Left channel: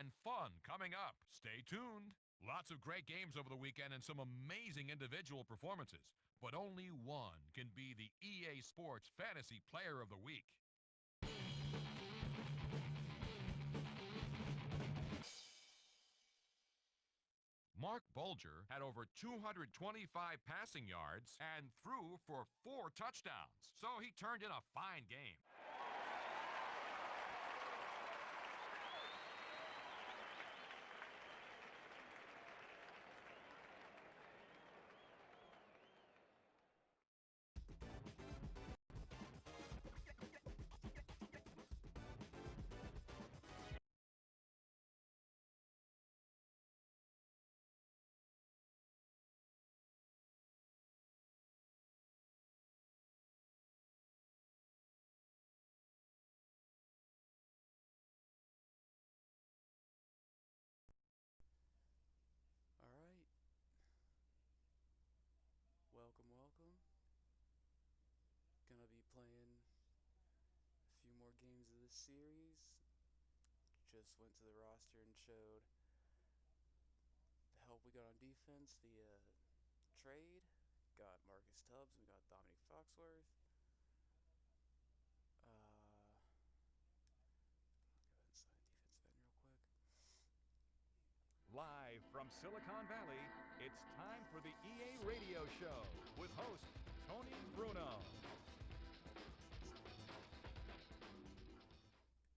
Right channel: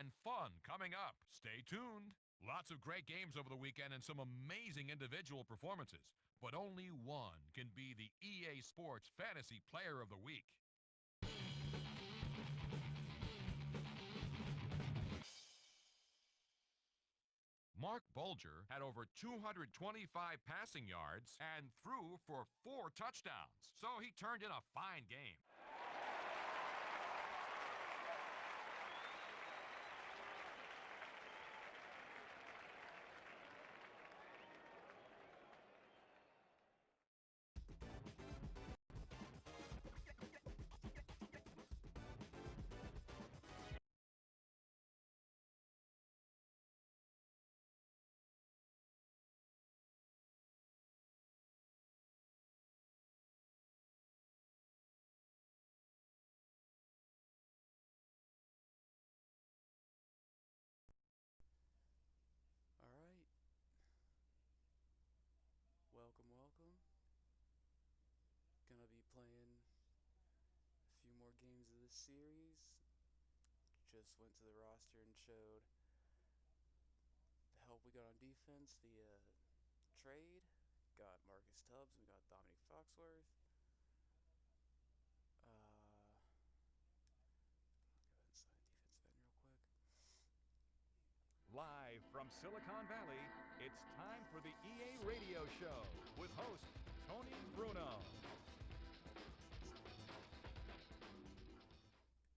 and fun coming up. Stay tuned. Lots of great games over the weekend and some amazing individual performances, but only one can be the EA Sports Fantasy Player of the Week. Mark Bulger had over 225 passing yards and threw for 4 touchdowns, so he turned in a fine game. Alright, welcome. Gonna be playing a few more games of this series. Just went to the roster and showed the help we got on defense via trade. Got Marcus Tubbs, we got Dominique Foxworth. Live from Silicon Valley, it's time for the EA Radio Show with host Tony Bruno.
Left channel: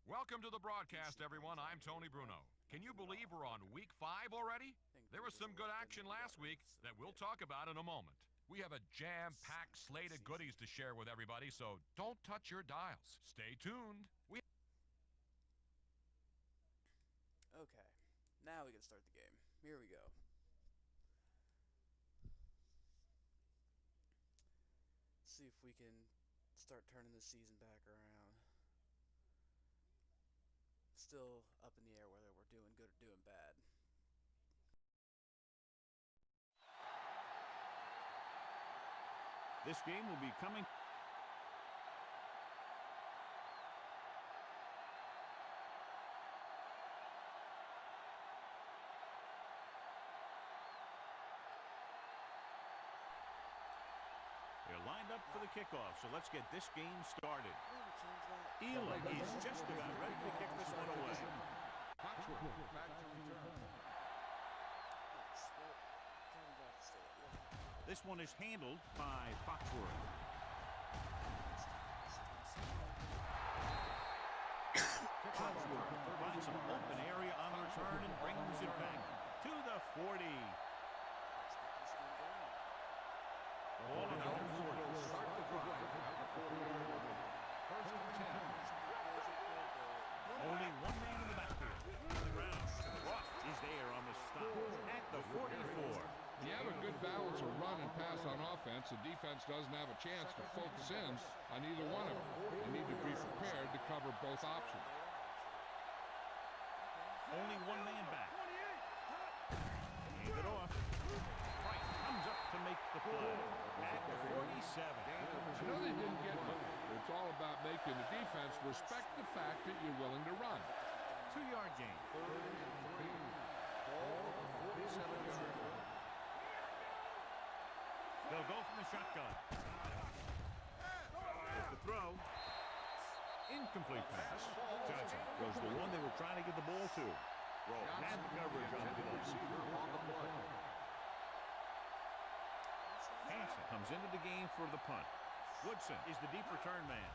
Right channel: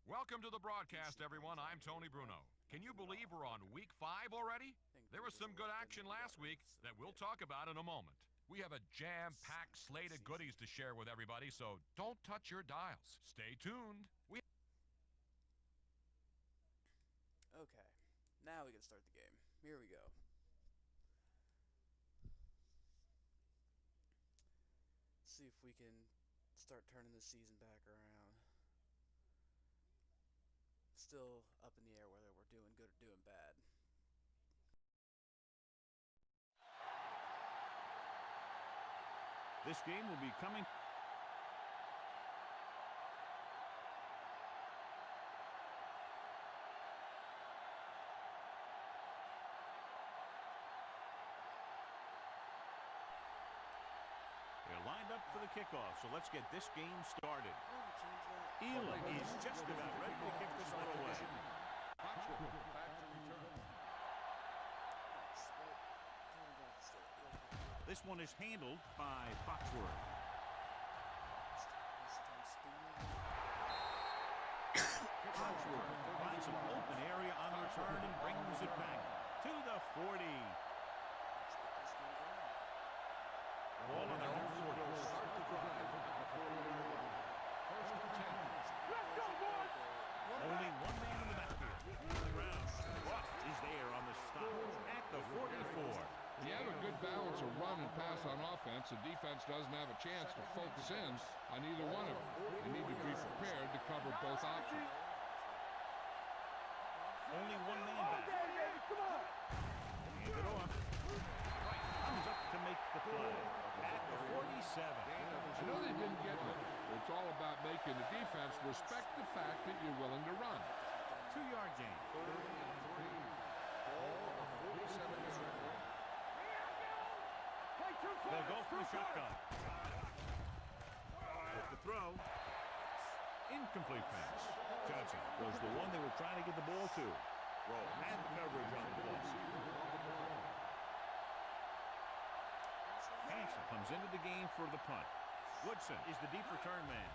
Welcome to the broadcast, everyone. I'm Tony Bruno. Can you believe we're on week 5 already? There was some good action last week that we'll talk about in a moment. We have a jam-packed slate of goodies to share with everybody, so don't touch your dials. Stay tuned. Okay, now we can start the game. Here we go. See if we can start turning the season back around. Still up in the air whether we're doing good or doing bad. This game will be coming. They're lined up for the kickoff, so let's get this game started. Elam is just about ready to kick this one away. Foxworth back to return. This one is handled by Foxworth. Foxworth finds some open area on the return and brings it back to the 40. Ball on their own 40. Will start the drive at the 40-yard line. First and 10. Only one man in the backfield. On the ground. Watt is there on the stop at the 44. You have a good balance of run and pass on offense. The defense doesn't have a chance to focus in on either one of them. They need to be prepared to cover both options. Only one man back. Hand it off. Price comes up to make the play at the 47. I know they didn't get much. It's all about making the defense respect the fact that you're willing to run. 2-yard gain. Third and 3. Ball on the 47-yard line. They'll go from the shotgun. With the throw. Incomplete pass. Johnson was the one they were trying to get the ball to. Rowe had the coverage on the play. Hansen comes into the game for the punt. Woodson is the deep return man.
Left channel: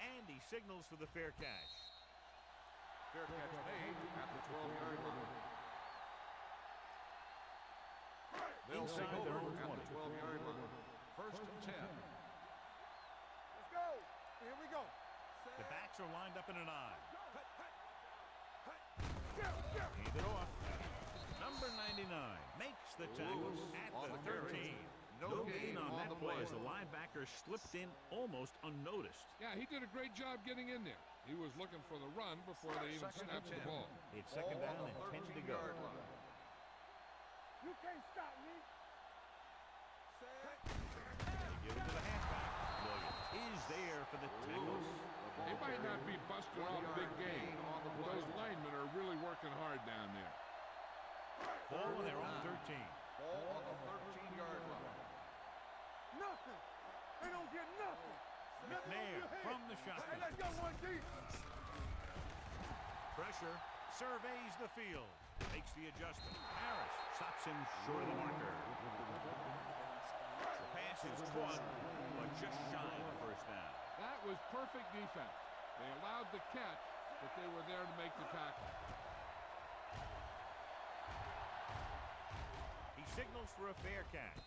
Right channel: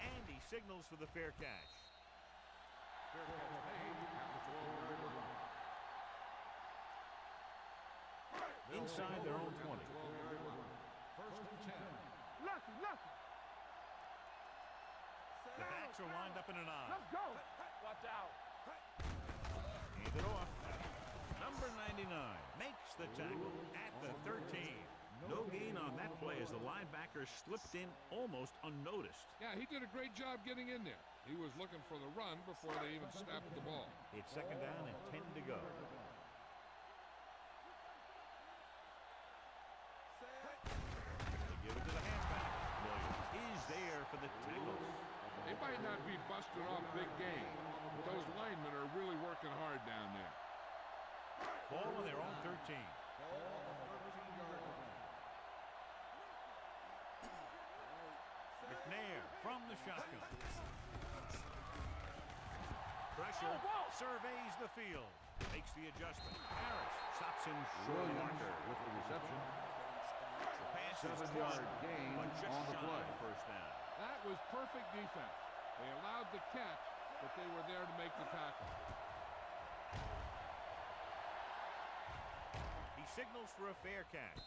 And he signals for the fair catch. Fair catch made at the 12-yard line. Inside their own 20. 12-yard line. First and 10. Let's go. Here we go. The backs are lined up in an I. Let's go. Watch out. Hand it off. Number 99 makes the tackle at the 13. No gain on that play as the linebacker slipped in almost unnoticed. Yeah, he did a great job getting in there. He was looking for the run before they even snapped the ball. It's second down and 10 to go. You can't stop me. They give it to the halfback. Williams is there for the tackle. They might not be busting off big game, but those linemen are really working hard down there. Ball on their own 13. Ball on the 13-yard line. Nothing. They don't get nothing. McNair from the shotgun. Let's go, one deep. Pressure. Surveys the field. Makes the adjustment. Harris stops him short of the marker. With the reception. The pass is caught, but just shy of the first down. That was perfect defense. They allowed the catch, but they were there to make the tackle. He signals for a fair catch.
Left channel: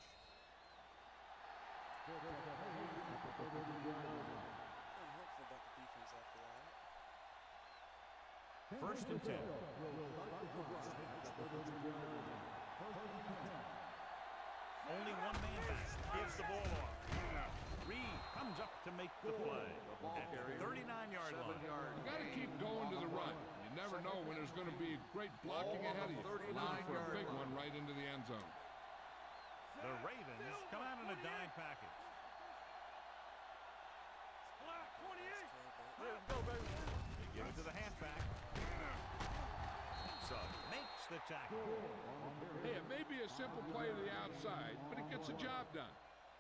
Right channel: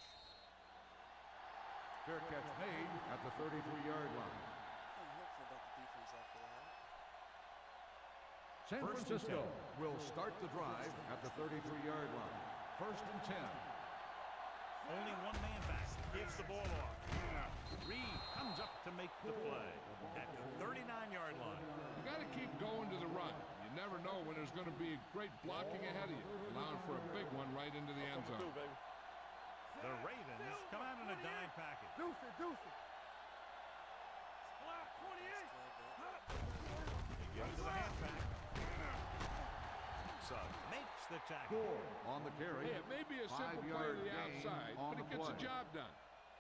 Fair catch made at the 33-yard line. I'm hopeful about the defense after that. San First and Francisco 10. will start the drive at the 33-yard line. First and 10. Only one man back. Gives the ball off. Reed comes up to make the play at the 39-yard line. You got to keep going to the run. You never know when there's going to be great blocking ahead of you, allowing for a big one right into the end zone. The Ravens come out in a dime package. Black 28. They give it to the halfback. Suggs makes the tackle. On the carry. Hey, it may be a simple play to the outside, but it gets the job done.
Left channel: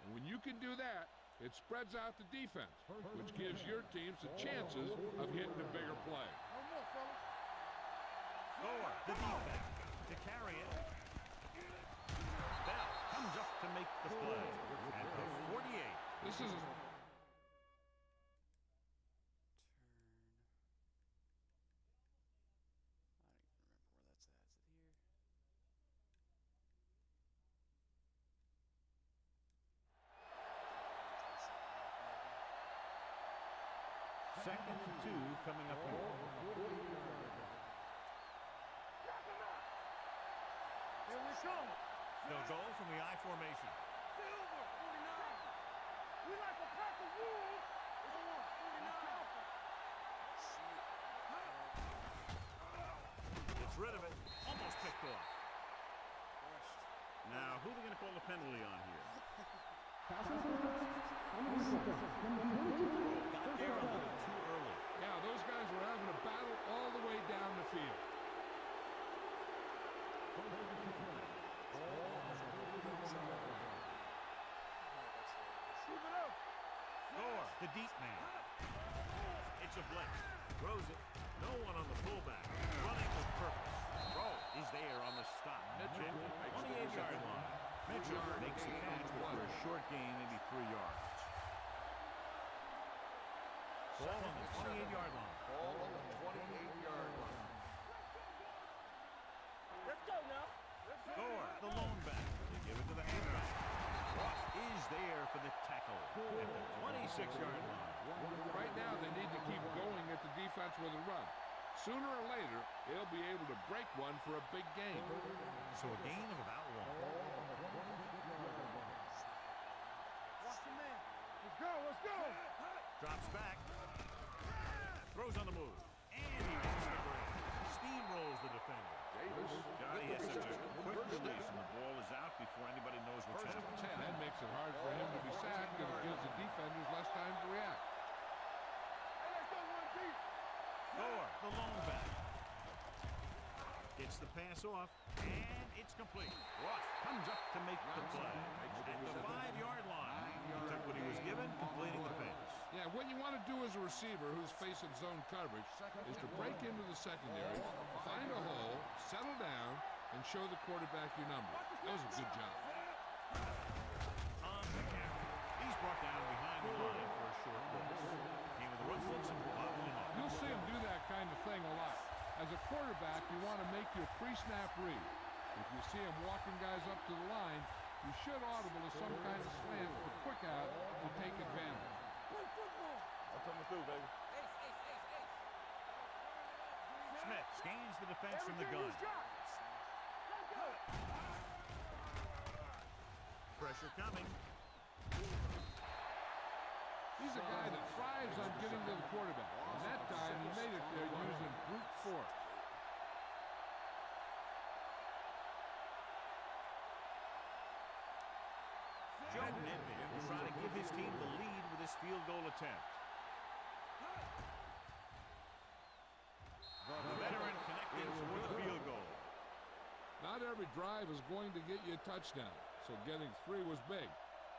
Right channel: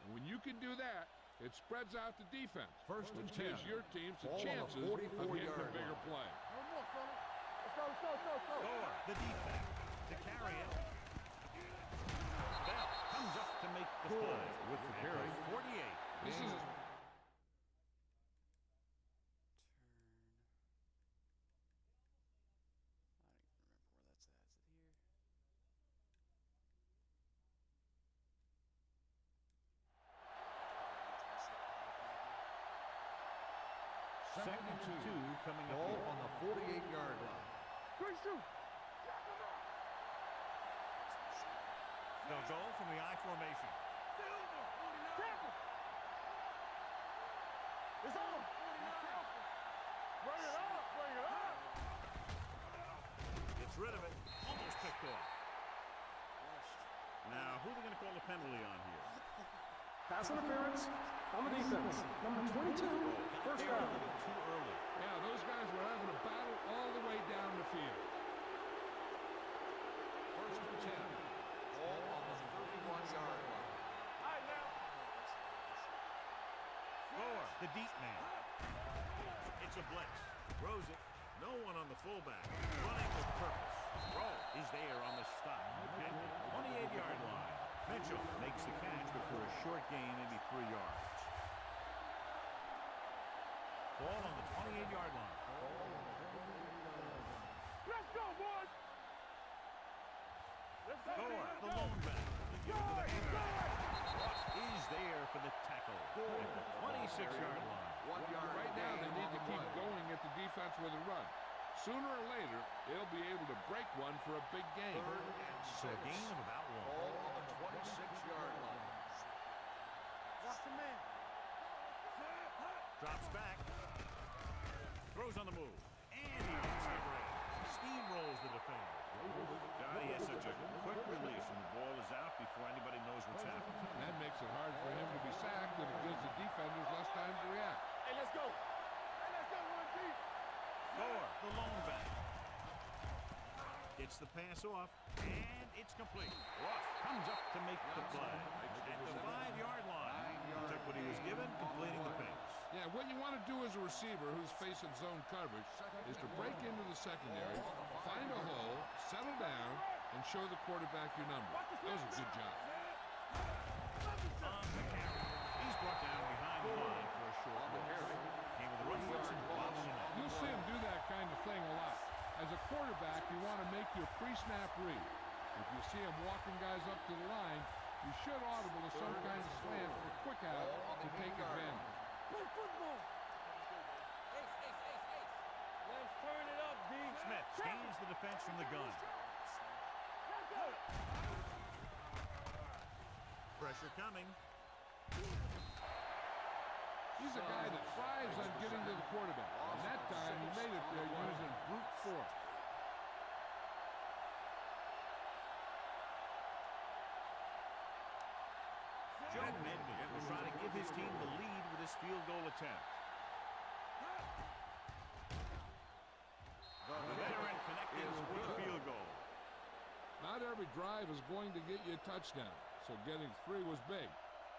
And when you can do that, it spreads out the defense, which gives your teams the chances of hitting a bigger play. No more, fellas. Let's go. Gore, the deep back, to carry it. Bell comes up to make the play at the 48. This is Second and 2 coming up here. On the 48-yard line. They'll go from the I formation. Silver 49. We like the pack of wolves. It's on 49. Bring it up. Gets rid of it. Almost picked off. Rushed. Now, who are they going to call the penalty on here? Pass interference on the defense. Number 22. Got there a little too early. Yeah, those guys were having a battle all the way down the field. First and 10. Ball on the 31-yard line. Gore, the deep man. It's a blitz. Throws it. No one on the fullback. Running with purpose. Rowe is there on the stop. At the 28-yard line. Mitchell makes the catch, but for a short gain, maybe 3 yards. Ball on the 28-yard line. Ball on the 28-yard line. Let's go, boys. Let's go now. Let's go. Gore, the lone back. They give it to the halfback. Ross is there for the tackle at the 26-yard line. 1 yard. Right now, they need to keep going at the defense with a run. Sooner or later, they'll be able to break one for a big gain. So a gain of about 1. Ball on the 26-yard line. Watch the man. Let's go. Let's go. Drops back. Throws on the move. And he makes the grab. Steamrolls the defender. Johnny has such a quick release, and the ball is out before anybody knows what's happened. That makes it hard for him to be sacked, and it gives the defenders less time to react. Hey, let's go. Hey, let's go, one deep. Gore, the lone back. Gets the pass off, and it's complete. Ross comes up to make the play at the 5-yard line. He took what he was given, completing the pass. Yeah, what you want to do as a receiver who's facing zone coverage is to break into the secondary, find a hole, settle down, and show the quarterback your number. That was a good job. On the carry. He's brought down behind the line for a short loss. Came with a run blitz and bobbled him up. You'll see him do that kind of thing a lot. As a quarterback, you want to make your pre-snap read. If you see him walking guys up to the line, you should audible to some kind of slant or quick out to take advantage. Play football. I'm coming through, baby. Ace. Let's turn it up, D. Smith gains the defense from the gun. Let's go. Pressure coming. He's a guy that thrives on getting to the quarterback. And that time, he made it there using brute force. Joe Nedney will try to give his team the lead with his field goal attempt. Not every drive is going to get you a touchdown, so getting 3 was big.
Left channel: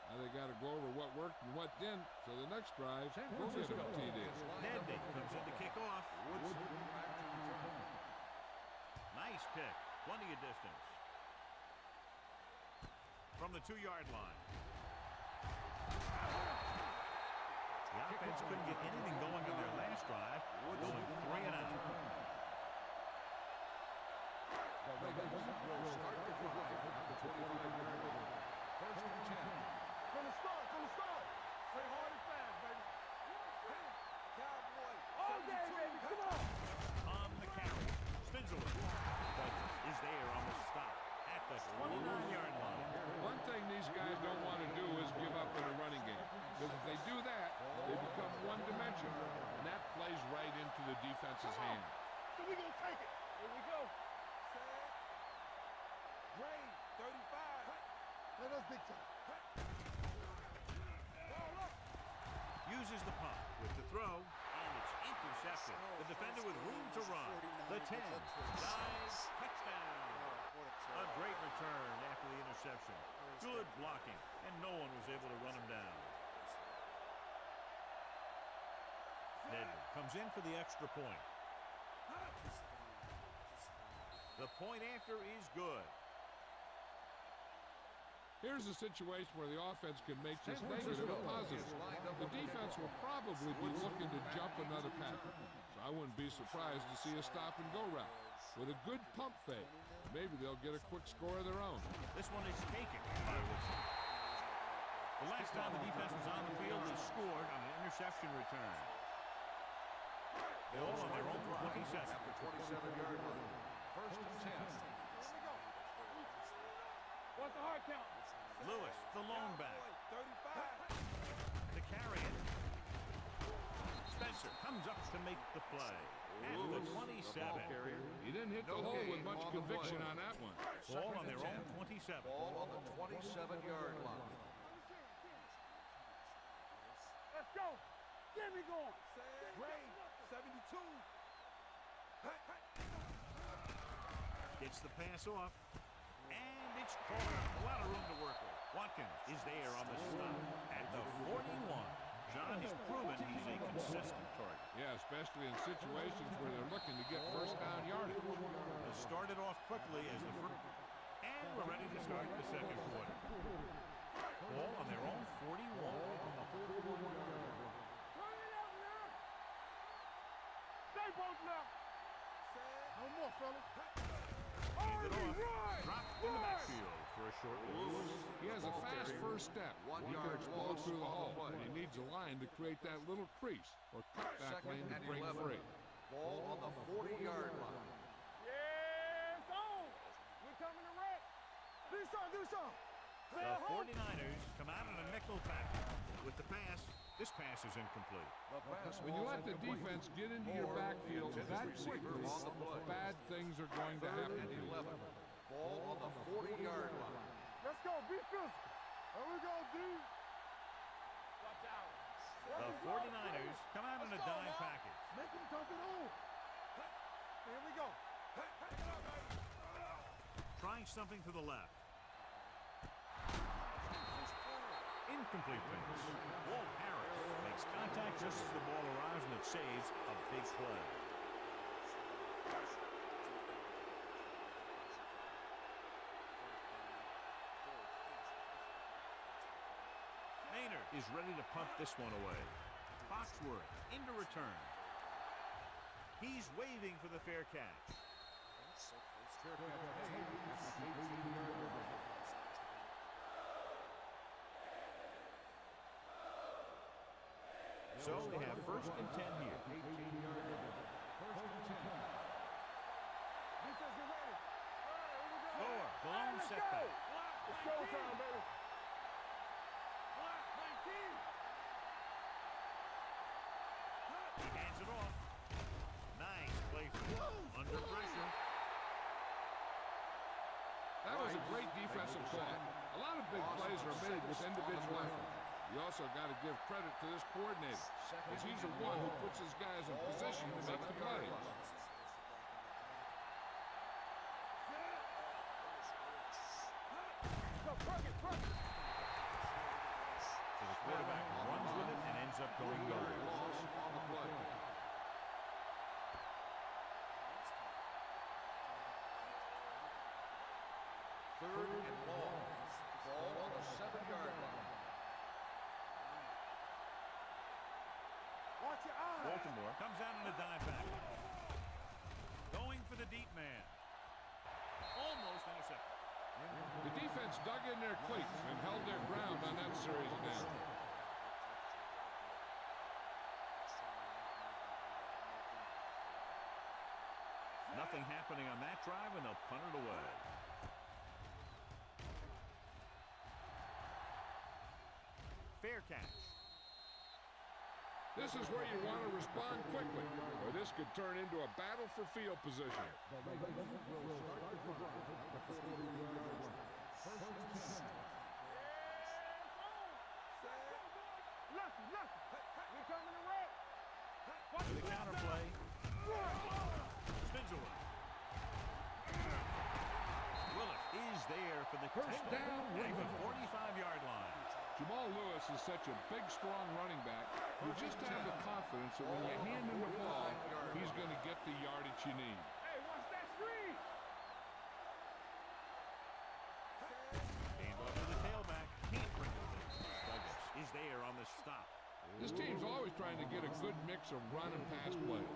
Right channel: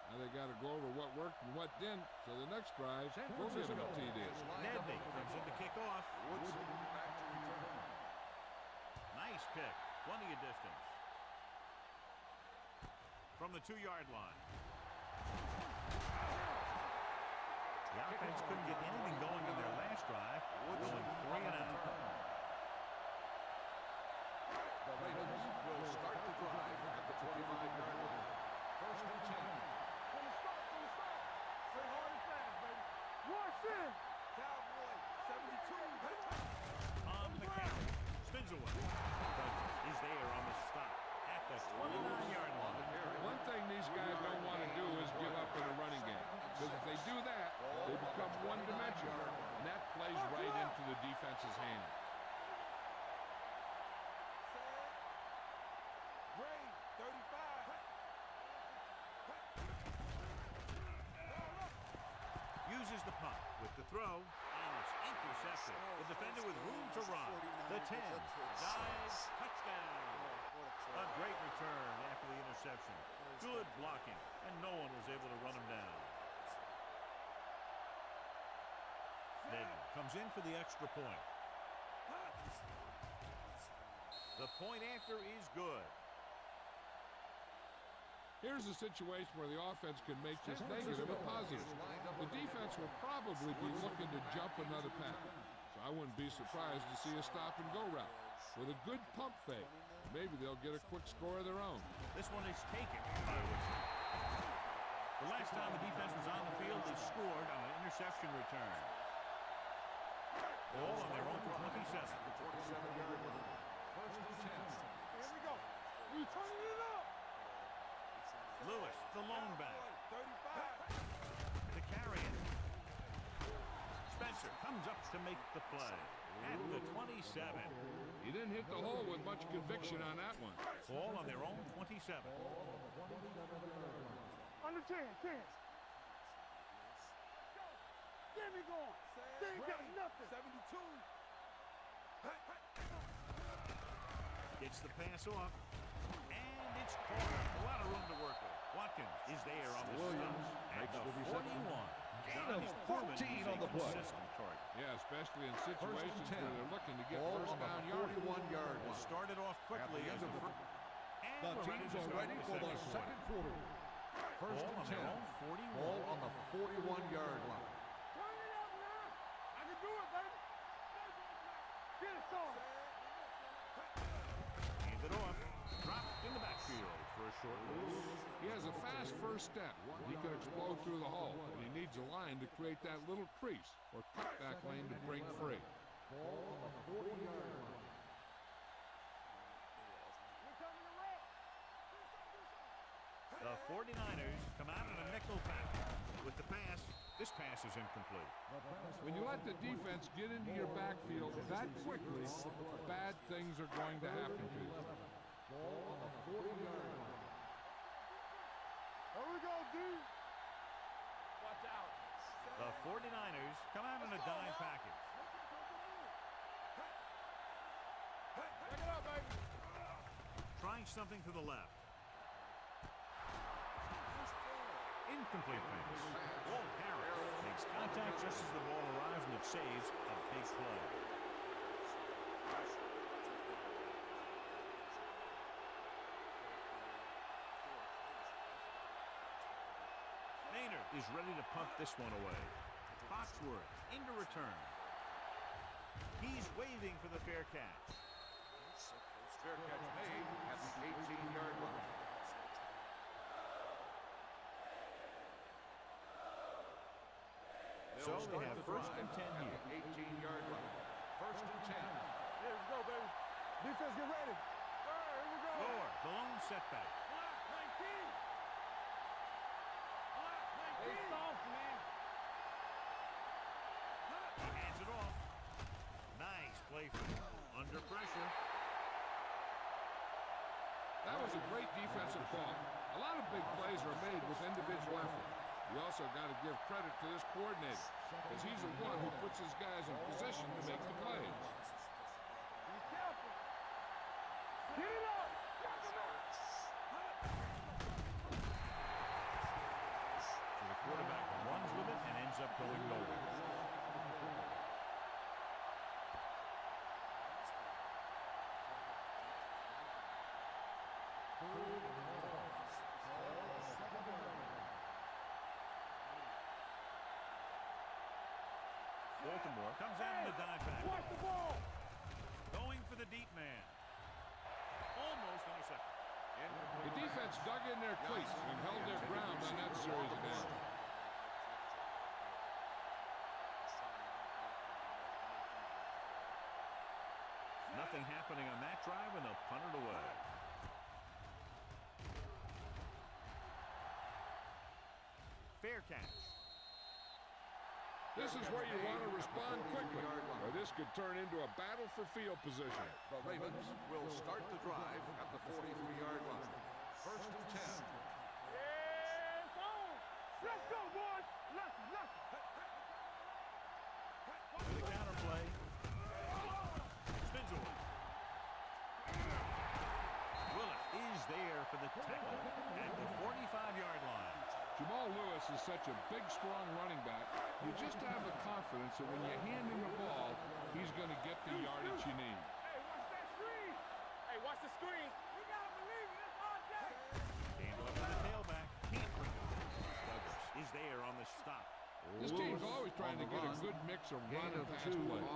Now they got to go over what worked and what didn't, so the next drive will get them a TD. Nedney comes in to kick off. Woodson back to return. Nice kick. Plenty of distance. From the 2-yard line. The offense couldn't get anything going on their last drive, going 3 and out. The Ravens will start the drive at the 25-yard line. First and 10. From the start, Play hard and fast, baby. Rush in. Cowboy, 72. Baby, come on. On the carry. Spinzler. Douglas is there on the stop at the 29-yard line. One thing these guys don't want to do is give up in a running game, because if they do that, they become one-dimensional, and that plays right into the defense's hand. So we gonna take it. Here we go. Set. Gray, 35. Let us big time. Uses the pump with the throw, and it's intercepted. The defender with room to run. The 10. Dives. Touchdown. A great return after the interception. Good blocking, and no one was able to run him down. Nedney comes in for the extra point. The point after is good. Here's a situation where the offense can make this negative a positive. The defense will probably be looking to jump another pack, so I wouldn't be surprised to see a stop-and-go route. With a good pump fake, maybe they'll get a quick score of their own. This one is taken by Woodson. The last time the defense was on the field, they scored on an interception return. Ball on their own 27. At the 27-yard line. First and 10. Here we go. We turning it up. What's the hard count? Lewis, the lone back. 35. To carry it. Spencer comes up to make the play at the 27. He didn't hit the hole with much conviction on that one. Ball on their own 27. Ball on the 27-yard line. Under 10. Let's go. Get me going. Ray, 72. Gets the pass off. And it's caught. A lot of room to work with. Watkins is there on the stop at the 41. John has proven he's a consistent target. Yeah, especially in situations where they're looking to get first down yardage. They started off quickly as the first. And we're ready to start the second quarter. Ball on their own 41. Ball on the 41-yard line. Turn it up now. I can do it, baby. Stay both now. Get it started. One more, fella. Hand it off. Dropped in the backfield for a short loss. He has a fast first step. He can explode through the hole, and he needs a line to create that little crease or cutback lane to break free. Ball on the 40-yard line. Yeah, it's on. We're coming to wreck. Do something. The 49ers come out in a nickel package. With the pass, this pass is incomplete. When you let the defense get into your backfield that quickly, bad things are going to happen to you. Ball on the 40-yard line. Let's go. Be physical. There we go, D. Watch out. The 49ers come out in a dime package. Make him dump it on. Here we go. Pick it up, baby. Trying something to the left. Incomplete pass. Walt Harris makes contact just as the ball arrives, and it saves a big play. Maynard is ready to punt this one away. Foxworth into return. He's waving for the fair catch. Fair catch made at the 18-yard line. So they have first and 10 here. 18-yard line. First and 10. Let's go, baby. Defense, get ready. All right, here we go. Thor, the lone setback. Block 19. Block 19. Soft, man. He hands it off. Nice play for him. Under pressure. That was a great defensive call. A lot of big plays are made with individual effort. You also got to give credit to this coordinator, because he's the one who puts his guys in position to make the plays. ends up going nowhere. Third and long. Ball on the 7-yard line. Watch your eyes. Baltimore comes out in the dive back. Watch the ball. Going for the deep man. Almost intercepted. The defense dug in their cleats and held their ground on that series of downs. Nothing happening on that drive, and they'll punt it away. Fair catch. This is where you want to respond quickly, or this could turn into a battle for field position. The Ravens will start the drive at the 43-yard line. First and 10. Yes, on. Let's go, boys. Lucky, lucky. We're coming around. Watch To the counter play. Spins away. Willis is there for the tackle at the 45-yard line. Jamal Lewis is such a big, strong running back. You just have the confidence that when you hand him the ball, he's going to get the yardage you need. Hey, watch that screen. Hey, watch the screen. You gotta believe it. That's our job. Hand off to the tailback. Can't bring it in. Douglas is there on the stop. This team's always trying to get a good mix of run and pass plays.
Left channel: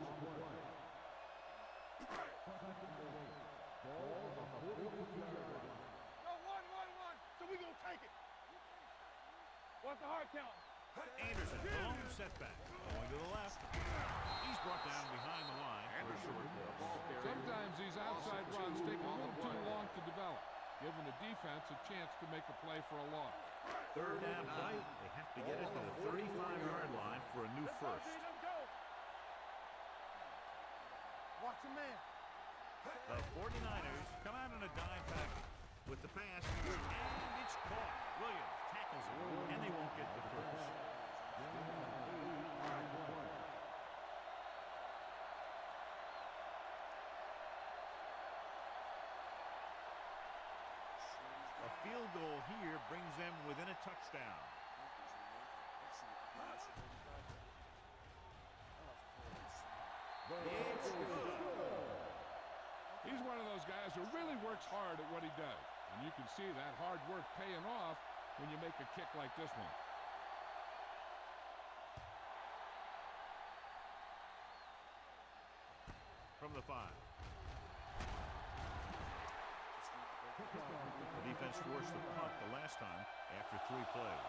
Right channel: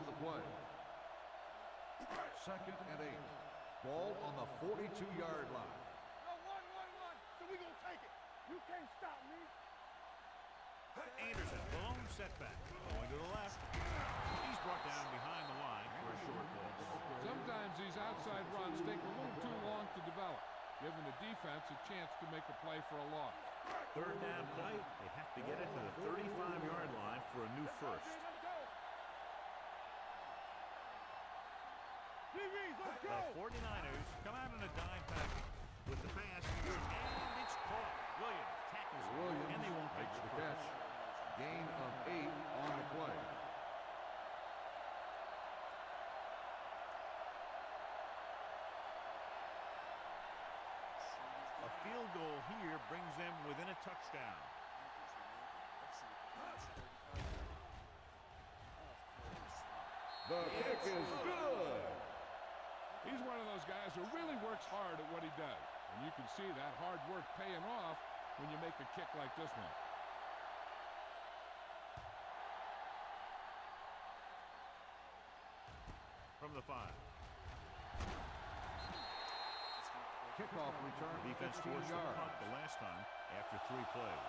Second and 8. Ball on the 42-yard line. Go, one. So we gonna take it. You can't stop me. What's the hard count? Anderson, the lone setback. Going to the left. He's brought down behind the line for a short loss. Sometimes these outside runs take a little too long to develop, giving the defense a chance to make a play for a loss. Third down play. They have to get it to the 35-yard line for a new first. Let's go. Watch your man. DBs, let's The go. 49ers come out in a dime package with the pass, and it's caught. Williams tackles it, and they won't get the first. Gain of 8 on the play. A field goal here brings them within a touchdown. The kick is good. He's one of those guys who really works hard at what he does. And you can see that hard work paying off when you make a kick like this one. From the 5. Kickoff return. The defense forced the punt the last time after 3 plays.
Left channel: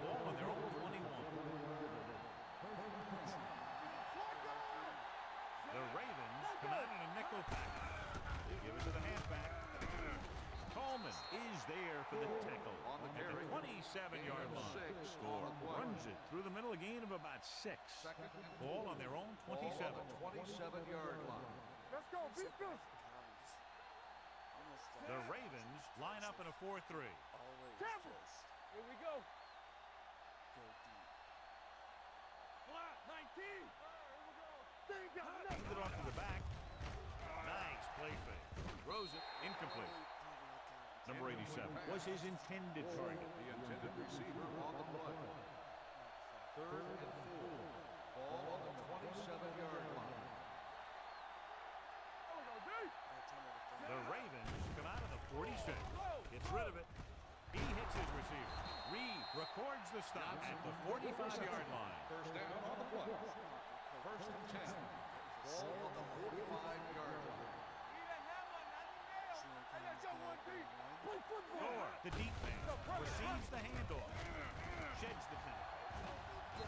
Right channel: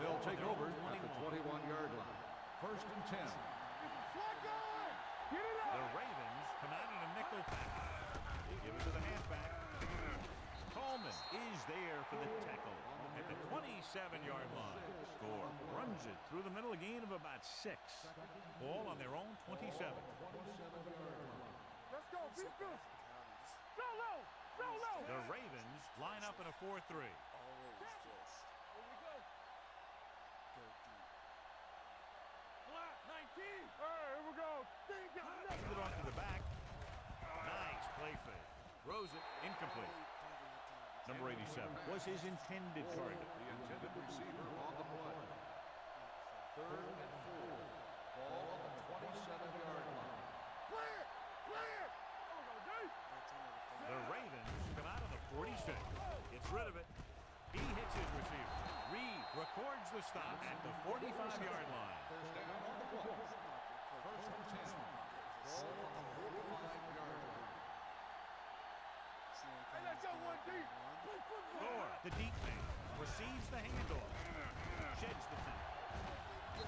They'll take They're over over at the 21-yard line. First and 10. Slot going. Get it up. The Ravens come out in a nickel package. They give it to the halfback. Coleman is there for the tackle at the 27-yard line. Score runs it through the middle, a gain of about 6. Ball on their own 27. 27-yard line. Let's go. Beat this. Go low. Go low. The Ravens line up in a 4-3. Always Temple. just Here we go. go deep. Flat. 19. Here we go. They ain't got nothing. Hand it off to the back. Nice play fake. Throws it incomplete. Number 87 was his intended target. The intended receiver on the play. Third and 4. Ball on the 27-yard line. Clear. Clear. There we go, D. The Ravens come out of the 46. Gets rid of it. He hits his receiver. Reed records the stop at the 45-yard line. First down on the play. First and 10. Ball on the 45-yard line. Hey, let's go, 1D. Play football. Gore, the deep man, receives the handoff. Sheds the tackle.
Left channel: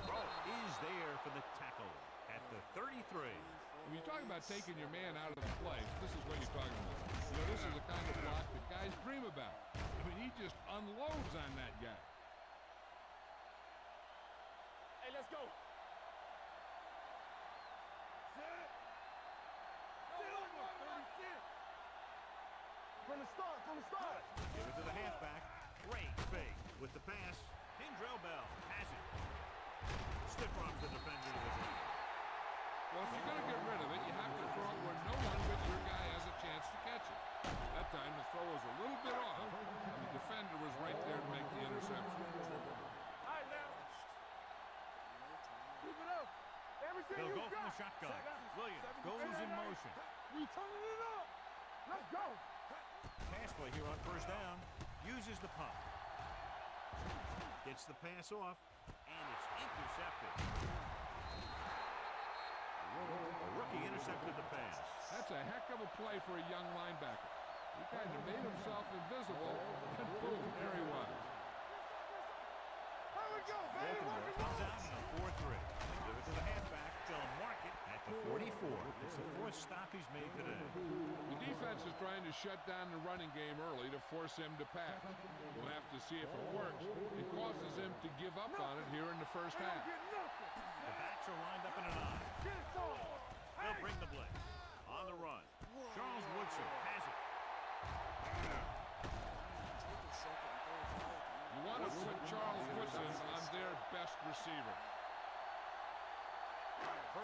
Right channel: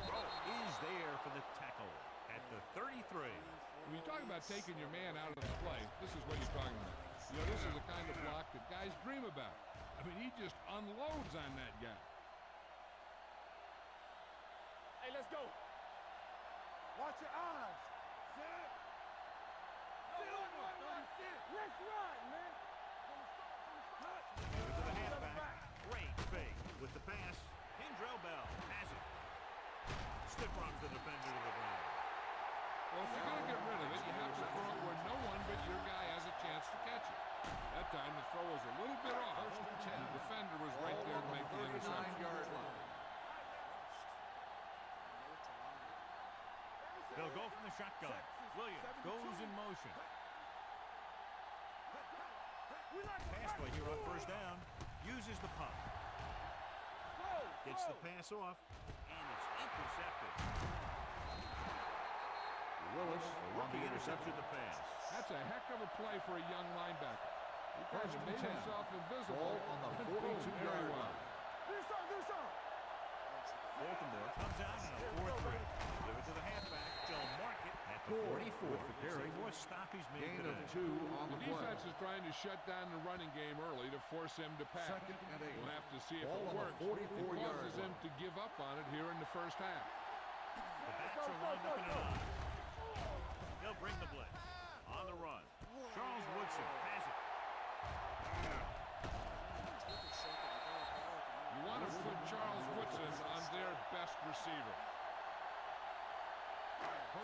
Rowe is there for the tackle at the 33. When you talk about taking your man out of the play, this is what you're talking about. You know, this is the kind of block that guys dream about. I mean, he just unloads on that guy. Hey, let's go. Watch your eyes. Sit. Go, 36. Let's run, man. From the start, Give it to the halfback. Great fake with the pass. Kendrell Bell has it. Stiff arms the defender to the ground. Well, if you're going to get rid of it, you have to throw it where no one but your guy has a chance to catch it. That time the throw was a little bit off, and the defender was right there to make the interception. They'll go from the shotgun. Williams goes in motion. Pass play here on first down. Uses the pump. Gets the pass off, and it's intercepted. A rookie intercepted the pass. That's a heck of a play for a young linebacker. He kind of made himself invisible, and boom, there he was. Baltimore comes out in a 4-3. Give it to the halfback. They'll mark it at the 44. It's the fourth stop he's made today. The defense is trying to shut down the running game early to force him to pass. We'll have to see if it works. It causes him to give up on it here in the first half. The backs are lined up in an I. They'll bring the blitz. On the run. Charles Woodson has it. You want to put Charles Woodson on their best receiver.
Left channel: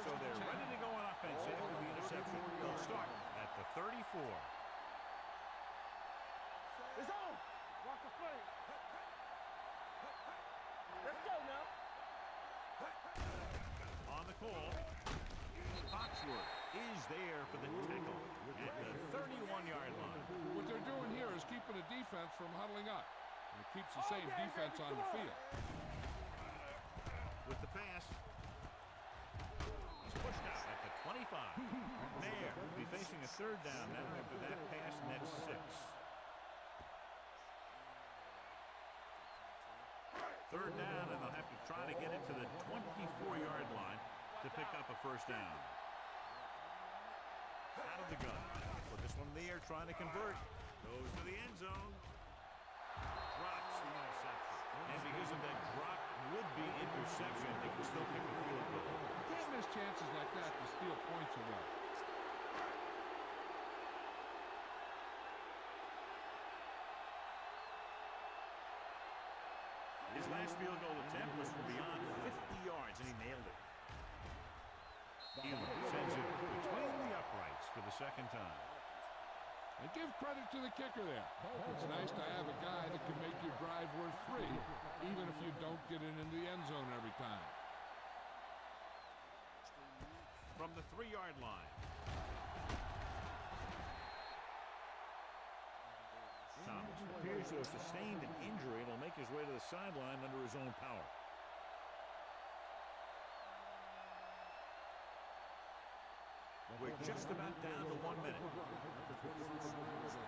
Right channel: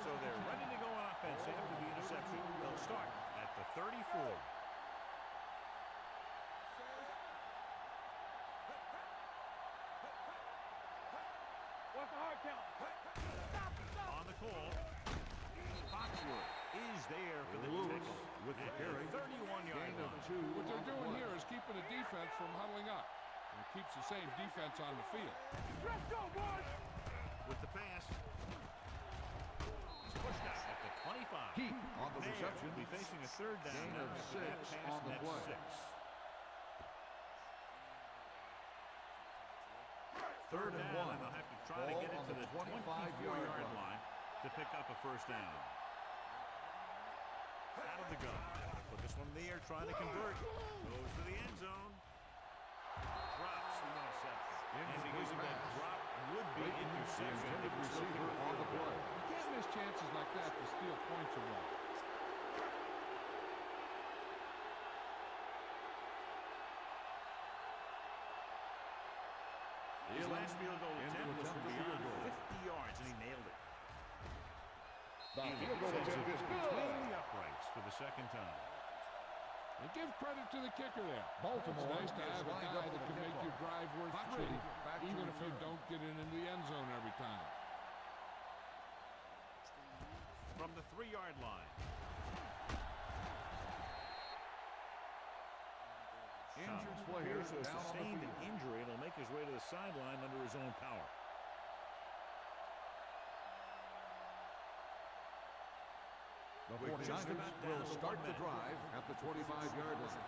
So they're ready to go on offense after the interception. They'll start at the 34. On the call, Foxworth is there for the tackle at the 31-yard line. What they're doing here is keeping the defense from huddling up. And it keeps the same defense on the field. With the pass, he's pushed out at the 25. McNair will be facing a third down now after that pass, and that's 6. Third down, and they'll have to try to get it to the 24-yard line to pick up a first down. Out of the gun. Put this one in the air, trying to convert. Goes to the end zone. Drops the interception. And because of that drop would-be interception, they can still kick a field goal. You can't miss chances like that to steal points away. His last field goal attempt was from beyond 50 yards, and he nailed it. Elam sends it between the uprights for the second time. And give credit to the kicker there. It's nice to have a guy that can make your drive worth 3, even if you don't get it into the end zone every time. From the 3-yard line. Thomas appears to have sustained an injury and will make his way to the sideline under his own power. We're just about down to 1 minute. At the 25-yard line.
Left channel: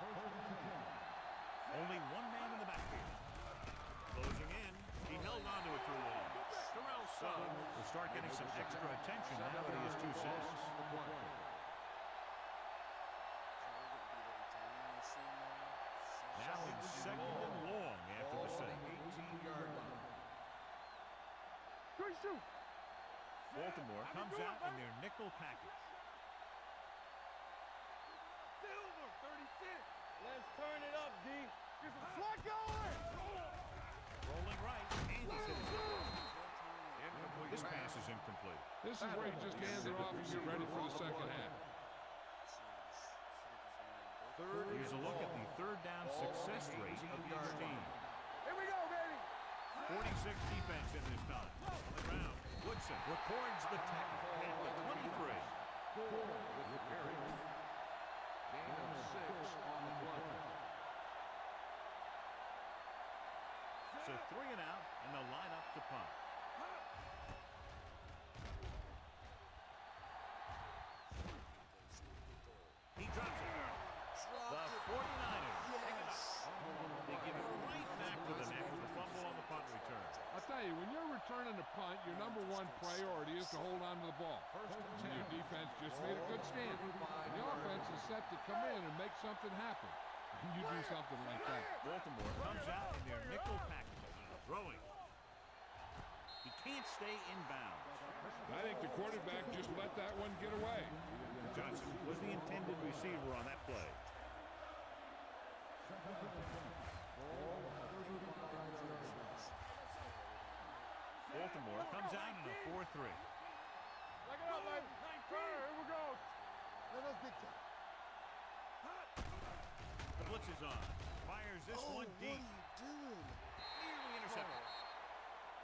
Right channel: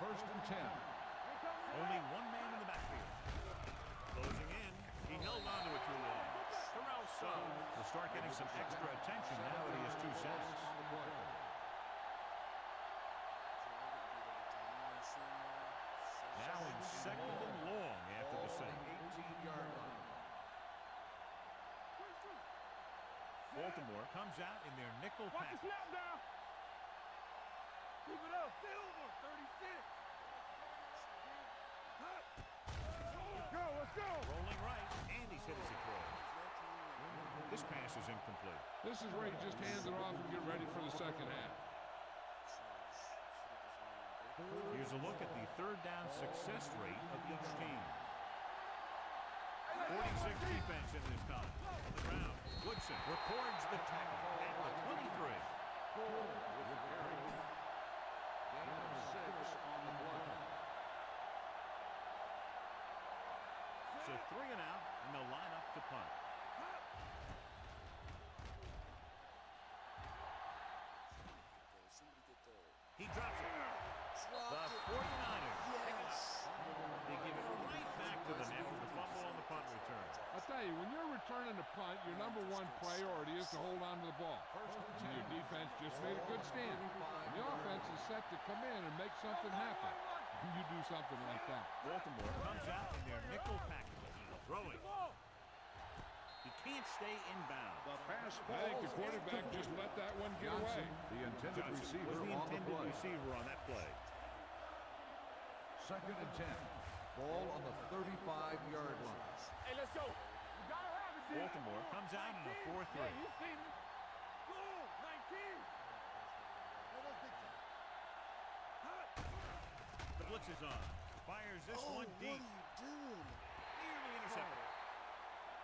First and 10. Only one man in the backfield. Closing in. He held on to it too long. Terrell Suggs will start getting some extra attention now that he has 2 sacks. Now in second and long after the sack. 18-yard line. Baltimore comes out in their nickel package. Silver, 36. Let's turn it up, D. Rolling right, and he's hit his throw. This pass is incomplete. This is where you just hand it off and get ready for the second half. Here's a look at the third down success rate of each team. 46 defense in this time. On the ground, Woodson records the tackle at the 23. With the carry. Gain of 6 on the play. So 3 and out, and they'll line up to punt. He drops it. The 49ers pick it up. They give it right back to them after the fumble on the punt return. I'll tell you, when you're returning a punt, your number 1 priority is to hold on to the ball. And your defense just made a good stand. And the offense is set to come in and make something happen. And you do something like that. Baltimore comes out in their nickel package. Throwing. He can't stay inbounds. I think the quarterback just let that one get away. Johnson was the intended receiver on that play. Second and 10. Ball on the 35-yard line. Baltimore comes out in a 4-3. Go! 19! Here we go! Let us dictate. The blitz is on. Fires this one deep. What are you doing? Nearly intercepted.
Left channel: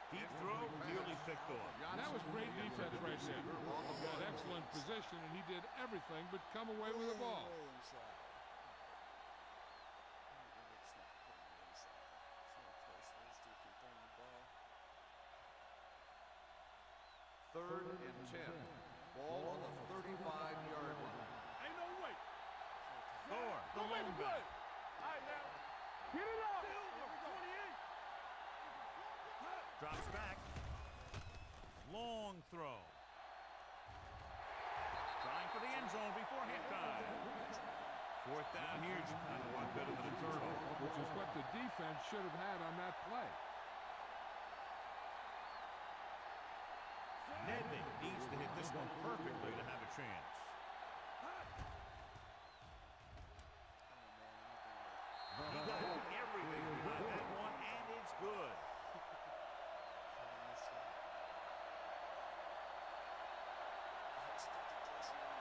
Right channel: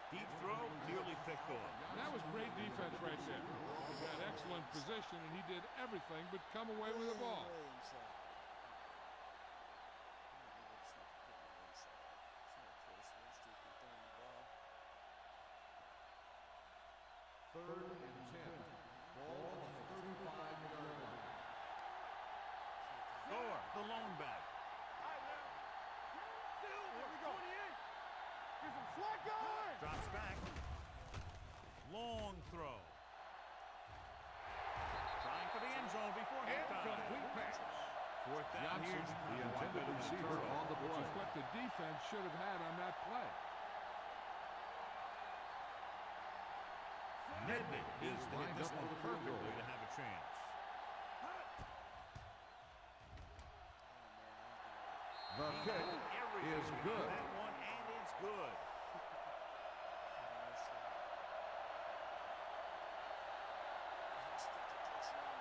Deep throw, nearly picked off. That was great defense right there. He got excellent position, and he did everything but come away with the ball. Way inside. Alright. Apparently we're just not putting it inside. It's not a place where this dude can throw the ball. 3rd and 10. Ball on the 35-yard line. Ain't no way. Thor, the lone back. All right, now. Get it up. Silver. Here we go. 28. Is it flat guy? Drops back. Long throw. Trying for the end zone before halftime. 4th down here. He's a lot better than a turtle. Which is what the defense should have had on that play. Nedney needs to hit this one perfectly to have a chance. Oh man, I don't think I He got everything behind that one, and it's good. missed that. That's 50+ and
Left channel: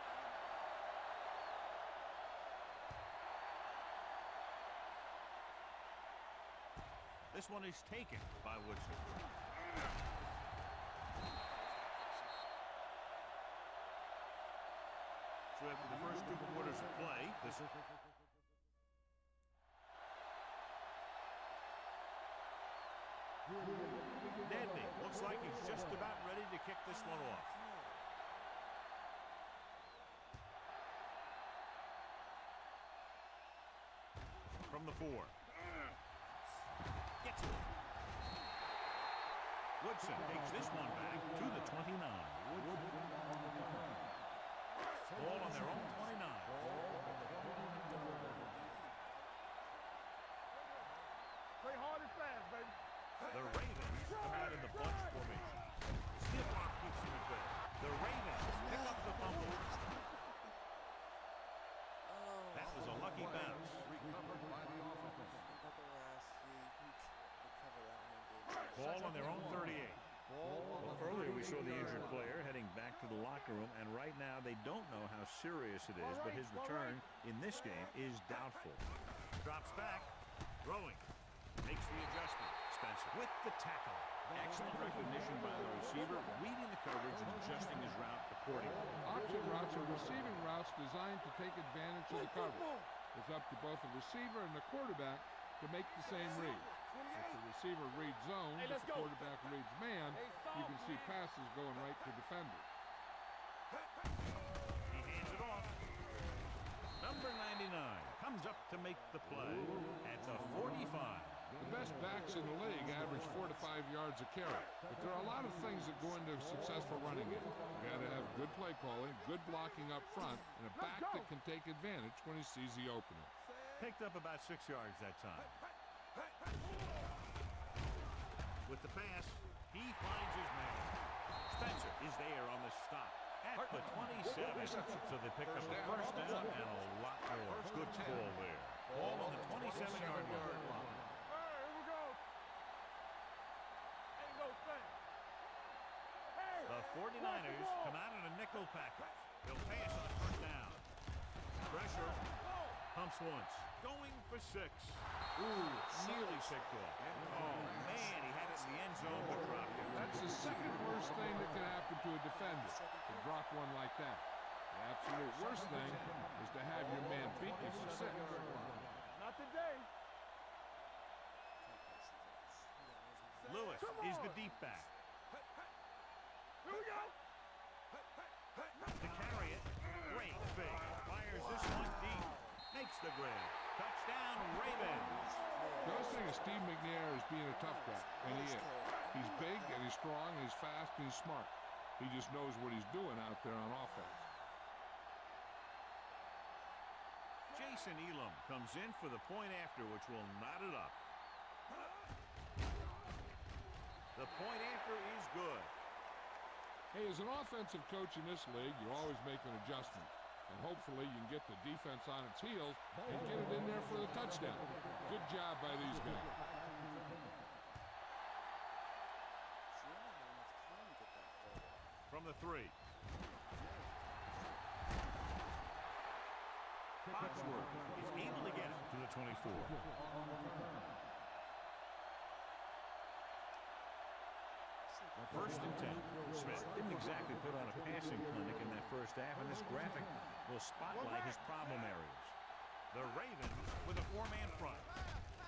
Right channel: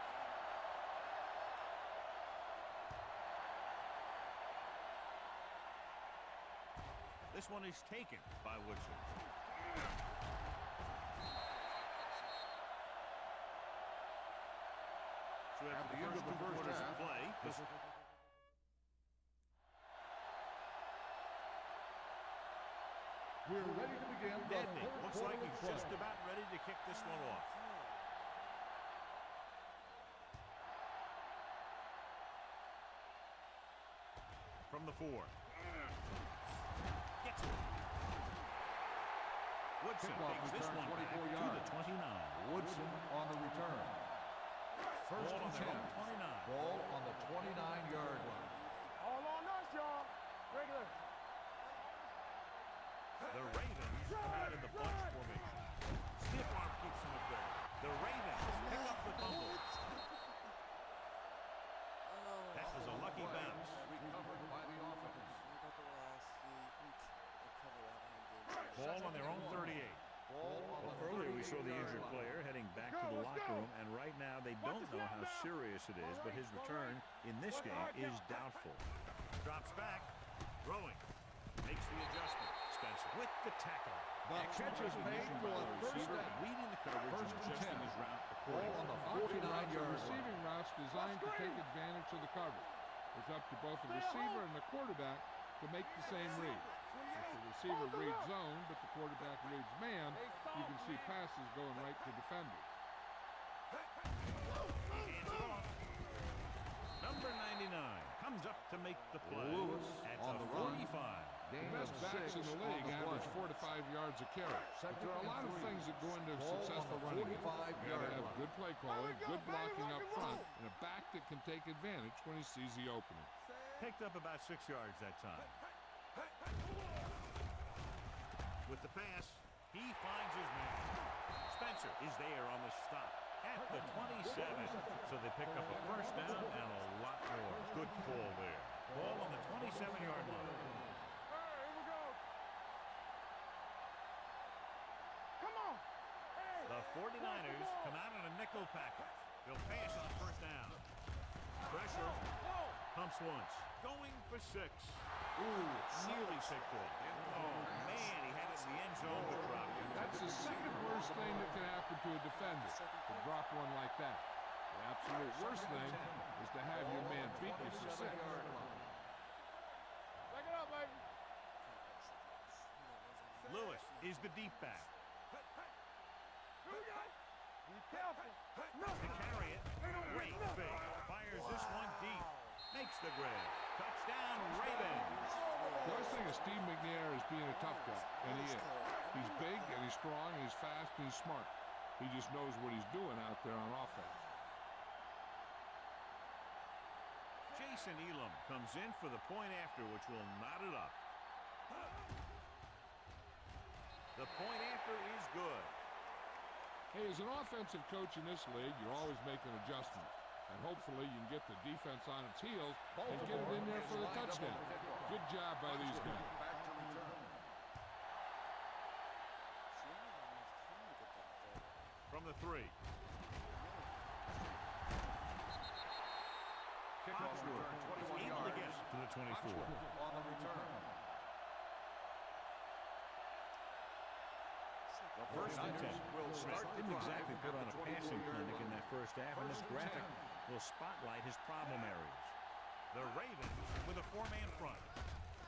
This one is taken by Woodson. So after the first 2 quarters of play, this We're ready to begin. Nedney looks like he's just about ready to kick this one off. From the 4. Gets it. Woodson takes this one back to the 29. Woodson on the return. Ball on their own 29. Ball on the 29-yard line. All on us, y'all. Regular. Play hard and fast, baby. The Ravens come out in the bunch formation. Stiff arm keeps him at bay. The Ravens pick up the fumble. That was a lucky bounce. Recovered by the offense. I got the last few. You can recover that one in game. Ball on their own 38. Ball on the Earlier we saw the 38-yard injured line. player heading back to the locker room, and right now they don't know how serious it is, but his return in this game is doubtful. Drops back. Throwing. Makes the adjustment. Spencer with the tackle. Excellent recognition by the receiver, reading the coverage and adjusting his route accordingly. Option routes are receiving routes designed to take advantage of the coverage. It's up to both the receiver and the quarterback to make the same read. If the receiver reads zone, but the quarterback reads man, you can see passes going right to defenders. He hands it off. Number 99 comes up to make the play at the 45. The best backs in the league average 4 to 5 yards a carry. But there are a lot of things that go into a successful running game. You got to have good play calling, good blocking up front, and a back that can take advantage when he sees the opening. Picked up about 6 yards that time. With the pass, he finds his man. Spencer is there on the stop at the 27. So they pick up a first down and a lot more. Good call there. Ball on the 27-yard line. Hey, here we go. Ain't no thing. Come on. Hey. The 49ers come out in a nickel package. They'll pass on first down. Pressure. Pumps once. Going for 6. Ooh, nearly picked off. Oh, man, he had it in the end zone but dropped it. That's the second worst thing that can happen to a defender, to drop one like that. The absolute worst thing is to have your man beat you for 6. Not today. Back it up, baby. Lewis is the deep back. Here we go. To carry it, great fake. Fires this one deep. Makes the grab. Touchdown, Ravens. The other thing is Steve McNair is being a tough guy, and he is. He's big, and he's strong, and he's fast, and he's smart. He just knows what he's doing out there on offense. Jason Elam comes in for the point after, which will knot it up. The point after is good. Hey, as an offensive coach in this league, you're always making adjustments. And hopefully you can get the defense on its heels and get it in there for the touchdown. Good job by these guys. See, I never have enough time to get that throw off. From the 3. Foxworth is able to get it to the 24. On the return. First and 10. Smith didn't exactly put on a passing clinic in that first half, and this graphic will spotlight his problem areas. The Ravens with a 4-man front.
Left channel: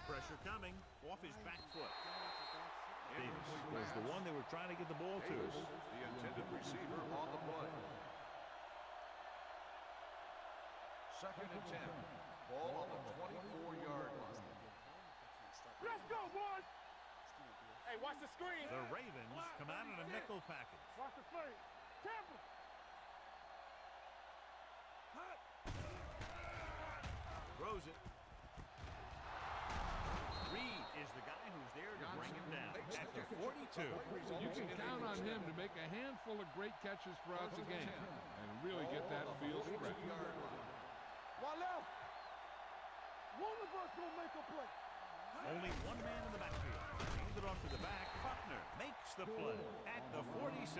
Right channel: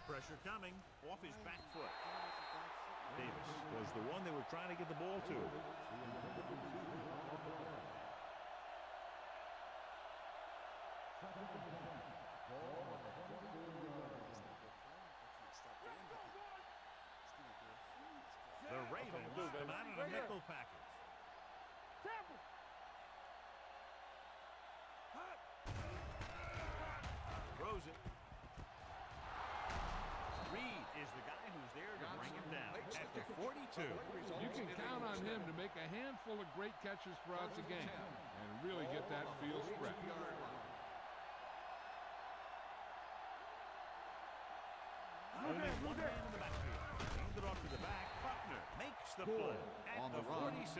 Pressure coming off his back foot. Davis was the one they were trying to get the ball to. The intended receiver on the play. Second and 10. Ball on the 24-yard line. Let's go, boys! Hey, watch the screen. The Ravens come out in a nickel package. Watch the screen. Temple. Throws it. Reed is the guy who's there to bring him down at the 42. You can count on him to make a handful of great catches throughout the game and really get that field stretch. Only one man in the backfield. Hand it off to the back. Buckner makes the play at the 46.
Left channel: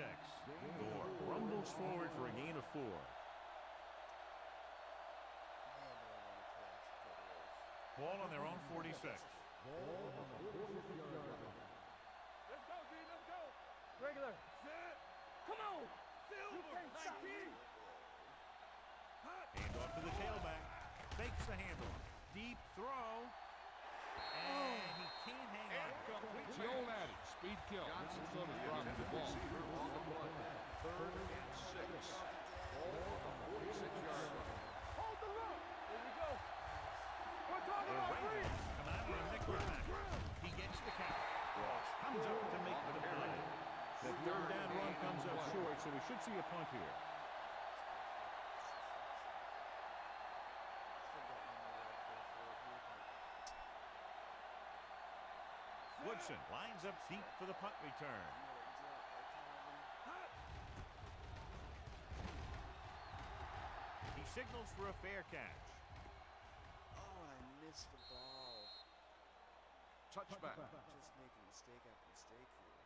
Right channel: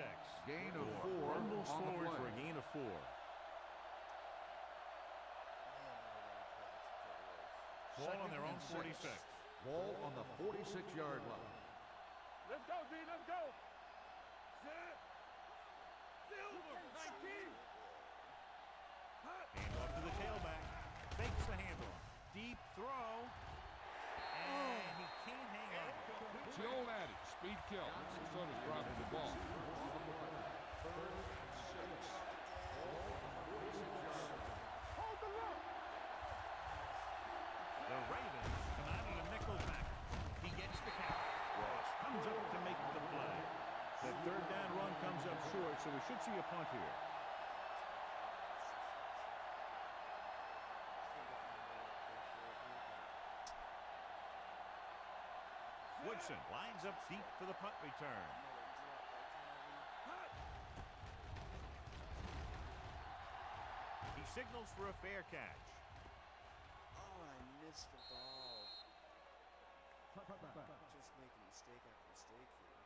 Gore rumbles forward for a gain of 4. Ball on their own 46. Ball on the 46-yard line. Let's go, D. Let's go. Regular. Set. Come on. Silver. 19. Hand off to the tailback. Fakes the handoff. Deep throw. And he can't hang on. It's the old adage, speed kills. So does dropping the ball. On the play. Third and 6. Ball on the 46-yard line. Hold the look. The Ravens come out in a nickel package. He gets the count. Ross comes up to make the play. That third down run comes up short, so we should see a punt here. Woodson lines up deep for the punt return. He signals for a fair catch. Oh, and I missed the ball. Touchback. Just making mistake after mistake here.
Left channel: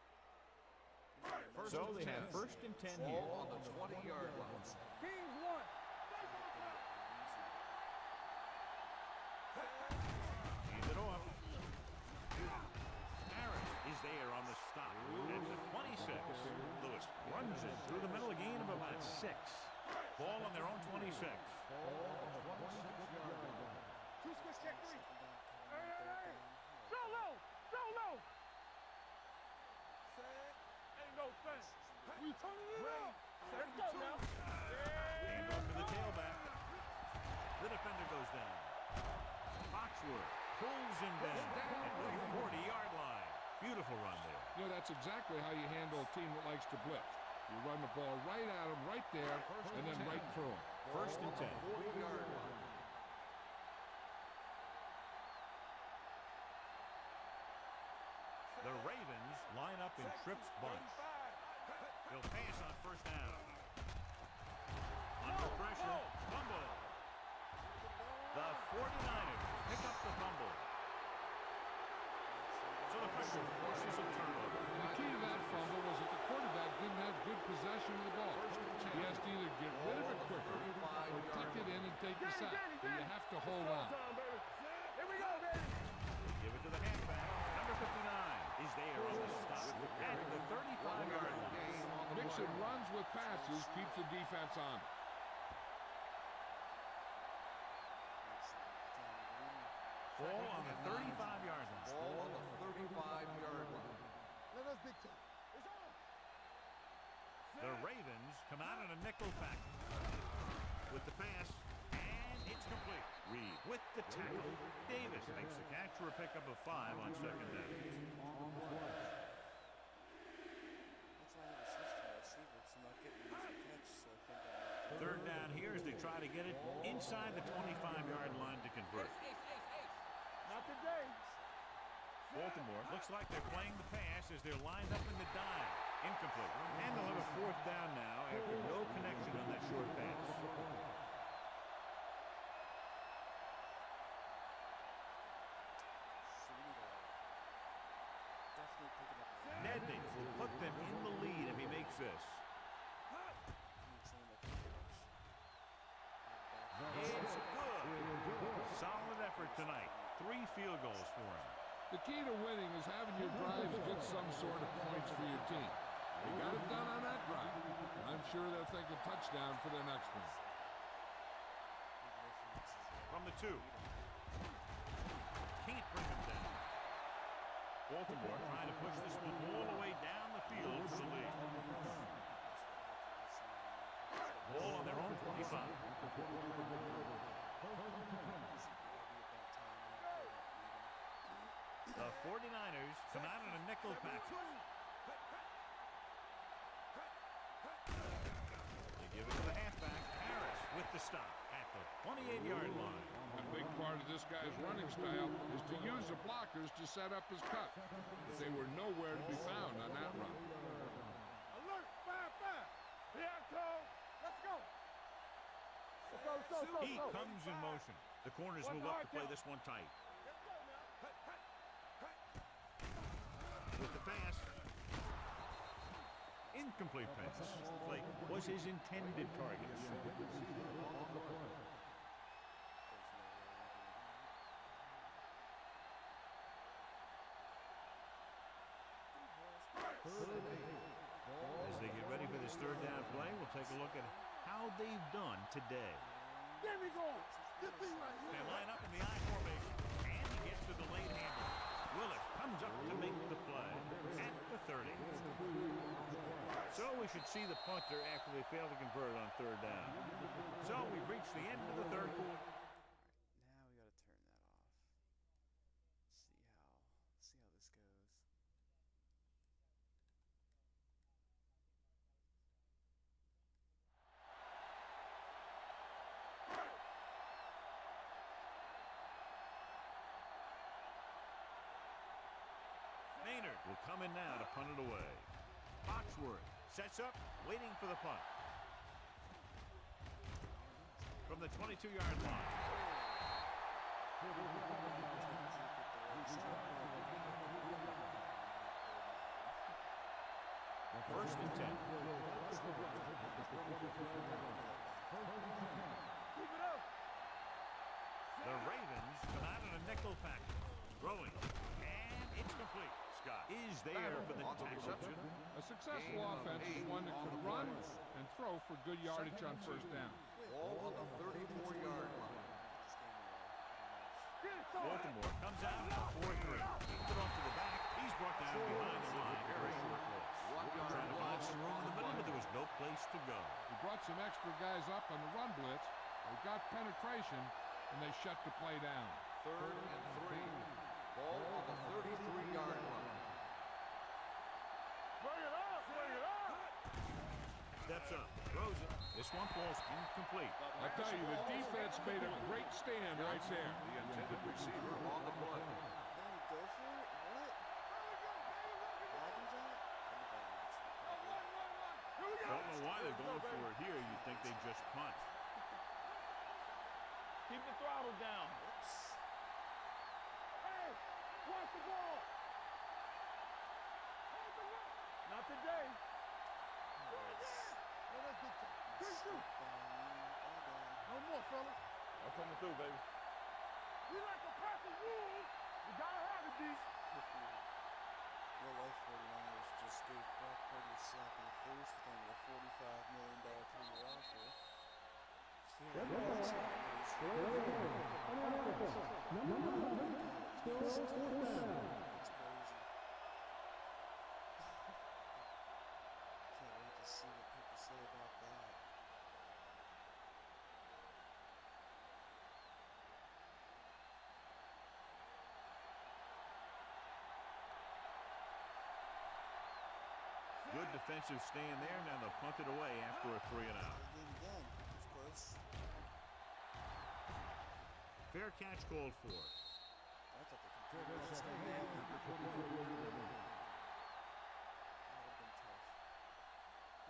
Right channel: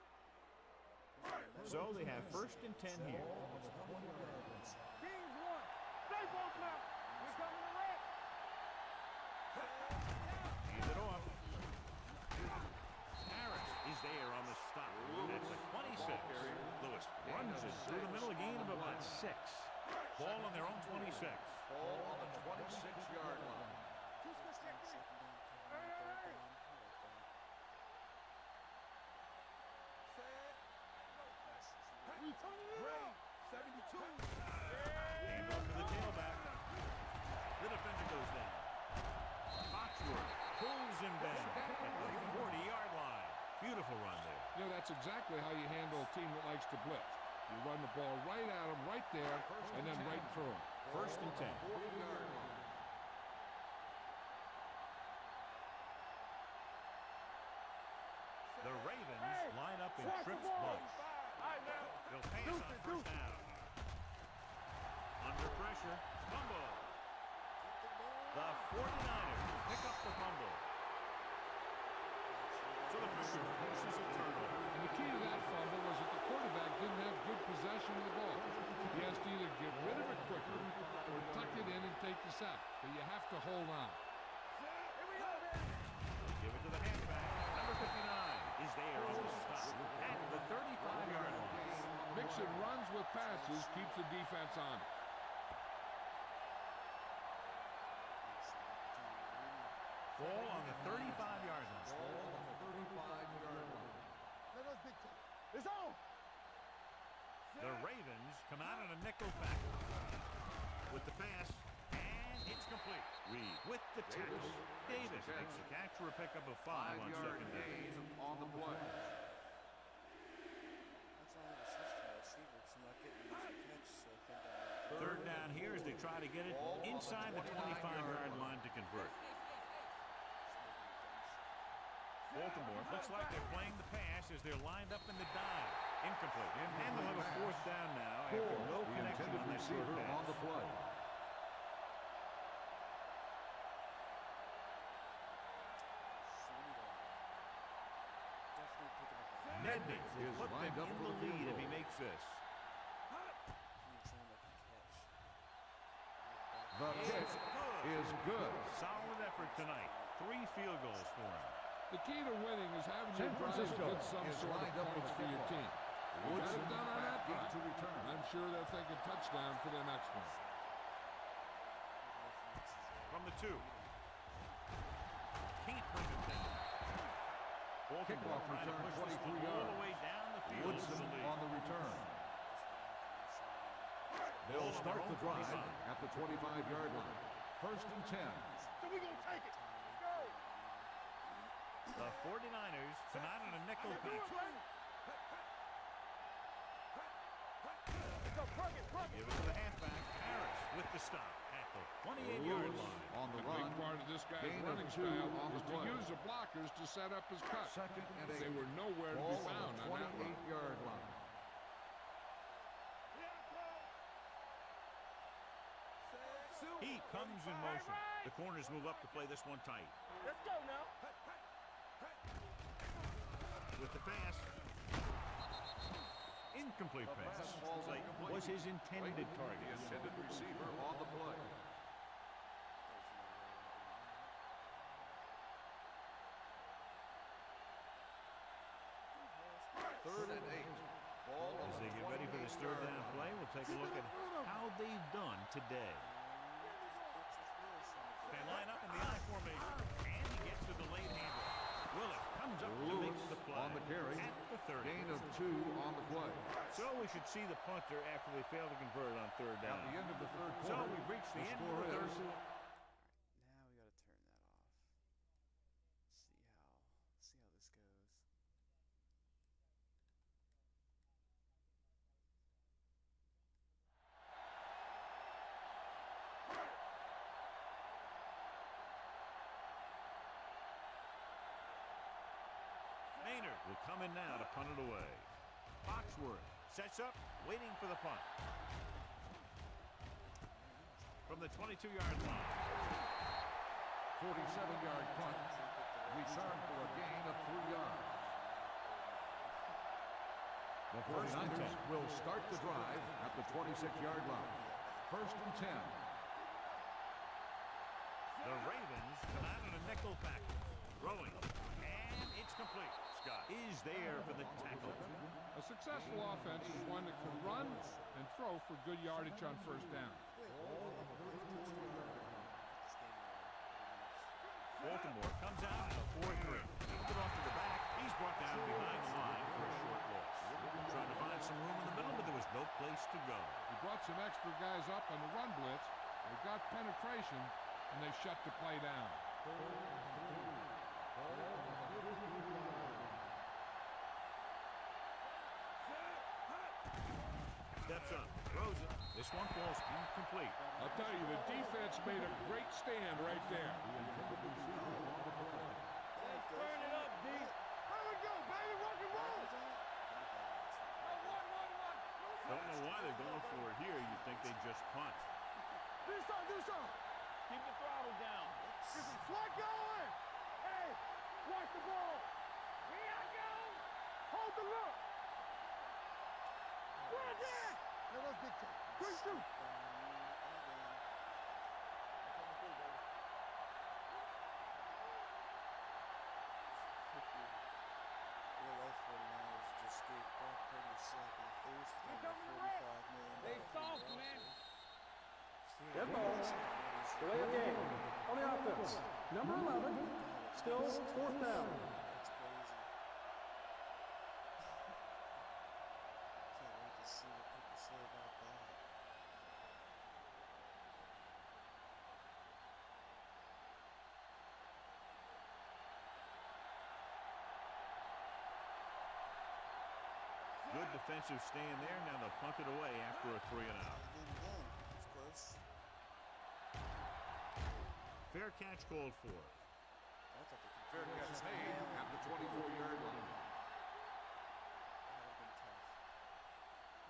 So they have first and 10 here. Ball on the 20-yard line. Kings won. Stay ball now. Hand it off. Harris is there on the stop at the 26. Lewis runs it through the middle, a gain of about 6. Ball on their own 26. Ball on the 26-yard line. Two switch check 3. Hey. Go low. Go low. Set. Ain't no fence. We turning it up. 72. Hand off to the tailback. The defender goes down. Foxworth pulls him down at the 40-yard line. Beautiful run there. You know, that's exactly how you handle a team that likes to blitz. You run the ball right at them, right there, and then right through them. First and 10. 40-yard line. The Ravens line up in trips bunch. They'll pass on first down. Under pressure, fumble. The 49ers pick up the fumble. So the pressure forces a turnover. And the key to that fumble was that the quarterback didn't have good possession of the ball. He has to either get rid of it quicker or tuck it in and take the sack. But you have to hold on. Here we go, baby. They give it to the halfback. Number 59 is there on the stop at the 35-yard line. Mixing runs with passes keeps the defense on. Ball on the 35-yard line. Ball on the 35-yard line. Let us dictate. It's on. The Ravens come out in a nickel package with the pass, and it's complete. Reed with the tackle. Davis makes the catch for a pickup of 5 on second down. On the play. That's why I never switched to my receiver, because I'm not getting an easy catch, so I think I'm Third down here as they try to get it inside the 25-yard line to convert. Baltimore looks like they're playing the pass as they're lined up in the dive. Incomplete. And they'll have a fourth down now after no connection on that short pass. On the play. definitely picking up a Nedney will put them in the lead if he makes this. need someone that can catch. It's good. is good. Solid effort tonight. 3 field goals for him. The key to winning is having your drives get some sort of points for your team. They got it done on that drive. And I'm sure they're thinking touchdown for their next one. From the 2. Can't bring him down. Baltimore trying to push this one all the way down the field to the lead. On the return. Ball on their own 25. At the 25-yard line. First and 10. The 49ers come out in a nickel package. They give it to the halfback. Harris with the stop at the 28-yard line. A big part of this guy's running style is to use the blockers to set up his cut. They were nowhere to be found on that run. He comes in motion. The corners move up to play this one tight. Let's go now. With the pass. Incomplete pass. Slate was his intended target. Intended receiver on the play. Third and 8. As they get ready for this third down play, we'll take a look at how they've done today. They line up in the I formation, and he gets the delayed handoff. Willis comes up to make the play at the 30. Gain of 2 on the play. So we should see the punter after they fail to convert on third down. At the end of the third So quarter, we've reached the end of the third quarter. Now we got to turn that off. See how this goes. Maynard will come in now to punt it away. Foxworth sets up, waiting for the punt. From the 22-yard line. 47-yard punt. Return for a gain of 3 yards. The First and 10. will start the drive at the 26-yard line. First and 10. The Ravens come out in a nickel package. Throwing. And it's complete. Scott is there for the tackle. A successful offense is one that can run and throw for good yardage on first down. Ball on the 34-yard line. Baltimore comes out in a 4-3. Kicked it off to the back. He's brought down behind the line for a short loss. Trying to find some room in the middle, but there was no place to go. He brought some extra guys up on the run blitz. They got penetration, and they shut the play down. Third and 3. Ball on the 33-yard line. Steps up, throws it. This one falls incomplete. I'll tell you, the defense made a great stand right there. The intended receiver on the play. Go for it. What? Here we go, baby. Rock and roll. Did that? I did that on accident. One. Here we go. Don't know why they're going for it here. You'd think they just punt. Do something. Keep the throttle down. Whoops. What going? Hey, watch the ball. Here I go. Hold the look. Not today. No, that's big time. Great shoot. One more, fellas. I'm coming through, baby. We like to cut the rules. You gotta have it, D. Real life 49ers just gave Brock Purdy a slap in the face with only a $45 million roster. Dead ball. Delay of game. On the offense. Number 11. Still fourth down. That's crazy. Can't wait to see what people say about that. Good defensive stand there. Now they'll punt it away after a 3 and out. Again. It's close. Fair catch called for. I thought they could Fair catch just made nail at him. the 24-yard line. That would have been tough.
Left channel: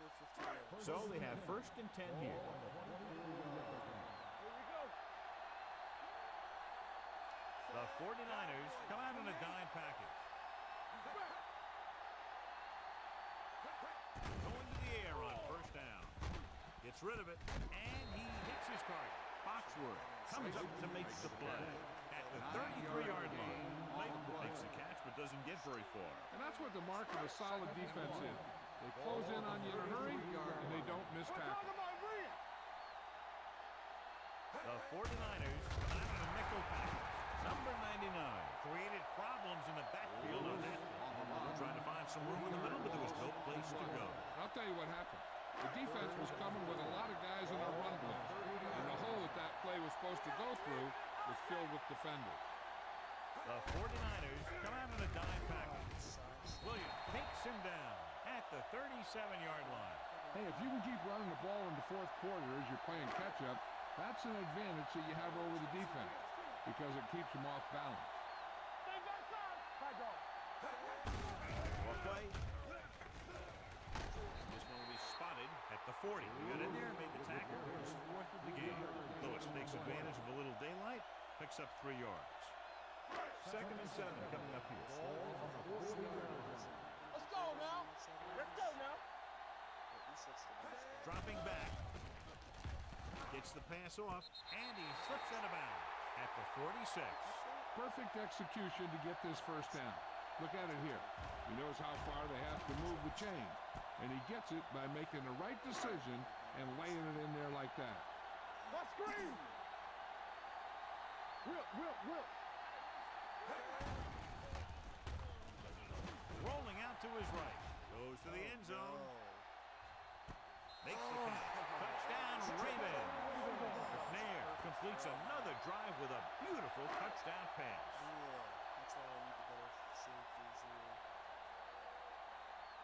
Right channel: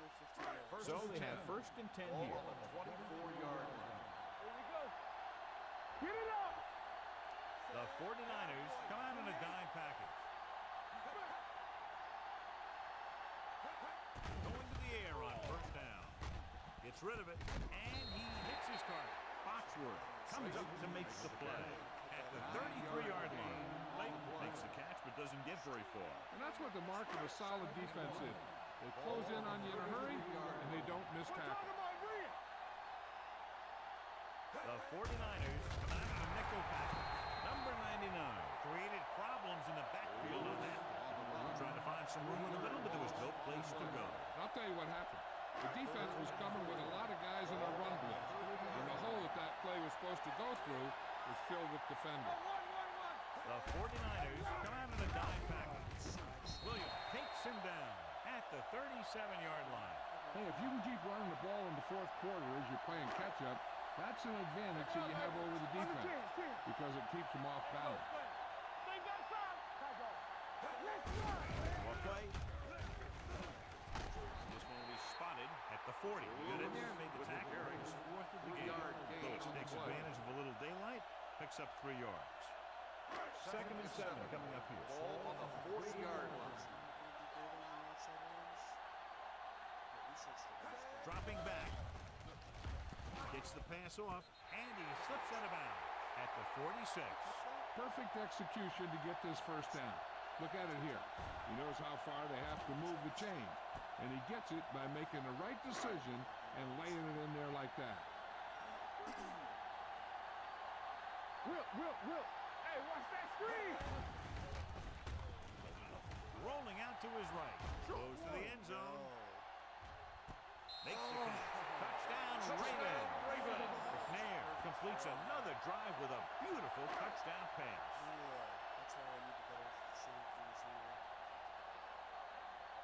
No 15 yards. So they have first and 10 here. Ball on the 24-yard line. Here we go. Get it up. The 49ers come out in a dime package. Going to the air on first down. Gets rid of it, and he hits his target. Foxworth comes up to make the play at the 33-yard line. Late makes the catch but doesn't get very far. And that's what the mark of a solid defense is. They close in on you in a hurry, and they don't miss tackle. The 49ers come out of the nickel package. Number 99 created problems in the backfield on that play. Trying to find some room in the middle, but there was no place to go. And I'll tell you what happened. The defense was coming with a lot of guys in a run blitz, and the hole that play was supposed to go through was filled with defenders. The 49ers come out of the dime package. Williams takes him down at the 37-yard line. Hey, if you can keep running the ball in the fourth quarter as you're playing catch-up, that's an advantage that you have over the defense because it keeps them off balance. Well play. This one will be spotted at the 40. He got in there and made the tackle. His fourth of the game. Lewis takes advantage of a little daylight, picks up 3 yards. 2nd and 7 coming up here. Ball on the 40-yard line. Dropping back. Gets the pass off, and he slips out of bounds at the 46. Perfect execution to get this first down. Look at it here. He knows how far they have to move the chain, and he gets it by making the right decision and laying it in there like that. Will. Hey, watch that screen. Rolling out to his right. Goes to the end zone. Makes the catch. Touchdown, Ravens. McNair completes another drive with a beautiful touchdown pass. That's why I need the better safeties here.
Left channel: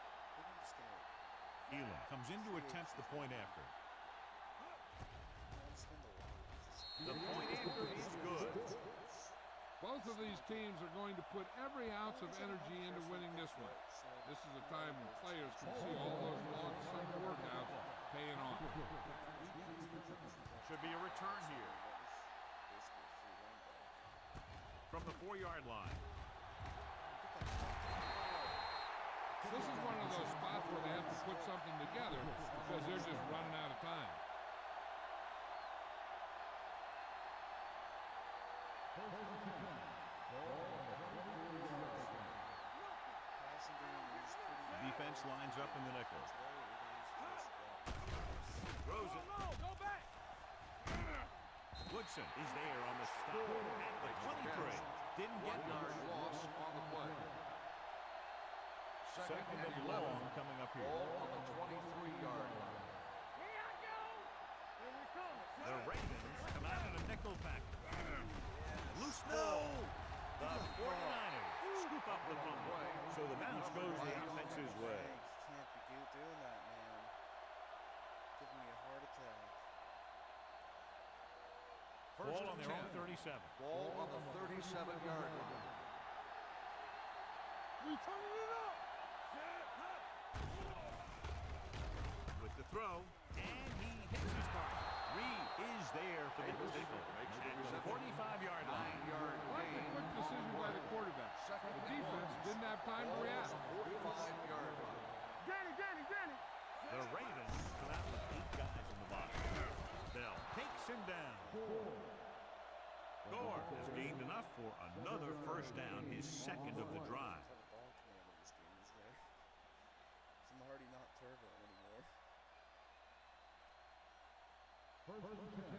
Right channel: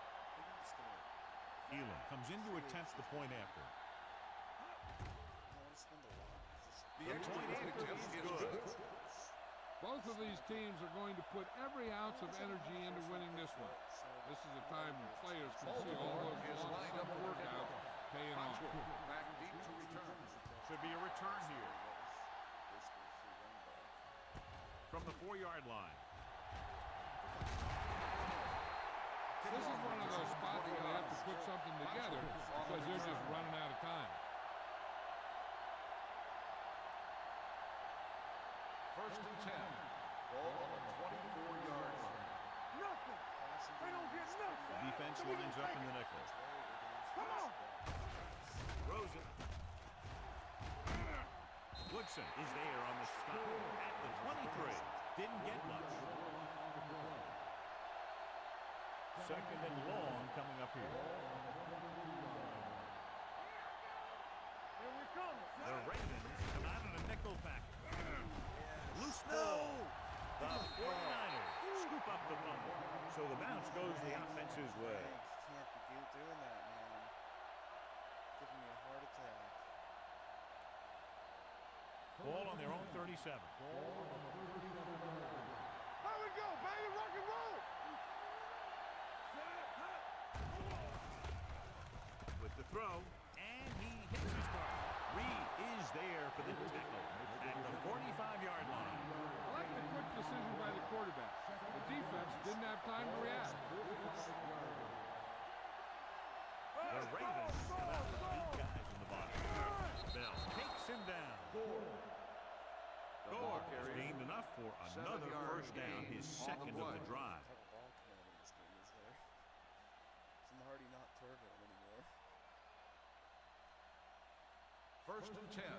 I think I'm just gonna... Elam comes in to attempt the point after. I don't want to spend a lot. The point after is good. Both of these teams are going to put every ounce of energy into winning this one. This is a time when players can see all those long summer workouts paying off. Should be a return here. From the 4-yard line. This is one of those spots where they have to put something together because they're just running out of time. 1st and 10. Ball on the 24-yard line. Defense lines up in the nickel. Throws it. Woodson is there on the stop at the 23. Didn't get much. Loss on the play. 2nd and long coming up here. Ball on the 23-yard line. Here I go. Here we come. The Ravens come out in a nickel package. Loose ball. The 49ers scoop up the fumble. So the bounce goes the offense's way. Can't be doing that, man. Giving me a heart attack. Ball on their own 37. Ball on the 37-yard line. Here we go, baby. Rock and roll. You turning it up. Set. Hut. With the throw, and he hits his target. Reed is there for the tackle at the 45-yard line. I like the quick decision by the quarterback. The defense didn't have time to react. Danny. The Ravens come out with 8 guys in the box. Bell takes him down. Gore has gained enough for another first down, his 2nd of the drive. What type of ball command in this game is there? I'm already not turbo anymore. 1st and 10.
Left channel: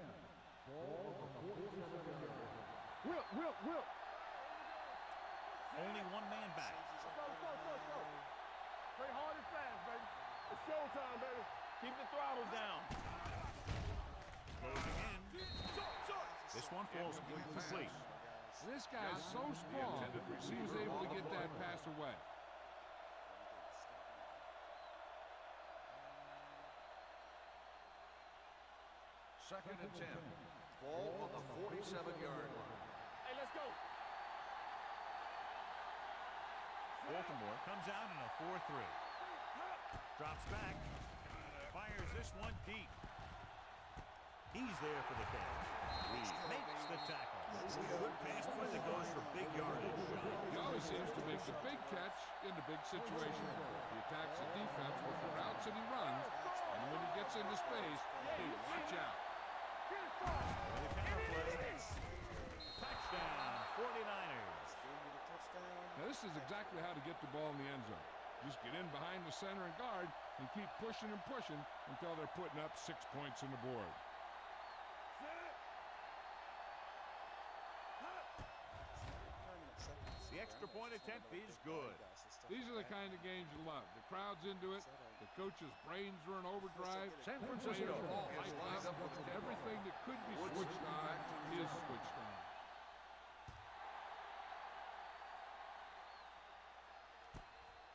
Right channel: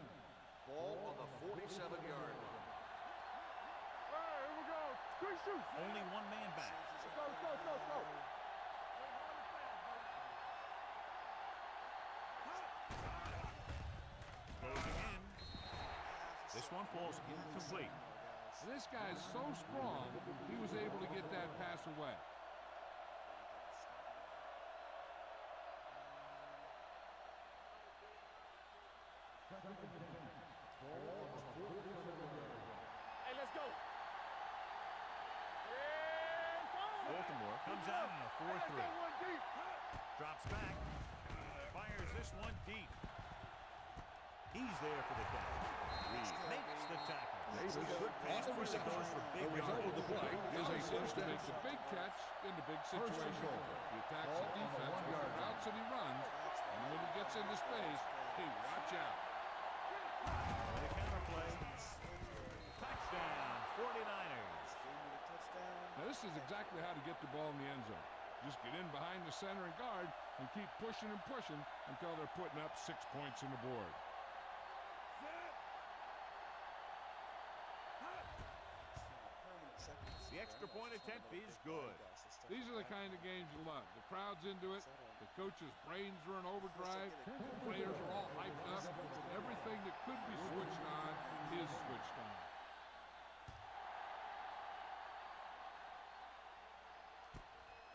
Ball on the 47-yard line. Will. All right, here we go. Quick shoot. Only one man back. Let's go. Play hard and fast, baby. It's showtime, baby. Keep the throttle down. Closing in. This one falls incomplete. This guy's so strong, he was able to get that pass away. 2nd and 10. Ball on the 47-yard line. Hey, let's go. Baltimore comes out in a 4-3. Drops back. Fires this one deep. He's there for the catch. Reed makes the tackle. Good pass play that goes for big yardage. He always seems to make the big catch in the big situation. He attacks the defense with the routes that he runs, and when he gets into space, hey, watch out. With a counter play. Touchdown, 49ers. Gave me the touchdown. Now, this is exactly how to get the ball in the end zone. Just get in behind the center and guard and keep pushing and pushing until they're putting up 6 points on the board. The extra point attempt is good. These are the kind of games you love. The crowd's into it. The coach's brains are in overdrive. The players are all hyped up. Everything that could be switched on is switched on.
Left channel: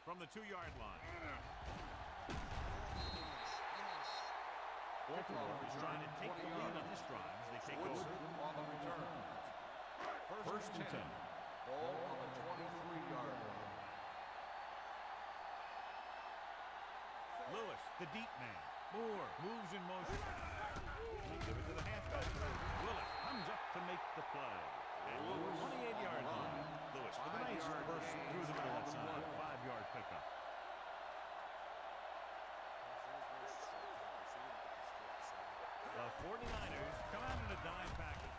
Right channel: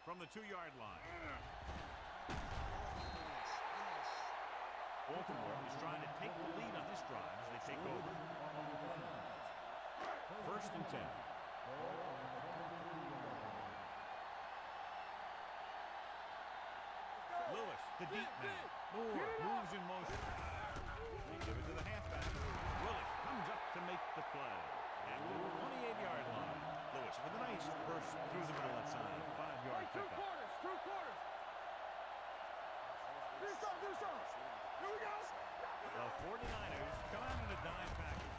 From the 2-yard line. Baltimore is trying to take the lead on this drive as they take over. 1st and 10. Lewis, the deep man. Moore moves in motion. They give it to the halfback. Willis comes up to make the play. At the 28-yard line. Lewis with a nice burst through the middle of that side. 5-yard pickup. The 49ers come out in a dime package.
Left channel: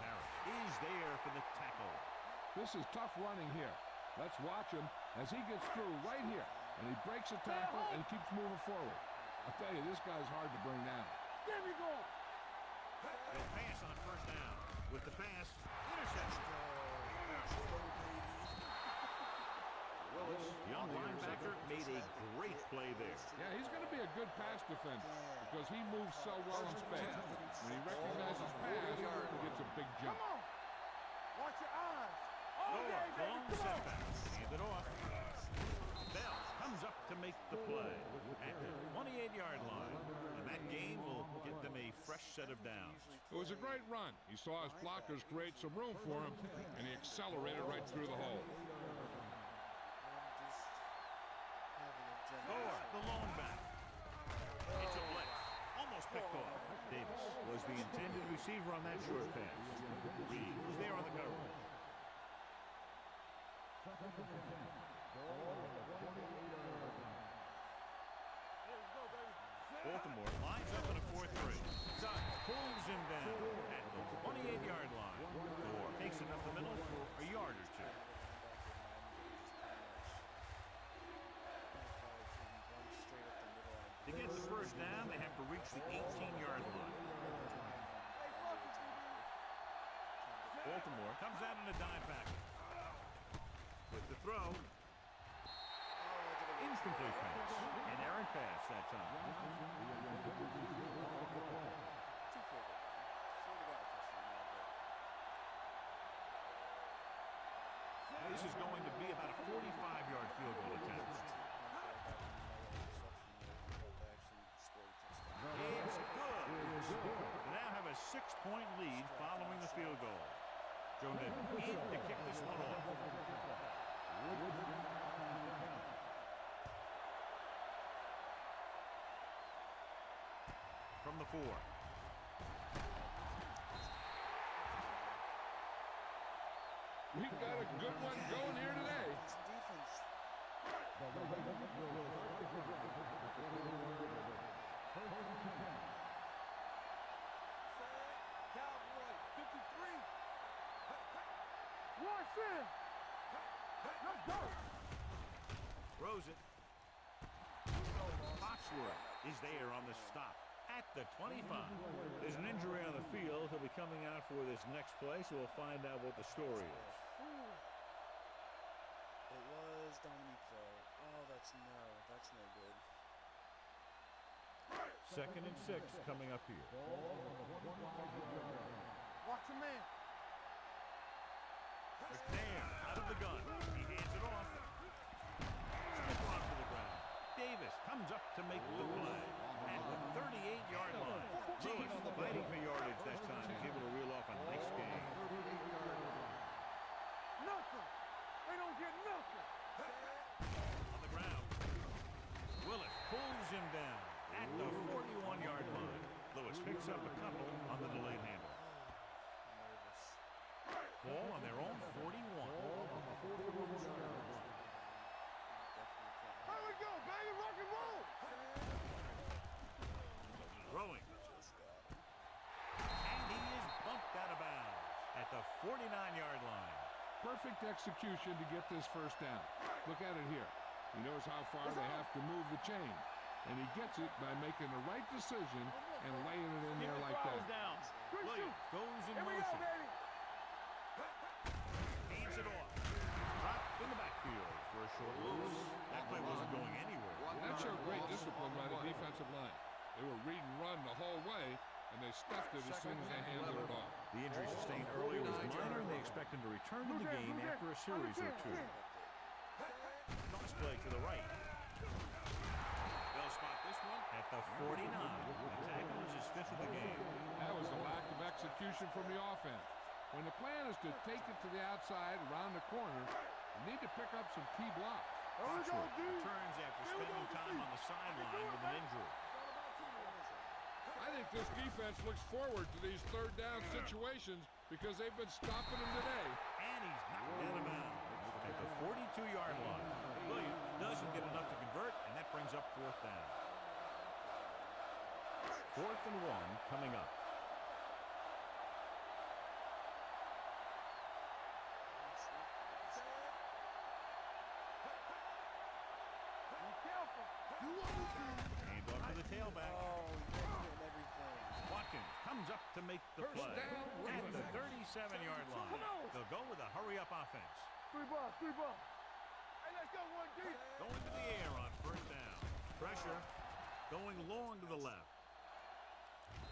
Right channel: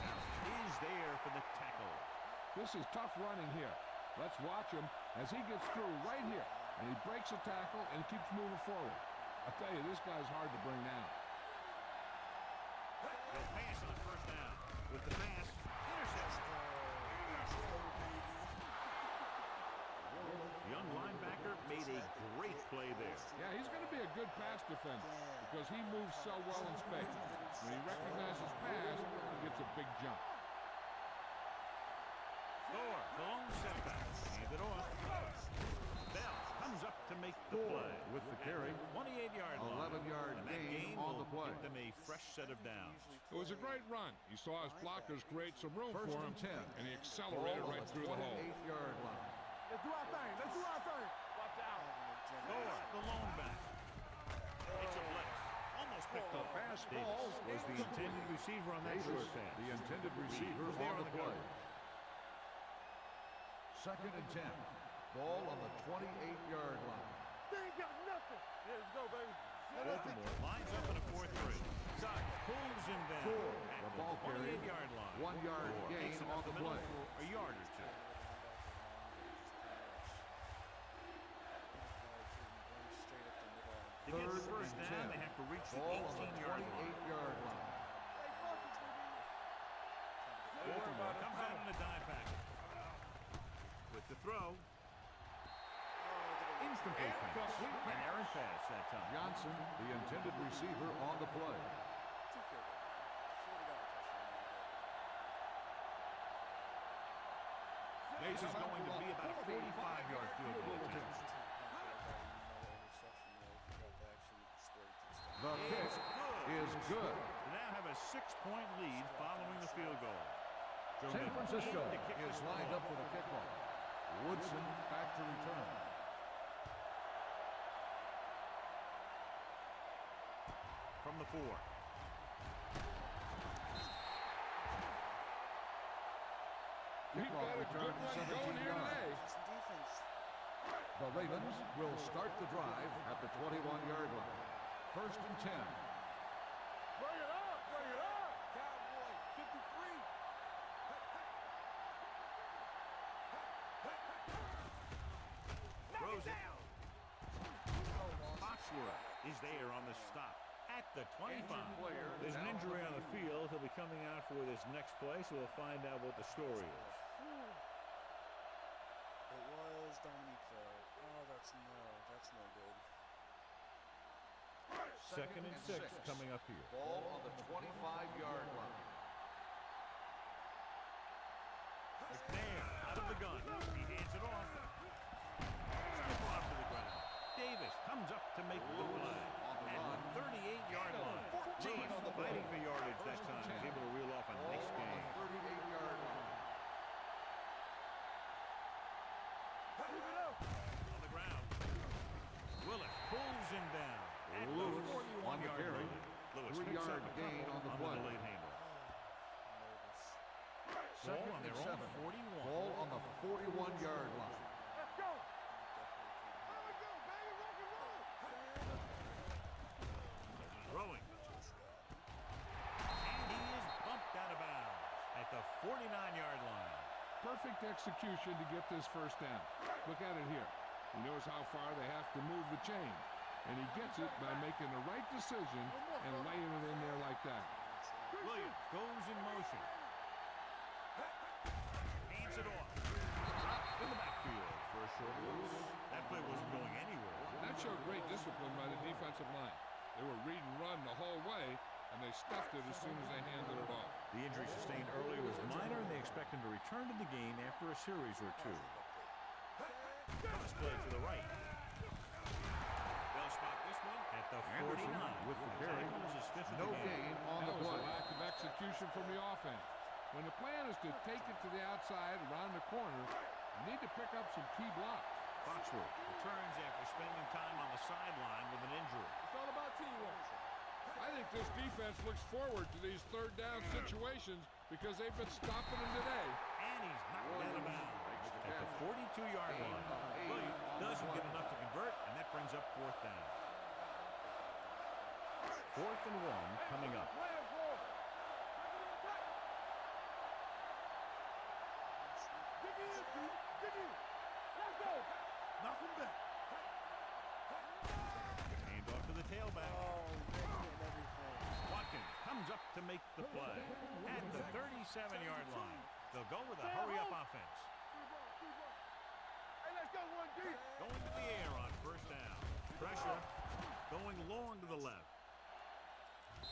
Harris is there for the tackle. This is tough running here. Let's watch him as he gets through right here. And he breaks a tackle and keeps moving forward. I'll tell you, this guy's hard to bring down. He'll pass on 1st down. With the pass, interception. The young linebacker made a great play there. Yeah, he's going to be a good pass defender because he moves so well in space. When he recognizes pass, he gets a big jump. Thor, the lone setback. Hand it off. Bell comes up to make the play at the 28-yard line. And that game will get them a fresh set of downs. It was a great run. He saw his blockers create some room for him, and he accelerated right through the hole. Thor, the lone back. It's a blitz. Almost picked off. Davis was the intended receiver on that short pass. The intended Reed receiver was there on the play. coverage. 2nd and 10. Ball on the 28-yard line. Baltimore lines up in a 4-3. Sutton pulls him down at the 28-yard line. 1 yard. Or takes it up the middle for a yard or two. To get the 1st down, they have to reach the 18-yard line. Baltimore comes out in a dime package. With the throw. Incomplete pass. An errant pass that time. Johnson, the intended receiver on the play. This is going to be about a 45-yard field goal attempt. The kick is good. They now have a 6-point lead following the field goal. Joe San Francisco to kick this is one lined off. up for the kickoff. Woodson back to return. From the 4. We got a good one going here today. The Ravens will start the drive at the 21-yard line. 1st and 10. Cowboy, 53. Throws it. Foxworth is there on the stop at the 25. There's an injury on the field. He'll be coming out for this next play, so we'll find out what the story is. It was Dominique, though. Oh, that's no good. 2nd and 6 coming up here. Ball on the 25-yard line. Watch a man. McNair out of the gun. He hands it off. Skip off to the ground. Davis comes up to make the play at the 38-yard line. Lewis fighting for yardage that time. He's able to reel off a nice gain. 38-yard line. Nothing. They don't get nothing. On the ground. Willis pulls him down at the 41-yard line. Lewis picks up a couple on the delayed handoff. Ball on their own 41. Ball on the 41-yard line. Let's go. Here we go, baby. Rock and roll. Throwing. 49-yard line. Perfect execution to get this first down. Look at it here. He knows how far they have to move the chain. And he gets it by making the right decision and laying it in there like that. Williams goes in motion. Hands it off. Dropped in the backfield for a short loss. That play wasn't going anywhere. That showed great discipline by the defensive line. They were read and run the whole way, and they stuffed it as soon as they handed it off. The injury sustained earlier was minor, and they expect him to return to the game after a series or two. Cross play to the right. They'll spot this one at the 49. The tackle is his 5th of the game. That was a lack of execution from the offense. When the plan is to take it to the outside, around the corner, you need to pick up some key blocks. Foxworth returns after spending time on the sideline with an injury. It's all about teamwork. I think this defense looks forward to these third down situations because they've been stopping them today. And he's knocked out of bounds at the 42-yard line. Williams doesn't get enough to convert, and that brings up 4th down. 4th and 1 coming up. Hand off to the tailback. Oh, he's getting everything. Watkins comes up to make the play at the 37-yard line. They'll go with a hurry-up offense. 3 ball, 3 ball. Hey, let's go 1 deep. Going to the air on 1st down. Pressure going long to the left.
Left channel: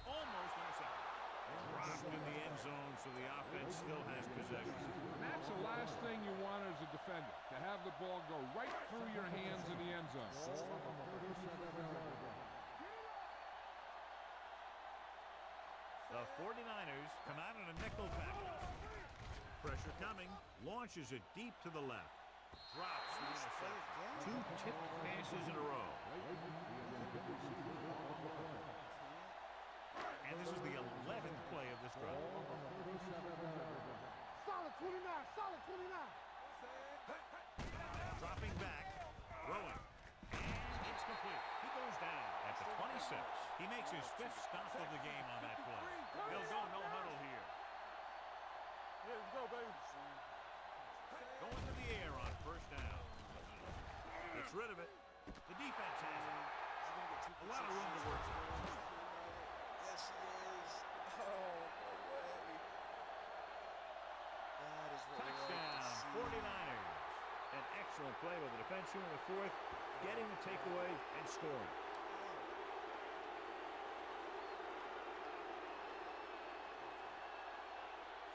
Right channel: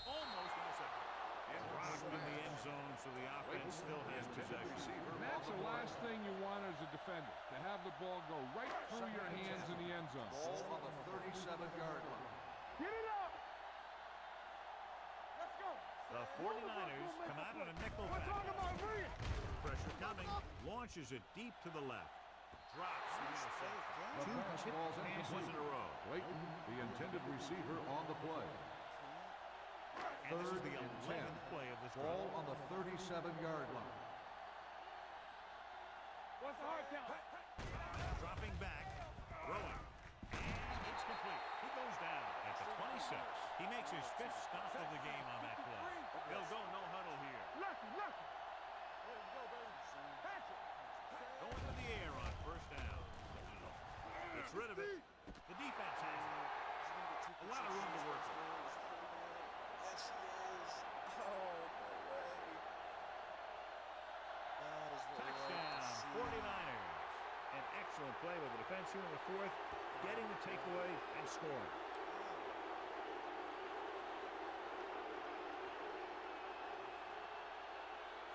Almost intercepted. And rocked in the end zone, so the offense still has possession. And that's the last thing you want as a defender, to have the ball go right through your hands in the end zone. Ball on the 37-yard line. Get it up. Let's go. The 49ers come out on a nickel package. Pressure coming. Launches it deep to the left. Drops the interception. 2 tipped passes in a row. Clayton, the intended receiver on the play. And this is the 11th play of this drive. Ball on the 37-yard line. Solid 29, solid 29. What's the hard count? Dropping back. Throwing. And it's complete. He goes down at the 26. He makes his 5th stop of the game on that play. They'll go no huddle here. Lucky, lucky. Let's go, baby. Going to the air on 1st down. Gets rid of it. The defense has it. A lot of room to work with. Yes, he is. Oh, no way. That is what Touchdown, 49ers. An excellent play by the defense here in the 4th, getting the takeaway and scoring.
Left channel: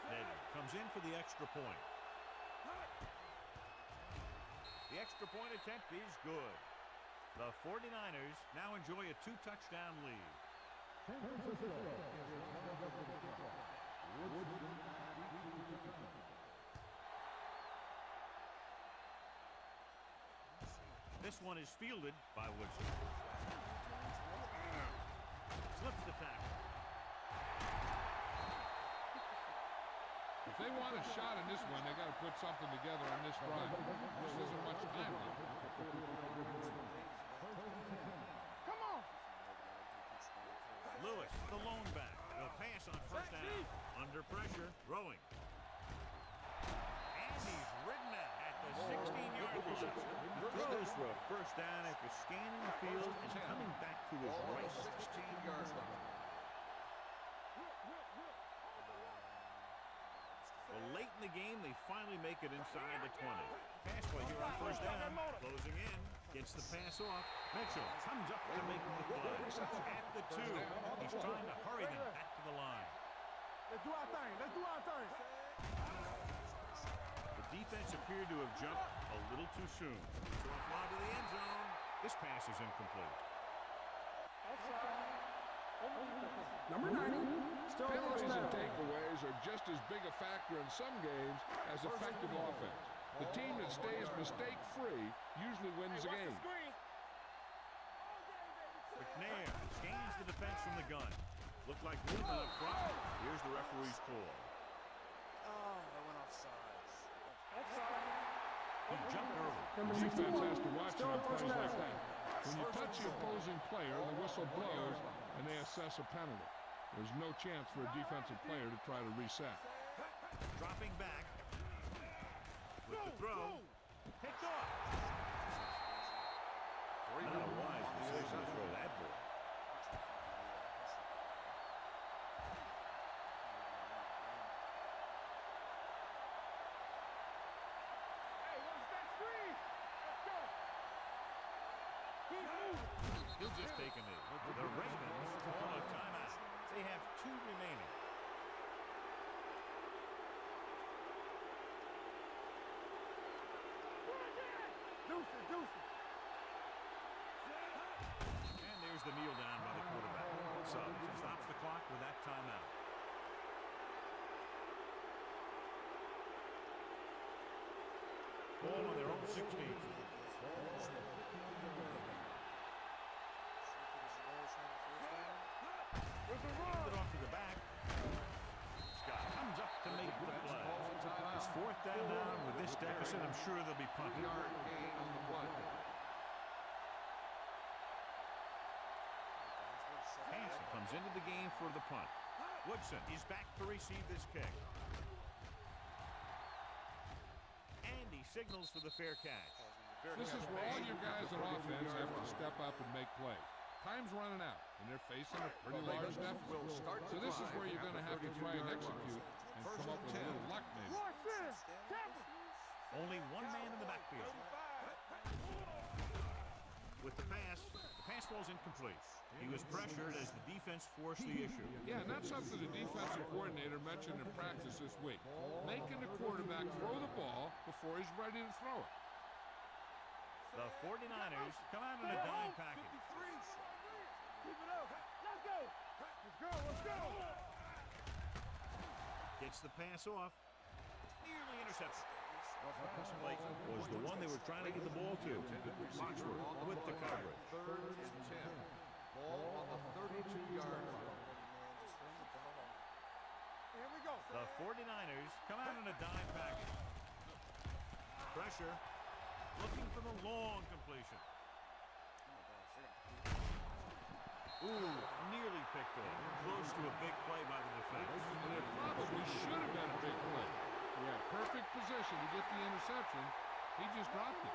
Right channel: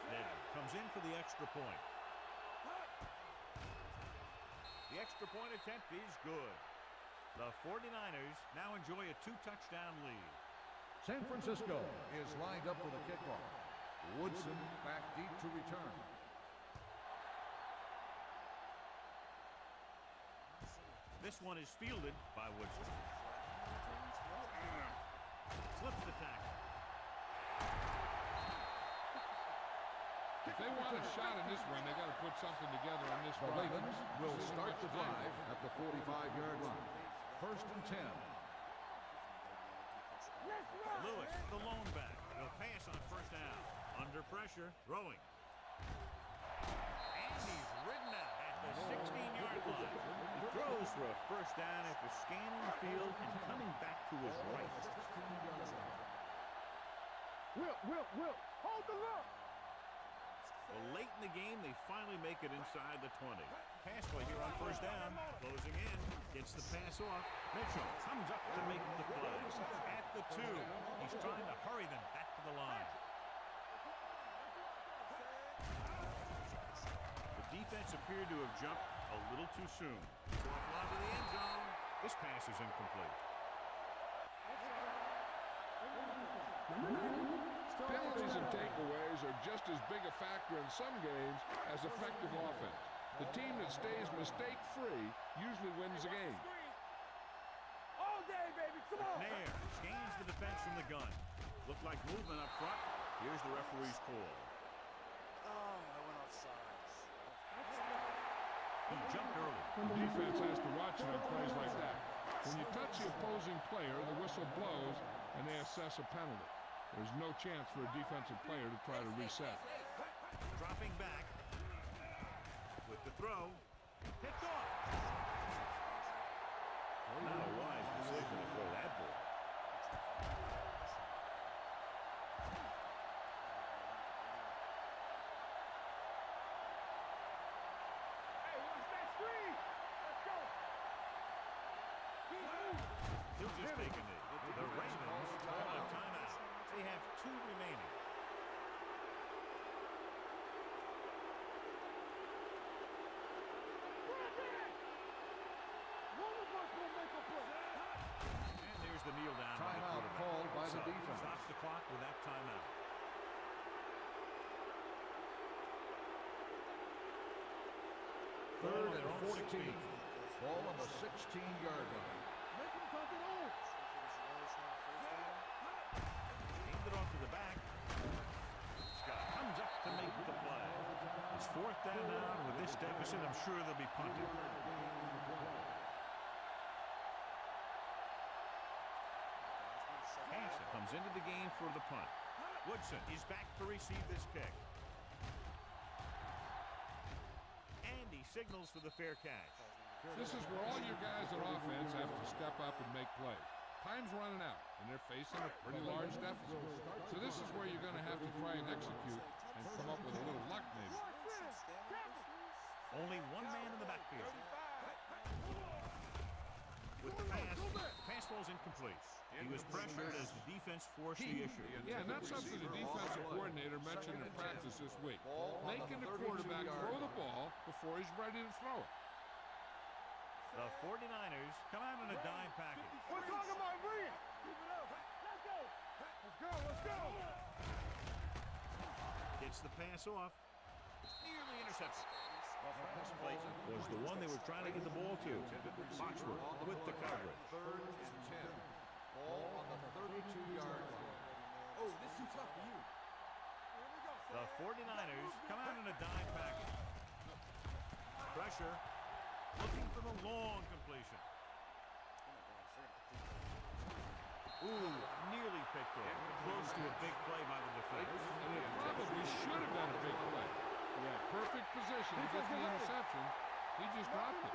Ned comes in for the extra point. The extra point attempt is good. The 49ers now enjoy a 2-touchdown lead. San Francisco is lined up for the kickoff. Woodson back deep to return. This one is fielded by Woodson. Slips the tackle. If they want a shot in this one, they got to put something together on this drive. This isn't much time left. At the 45-yard line. 1st and 10. Lewis, the lone back. He'll pass on 1st down. Under pressure, throwing. And he's ridden out at the 16-yard line. He throws for a 1st down after scanning the field and coming back to his right. Whip. Hold the look. Well, late in the game, they finally make it inside the 20. Pass play here on 1st down. Closing in. Gets the pass off. Mitchell comes up to make the play. At the 2. He's trying to hurry them back to the line. Let's do our thing. Let's do our thing. The defense appeared to have jumped a little too soon. Off lob to the end zone. This pass is incomplete. Number 90. Still Penalties and takeaways are just as big a factor in some games as effective offense. The team that stays mistake-free usually wins the game. All day, baby. Come on. McNair scans the defense from the gun. Looked like movement up front. Here's the referee's call. Oh, I went offsides. He jumped early. The defense has to watch it on plays like that. When you touch the opposing player, the whistle blows, and they assess a penalty. There's no chance for a defensive player to try to reset. Dropping back. With the throw. Picked off. Not a wise decision to throw that ball. Hey, watch that screen. Let's go. Keep moving. He'll just take a knee. The Ravens call a timeout. They have 2 remaining. And there's the kneel down by the quarterback. So stops the clock with that timeout. Ball on their own 16. Ball on the 16-yard line. Aimed it off to the back. Scott comes up to make the play. It's 4th down now, and with this deficit, I'm sure they'll be punted. Hansen comes into the game for the punt. Woodson is back to receive this kick. And he signals for the fair catch. This is where all your guys on offense have to step up and make plays. Time's running out, and they're facing a pretty large deficit. So this is where you're going to have to try and execute and come up with a little luck, maybe. Only one man in the backfield. With the pass falls incomplete. He was pressured as the defense forced the issue. Yeah, and that's something the defensive coordinator mentioned in practice this week. Making the quarterback throw the ball before he's ready to throw it. The 49ers come out in a dime package. We're talking about brilliant. Keep it up. Let's go. Let's go. Let's go. Gets the pass off. Nearly intercepted. Clayton was the one they were trying to get the ball to. Foxworth with the coverage. 3rd and 10. Ball on the 32-yard line. Here we go. The 49ers come out in a dime package. Pressure. Looking for the long completion. Ooh, nearly picked off. Close to a big play by the defense. And it probably should have been a big play. He had perfect position to get the interception. He just dropped it.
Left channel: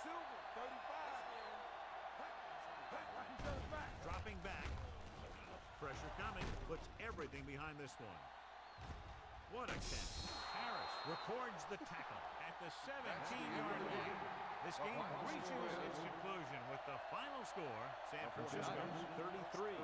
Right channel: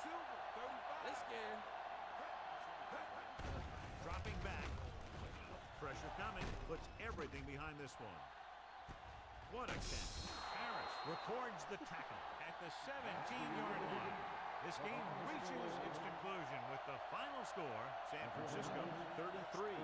Silver, 35. They scared. Dropping back. Pressure coming. Puts everything behind this one. What a catch. Harris records the tackle at the 17-yard line. This game reaches its conclusion with the final score, San Francisco 33.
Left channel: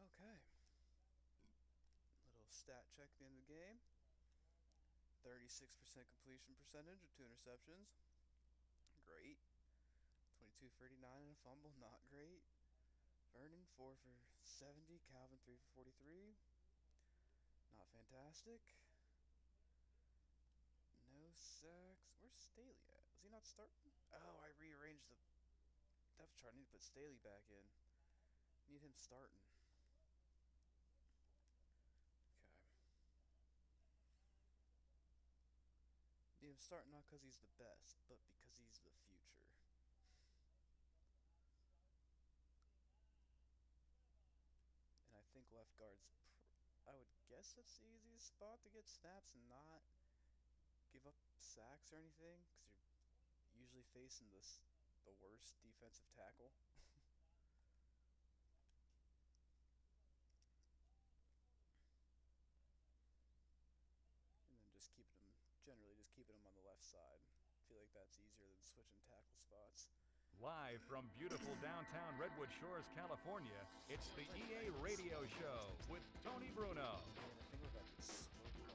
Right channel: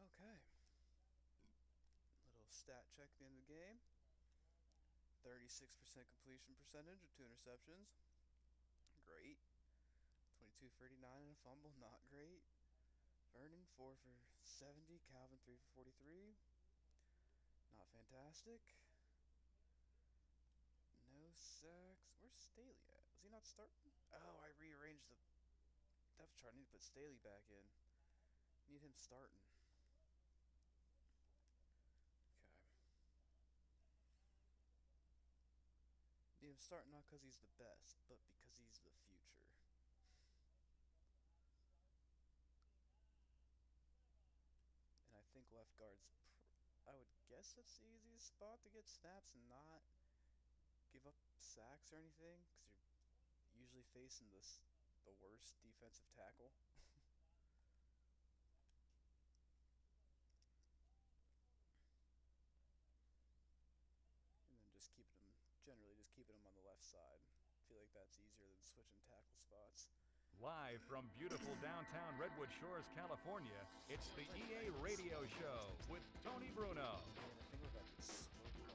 Okay. Little stat check at the end of the game. 36% completion percentage with 2 interceptions. Great. 22 for 89 and a fumble. Not great. Vernon 4 for 70. Calvin 3 for 43. Not fantastic. No sacks. Where's Staley at? Was he not starting? Oh, I rearranged the depth chart. I need to put Staley back in. Need him starting. Need him starting not because he's the best, but because he's the future. And I think left guard's, I would guess that's the easiest spot to get snaps and not give up sacks or anything, because you're usually facing the worst defensive tackle. And then just keeping them, generally just keeping them on the left side. I feel like that's easier than switching tackle spots. Live from beautiful downtown Redwood Shores, California, it's the EA Radio Show with Tony Bruno. Man, I think we're about to get smoked by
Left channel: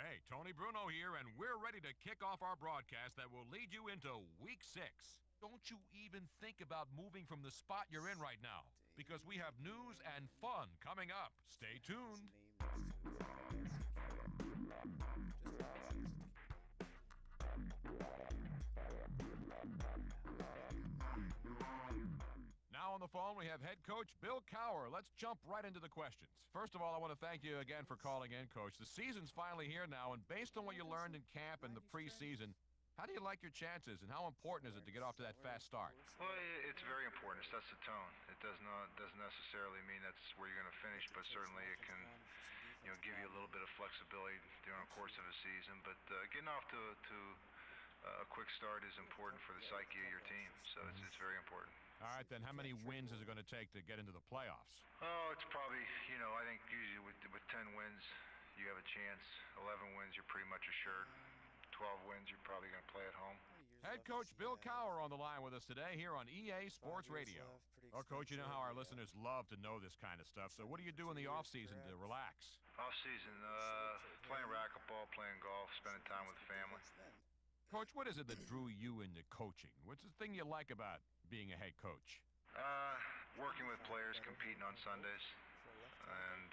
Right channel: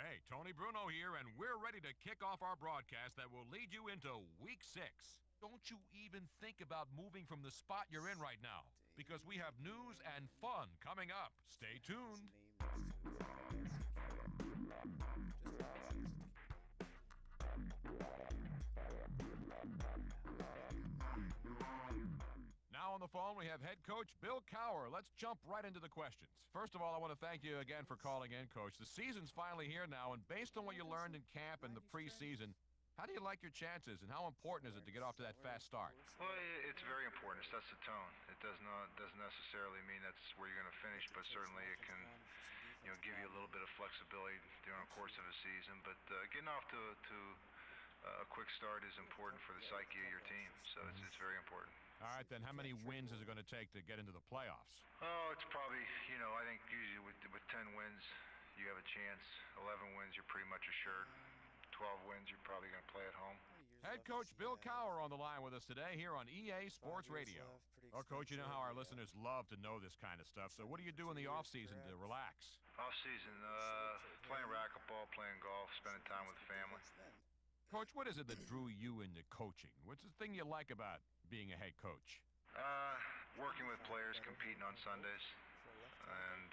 Hey, Tony Bruno here, and we're ready to kick off our broadcast that will lead you into Week 6. Don't you even think about moving from the spot you're in right now, because we have news and fun coming up. Stay tuned. on the phone, we have head coach Bill Cowher. Let's jump right into the questions. First of all, I want to thank you again for calling in, Coach. The season's finally here now, and based on what you learned in camp and the preseason, how do you like your chances, and how important is it to get off to that fast start? Well, it's very important. It sets the tone. It doesn't necessarily mean that's where you're going to finish, but certainly it can, give you a little bit of flexibility during the course of a season. But getting off to a quick start is important for the psyche of your team, so it's very important. All right, then, how many wins is it going to take to get into the playoffs? Oh, it's probably, I think usually with 10 wins, you have a chance. 11 wins, you're pretty much assured. 12 wins, you're probably going to play at home. Head coach Bill Cowher on the line with us today here on EA Sports Radio. Well, Coach, you know how our listeners love to know this kind of stuff, so what do you do in the offseason to relax? Off-season, playing racquetball, playing golf, spending time with the family. Coach, what is it that drew you into coaching? What's the thing you like about being a head coach? Working with players, competing on Sundays, and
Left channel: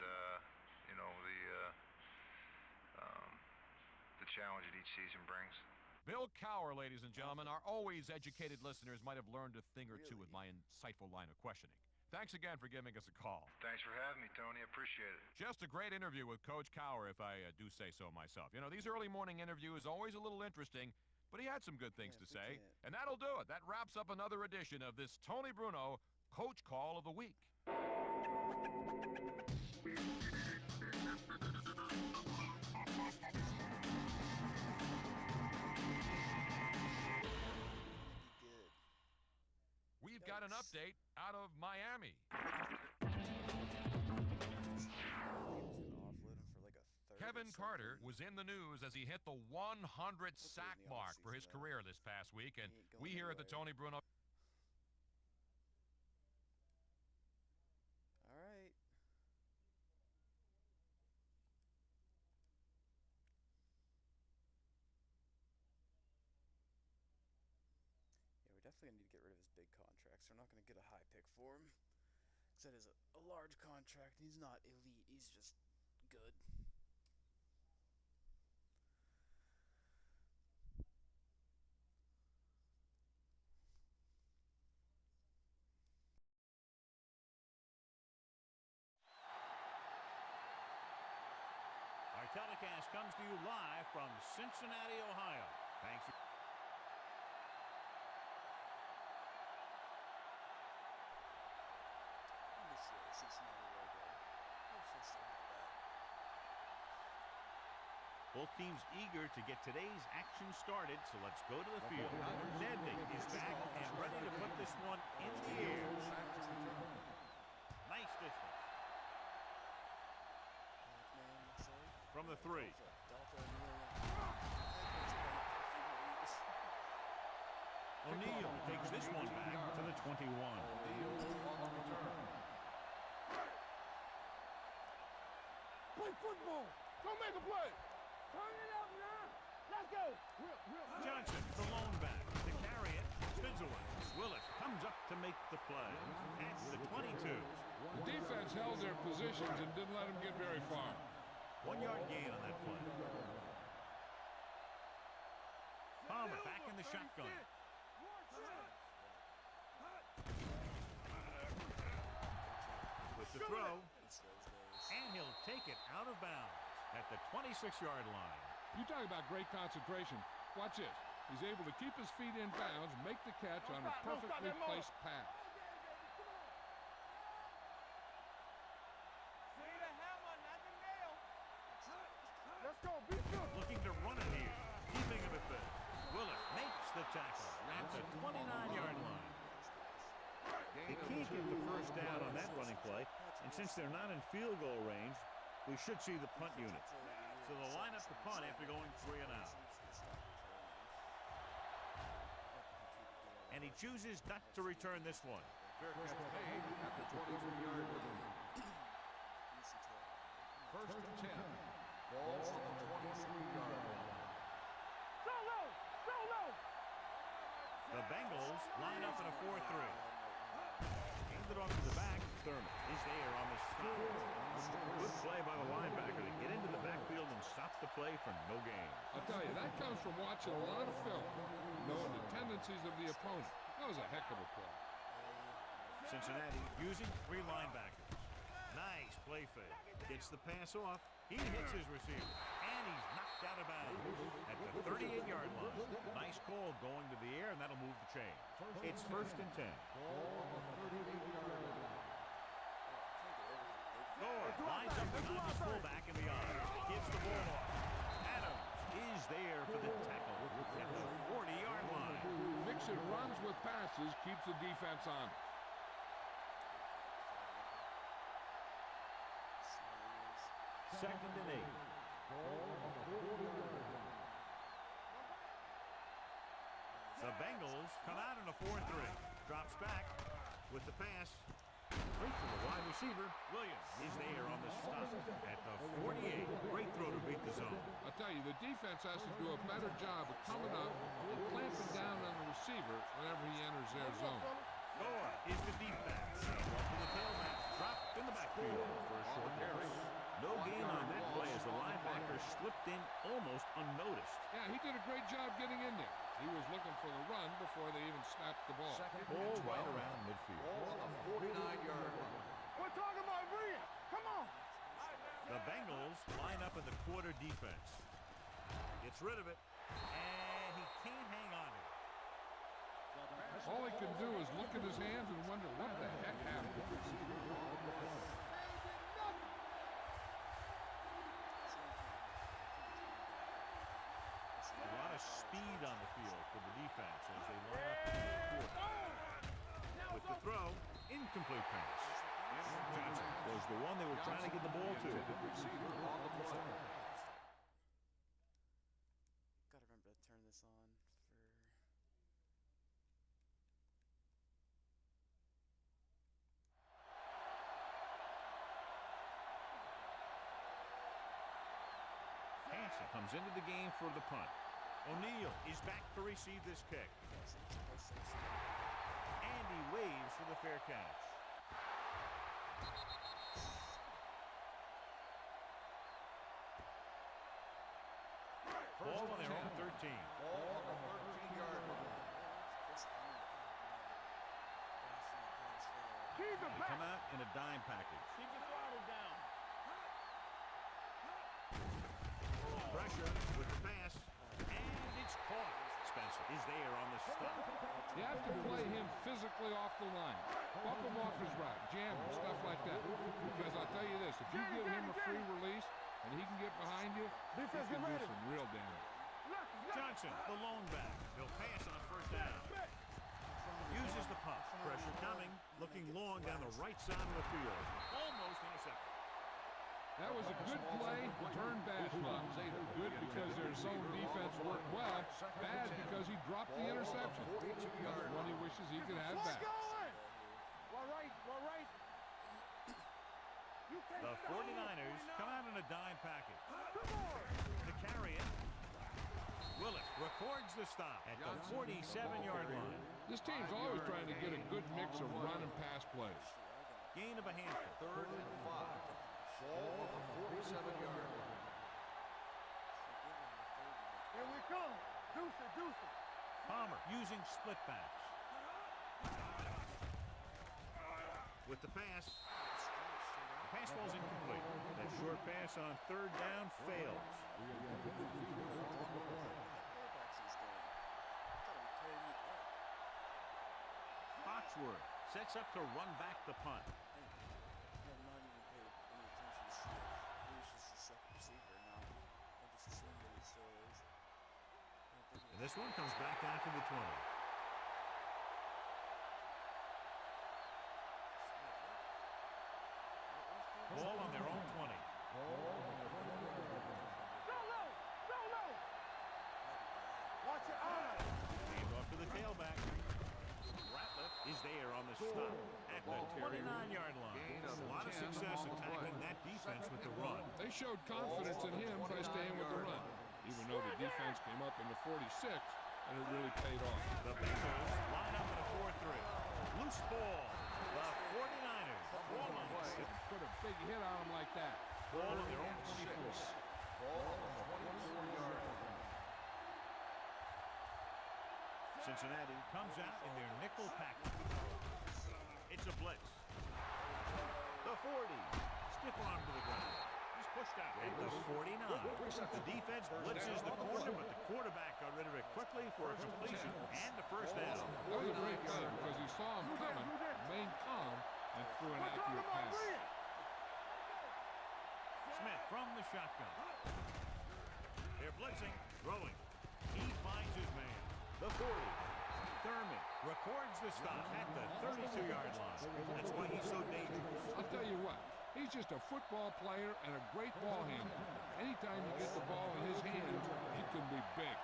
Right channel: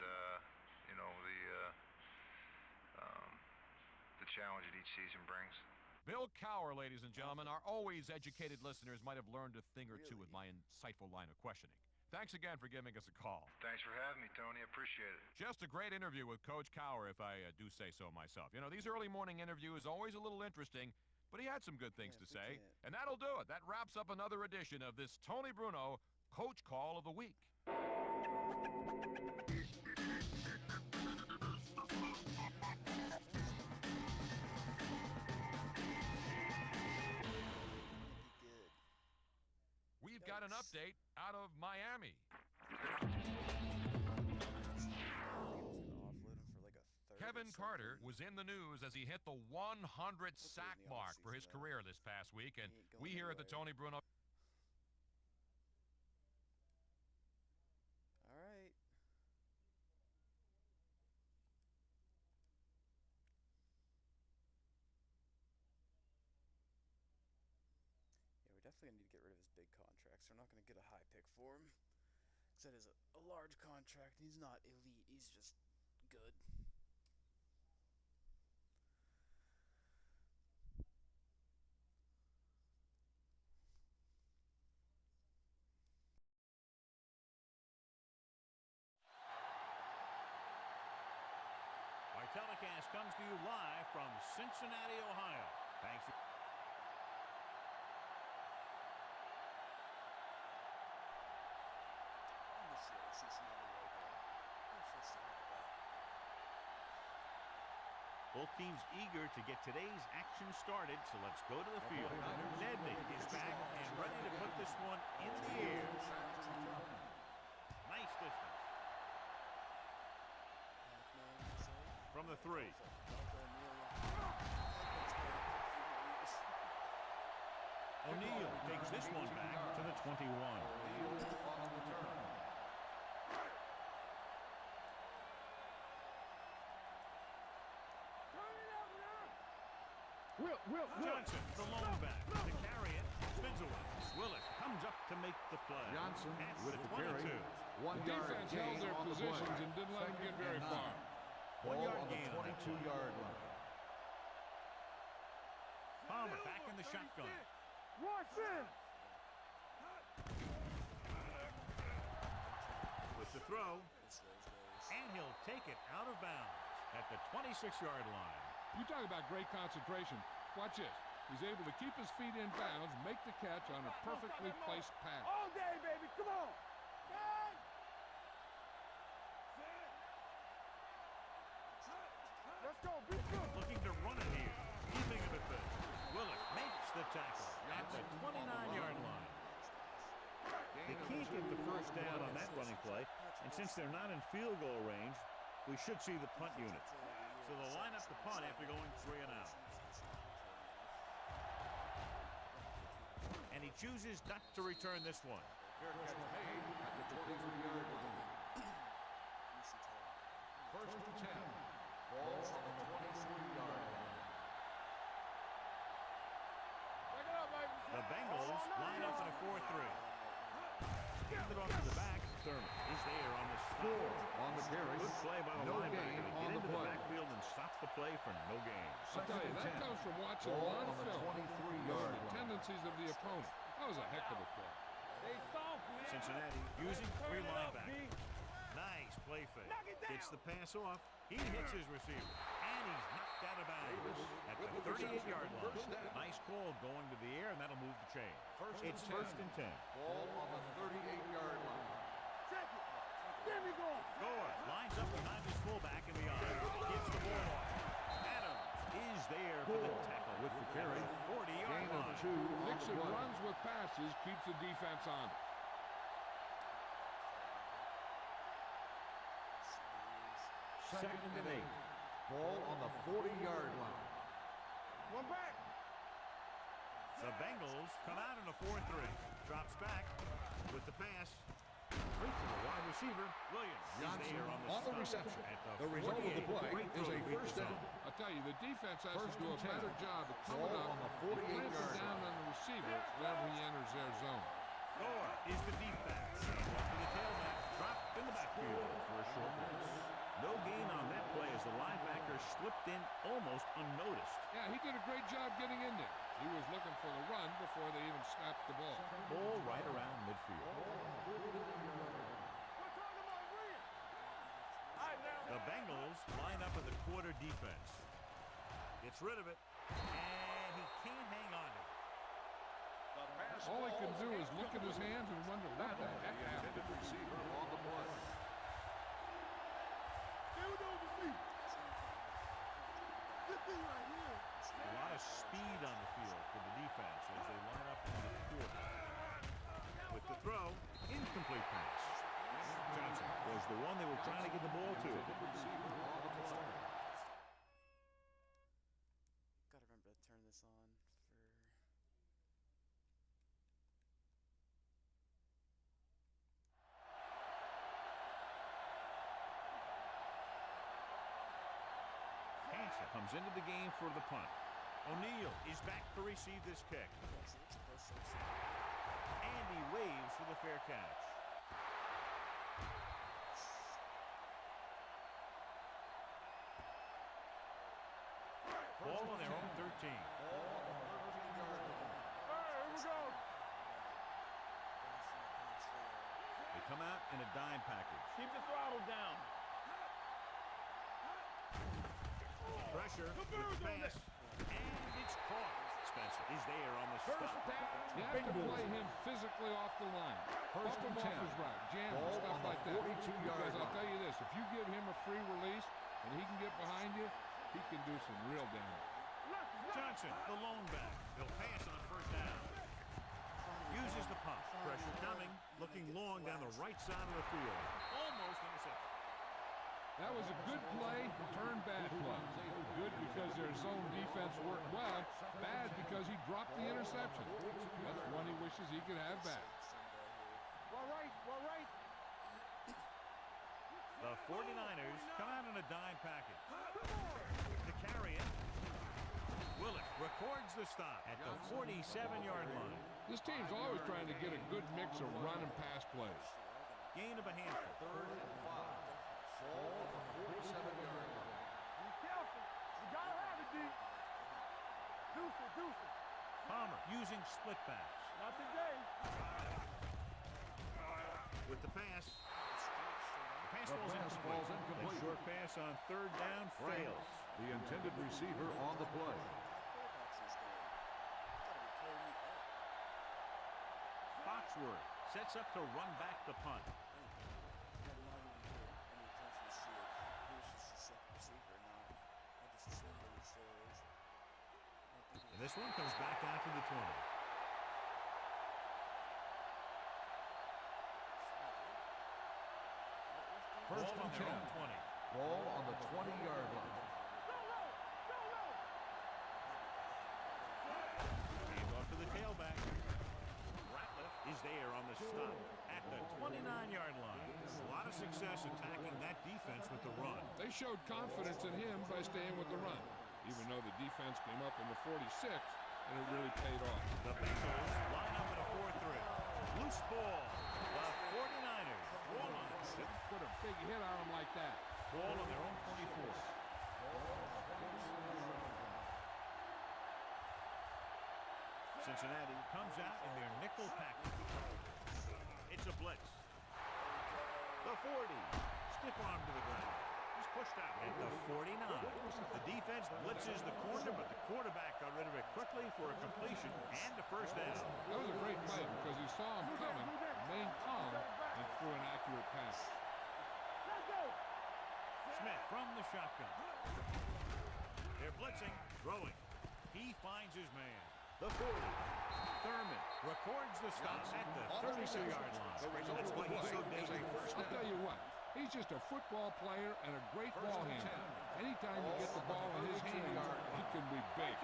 the challenge that each season brings. Bill Cowher, ladies and gentlemen, our always educated listeners might have learned a thing or two with my insightful line of questioning. Thanks again for giving us a call. Thanks for having me, Tony. I appreciate it. Just a great interview with Coach Cowher, if I do say so myself. These early morning interviews always a little interesting, but he had some good things to say. And that'll do it. That wraps up another edition of this Tony Bruno Coach Call of the Week. We've got an update out of Miami. Kevin Carter was in the news as he hit the 100 sack mark for his career this past week, and we here at the Tony Bruno. All right. Yeah, we're definitely going to need to get rid of his big contracts. We're not going to get a high pick for him. Because that is a large contract. He's not elite. He's just good. Our telecast comes to you live from Cincinnati, Ohio. Thanks for... I miss the old Cincinnati logo. I wish I still had that. Both teams eager to get today's action started, so let's go to the field. Nedney is back and ready to put this one in the air. Nice distance. From the 3. O'Neal takes this one back to the 21. O'Neal on the return. Play football. Don't make a play. Turn it up now. Let's go. Will. Johnson, the lone back, to carry it, spins away. Willis comes up to make the play. At the 22. The defense held their positions and didn't let him get very far. 1 yard gain on that play. Palmer back in the shotgun. With the throw, and he'll take it out of bounds at the 26-yard line. You talk about great concentration. Watch this. He's able to keep his feet in bounds, make the catch on a perfectly placed pass. All day, baby. Come on. Let's go. Be good. Looking to run it here. Keeping it a bit. Willis makes the tackle at the 29-yard line. They can't get the first down on that running play, and since they're not in field goal range, we should see the punt unit. So they'll line up the punt after going 3 and out. And he chooses not to return this one. Fair catch made at the 23-yard line. First and 10. Ball on the 23-yard line. The Bengals line up in a 4-3. Hand it off to the back. Thurman is there on the stop. Good play by the linebacker to get into the backfield and stop the play for no gain. I'll tell you, that comes from watching a lot of film, knowing the tendencies of the opponent. That was a heck of a play. Cincinnati using 3 linebackers. Nice play fake. Gets the pass off. He hits his receiver. And he's knocked out of bounds at the 38-yard line. Nice call going to the air, and that'll move the chain. It's 1st and 10. Ball on the 38-yard line. Gore lines up behind his fullback in the eye. Gives the ball off. Adams is there for the tackle at the 40-yard line. Nixon runs with passes, keeps the defense on it. 2nd and 8. Ball on the 40-yard line. The Bengals come out in a 4-3. Drops back with the pass. Right to the wide receiver. Williams is there on the stop at the 48. Great throw to beat the zone. I'll tell you, the defense has to do a better job of coming up and clamping down on the receiver whenever he enters their zone. Gore is the deep back. One for the tailback. Dropped in the backfield for a short pass. No gain on that play as the linebacker slipped in almost unnoticed. Yeah, he did a great job getting in there. He was looking for the run before they even snapped the ball. Ball right around midfield. Ball on the 49-yard line. We're talking about Bria. Come on. All right, now. The Bengals line up in the quarter defense. Gets rid of it, and he can't hang on to it. All he can do is look at his hands and wonder what the heck happened. Receiver on the play. A lot of speed on the field for the defense as they line up in the quarter. With the throw, incomplete pass. Johnson was the one they were trying to get the ball to. Receiver on the play. Gotta remember to turn this on for... Hansen comes into the game for the punt. O'Neal is back to receive this kick. And he waves for the fair catch. Ball on their own 13. Ball on the 13-yard line. They come out in a dime package. Keep the throttle down. Pressure with the pass, and it's caught. Spencer is there on the stop. You have to play him physically off the line. Bump him off his route, jam him, stuff like that. Because I'll tell you this, if you give him a free release and he can get behind you, he can do some real damage. Johnson, the lone back. They'll pass on 1st down. Uses the pump. Pressure coming, looking long down the right side of the field. Almost intercepted. That was a good play, turned bad play. Good because their zone defense worked well, bad because he dropped the interception. That's one he wishes he could have back. We're right. The 49ers come out in a dime package. To carry it, Willis records the stop at the 47-yard line. This team's always trying to get a good mix of run and pass plays. Gain of a handful. 3rd and 5. Ball on the 47-yard line. Palmer using split backs. With the pass. The pass falls incomplete. That short pass on 3rd down fails. The intended receiver on the play. Quarterbacks in this game. Gotta be tearing me up. Foxworth sets up to run back the punt. I have not even paid any attention to see if he was just the second receiver or not. I just assumed that he still is. And this one comes back out to the 20. Ball on their own 20. Ball on the 20-yard line. Watch your eyes. Hand off to the tailback. Ratliff is there on the stop at the 29-yard line. A lot of success attacking that defense with the run. They showed confidence in him by staying with the run, even though the defense came up in the 46, and it really paid off. The Bengals line up in a 4-3. Loose ball. The 49ers. Put a big hit on him like that. Ball on their own 24. Ball on the 24-yard line. Cincinnati comes out in their nickel package. It's a blitz. The 40. Stiff arm to the ground. He's pushed out. At the 49. The defense blitzes the corner, but the quarterback got rid of it quickly for a completion and a first down. That was a great play because he saw him coming, remained calm, and threw an accurate pass. Smith from the shotgun. They're blitzing, throwing. He finds his man. The 40. Thurman records the stop at the 32-yard line. That's why he's so dangerous. I'll tell you what, he's just a football player and a great ball handler. Anytime you get the ball in his hands, it can be big.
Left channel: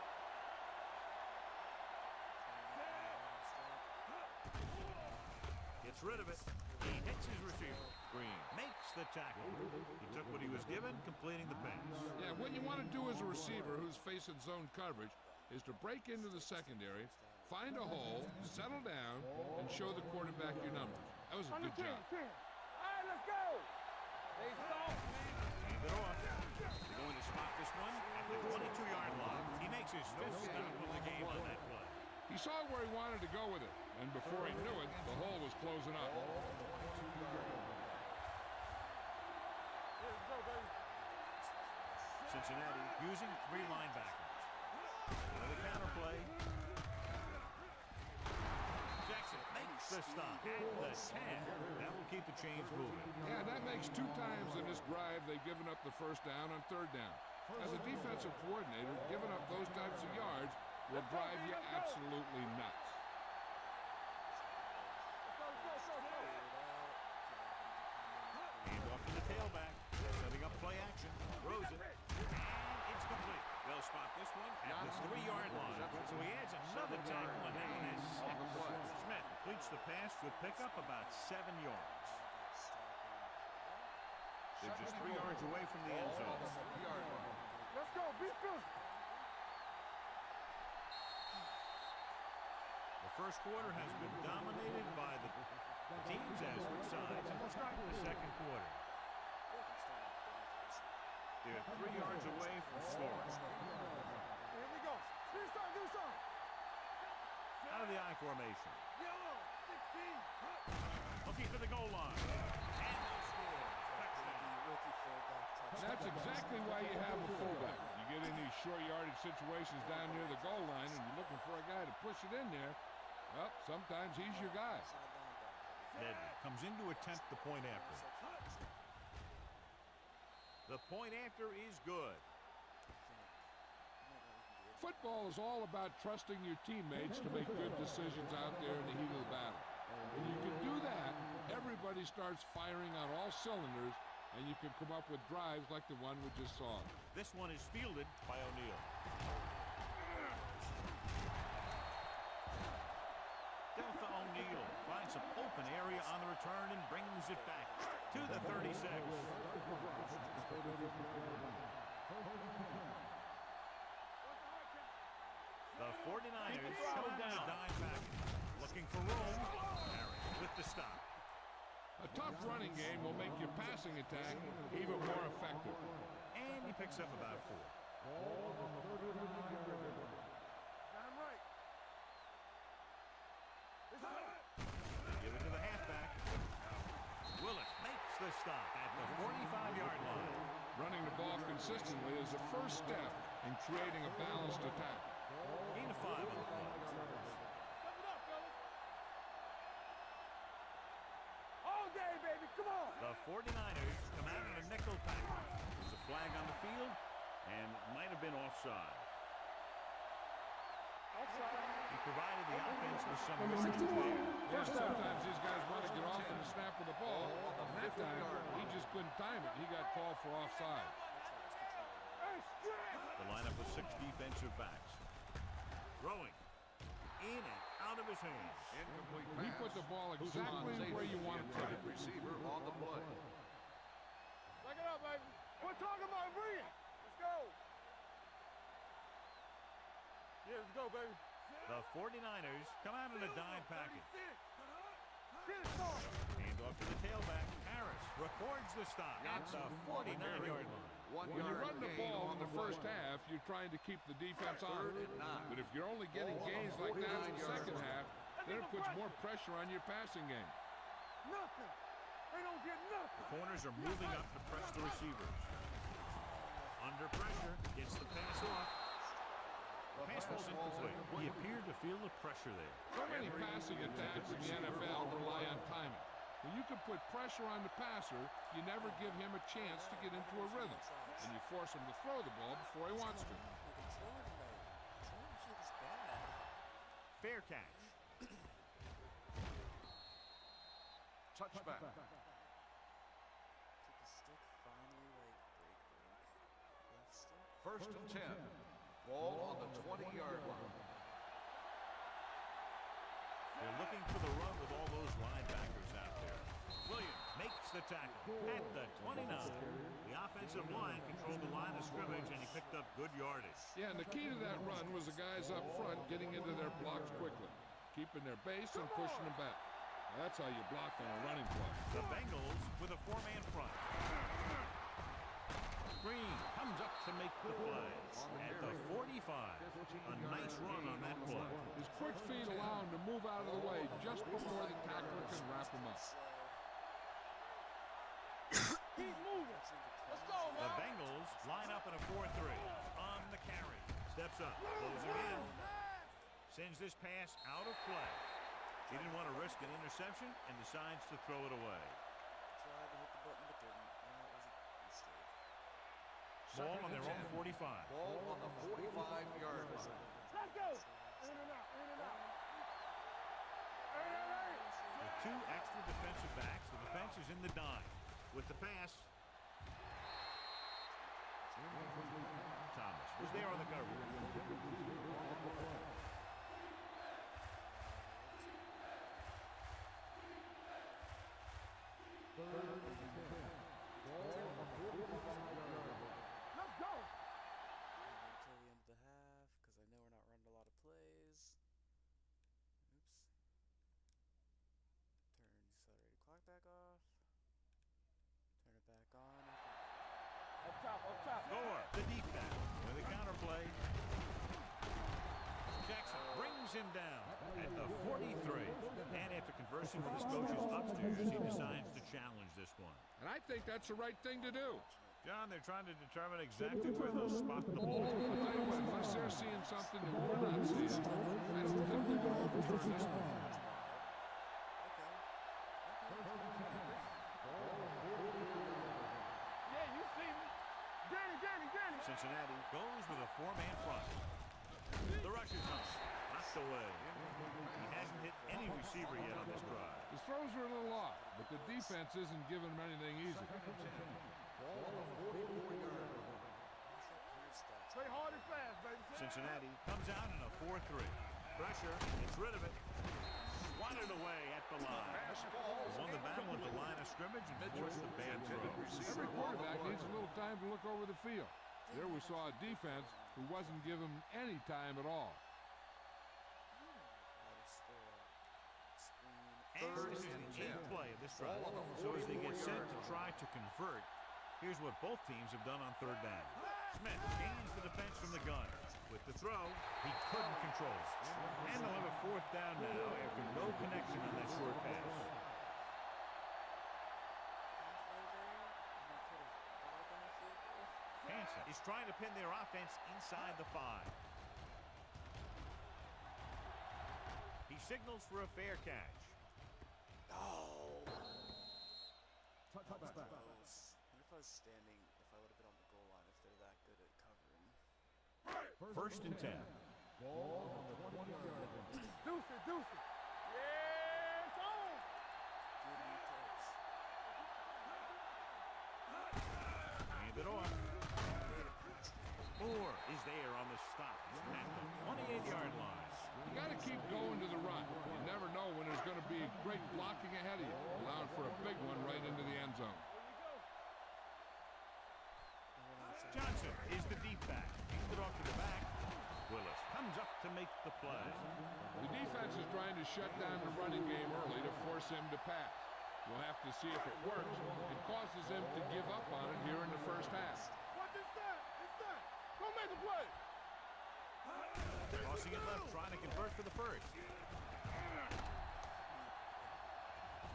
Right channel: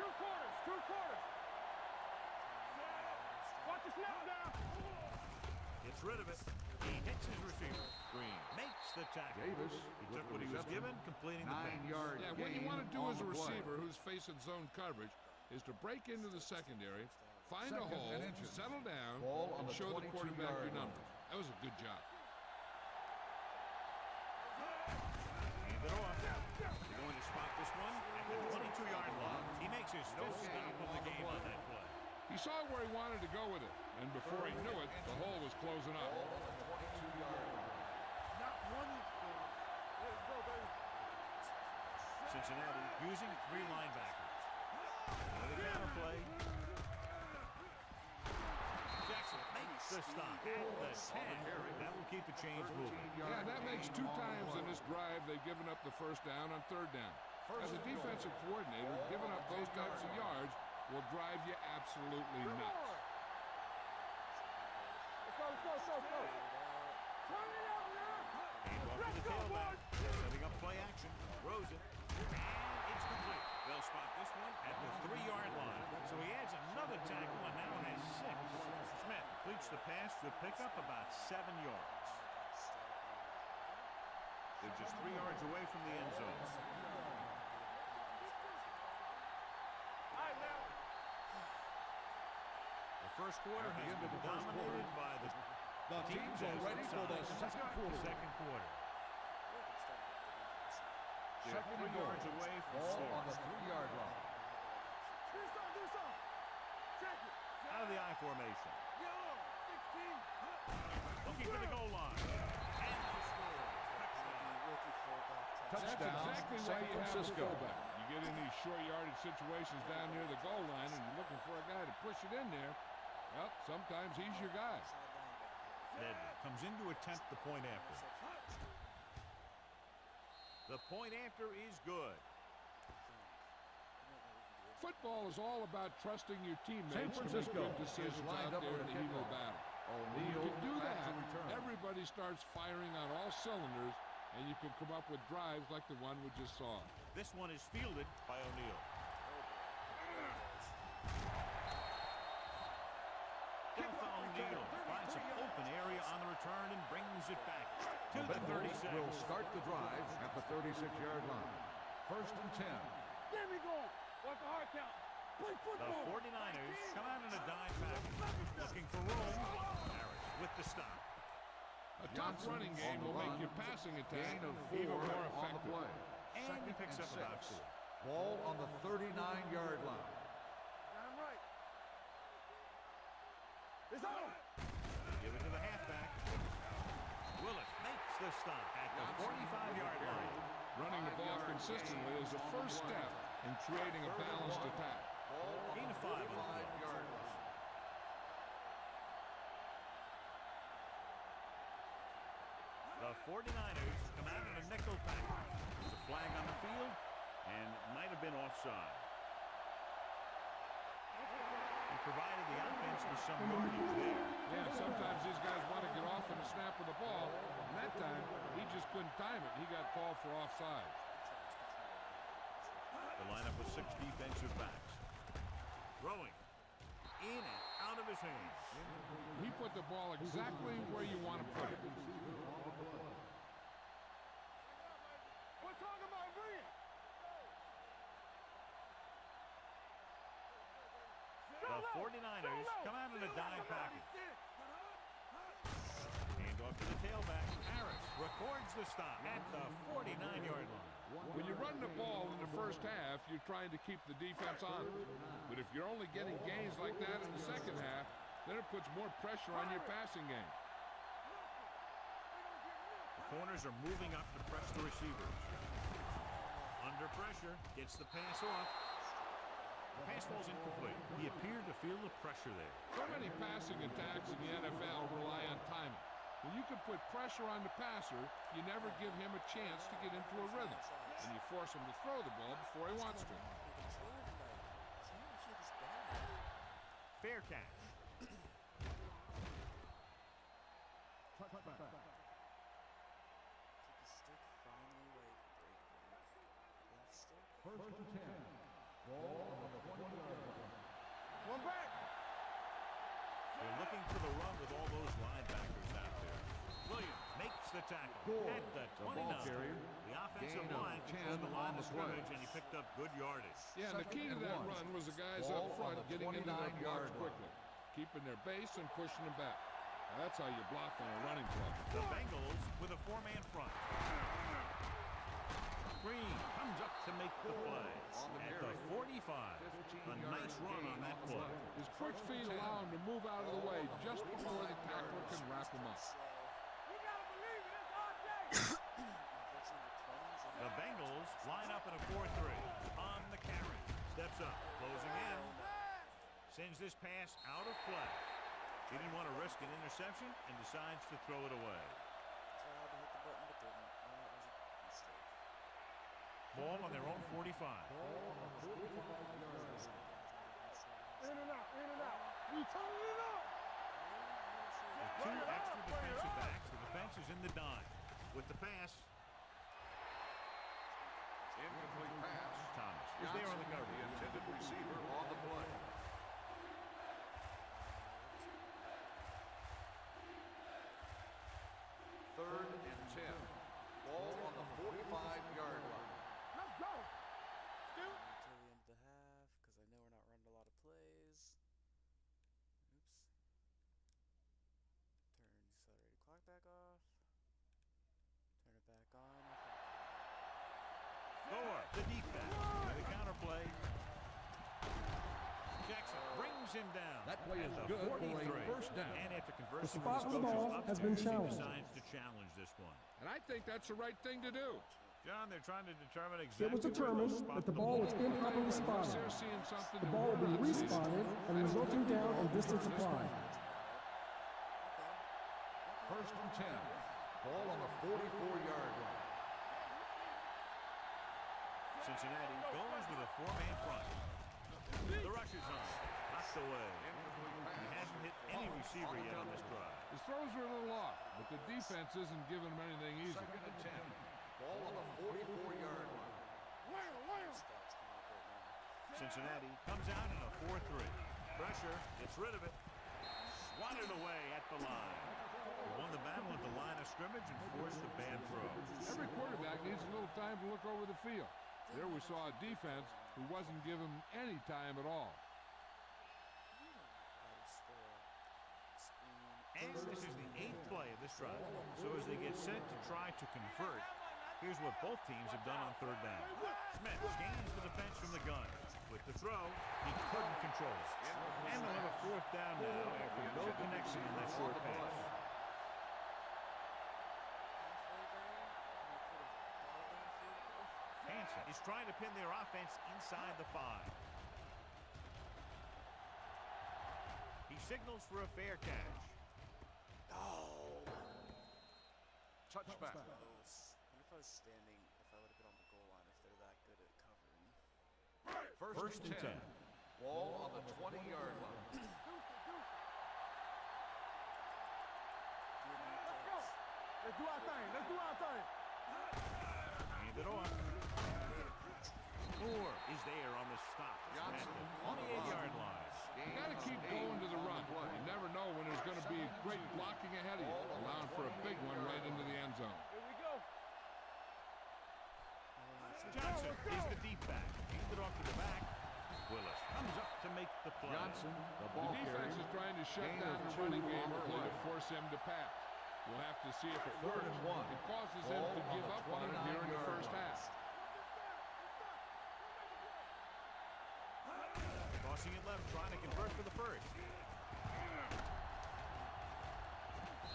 Gets rid of it. He hits his receiver. Green makes the tackle. He took what he was given, completing the pass. Yeah, what you want to do as a receiver who's facing zone coverage is to break into the secondary, find a hole, settle down, and show the quarterback your numbers. That was a good job. Hand it off. They're going to spot this one at the 22-yard line. He makes his fifth stop of the game on that play. He saw where he wanted to go with it, and before he knew it, the hole was closing up. Cincinnati using 3 linebackers. Another counter play. Jackson makes the stop at the 10. That will keep the chains moving. Yeah, that makes 2 times in this drive they've given up the first down on 3rd down. As a defensive coordinator, giving up those types of yards will drive you absolutely nuts. Let's go. Hand off to the tailback. Setting up play action. Throws it. And it's complete. They'll spot this one at the 3-yard line. So he adds another tackle and now has 6. Smith completes the pass to pick up about 7 yards. They're just 3 yards away from the end zone. The first quarter has been dominated by the teams as their size. And let's start the second quarter. They're 3 yards away from scoring. Out of the I formation. Looking for the goal line. And they'll score. That's exactly why you have a fullback. You get in these short yardage situations down near the goal line and you're looking for a guy to push it in there. Well, sometimes he's your guy. Madden comes in to attempt the point after. The point after is good. Football is all about trusting your teammates to make good decisions out there in the heat of the battle. When you can do that, everybody starts firing on all cylinders, and you can come up with drives like the one we just saw. This one is fielded by O'Neal. Delta O'Neal finds some open area on the return and brings it back to the 36. Will start the drive at the 36-yard line. 1st and 10. The 49ers come out in a dime package. Looking for room. Harris with the stop. A tough running game will make your passing attack even more effective. And he picks up about 4. Ball on the 39-yard line. I'm right. They give it to the halfback. Willis makes the stop at the 45-yard line. Running the ball consistently is the first step in creating a balanced attack. Gain of 5 on the play. All day, baby. Come on. The 49ers come out in a nickel package. There's a flag on the field, and it might have been offside. He provided the offense with some yardage there. Yeah, sometimes these guys want to get off in the snap of the ball, and that time he just couldn't time it. He got called for offside. The lineup with 6 defensive backs. Throwing in and out of his hands. He put the ball exactly where you want to put it. Receiver on the play. Back it up, baby. We're talking about bring it. Let's go. Yeah, let's go, baby. The 49ers come out in a dime package. Hand off to the tailback. Harris records the stop at the 49-yard line. When you run the ball in the first half, you're trying to keep the defense on it. But if you're only getting gains like that in the second half, then it puts more pressure on your passing game. corners are moving up to press the receivers. Under pressure, gets the pass off. The pass falls incomplete. He appeared to feel the pressure there. So many passing attacks in the NFL rely on timing. When you can put pressure on the passer, you never give him a chance to get into a rhythm, and you force him to throw the ball before he wants to. Fair catch. Touchback. Kick a stick, finally, like, break. Left stick. First and 10. Ball on the 20-yard line. Come back. They're looking for the run with all those linebackers out there. Williams makes the tackle at the 29. The offensive line controlled the line of scrimmage, and he picked up good yardage. Yeah, and the key to that run was the guys up front getting into their blocks quickly, keeping their base and pushing them back. Now, that's how you block on a running play. The Bengals with a four-man front. Green comes up to make the play at the 45. A nice run on that play. His quick feet allow him to move out of the way just before the tackler can wrap him up. The Bengals line up in a 4-3. On the carry. Steps up, closing in. Sends this pass out of play. He didn't want to risk an interception and decides to throw it away. Tried to hit the button, but didn't. That was a mistake. Ball on their own 45. Ball on the 45-yard line. In and out, in and out. We turn it up. With two extra defensive backs, the defense is in the dime. With the pass, Incomplete pass. Thomas is there on the cover. The intended receiver on the play. Third and 10. Ball on the 45-yard line. Let's go. Until the end of the half, because I know we're not running a lot of plays. Oops. Accelerated clock back off. Turn it back on after. Up top, up top. Thor, the deep back, with a counter play. Jackson brings him down at the 43. And after conversing with his coaches upstairs, he decides to challenge this one. And I think that's the right thing to do. John, they're trying to determine exactly where they'll spot the ball. I'll tell you what, unless they're seeing something that we're not seeing, I don't think they're going to overturn this one. First and 10. Ball on the 44-yard line. Yeah, you see me. Danny. Cincinnati goes with a four-man front. The rush is on. Knocked away. He hasn't hit any receiver yet on this drive. His throws are a little off, but the defense isn't giving him anything easy. Second and 10. Ball on the 44-yard line. Play hard and fast, baby. Cincinnati comes out in a 4-3. Pressure, gets rid of it. Swatted away at the line. He won the battle at the line of scrimmage and forced a bad throw. Every quarterback needs a little time to look over the field. There we saw a defense who wasn't given any time at all. And this is the 8th play of this drive. So as they get set to try to convert, here's what both teams have done on third down. Smith gains the defense from the gun. With the throw, he couldn't control it. And they'll have a 4th down now after no connection on that short pass. Hansen is trying to pin their offense inside the 5. He signals for a fair catch. Oh! Touchback. Close. I wonder if I was standing, if I would have been on the goal line, if they're that good at covering. First and 10. Ball on the 20-yard line. Deuce it. Yeah, it's on. Good new Let's go. touch. Let's do our thing. Hand it off. Moore is there on the stop at the 28-yard line. You got to keep going to the run. You never know when there's going to be great blocking ahead of you, allowing for a big one right into the end zone. Here we go. Johnson is the deep back. Handed off to the back. Willis comes up to make the play. The defense is trying to shut down the running game early to force him to pass. We'll have to see if it works. It causes them to give up on it here in the first half. What's inside? Go make a play. Crossing it left, trying to convert for the first.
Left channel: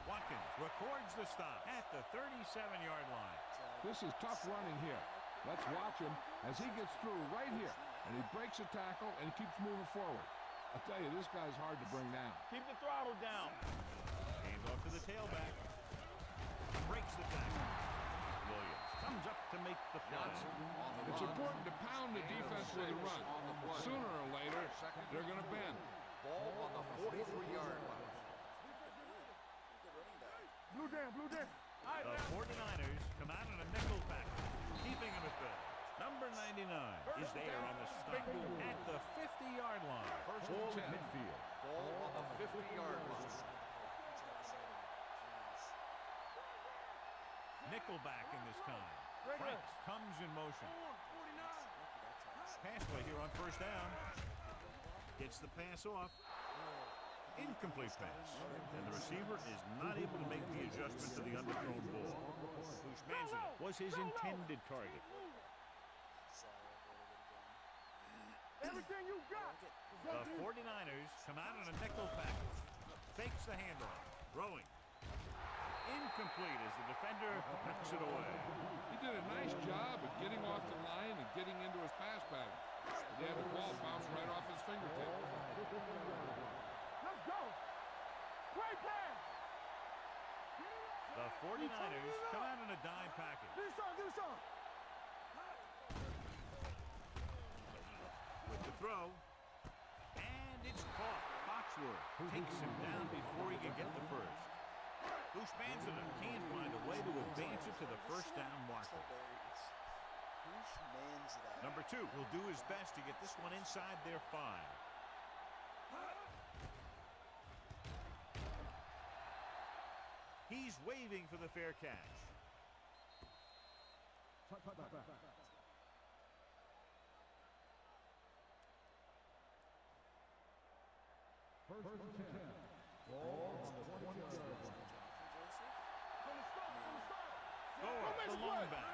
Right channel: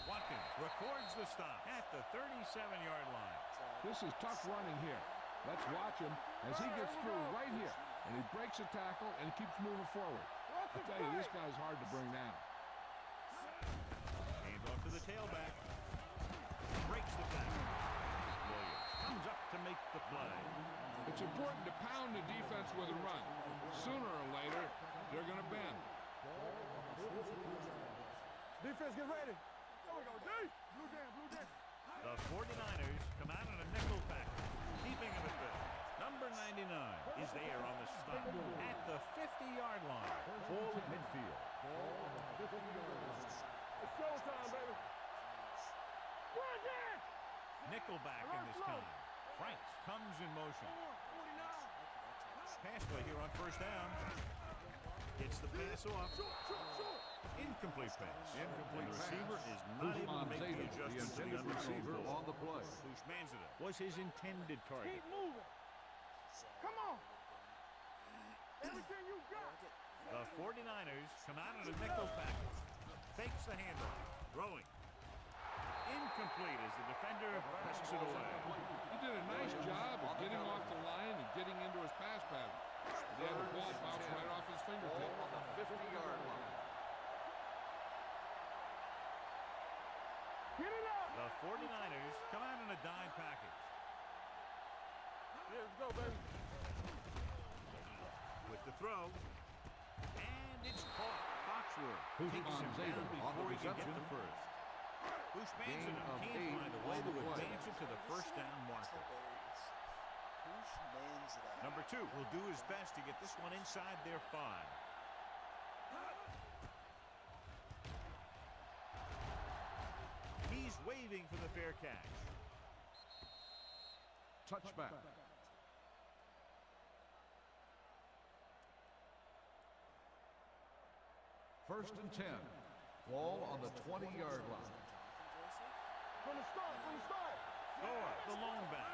Watkins records the stop at the 37-yard line. This is tough running here. Let's watch him as he gets through right here. And he breaks a tackle and keeps moving forward. I'll tell you, this guy's hard to bring down. Keep the throttle down. Hands off to the tailback. Breaks the tackle. Williams comes up to make the play. It's important to pound the defense with a run. Sooner or later, they're going to bend. Ball on the 43-yard line. Defense, get ready. Blue down, blue down. The 49ers come out in a nickel package, keeping him at bay. Number 99 is there on the stop at the 50-yard line. Ball at midfield. Ball on the 50-yard line. It's showtime, baby. Nickelback in this time. Franks comes in motion. 49. Pass play here on first down. Gets the pass off. Incomplete pass. And the receiver is not able to make the adjustment to the underthrown ball. Bushmanzina was his intended target. Keep moving. Come on. Everything you got. The 49ers come out in a nickel package. Fakes the handoff. Throwing. Incomplete as the defender knocks it away. He did a nice job of getting off the line and getting into his pass pattern. But he had the ball bounce right off his fingertips. 50-yard line. Let's go. Great pass. Get it up. The 49ers come out in a dime package. Do something. Let's go, baby. With the throw. And it's caught. Foxworth takes him down before he can get the first. Bushmanzina can't find a way to advance it to the first down marker. Number 2 will do his best to get this one inside their 5. He's waving for the fair catch. Touchback. First and 10. Ball on the 20-yard line. From the start. Score, the long back.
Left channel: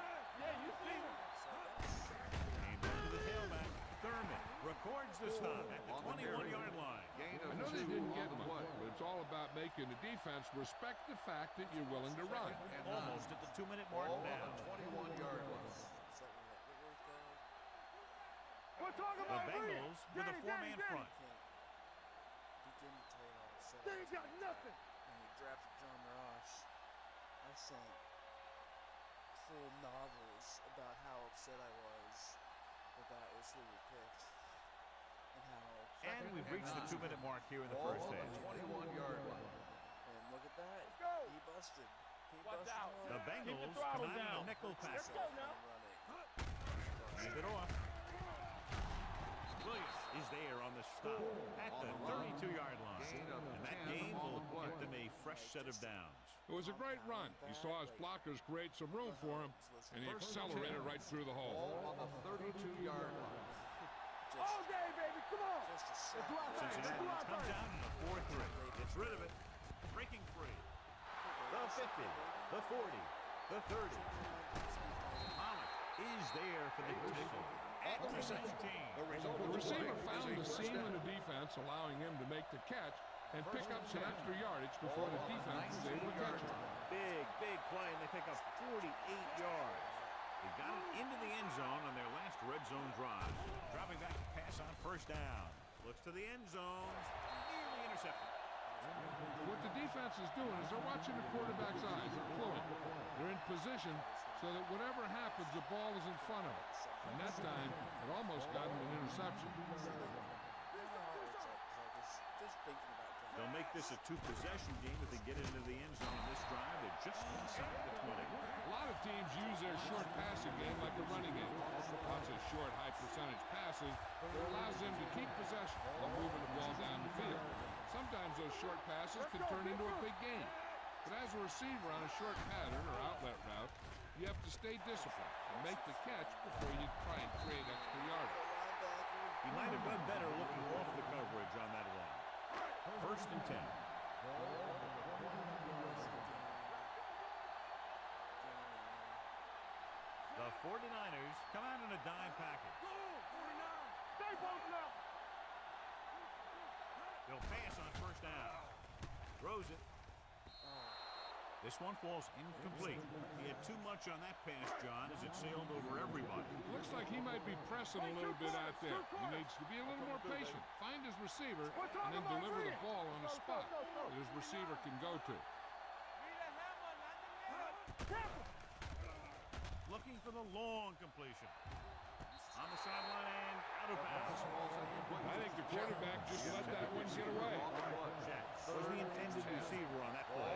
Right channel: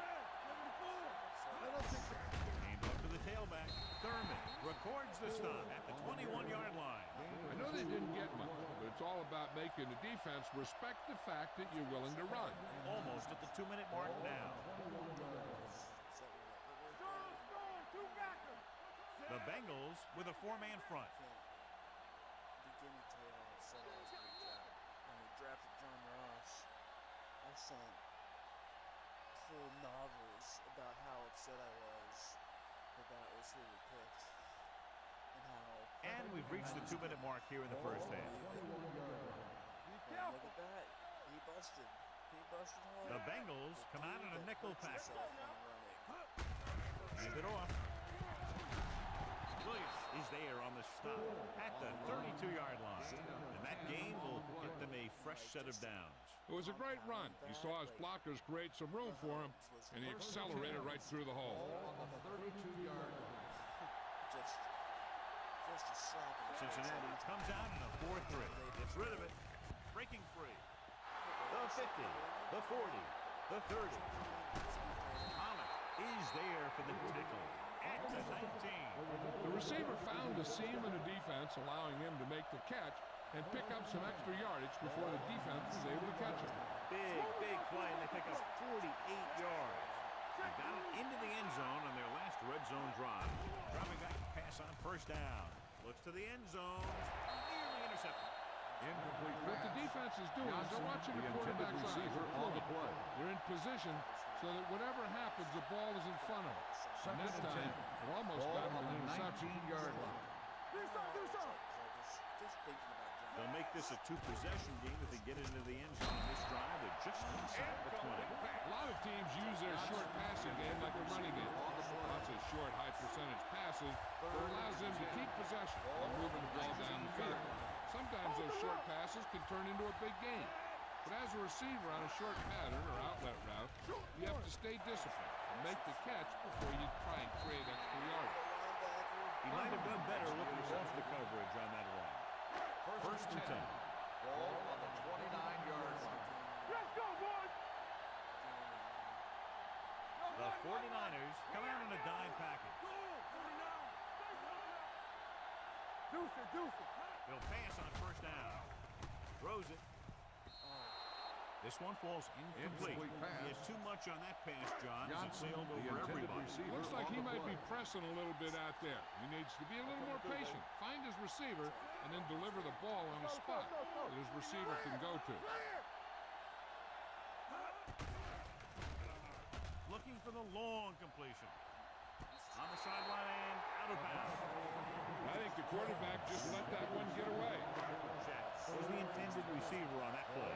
Hand off to the tailback. Thurman records the stop at the 21-yard line. I know they didn't get much, but it's all about making the defense respect the fact that you're willing to run. Almost at the 2-minute mark now. 21-yard line. The Bengals with a 4-man front. Begin to tell you how upset I was when we drafted John Ross. I sent full novels about how upset I was that was who we picked and how. And we've reached the 2-minute mark here in the first half. And look at that, he busted. Hard. The Bengals come out in a nickel pack. Hand it off. Williams is there on the stop at the 32-yard line. And that gain will get them a fresh set of downs. It was a great run. He saw his blockers create some room for him, and he accelerated right through the hole. Ball on the 32-yard line. Just a slap. Cincinnati comes out in a 4-3. Gets rid of it. Breaking free. The 50, the 40, the 30. Pollock is there for the tickle at the 19. The receiver found the seam in the defense, allowing him to make the catch and pick up some extra yardage before the defense was able to catch him. Big play, and they pick up 48 yards. They got it into the end zone on their last red zone drive. Dropping back to pass on first down. Looks to the end zone. Nearly intercepted. What the defense is doing is they're watching the quarterback's eyes. They're fluid. They're in position so that whatever happens, the ball is in front of them. And that time, it almost got him an interception. Just thinking about John. They'll make this a 2-possession game if they get into the end zone on this drive. They're just inside the 20. A lot of teams use their short passing game like a running game. Lots of short, high-percentage passes that allows them to keep possession while moving the ball down the field. Sometimes those short passes can turn into a big game. But as a receiver on a short pattern or outlet route, you have to stay disciplined and make the catch before you try and create extra yardage. He might have done better looking off the coverage on that one. First and 10. Ball on the 29-yard line. Let's go, boys! The 49ers come out in a dime package. 49! Stay close now! Deuce it. They'll pass on first down. Throws it. This one falls incomplete. He had too much on that pass, John, as it sailed over everybody. Looks like he might be pressing a little bit out there. He needs to be a little more patient. Find his receiver and then deliver the ball on a spot that his receiver can go to. Looking for the long completion. On the sideline and out of bounds. I think the quarterback just let that one get away. Jack was the intended receiver on that play.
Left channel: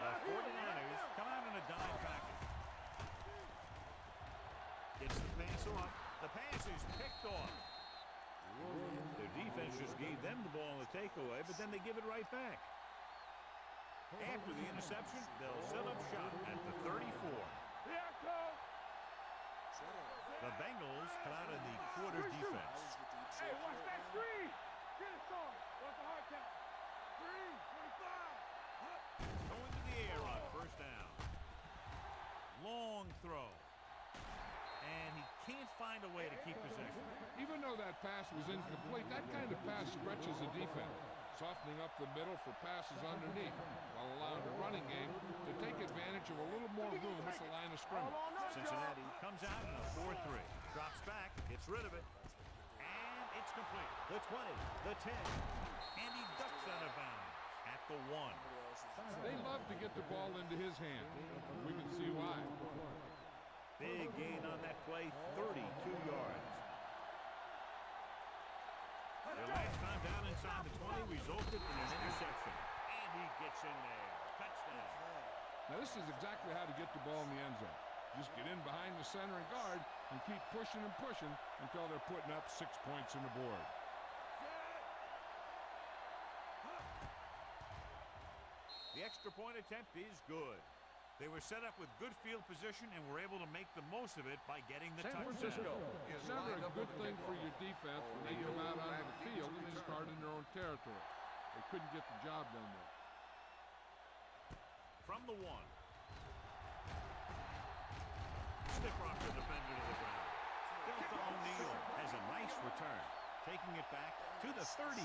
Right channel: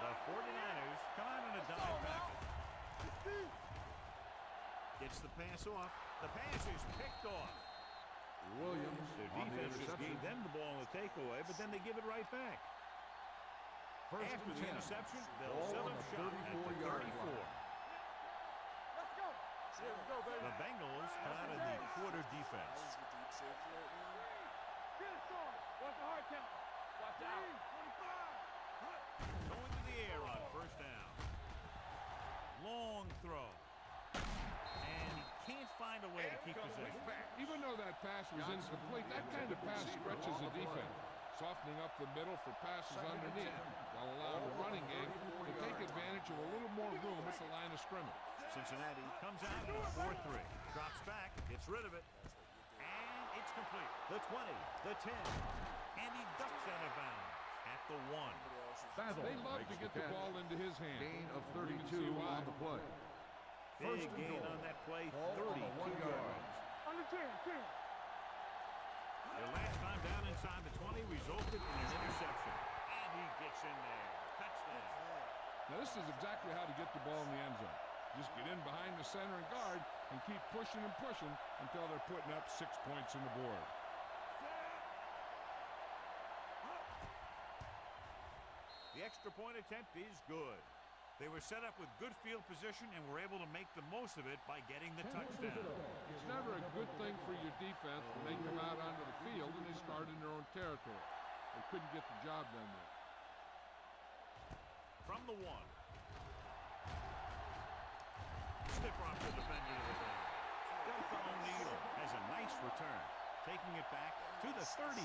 The 49ers come out in a dime package. Gets the pass off. The pass is picked off. Their defense just gave them the ball in the takeaway, but then they give it right back. After the interception, they'll set up shop at the 34. The Bengals come out in the quarter defense. Going to the air on first down. Long throw. And he can't find a way to keep possession. Even though that pass was incomplete, that kind of pass stretches a defense, softening up the middle for passes underneath, while allowing the running game to take advantage of a little more room at the line of scrimmage. Cincinnati comes out in a 4-3. Drops back, gets rid of it, and it's complete. The 20, the 10, and he ducks out of bounds at the 1. They love to get the ball into his hand. We can see why. Big gain on that play, 32 yards. Their last time down inside the 20 resulted in an interception. And he gets in there. Touchdown. Now this is exactly how to get the ball in the end zone. Just get in behind the center and guard and keep pushing and pushing until they're putting up 6 points on the board. The extra point attempt is good. They were set up with good field position and were able to make the most of it by getting the touchdown. It's never a good thing for your defense when they come out onto the field and they start in their own territory. They couldn't get the job done there. From the 1. Stiff off the defender to the ground. Delta O'Neal has a nice return, taking it back to the 34.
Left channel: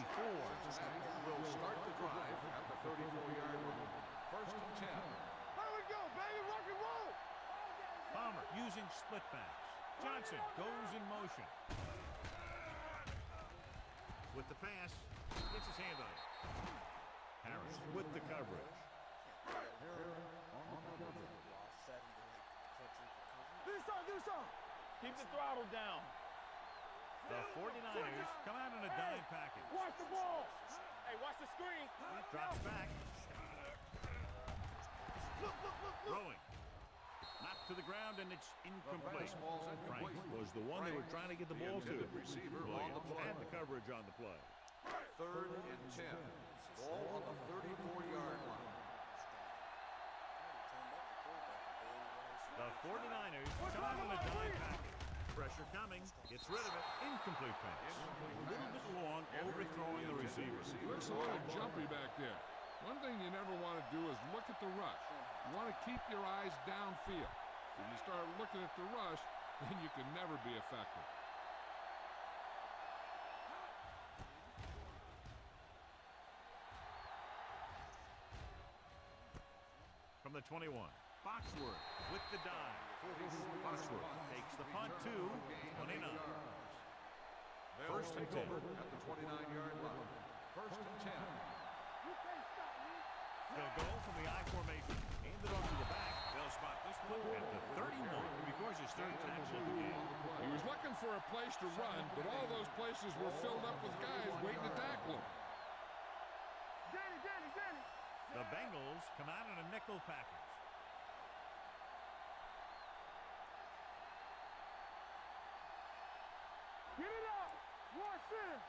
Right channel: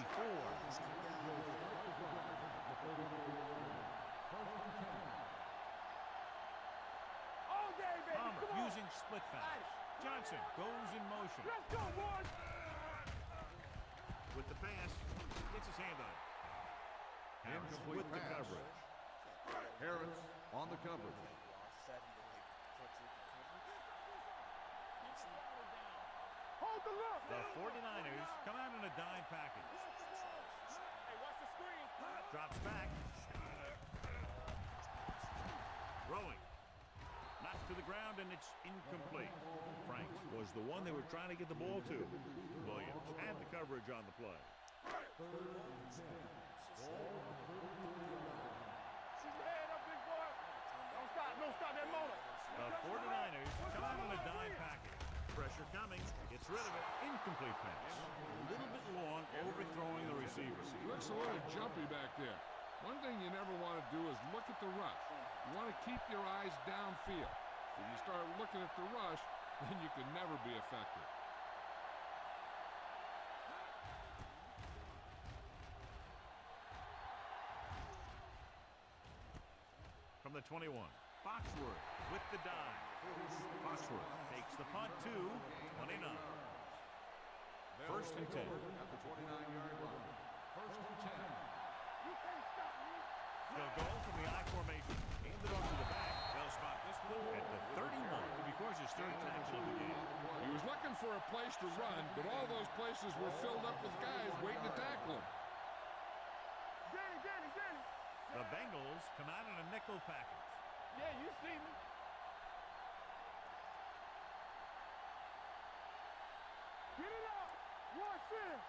Palmer using split pass. Johnson goes in motion. With the pass, gets his hand on it. Harris with the coverage. Harris on the coverage. Keep the throttle down. The 49ers come out in a dime package. Watch the ball. Hey, watch the screen. Drops back. Throwing. Knocked to the ground, and it's incomplete. Franks was the one they were trying to get the ball to. Williams had the coverage on the play. 3rd and 10. Ball on the 34-yard line. The 49ers come out in a dime package. Pressure coming. Gets rid of it. Incomplete pass. A little bit long, overthrowing the receiver. Looks a little jumpy back there. One thing you never want to do is look at the rush. You want to keep your eyes downfield. If you start looking at the rush, then you can never be effective. From the 21, Foxworth with the dive. Foxworth takes the punt to 29. 1st and 10. At the 29-yard line. 1st and 10. They'll go from the I formation. Hand it off to the back. They'll spot this one at the 31. Because his 3rd tackle of the game. He was looking for a place to run, but all those places were filled up with guys waiting to tackle him. Danny. The Bengals come out in a nickel package. Yeah, you see me. Get it up. Watch this.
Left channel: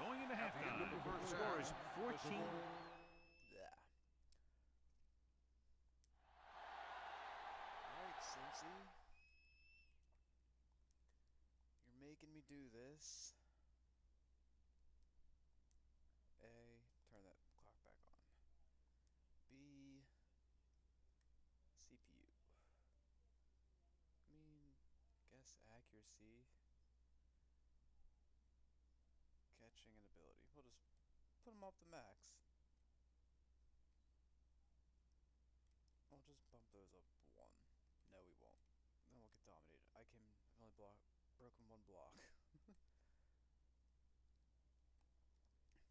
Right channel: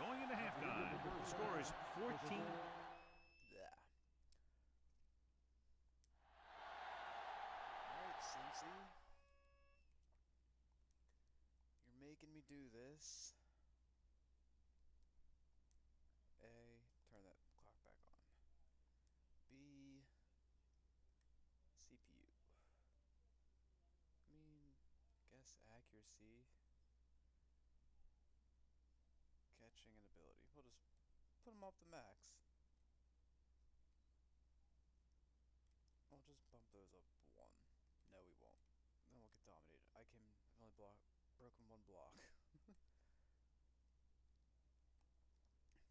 Going into halftime, the score is 14. Yeah. Alright, Cincy. You're making me do this. A, turn that clock back on. B, Nice accuracy. Catching and ability. We'll just put him up to max. We'll just bump those up 1. No, we won't. Then we'll get dominated. I've only broken 1 block.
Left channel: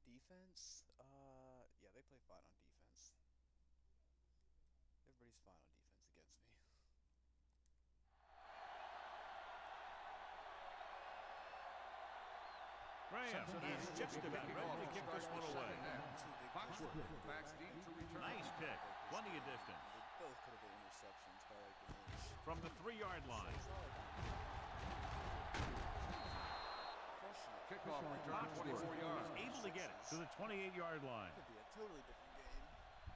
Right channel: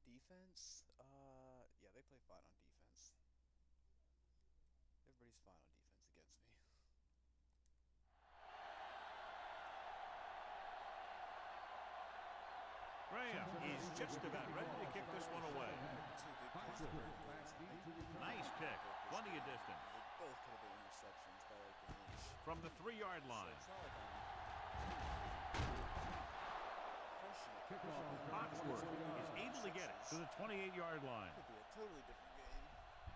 Defense? Yeah, they play fine on defense. Everybody's fine on defense against me. Graham is just about ready to kick this one away. 2 big plays that Burton did. Nice kick. Plenty of distance. They both could have been interceptions by like an inch. From the 3-yard line. So it's not like I'm crushing it. Foxworth is able to get it to the 28-yard line. Could be a totally different game.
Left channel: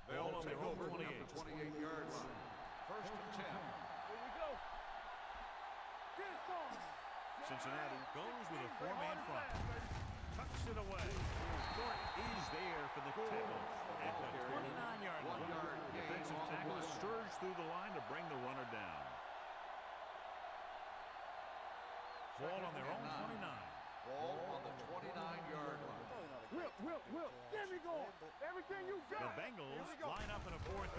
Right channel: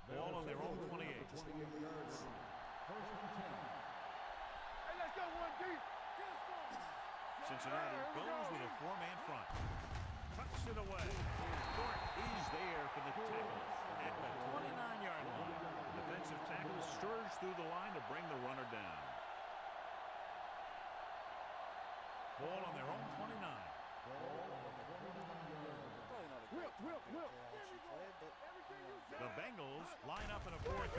Ball on their own 28. Just 1 of those. First and 10. Here we go. Hey, let's go, 1 deep. Get us on. Cincinnati goes with a 4-man front. Tucks it away. Thornton is there for the tackle at the 29-yard line. The defensive tackle stirs through the line to bring the runner down. Ball on their own 29. Ball on the 29-yard line. Probably not a great Will, there we go. Everything you got. The Bengals line up in a 4-3.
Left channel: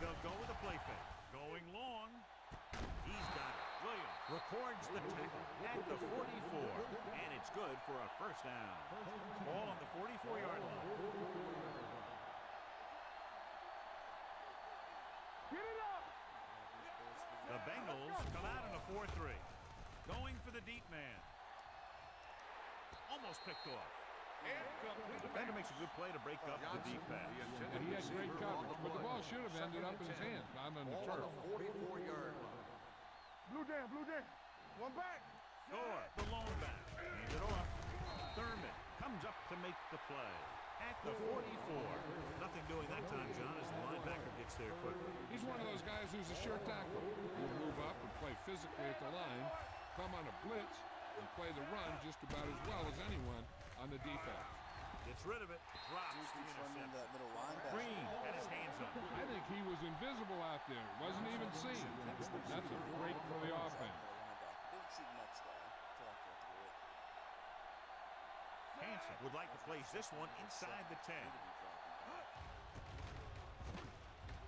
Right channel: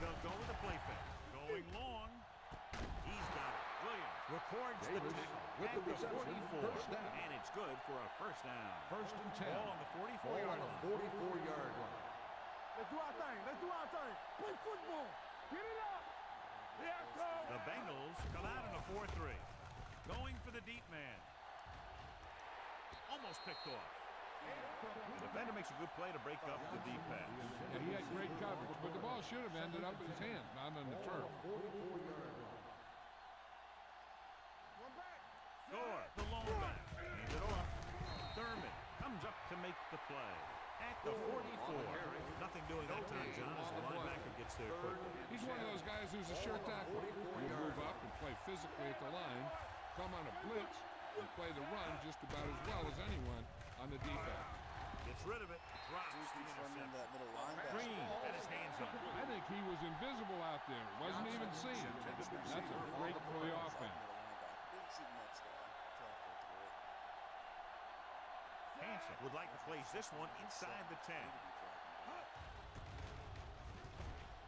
They'll go with a play fake. Going long. He's got it. Williams records the tackle at the 44. And it's good for a first down. First and 10. Ball on the 44-yard line. 44-yard line. Let's do our thing. Let's do our thing. Play football. Get it up. The Bengals come out in a 4-3. Going for the deep man. Almost picked off. The defender makes a good play to break up the deep pass. Yeah, he had great coverage, but the ball should have ended up in his hands, not on the turf. 44-yard line. Blue down, blue down. 1 back. Gore, the lone back. Hands it off. Thurman comes up to make the play. At the 44. Nothing doing that time, John, as the linebacker gets there quickly. He's one of those guys who's a sure tackler. He'll move up and play physically at the line, come on a blitz, and play the run just about as well as anyone on the defense. Gets rid of it, drops Dude the keeps running into interception. that middle linebacker. Green had his hands on it. I think he was invisible out there. Wasn't even seen. That's a break for the offense. Didn't see the next guy until after I threw it. Hansen would like to place this one inside the 10. Need to be dropping back.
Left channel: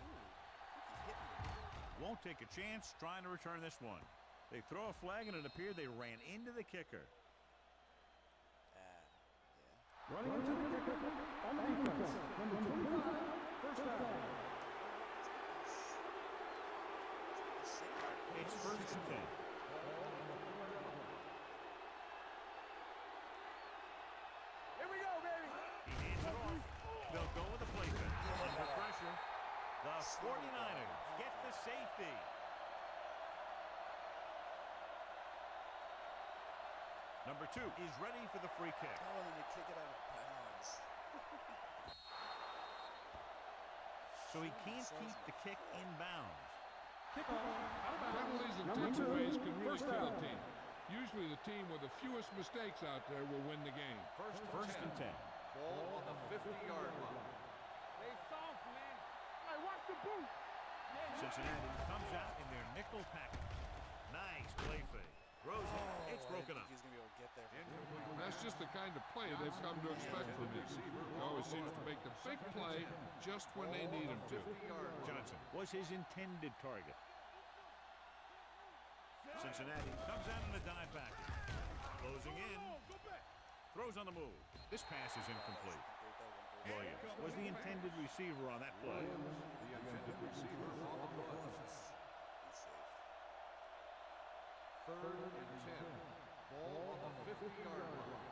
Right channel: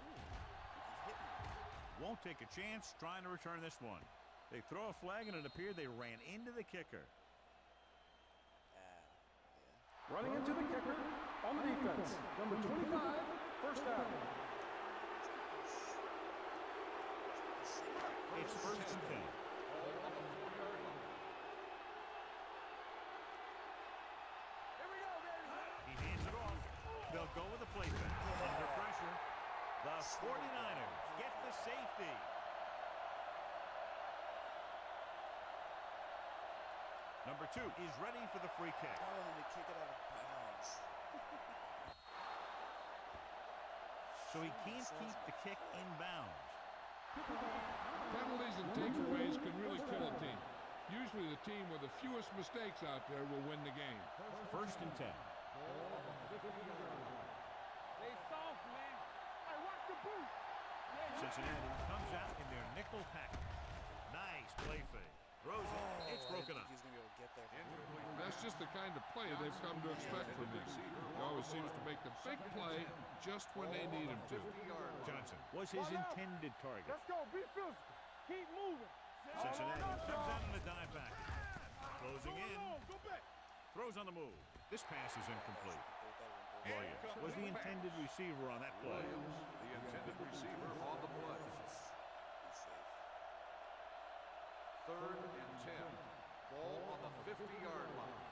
Ooh, I think he hit me. Won't take a chance trying to return this one. They throw a flag, and it appeared they ran into the kicker. Yeah. Running into the kicker on the defense. Number 25, first down. It's first and 10. Ball on the 4-yard line. Here we go, baby. He hands it off. They'll go with a play fake. Under pressure. The 49ers get the safety. Number 2 is ready for the free kick. I wanted to kick it out of bounds. So he can't keep the kick in bounds. Penalties and takeaways can really kill a team. Usually the team with the fewest mistakes out there will win the game. First and 10. Ball on the 50-yard line. They soft, man. Hey, watch the boot. Cincinnati comes out in their nickel package. Nice play fake. Throws it. It's broken I up. didn't think he was going to be able to get there. That's just the kind of play they've come to expect from him. He always seems to make the big play just when they need him to. 50-yard line. Johnson was his intended target. Let's go. Be physical. Keep moving. Cincinnati comes out in a dive back. Closing in. Go back. Throws on the move. This pass is incomplete. Williams was the intended receiver on that play. Williams, the intended receiver on the play. Be safe. 3rd and 10. Ball on the 50-yard line.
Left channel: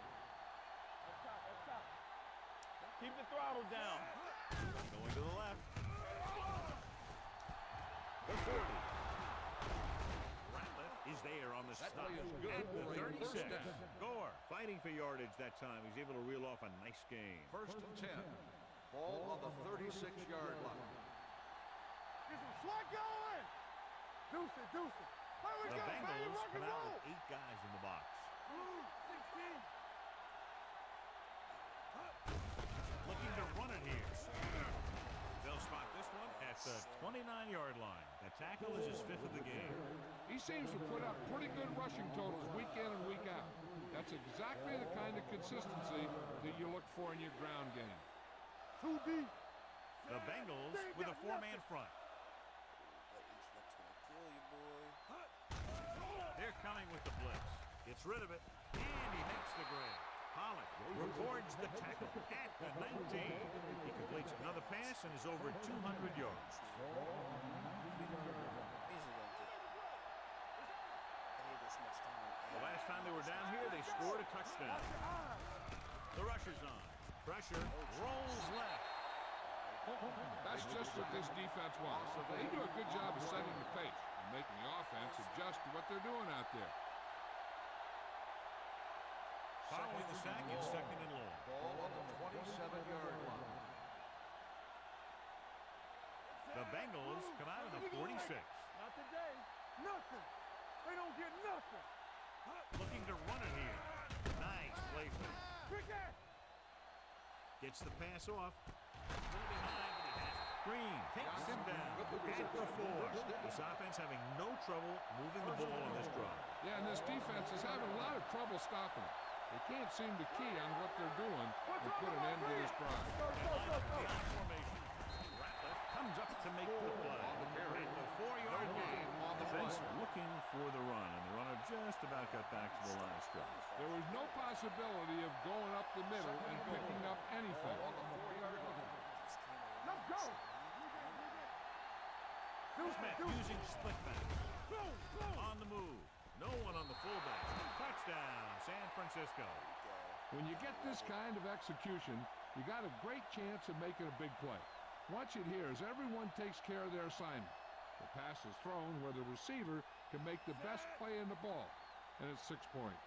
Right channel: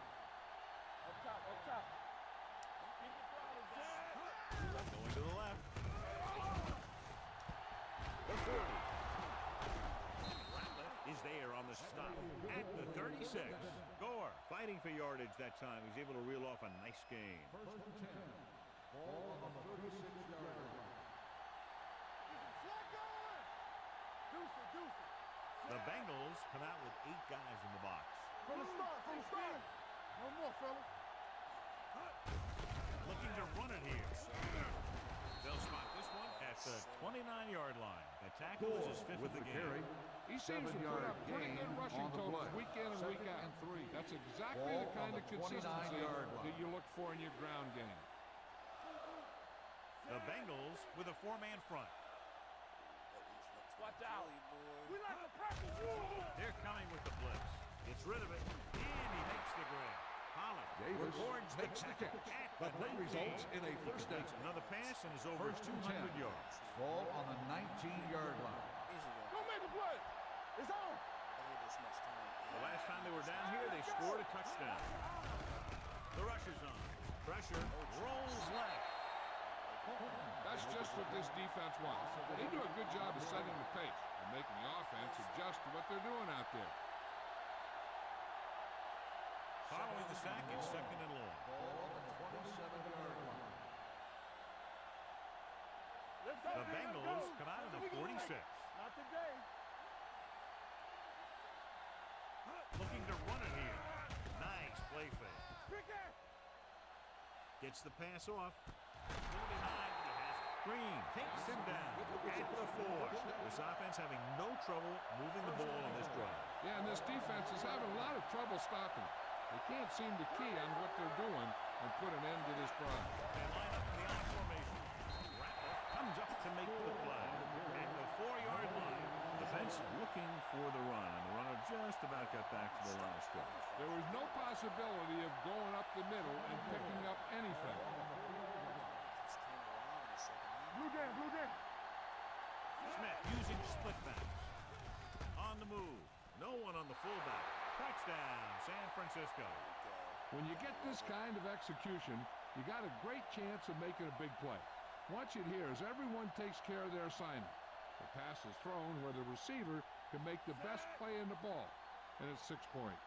Up top, up top. Keep the throttle down. Going to the left. The 40. Ratliff is there on the stop at the 36. Gore fighting for yardage that time. He's able to reel off a nice game. 1st and 10. Ball on the 36-yard line. Get some slack going. Deuce it, deuce it. The Bengals come out with 8 guys in the box. 16. One more, fella. Looking to run it here. They'll spot this one at the 29-yard line. The tackle is his 5th of the game. He seems to put up pretty good rushing totals week in and week out. That's exactly the kind of consistency that you look for in your ground game. The Bengals with a 4-man front. They're coming with the blitz. Gets rid of it, and he makes the grab. Pollard records the tackle at the 19. He completes another pass and is over 200 yards. Ball on the 19-yard line. The last time they were down here, they scored a touchdown. The rush is on. Pressure rolls left. That's just what this defense wants. They do a good job of setting the pace and making the offense adjust to what they're doing out there. Following the sack, it's 2nd and long. Ball on the 27-yard line. The Bengals come out of the 46. Not today. Nothing. They don't get nothing. Looking to run it here. Nice play fake. Gets the pass off. Still behind, but he has it. Green takes him down at the 4. This offense having no trouble moving the ball on this drive. Yeah, and this defense is having a lot of trouble stopping it. They can't seem to key on what they're doing and put an end to this drive. They line up in the I formation. Ratliff comes up to make the play. At the 4-yard line. Defense looking for the run, and the runner just about got back to the line of scrimmage. There was no possibility of going up the middle and picking up anything. Smith using split backs. On the move. No one on the fullback. Touchdown, San Francisco. When you get this kind of execution, you got a great chance of making a big play. Watch it here as everyone takes care of their assignment. The pass is thrown where the receiver can make the best play in the ball, and it's 6 points.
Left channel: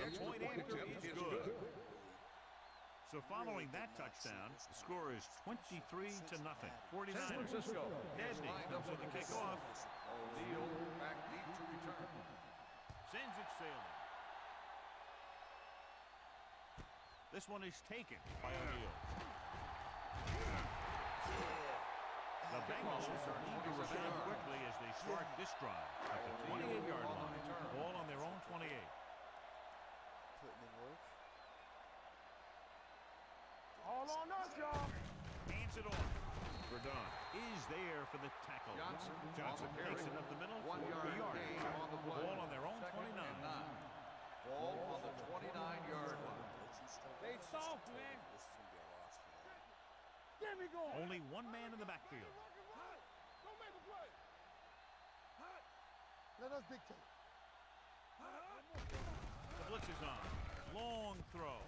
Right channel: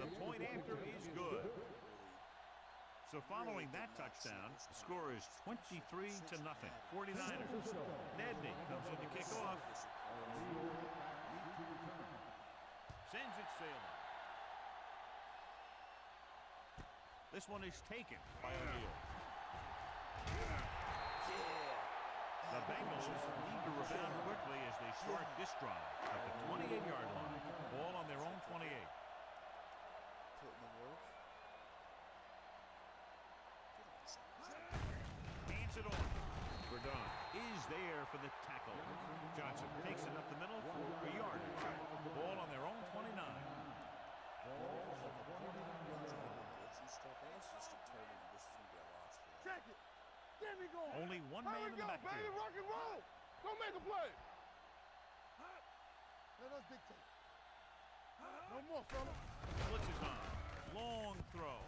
The point after is good. So following that touchdown, the score is 23-0. 49ers. Nedney comes in to kick off. Sends it sailing. This one is taken by O'Neal. The Bengals need to rebound quickly as they start this drive at the 28-yard line. Ball on their own 28. Putting in work. Hands it off. Verdon is there for the tackle. Johnson takes it up the middle for a yard. Ball on their own 29. Ball on the 29-yard line. Only one man in the backfield. Go make a play. Let us dictate. Blitz is on. Long throw.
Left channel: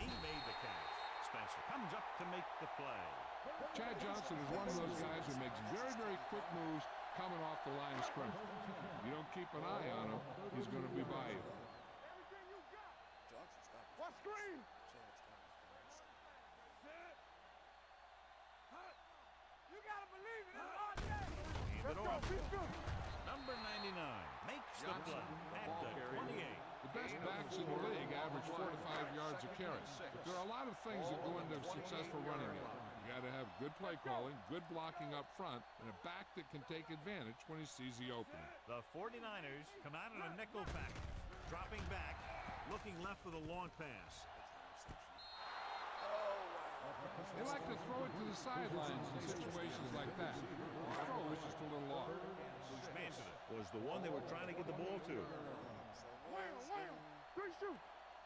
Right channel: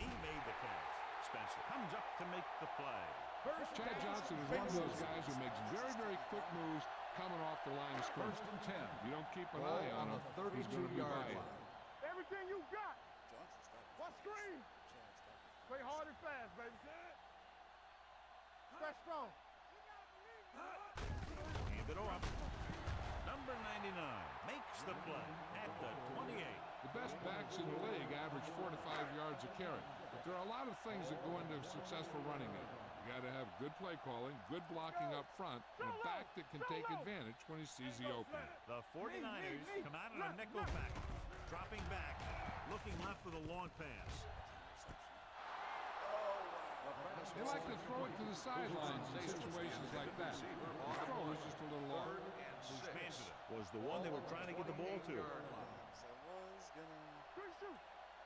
He made the catch. Spencer comes up to make the play. Chad Johnson is one of those guys who makes very, very quick moves coming off the line of scrimmage. If you don't keep an eye on him, he's going to be by you. Everything you got. Johnson's got to be What screen? Chad's got to be Play hard and fast, baby. Set. That's strong. You got to believe it. Hand it off. Number 99 makes the play at the 28. The best backs in the league average 4 to 5 yards a carry. But there are a lot of things that go into a successful running game. You got to have good play calling, good blocking up front, and a back that can take advantage when he sees the opening. The 49ers come out in a nickel package, dropping back, looking left for the long pass. They like to throw it to the sidelines in situations like that. The throw was just a little off. Bruce Manzada was the one they were trying to get the ball to.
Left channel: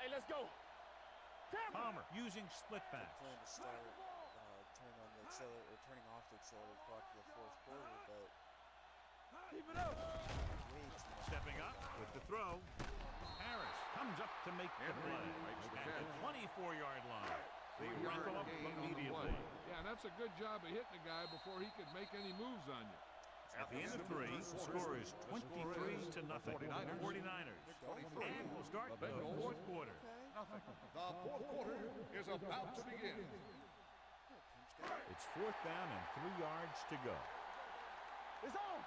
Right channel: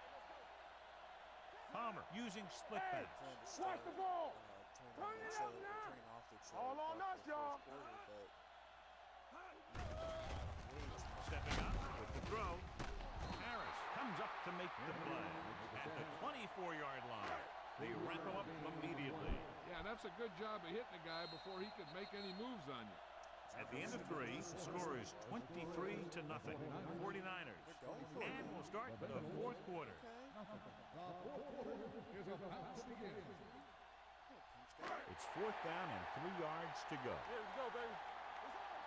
Hey, let's go. Palmer using split backs. Plan to start turning off the accelerated clock for the fourth quarter, but way too much. Stepping up with the throw. Harris comes up to make the play at the 24-yard line. They wrap him up immediately. Yeah, and that's a good job of hitting a guy before he could make any moves on you. At the end of 3, the score is 23-0. 49ers. And we'll start the fourth quarter. The fourth quarter is about to begin. It's 4th down and 3 yards to go. It's on.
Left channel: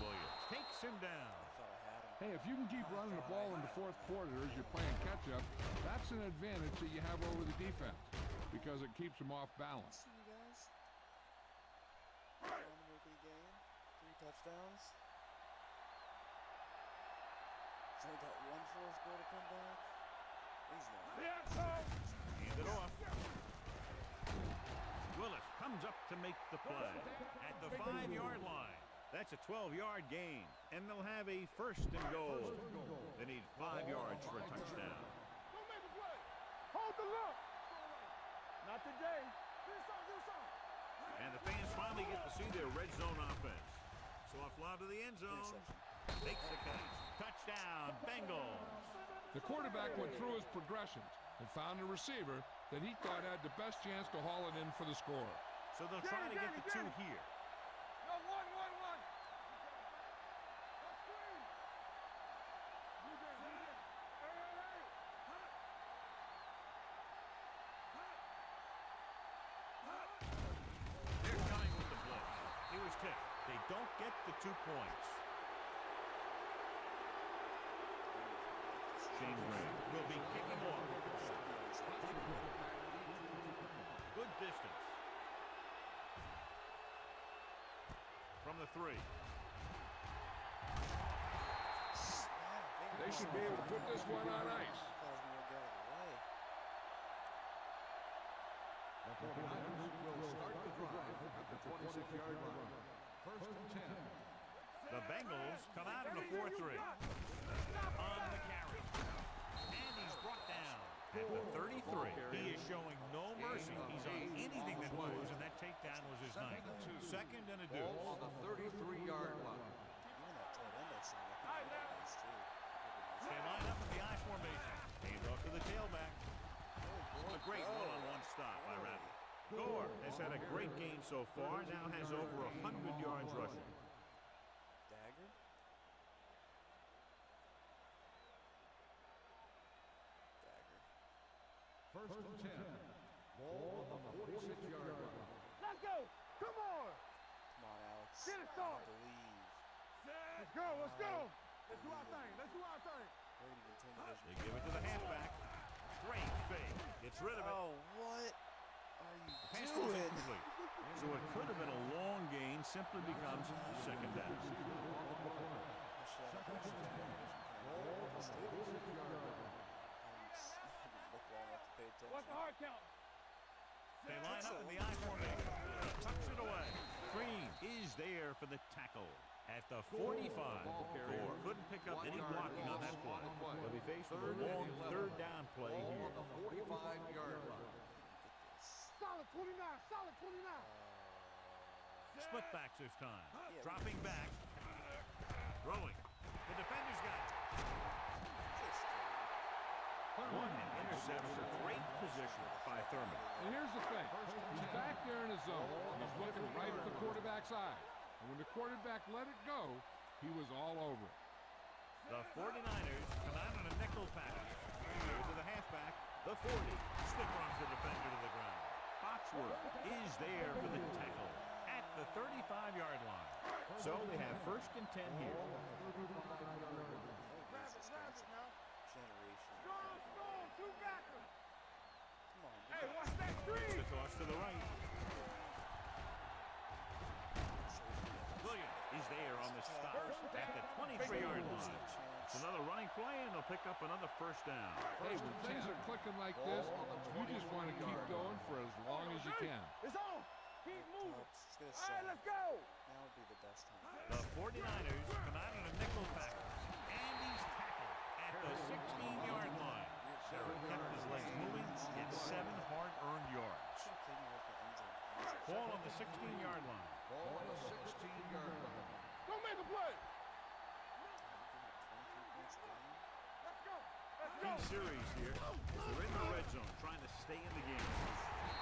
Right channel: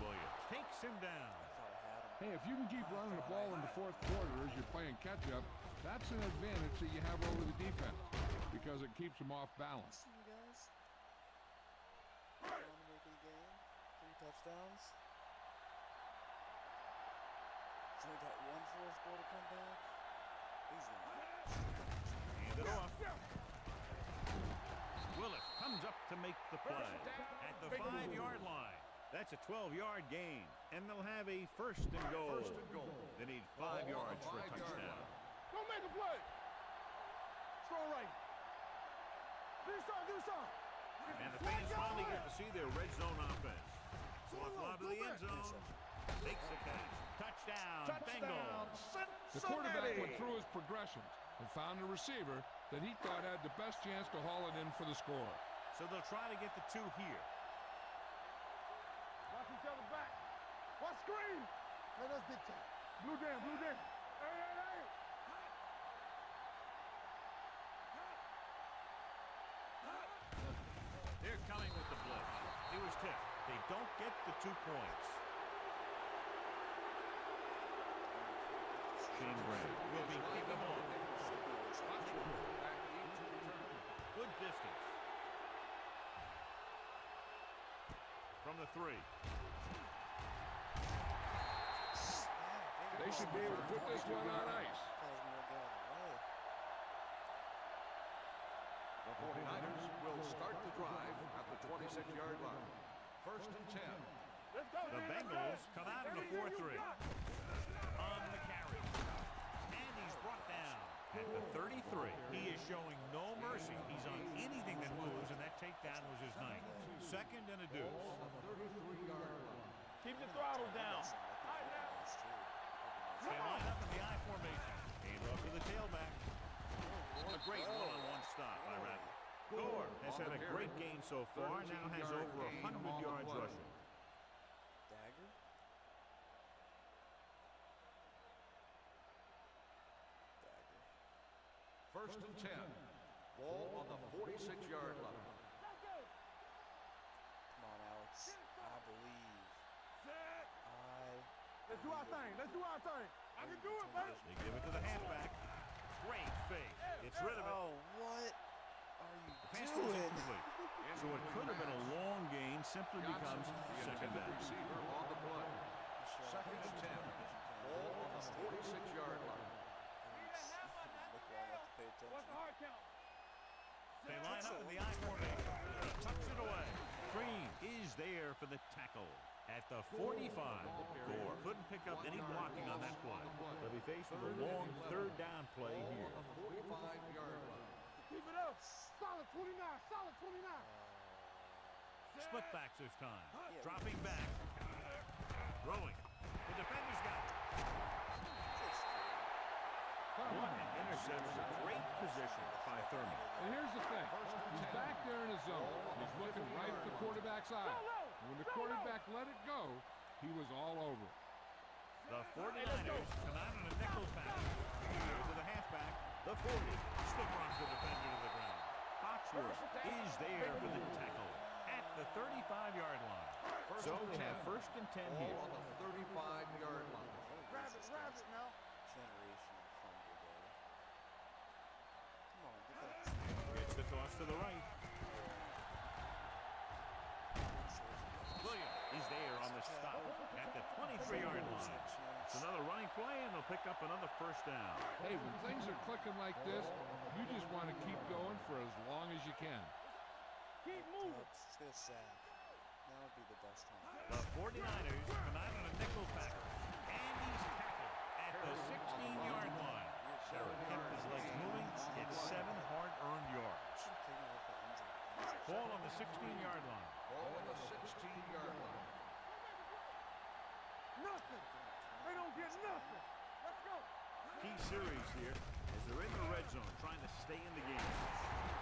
Williams takes him down. I thought I had him. Hey, if you can keep running the ball in the fourth quarter as you're playing catch-up, that's an advantage that you have over the defense because it keeps them off balance. See you guys. Trying to make a game. 3 touchdowns. He's only got 1 fourth quarter comeback. He's gone. Hand it off. Willis comes up to make the play at the 5-yard line. That's a 12-yard gain, and they'll have a first and goal. They need 5 yards for a touchdown. Don't make a play. Hold the look. Throw right. Not today. Give me some. And the fans finally get to see their red zone offense. Slough fly to the end zone. Takes the catch. Touchdown, Bengals. The quarterback went through his progressions and found a receiver that he thought had the best chance to haul it in for the score. So they'll try to get the 2 here. Watch screen. Hey, let's get to Blue game. Hey. They're coming with the blitz. He was tipped. They don't get the 2 points. Shane Graham will be kicking off. Good distance. From the 3. They should be able to put this one on ice. The 49ers will start the drive at the 26-yard line. First and 10. The Bengals come out in a 4-3. On the carry. And he's brought down at the 33. He is showing no mercy. He's on anything that moves, and that takedown was his night. Second and a deuce. Ball on the 33-yard line. They line up in the I formation. Hand off to the tailback. A great one-on-one stop by Rabbit. Gore has had a great game so far, now has over 100 yards rushing. Dagger? First and 10. Ball on the 46-yard line. Let's go. Come on. Come on, Alex. I believe. Let's go. Let's do our thing. They give it to the halfback. Great fake. Gets rid of it. Oh, what are you Pass was doing? incomplete. So it could have been a long gain, simply becomes second down. Receiver on the play. Second and 10. Ball on the 46-yard line. What's the hard count? They line up in the I formation. He tucks it away. Green is there for the tackle at the 45. Gore couldn't pick up any blocking on that play. They'll be faced with a long third down play here. On the 45-yard line. Keep it up. Solid 29. Split backs this time. Dropping back. Throwing. The defender's got it. What an interception. Great position by Thurman. And here's the thing. He's back there in his zone. He's looking right at the quarterback's eye. And when the quarterback let it go, he was all over it. The 49ers come out on a nickel package. Here to the halfback. The 40. Stick runs the defender to the ground. Foxworth is there for the tackle at the 35-yard line. So they have first and 10 here. On the 35-yard line. Rabbit now. Generation of fumble, baby. Come on, Gets the toss to the right. Williams is there on the stop at the 23-yard line. It's another running play, and they'll pick up another first down. Hey, when things are clicking like this, you just want to keep going for as long as you can. It's on. Keep moving. Let's get a sack. Let's go. Now would be the best time. The 49ers come out on a nickel package, and he's tackled at the 16-yard line. Sarah kept his legs moving, gets 7 hard-earned yards. Ball on the 16-yard line. Ball on the 16-yard line. Don't make a play. Nothing. They don't get nothing. Let's go. Key series here as they're in the red zone trying to stay in the game.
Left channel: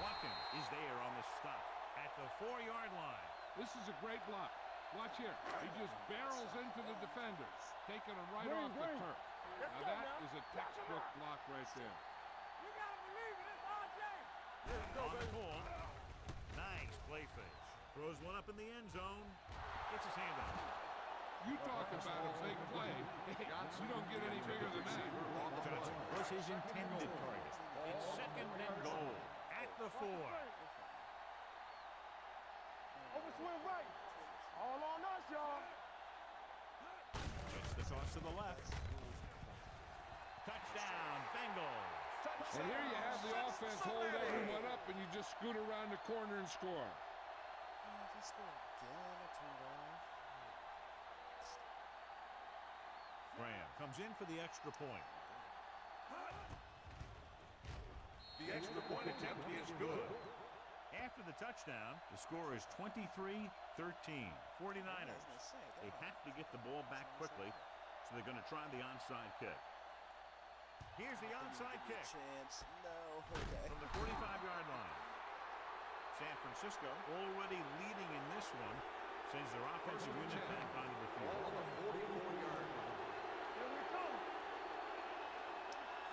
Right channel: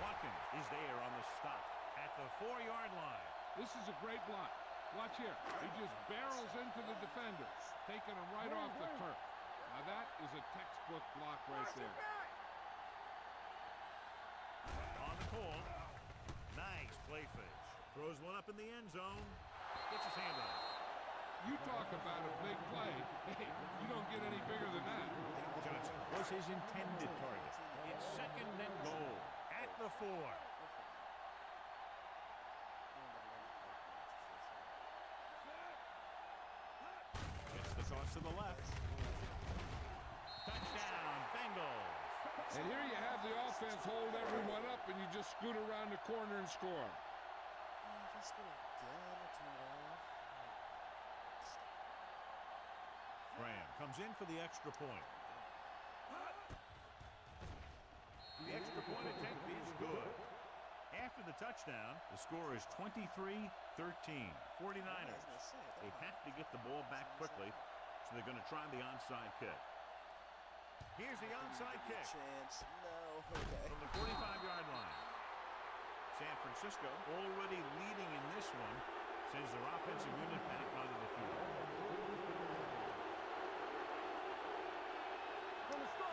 Watkins is there on the stop at the 4-yard line. This is a great block. Watch here. He just barrels into the defender, taking him right off the turf. Now that is a textbook block right there. On the call. Nice play fake. Throws one up in the end zone. Gets his hand on it. You talk about a big play. Hey, you don't get any bigger than that. Johnson was his intended target. It's 2nd and goal at the 4. Overswing right. All on us, y'all. Gets the toss to the left. Touchdown, Bengals. And here you have the offense hold everyone up, and you just scoot around the corner and score. If I score again, I turn it off. Graham comes in for the extra point. The extra point attempt is good. After the touchdown, the score is 23-13. 49ers. They have to get the ball back quickly, so they're going to try the onside kick. Here's the onside kick. Chance. No. Okay. From the 45-yard line. San Francisco already leading in this one, sends their offensive unit back onto the field.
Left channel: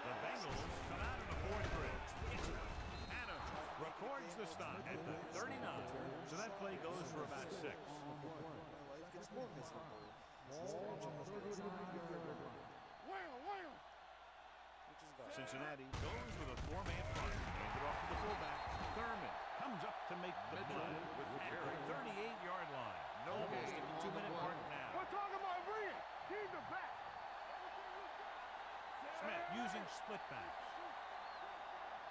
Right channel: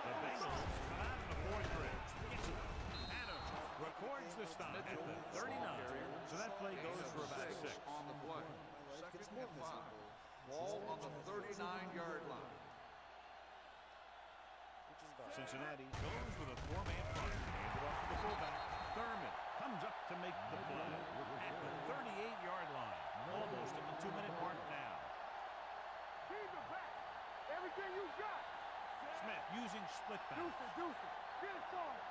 The Bengals come out in a 4-3. Adams records the stop at the 39, so that play goes for about 6. My life gets more miserable. Ball on the 39-yard line. Which is about Cincinnati goes with a 4-man front. Handed off to the fullback. Thurman comes up to make the play at the 38-yard line. Almost at the 2-minute mark now. We're talking about Green. Keep it back. Everything you got. Smith using split backs. Deuce it. Get it started.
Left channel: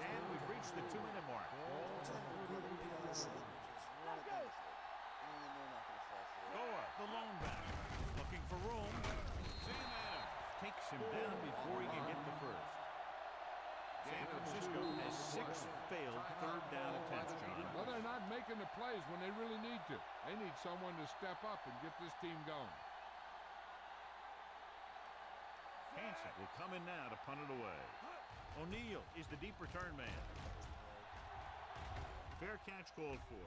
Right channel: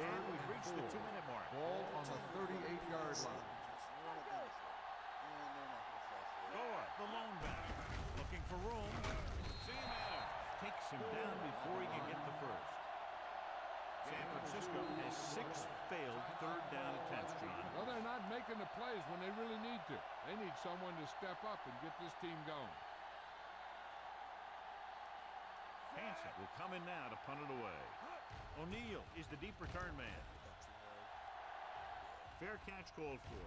And we've reached the 2-minute mark. Ball on the 38-yard line. just run it down the field. And they're not going to fall for it. Gore, the lone back, looking for room. Sam Adams takes him down before he can get the first. San Francisco has 6 failed 3rd down attempts, John. Well, they're not making the plays when they really need to. They need someone to step up and get this team going. Hansen will come in now to punt it away. O'Neal is the deep return man. Fair catch called for.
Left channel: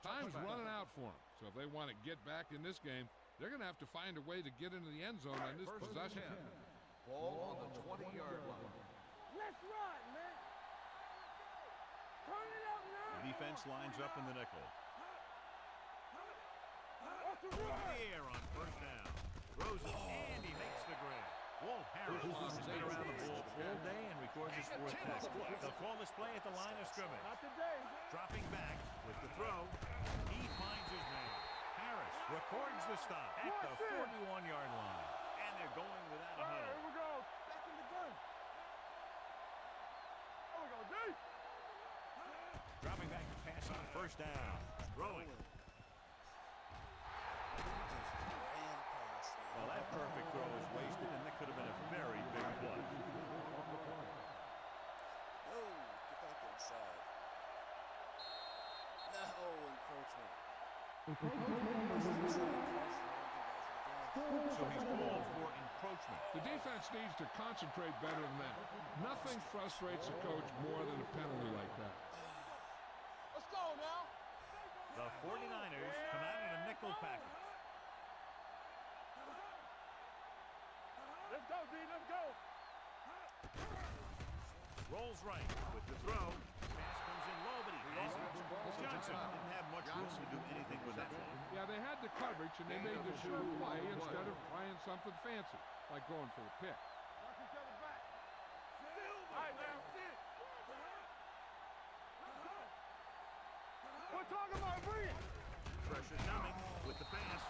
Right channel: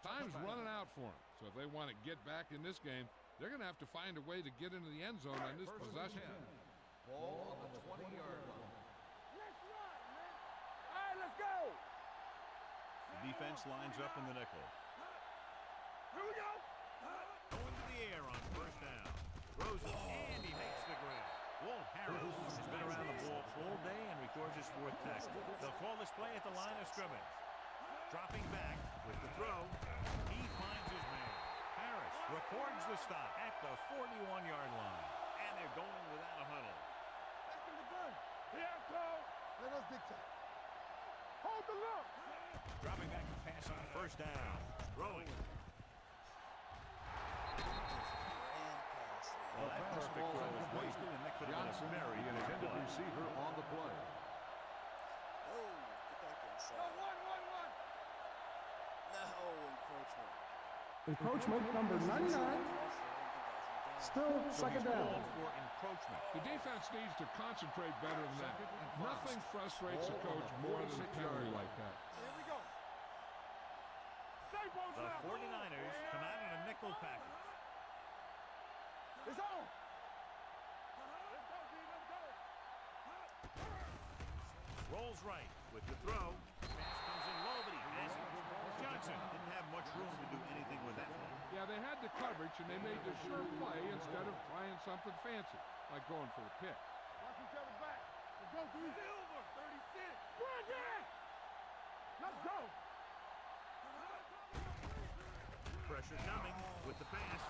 Time's running out for them. So if they want to get back in this game, they're going to have to find a way to get into the end zone on this possession. Ball on the 20-yard line. Let's run, man. All right, let's go. Turn it up now. The defense lines up in the nickel. Here we go. Going to the air on 1st down. Throws it, and he makes the grab. Walt Harris has been around the ball all day and records his 4th tackle. They'll call this play at the line of scrimmage. Dropping back with the throw, he finds his man. Harris records the stop at the 41-yard line. And they're going without a huddle. Here we go. Back in the gun. Here it goes. Let us dictate. Oh, we go, D. Hold the look. Dropping back to pass on 1st down. Throwing. Well, that perfect throw is wasted, and that could have been a very big play. Receiver on the play. No, get back inside. No, encroachment. Encroachment number 99. Still So he's 2nd down. called for encroachment. The defense needs to concentrate better than that. Nothing frustrates a coach more than a penalty like that. Here we go. Let's go now. The 49ers come out in a nickel package. It's on. Let's go, D. Let's go. Rolls right with the throw. Pass comes in low, but he has it. Johnson didn't have much room to do anything with that one. Yeah, they had the coverage, and they made the sure play instead of trying something fancy, like going for the pick. Lock each other back. Let's go to the Silver. All right, ready, sit. Let's go. We're talking about Green. Pressure coming with the pass.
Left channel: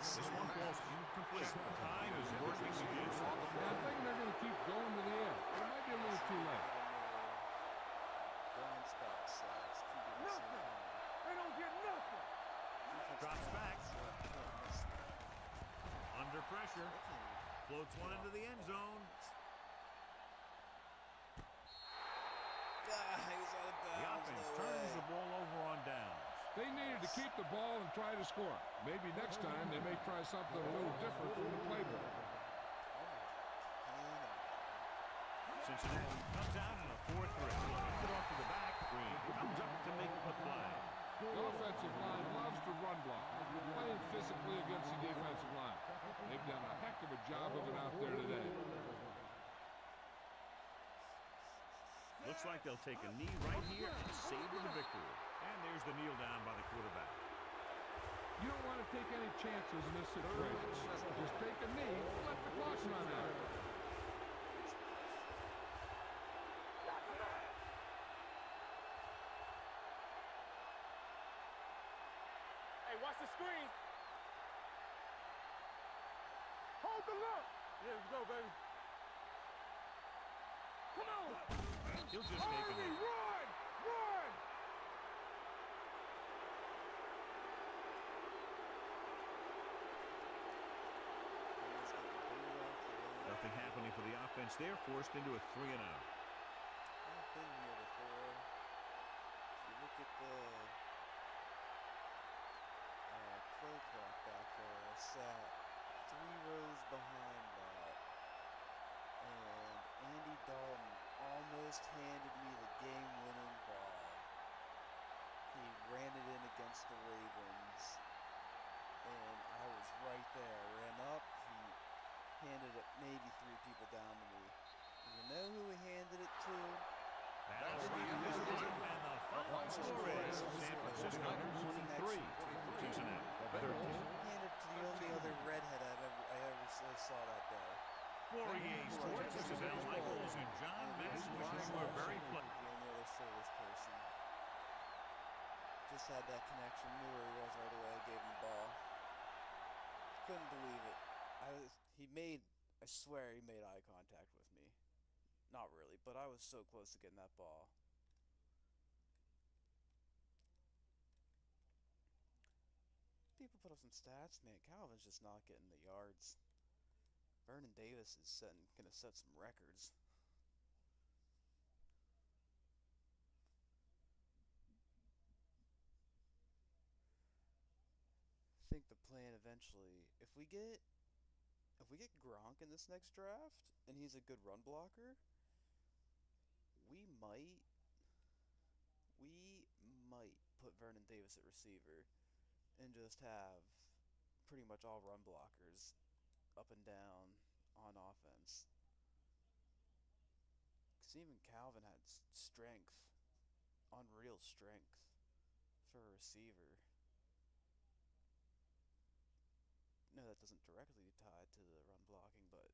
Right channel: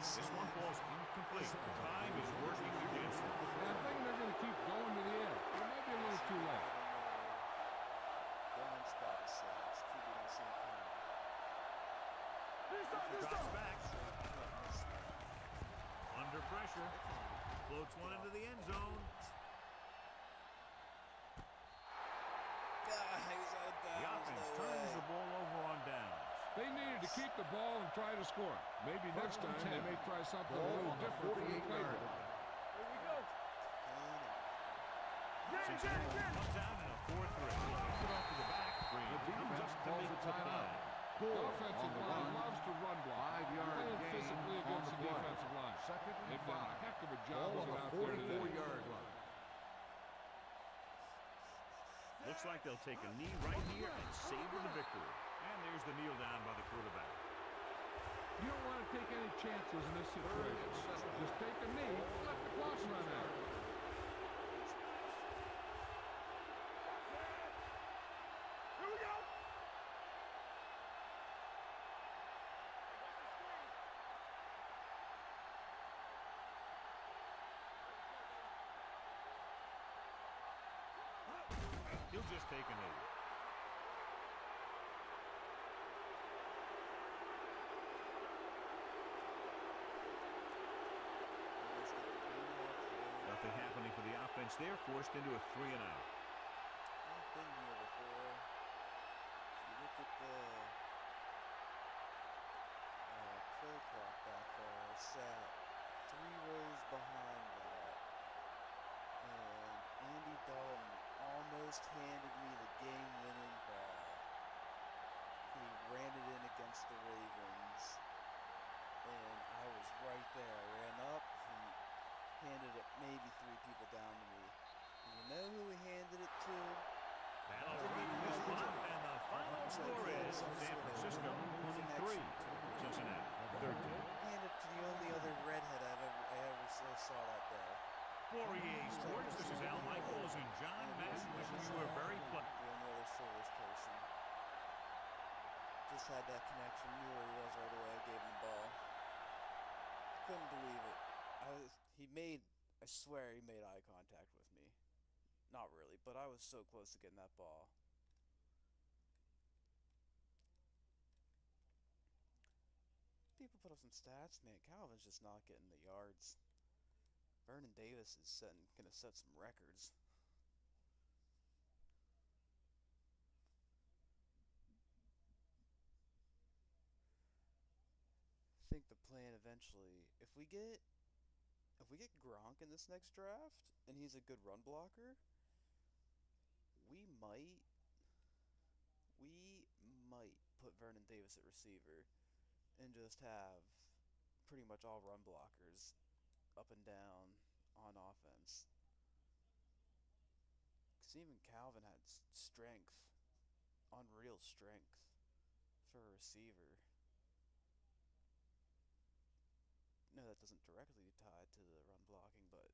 This one falls incomplete. Time is working against them. Yeah, I'm thinking they're going to keep going to the air. It might be a little too late. Blind spot sacks. QB don't see him coming. They don't get nothing. Drops back. Under pressure. Floats one into the end zone. He's out of The bounds. offense No turns way. the ball over on downs. They needed to keep the ball and try to score. Maybe next time they may try something a little different from the playbook. Cincinnati comes out in a 4-3. Hands it off to the back. Green comes up to make the play. The offensive line loves to run block. Playing physical physically against the defensive line. They've done a heck of a job of it out there today. Looks like they'll take a knee right here and savor the victory. And there's the kneel down by the quarterback. You don't want to take any chances in this situation. Just take a knee and let the clock run out. Watch the screen. Hold the look. Let's go, baby. Come on. He'll just take a knee. Run! Run! Nothing happening for the offense. They're forced into a 3-and-out. I've been here before. If you look at the play clock back there, I sat 3 rows behind that, and Andy Dalton almost handed me the game-winning ball. He ran it in against the Ravens, and I was right there. I ran up, he handed it maybe 3 people down to me. And you know who he handed it to? That'll wrap this one, and the final score is San Francisco 23, Cincinnati 13. Handed to the only other redhead I ever saw that day. For EA Sports, this is Al Michaels and John Madden wishing you a very pleasant. The only other soulless person. Just had that connection, knew where he was right away, gave him the ball. Couldn't believe it. I swear he made eye contact with me. Not really, but I was so close to getting that ball. People put up some stats, man. Calvin's just not getting the yards. Vernon Davis is gonna set some records. I think the plan eventually, if we get Gronk in this next draft and he's a good run blocker, we might put Vernon Davis at receiver and just have pretty much all run blockers up and down on offense. Because even Calvin had strength, unreal strength for a receiver. No, that doesn't directly tie to the run blocking, but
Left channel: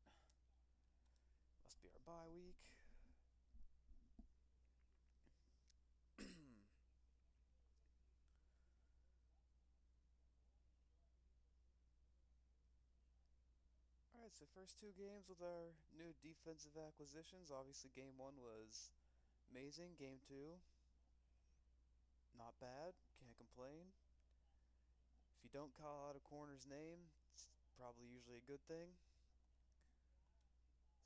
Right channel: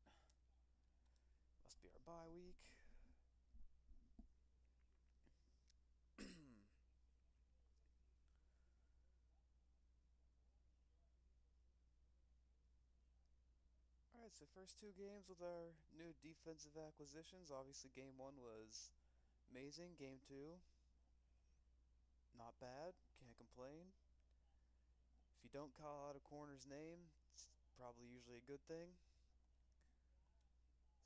must be our bye week. Alright, so first 2 games with our new defensive acquisitions. Obviously, game 1 was amazing. Game 2, not bad. Can't complain. If you don't call out a corner's name, it's probably usually a good thing.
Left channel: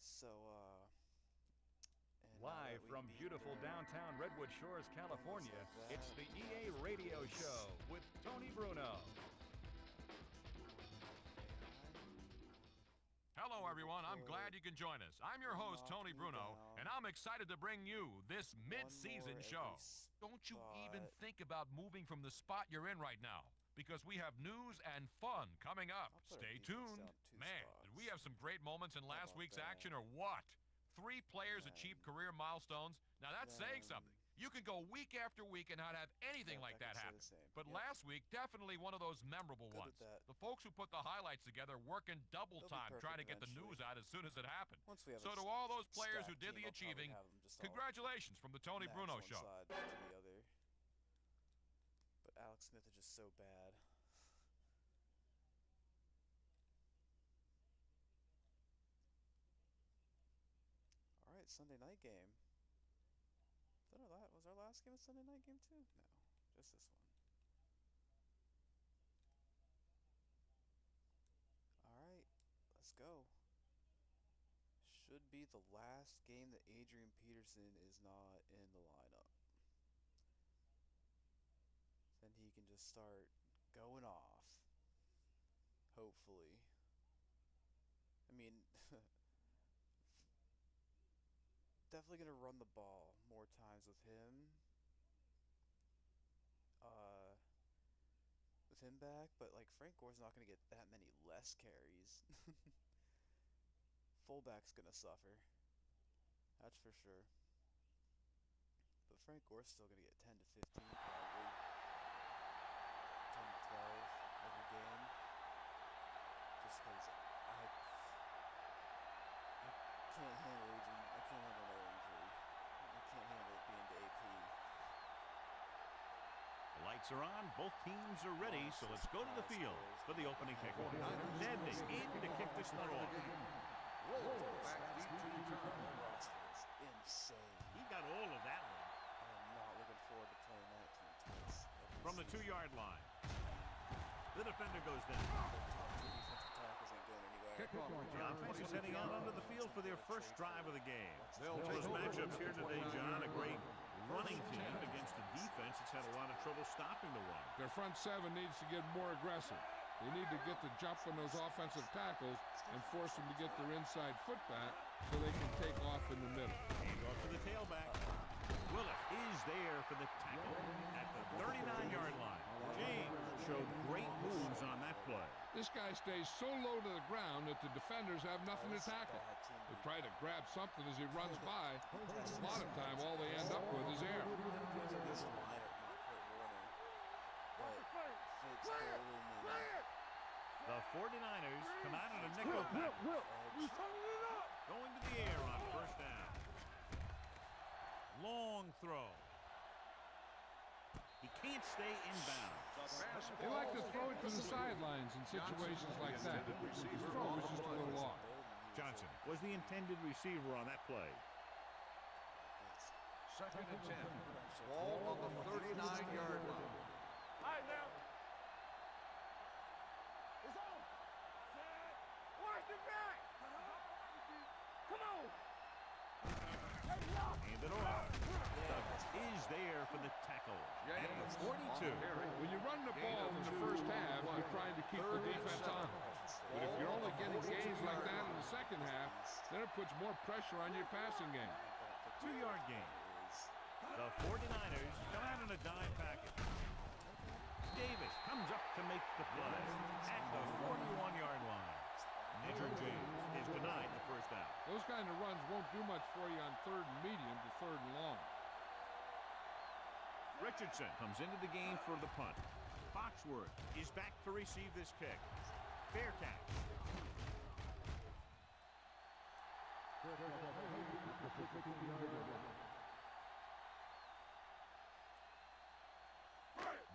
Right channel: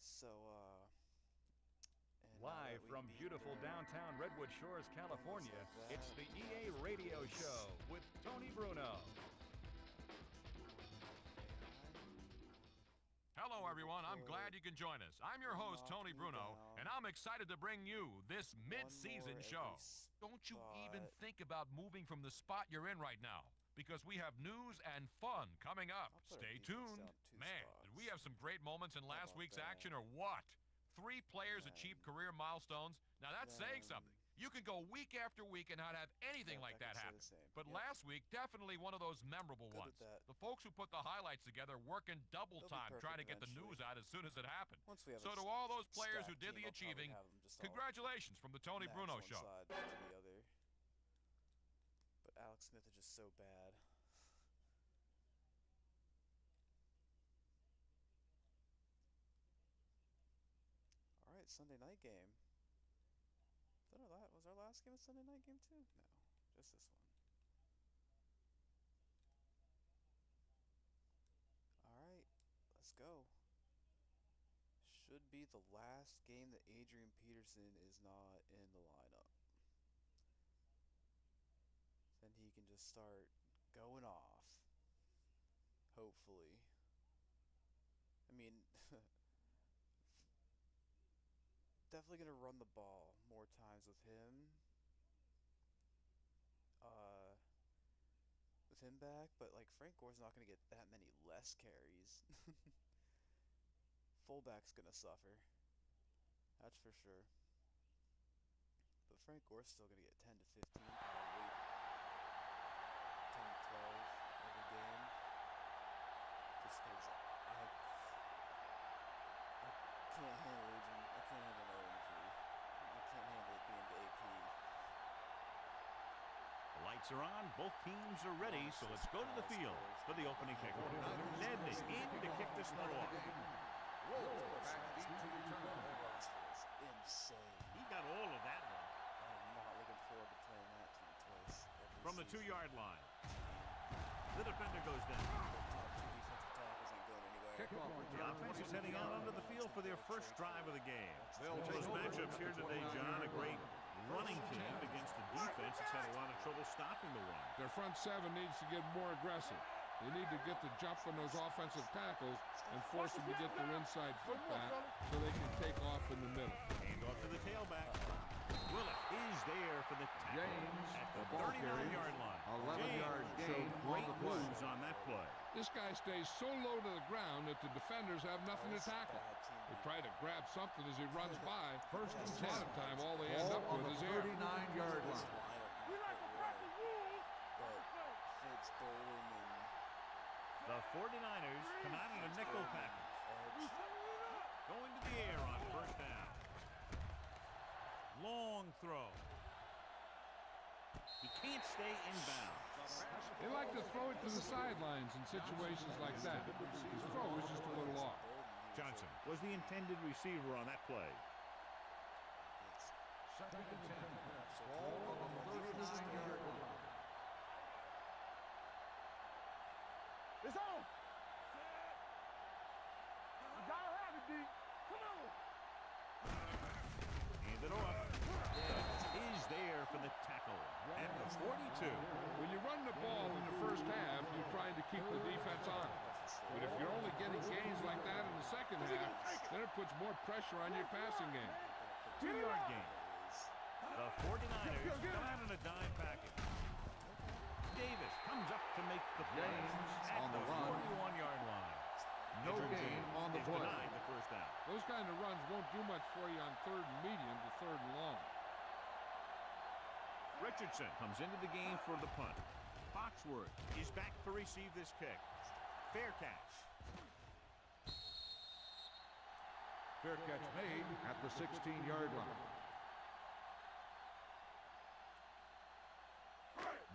So, live from beautiful downtown Redwood Shores, California, it's the EA Radio Show with Tony Bruno. Hello, everyone. I'm glad you can join us. I'm your host, Tony Bruno, and I'm excited to bring you this mid-season show. Don't you even think about moving from the spot you're in right now, because we have news and fun coming up. Stay tuned. Man, did we have some great moments in last week's action or what? 3 players achieved career milestones. Now that's saying something. You can go week after week and not have anything like that happen. But last week, definitely one of those memorable ones. The folks who put the highlights together working double time trying to get the news out as soon as it happened. So to all those players who did the achieving, congratulations from the Tony Bruno Show. But Alex Smith is just so bad. Alright, Sunday night game. Was our last game a Sunday night game too? No, just this one. Alright, let's go. Should be the last game that Adrian Peterson is not in the lineup. Then he can just start going off. Hopefully. I mean, definitely going to run the ball more times with him. With with him back, but like Frank Gore's not going to get that many less carries. Fullback's going to suffer. That's for sure. But Frank Gore's still going to get 10 to 15 probably. 10 to 12 every game. Just because I can't handle aging. I can't handle no injury. I can't handle it being to AP. The lights are on. Both teams are ready, so let's go to the field for the opening kickoff. Ned is in to kick this one off. Back deep to return. The roster is insane. He got all of that one. I am not looking forward to playing that team twice every From the season. 2-yard line. The defender goes down. The top two defensive tackles ain't going anywhere. Kickoff The return. offense is heading out onto the field for their first drive of the game. They'll take Those over matchups at here the today, John, a 29-yard great line. running team against a defense that's had a lot of trouble stopping the run. Their front seven needs to get more aggressive. They need to get the jump on those offensive tackles and force them to get their inside foot back so they can take off in the middle. Hand off to the tailback. Willis is there for the tackle at the 39-yard line. James showed great moves on that play. This guy stays so low to the ground that the defenders have nothing to tackle. They try to grab something as he runs by, but a lot of time all they end up with is air. 39-yard This line. line of not Kurt Warner, but Fitz, Bolden, and The 49ers come out in a nickel package. Edge. Going to the air on first down. Long throw. He can't stay inbounds. They like to throw it to the sidelines in situations like that. His throw was just a little off. Johnson was the intended receiver on that play. Second and 10. Ball on the 39-yard line. It's on. Set. Watch it back. Come on. Hand it off. Douglas is there for the tackle at the 42. When you run the ball in the first half, you're trying to keep the defense on. But if you're only getting gains like that in the second half, then it puts more pressure on your passing game. 2-yard gain. The 49ers come out in a dime package. Davis comes up to make the play at the 41-yard line. Edger James is denied the first down. Those kind of runs won't do much for you on 3rd and medium to 3rd and long. Richardson comes into the game for the punt. Foxworth is back to receive this kick. Fair catch. Fair catch made at the 16-yard line.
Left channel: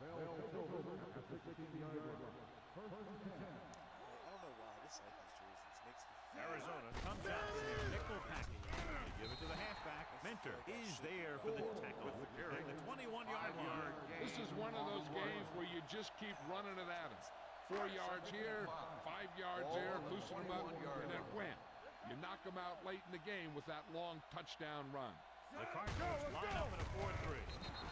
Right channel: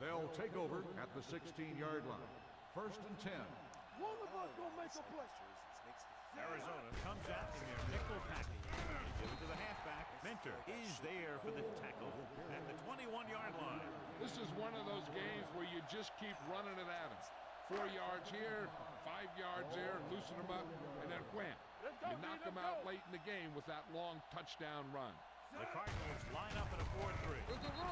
They'll take over at the 16-yard line. First and 10. I don't know why I dislike these jerseys. Makes me feel Arizona comes out in their nickel package. They give it to the halfback. Mentor is there for the tackle at the 21-yard line. This is one of those games where you just keep running it at them. 4 yards here, 5 yards there, loosen them up, and then wham. You knock them out late in the game with that long touchdown run. The Cardinals line up in a 4-3.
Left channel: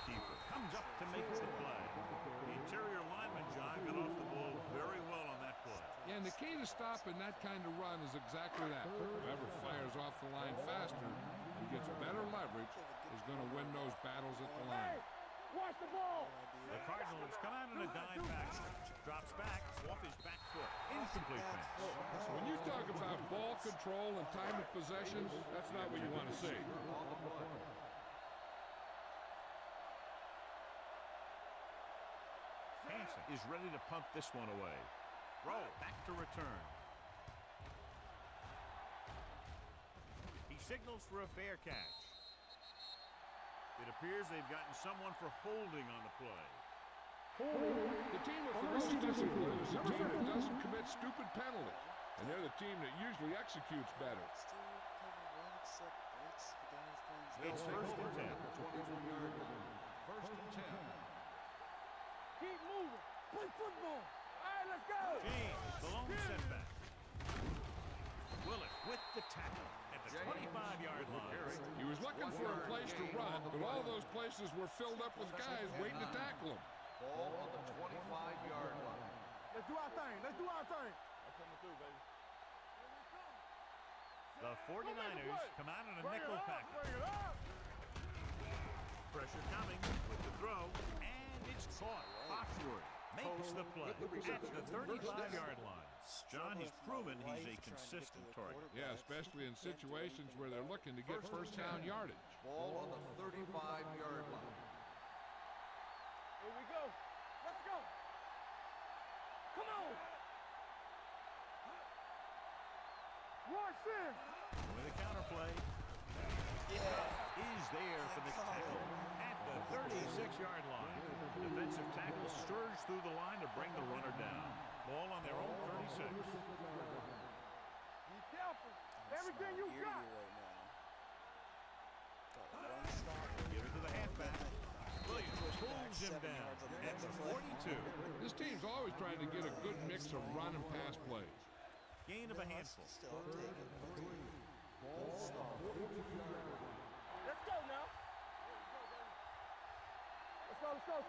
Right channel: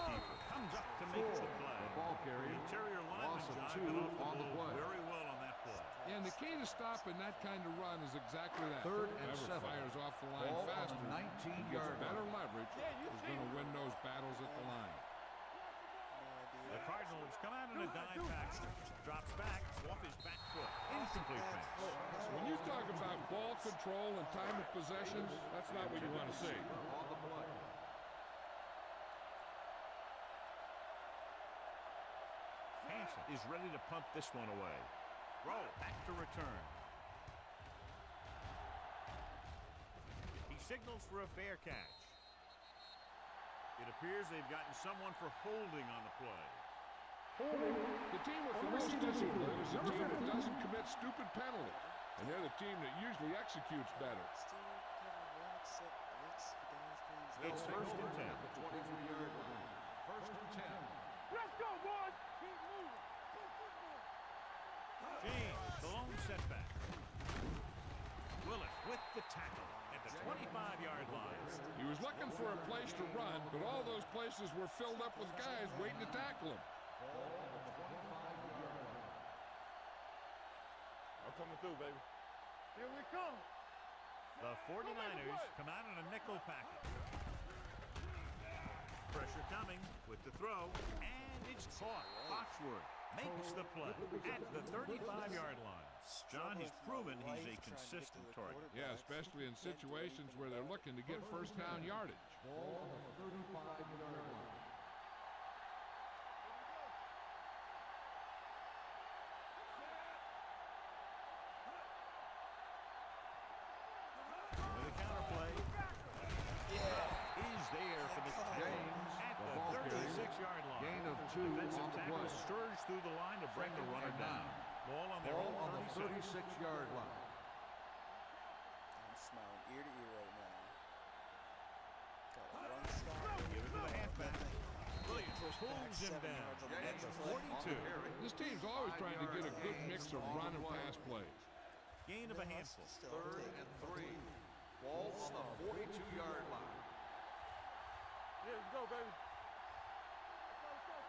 Kiefer comes up to make the play. The interior lineman, John, got off the ball very well on that play. Yeah, and the key to stopping that kind of run is exactly that. Whoever fires off the line faster and gets better leverage is going to win those battles at the line. Watch the ball. The Cardinals come out in a dime package. Drops back off his back foot. Incomplete pass. So when you talk about ball control and time of possession, that's not what you want to see. On the play. Hansen is ready to punt this one away. Roll back to return. He signals for a fair catch. It appears they've gotten someone for holding on the play. The team with the most discipline is the team that doesn't commit stupid penalties. And they're the team that usually executes better. Still cover one except blitz. The guys playing It's They'll first take and over 10. at the 23-yard line. First and 10. Let's go, boys. Keep moving. Play football. All right, let's go. James, the lone setback. Willis with the tackle at the 25-yard line. He was looking for a place to run, but all those places were filled up with guys waiting to tackle him. Ball on the 25-yard line. Let's do our thing. Let's do our thing. I'm coming through, baby. Here we come. The 49ers come out in a nickel package. Pressure coming with the throw, and it's caught. Foxworth makes the play at the 35-yard line. John, he's proven he's a consistent target. Yeah, especially in situations where they're looking to get first down yardage. Ball on the 35-yard line. Here we go. Let's go. Come on. Rush in. With a counter play. Is there for the tackle at the 36-yard line. Defensive tackle surged through the line to bring the runner down. Ball on their own 36-yard line. I'm smiling ear to ear right now. Got a run stop. Give it to the halfback. Williams Push back pulls him 7 down yards on the at next the play. 42. This team's always trying to get a good mix of run and pass plays. Gain of a handful. Still take it. Ball on the 42-yard line. Let's go now. Here we go, baby. Let's go.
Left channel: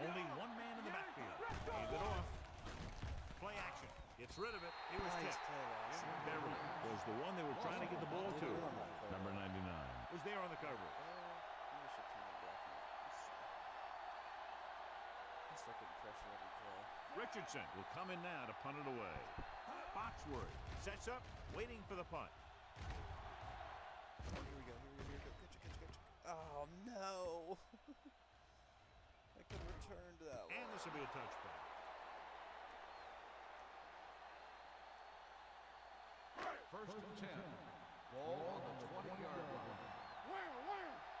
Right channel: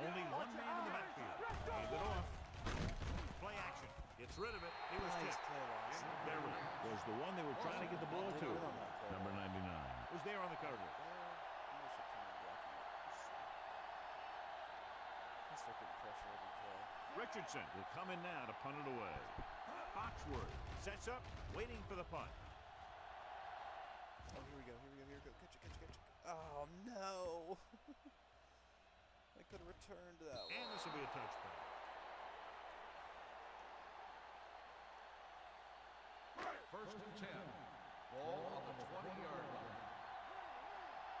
Only one man in the backfield. Hand it off. Play action. Gets rid of it. It was Nice tipped. play loss. Beverly was the one they were trying to get the ball to. Win on that play. Number 99 was there on the coverage. I should turn the blocking up. Let's see. I start getting pressure every play. Richardson will come in now to punt it away. Foxworth sets up, waiting for the punt. Oh, here we go. Catch it. Oh, no. I could have returned that one. And this will be a touchback. First and 10. Ball on the 20-yard line.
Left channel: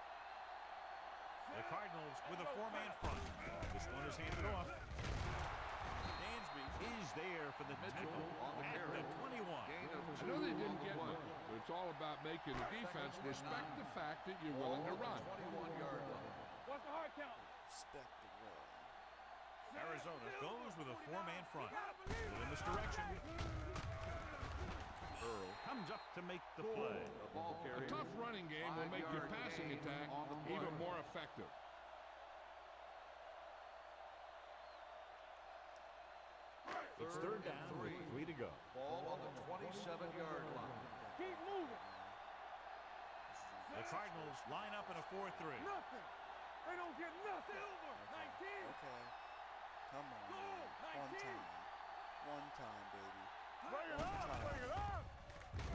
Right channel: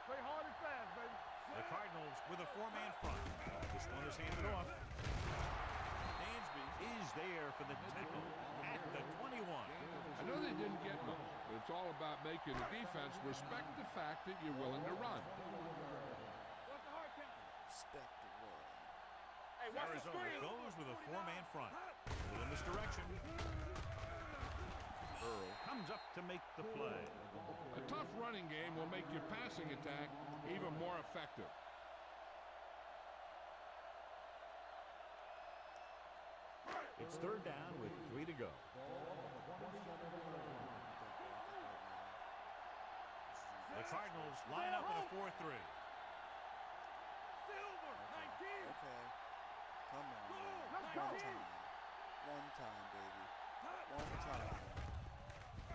Play hard and fast, baby. The Cardinals with a four-man front. This one is handed off. Dansby is there for the tackle at the 21. I know they didn't get much, but it's all about making the defense respect the fact that you're willing to run. 21-yard line. What's the hard count? Respect the run. Arizona goes with a four-man front. In this direction. Earl comes up to make the play. A tough running game will make your passing attack even more effective. It's third down with 3 to go. Ball on the 27-yard line. Keep moving. The Cardinals line up in a 4-3. They don't get nothing. Silver. 19. Okay. Come on. Go. Man. 19. One time, baby. Hurry One up. time.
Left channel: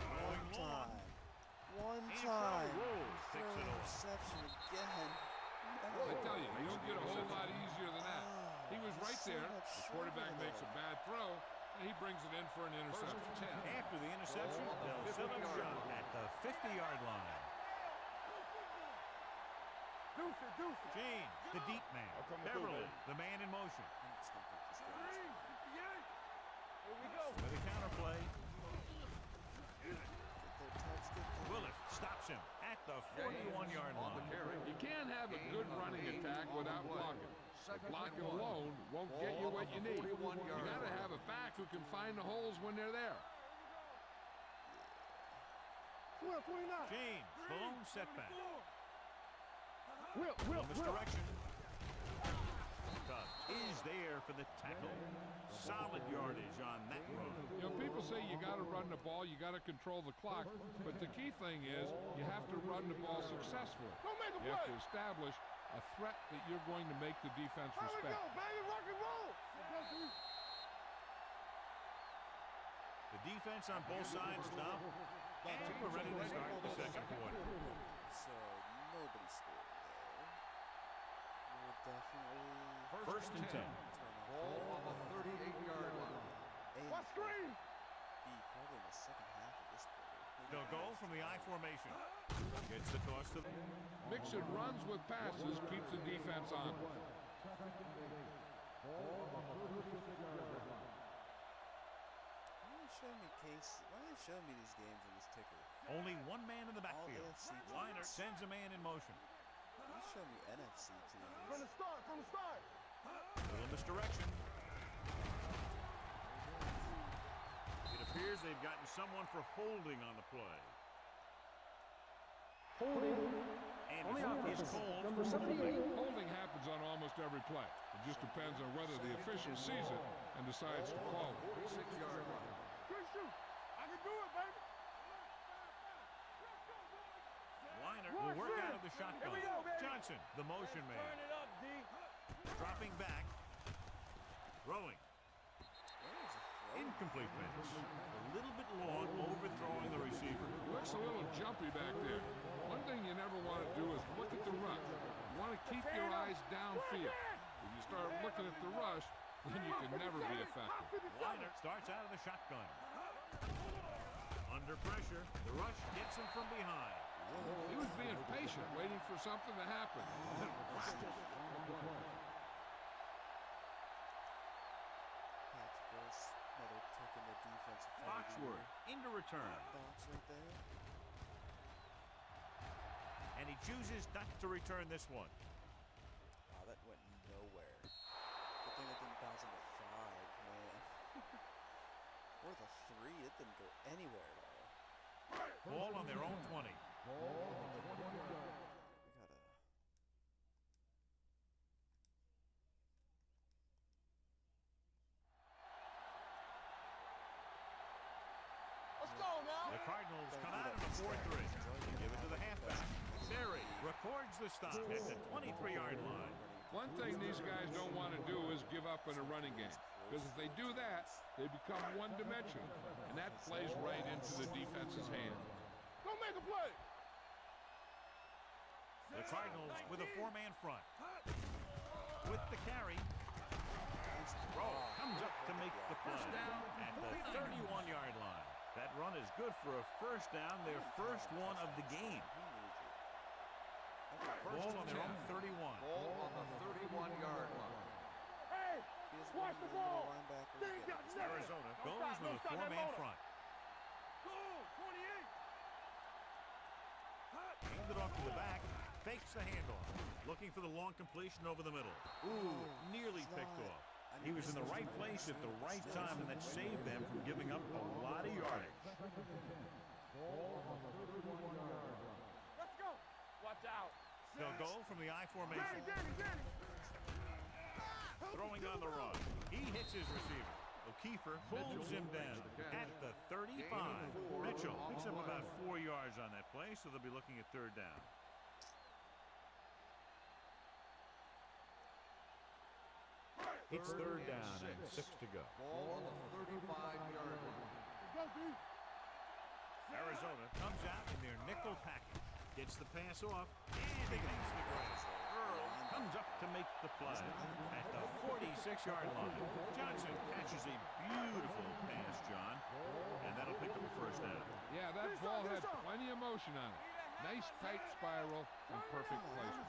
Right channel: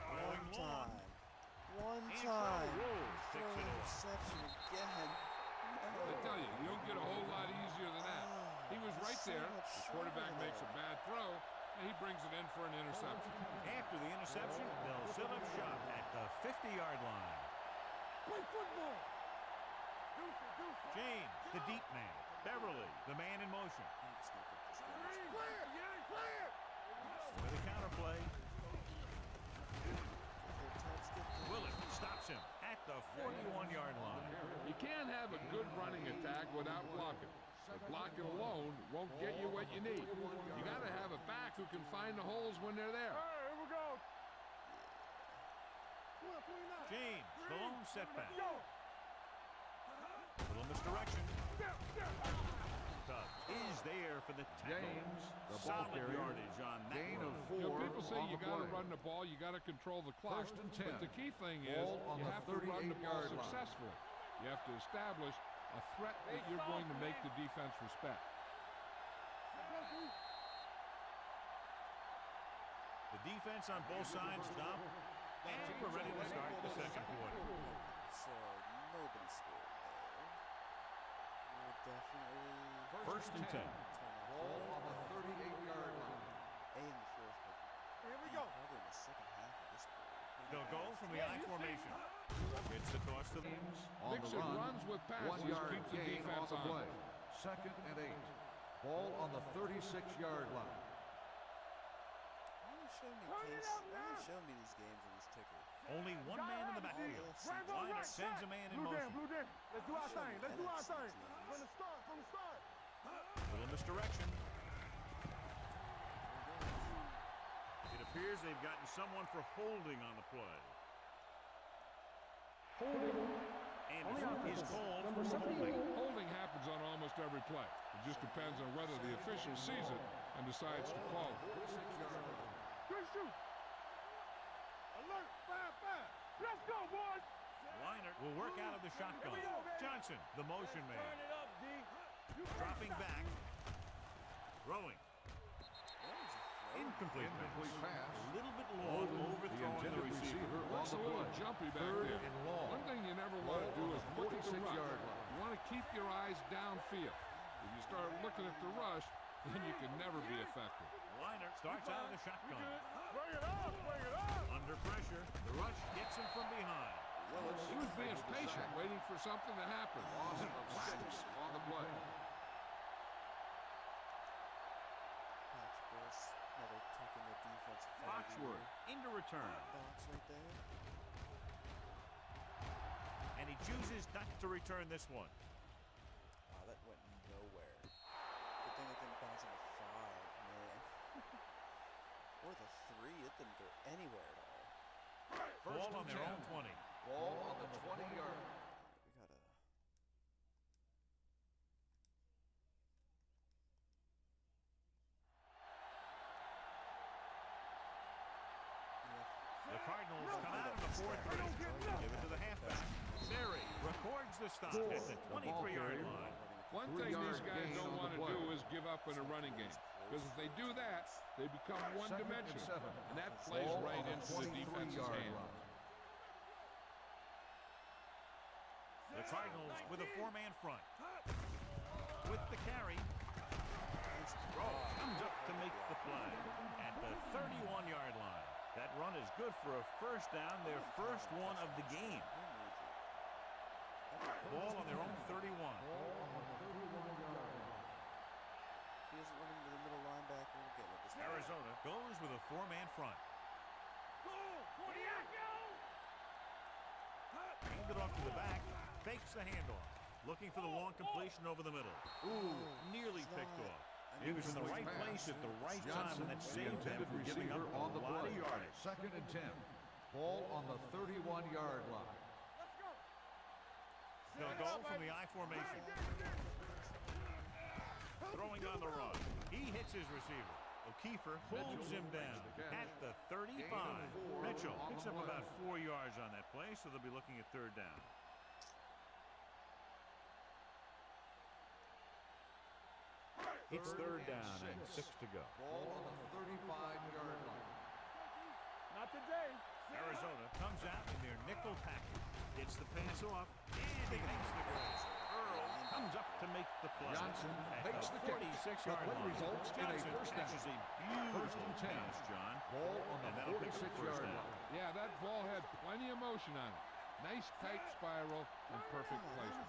Going long. One Antro time. rolls, picks it off. Interception again. No. I tell you don't get a whole lot easier than that. He was right so there. much The quarterback shorter makes a bad throw, and he brings it in for an interception. After the interception, they'll set up shop at the 50-yard line. Play football. Deuce it. James, the deep man. Beverly, the man in motion. I'm just gonna put this guy. Clear. You ain't clear. Here we go. With a counter play, Get their touch. Willett stops him at the 41-yard line. You can't have a good running attack without blocking. But blocking alone won't get you what you need. You got to have a back who can find the holes when they're there. Here we go. 12, 29. James, the lone setback. Will. Will misdirection. Tubbs is there for the tackle. Solid yardage on that run. You know, people say you got to run the ball, you got to control the clock, but the key thing is you have to run the ball successfully. You have to establish a threat that you're going to make the defense respect. The defense on both sides stop, and we're ready to start the second quarter. So nobody scored there. We'll definitely First and 10. turn off Ball the on the 38-yard line. A in the fourth. Here we B go. probably in the second half of this quarter. They'll go from the I formation. Gets the toss to the... Mixing runs with passes keeps the defense on. Second and 8. Ball on the 36-yard line. Why are you showing me these games on this ticker? Only one man in the backfield. Liner sends a man in motion. Let's do our Show me thing. Let's do our NFC thing. teams. From the start. Little misdirection. It appears they've gotten someone for holding on the play. Holding. Anderson is called Number for 78. holding. Holding happens on almost every play. It just depends on whether the official sees it and decides to call it. 46-yard line. Good shoot. I can do it, baby. Alert. 5. Let's go, boys. Liner will work out of the shotgun. Here we go, baby. Johnson, the motion man. Turn it up, D. Dropping back. Throwing. Where is he throwing? Incomplete pass. A little bit long, overthrowing the receiver. Looks a little jumpy back there. One thing you never want to do is look at the rush. You want to keep your eyes downfield. If you start looking at the rush, then you can never be effective. Liner starts out of the shotgun. Under pressure, the rush gets him from behind. He was being patient, waiting for something to happen. Whacks on the play. Patch Bliss, another taking the defensive flag. Foxworth into return. Box right there. And he chooses not to return this one. Wow, that went nowhere. Good thing it didn't bounce into 5, man. Or the 3, it didn't go anywhere at all. Ball on their own 20. Ball on the 20-yard line. We gotta... The Cardinals come out in a 4-3. Give it to the halfback. Berry records the stop at the 23-yard line. One thing these guys don't want to do is give up in a running game. Because if they do that, they become one-dimensional. And that plays right into the defense's hands. The Cardinals with a 4-man front. With the carry. Rowe comes up to make the play at the 31-yard line. That run is good for a first down, their first one of the game. Ball on their own 31. Ball on the 31-yard line. He doesn't want him to the middle linebacker again. Arizona goes with a 4-man front. Hand it off to the back. Fakes the handoff. Looking for the long completion over the middle. Ooh, nearly picked off. He was in the right place at the right time, and that saved them from giving up a lot of yardage. 2nd and 10. Ball on the 31-yard line. Let's go. Watch out. They'll go from the I formation. Throwing on the run. He hits his receiver. O'Keefer pulls him down at the 35. Mitchell picks up about 4 yards on that play, so they'll be looking at 3rd down. It's 3rd down and 6 to go. Ball on the 35-yard line. Not today. Arizona comes out in their nickel package. Gets the pass off, and he makes the grab. Earl comes up to make the play at the 46-yard line. Johnson catches a beautiful pass, John, and that'll pick up the first down. Yeah, that ball had plenty of motion on it. Nice tight spiral and perfect placement.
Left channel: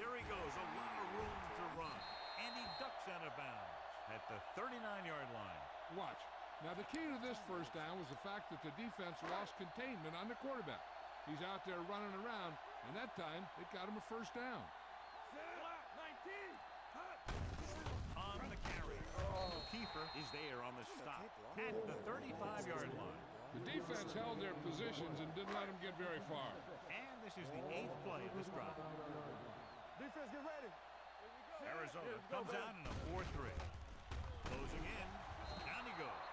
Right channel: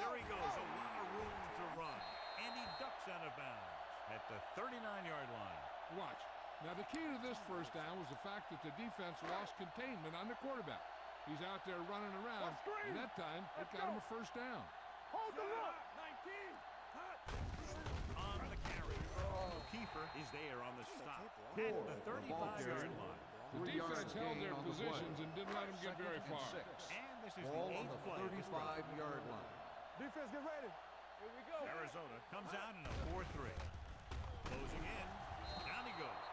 There he goes, a lot of room to run, and he ducks out of bounds at the 39-yard line. Watch. Now, the key to this first down was the fact that the defense lost containment on the quarterback. He's out there running around, and that time, it got him a first down. On the carry. O'Keefer is there on the stop at the 35-yard line. The defense held their positions and didn't let him get very far. And this is the 8th play of this drive. Defense, get ready. Here we go. Arizona comes out in a 4-3. Closing in. Down he goes.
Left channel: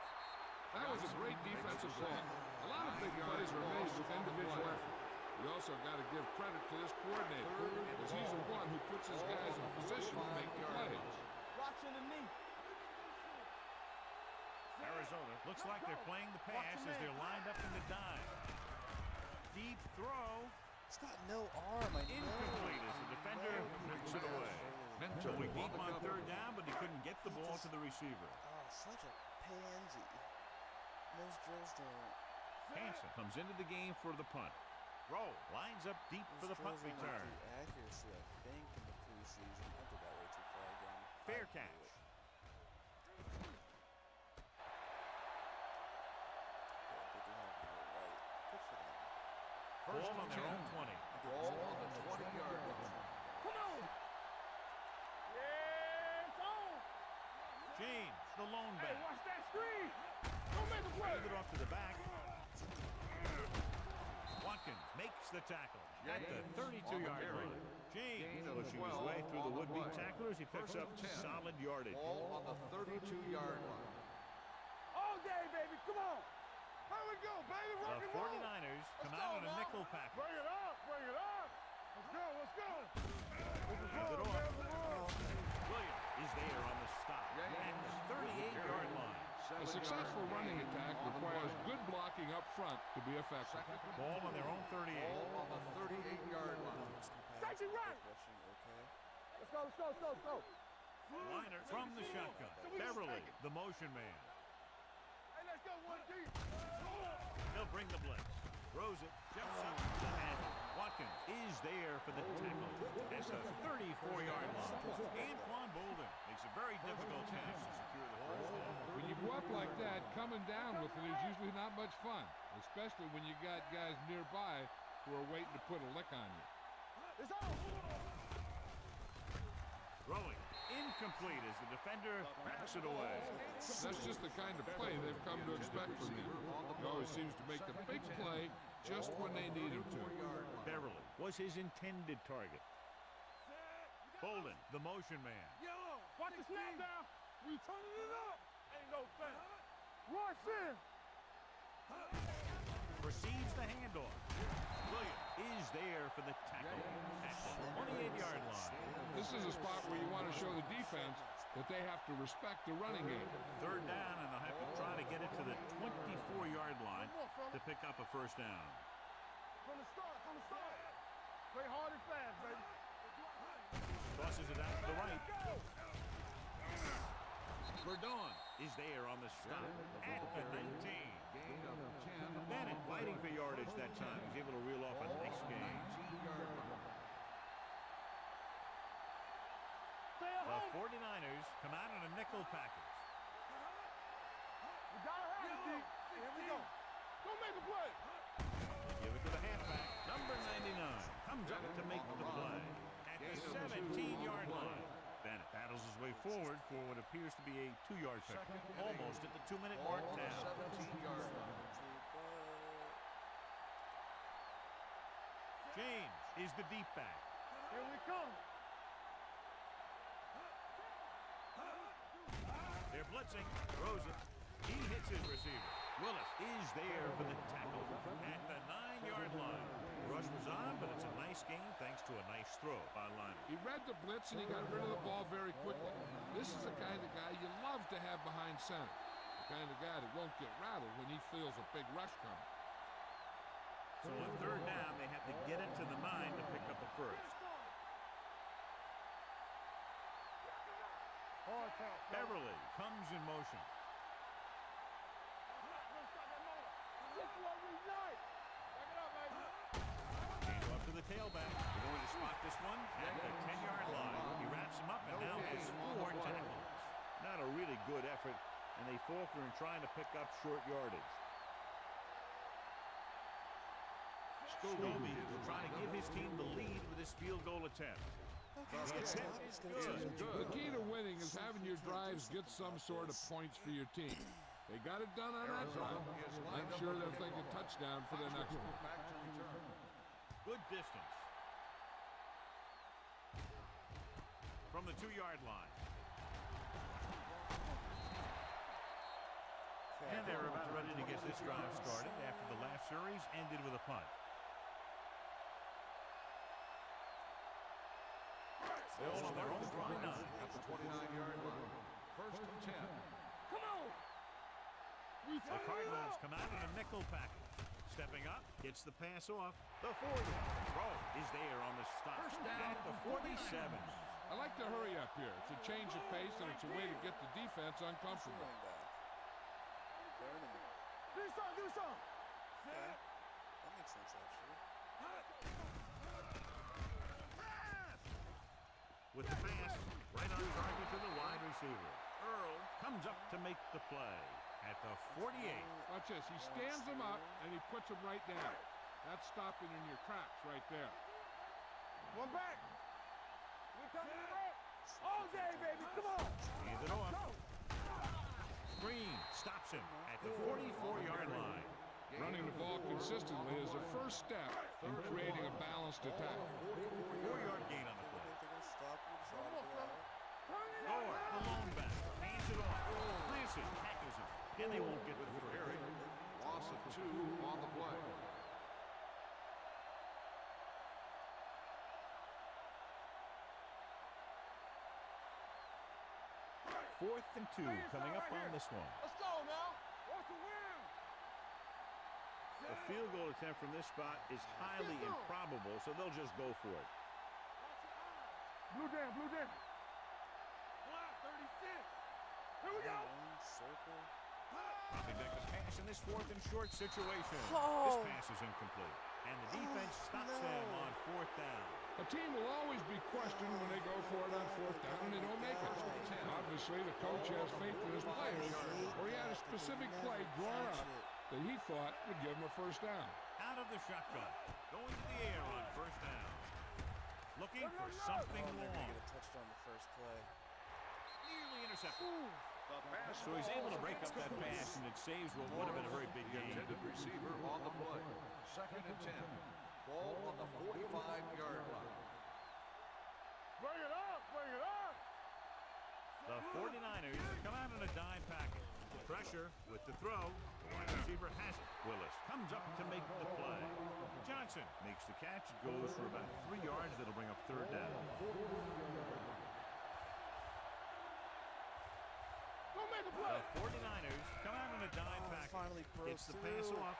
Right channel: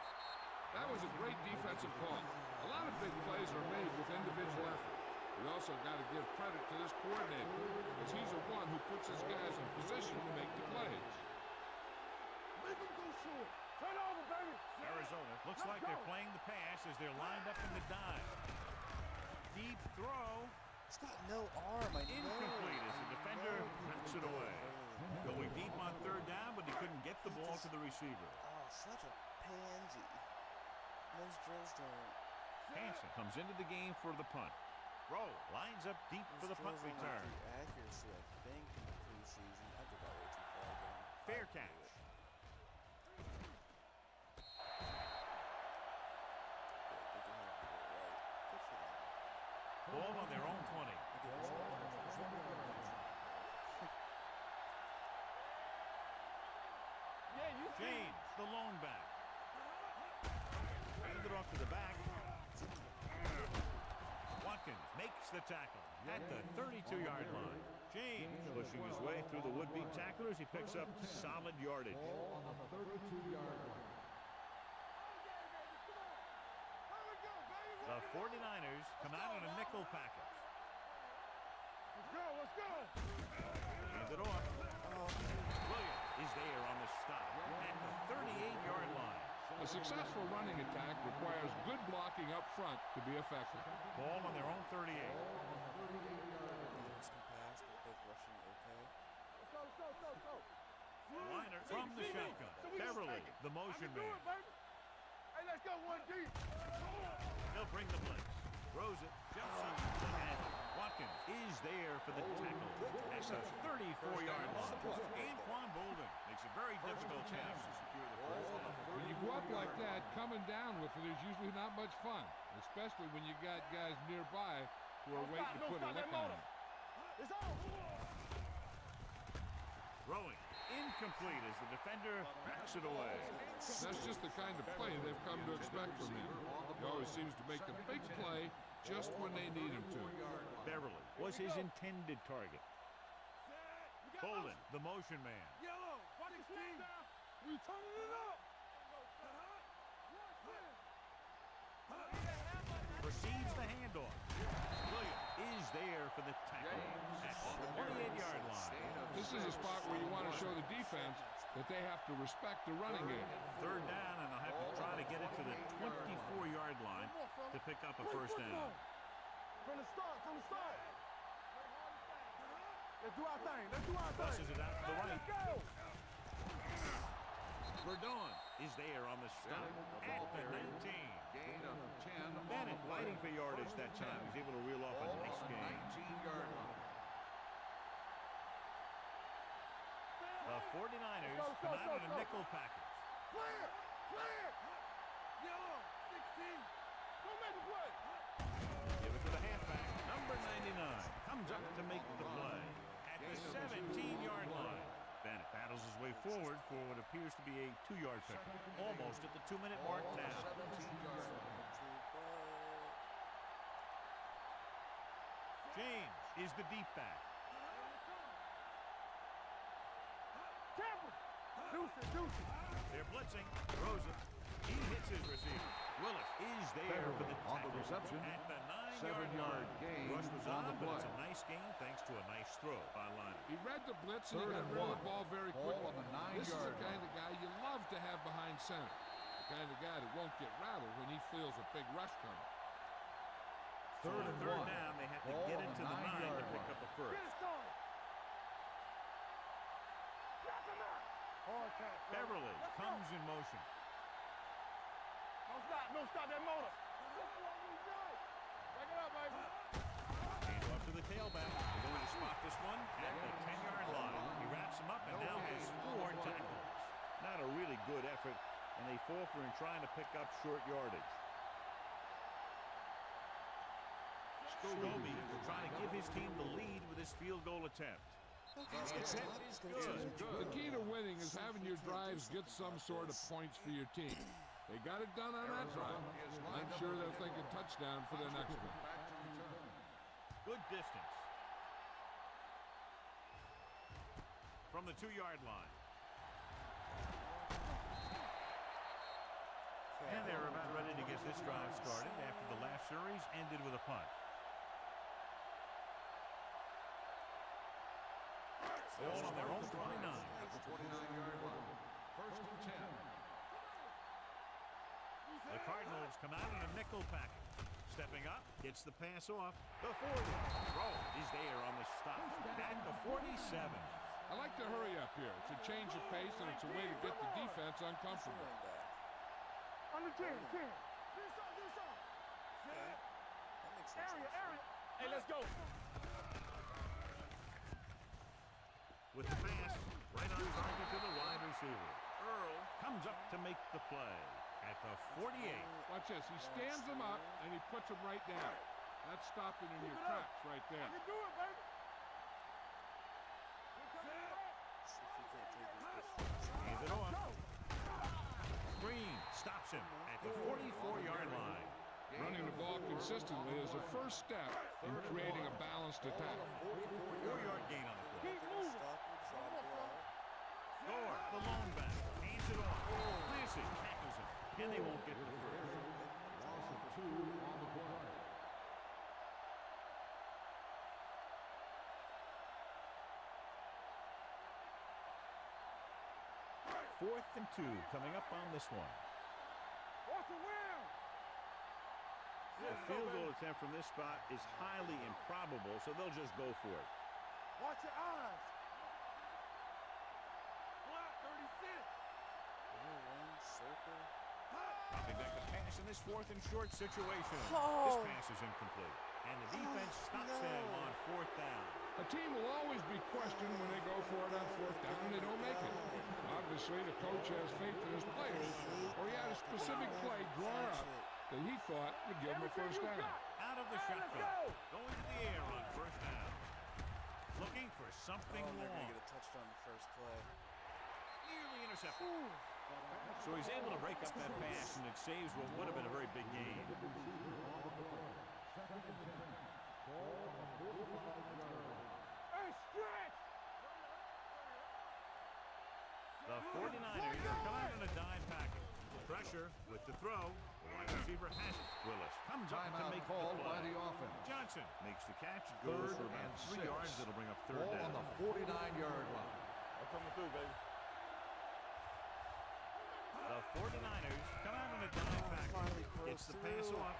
That was a great defensive call. A lot of big plays are made with individual effort. You also got to give credit to this coordinator, because he's the one who puts his guys in position to make the plays. Arizona looks like they're playing the pass as they're lined up in the dive. Deep throw. It's got no arm. Incomplete as the defender knocks it away. Going deep on 3rd down, but he couldn't get the ball to the receiver. Oh, such a pansy. Those drills don't. Hansen comes into the game for the punt. Rowe lines up deep for the punt return. Accuracy, I think, in the preseason. I did that way too far again. Fair catch. Ball on their own 20. Ball on the 20-yard line. James, the lone back. Handed off to the back. Watkins makes the tackle at the 32-yard line. James pushing his way through the would-be tacklers. He picks up solid yardage. Ball on the 32-yard line. All day, baby. Come on. Here we go, baby. The 49ers come out in a nickel package. Bring it up. Bring it up. Let's Let's go. Hands it off. Williams is there on the stop at the 38-yard line. A successful running attack requires good blocking up front to be effective. Ball on their own 38. Ball on the 38-yard line. Those compact, both rushing okay. Let's go. Liner from the shotgun. Beverly, the motion man. Hey, let's go one deep. He'll bring the blitz. Throws it. Jumps up to handle. Watkins is there for the tackle at the 34-yard line. Anquan Bolden makes a very difficult task to secure the first down. When you go up like that, coming down with it is usually not much fun, especially when you got guys nearby who are waiting to put a lick on you. It's on. Throwing. Incomplete as the defender backs it away. That's just the kind of play they've come to expect from him. He always seems to make the big play just when they need him to. Beverly was his intended target. Bolden, the motion man. Yellow. Watch the snap now. We turning it up. Watch this. Receives the handoff. Williams is there for the tackle at the 28-yard line. This is a spot where you want to show the defense that they have to respect the running game. Third down, and they'll have to try to get it to the 24-yard line to pick up a first down. From the start. Play hard and fast, baby. Let's do our thing. Tosses it out to the right. Let's go. Verdon is there on the stop at the 19. Gain of 10. Bennett fighting for yardage that time. He's able to reel off a nice gain. 19-yard line. The 49ers come out on a nickel package. Yellow. 16. Go make a play. They give it to the halfback. Number 99 comes up to make the play at the 17-yard line. Bennett battles his way forward for what appears to be a 2-yard pickup. Almost at the 2-minute mark Ball on the now. 17-yard line. James is the deep back. They're blitzing. Throws it. He hits his receiver. Willis is there for the tackle at the 9-yard line. Rush was on, but it's a nice gain thanks to a nice throw by Liner. He read the blitz and he got rid of the ball very quickly. This is the kind of guy you love to have behind center. The kind of guy that won't get rattled when he feels a big rush coming. So on third down, they have to get it to the 9 to pick up a first. Beverly comes in motion. Don't stop that motor. This is what we like. Back it up, baby. Hand off to the tailback. They're going to spot this one at the 10-yard line. He wraps him up and now has 4 tackles. Not a really good effort, and they falter in trying to pick up short yardage. Scobie trying to give his team the lead with his field goal attempt. The attempt is good. The key to winning is having your drives get some sort of points for your team. They got it done on that drive. I'm sure they're thinking touchdown for their next one. Back to return. Good distance. From the 2-yard line. And they're about ready to get this drive started after the last series ended with a punt. Ball on their own 29. At the 29-yard line. First and 10. The Cardinals come out in a nickel package. Stepping up, gets the pass off. The 40. Throw is there on the stop at the 47. I like to hurry up here. It's a change of pace and it's a way to get the defense uncomfortable. Running back. Do something. Okay. That makes sense, actually. Hey, let's go. With the pass, right on target to the wide receiver. Earl comes up to make the play at the 48. Watch this. He stands them up and he puts them right down. That's stopping in your tracks right there. One back. We're coming back. All day, baby. Come on. Hands it off. Green stops him at the 44-yard line. Running the ball consistently is the first step in creating a balanced attack. 4-yard gain on the play. They're going to stop with the shot out. Gore, the lone back, hands it off. Clancy tackles him, and they won't get the first. Loss of 2 on the play. 4th and 2 coming up on this one. Let's go now. Watch the wheel. The field goal attempt from this spot is highly improbable, so they'll just go for it. Watch your eyes. Blue down, blue down. Block 36. Here we go. Circle. Dropping back the pass in this 4th and short situation. Oh. This pass is incomplete, and the defense stops them on 4th down. A team will always be questioned when they go for it on 4th down and they don't make it. Obviously, the coach has faith in his players, or he had a specific play drawn up that he thought would give him a 1st down. Out of the shotgun, going to the air on 1st down. Looking for something They're going long. to get a touchdown the first play. Nearly intercepted. So he's able to break up that pass, and it saves what would have been a very big gain. Receiver on the play. 2nd and 10. Ball on the 45-yard line. Hey, stretch. Bring it up, bring it up. The 49ers come out in a dime package. Pressure with the throw. The wide receiver has it. Willis comes up to make the Called by play. the offense. Johnson makes the catch. It goes for about 3 yards. That'll bring up 3rd Ball down. on the 49-yard line. The 49ers come out in a dime package. Gets the pass off.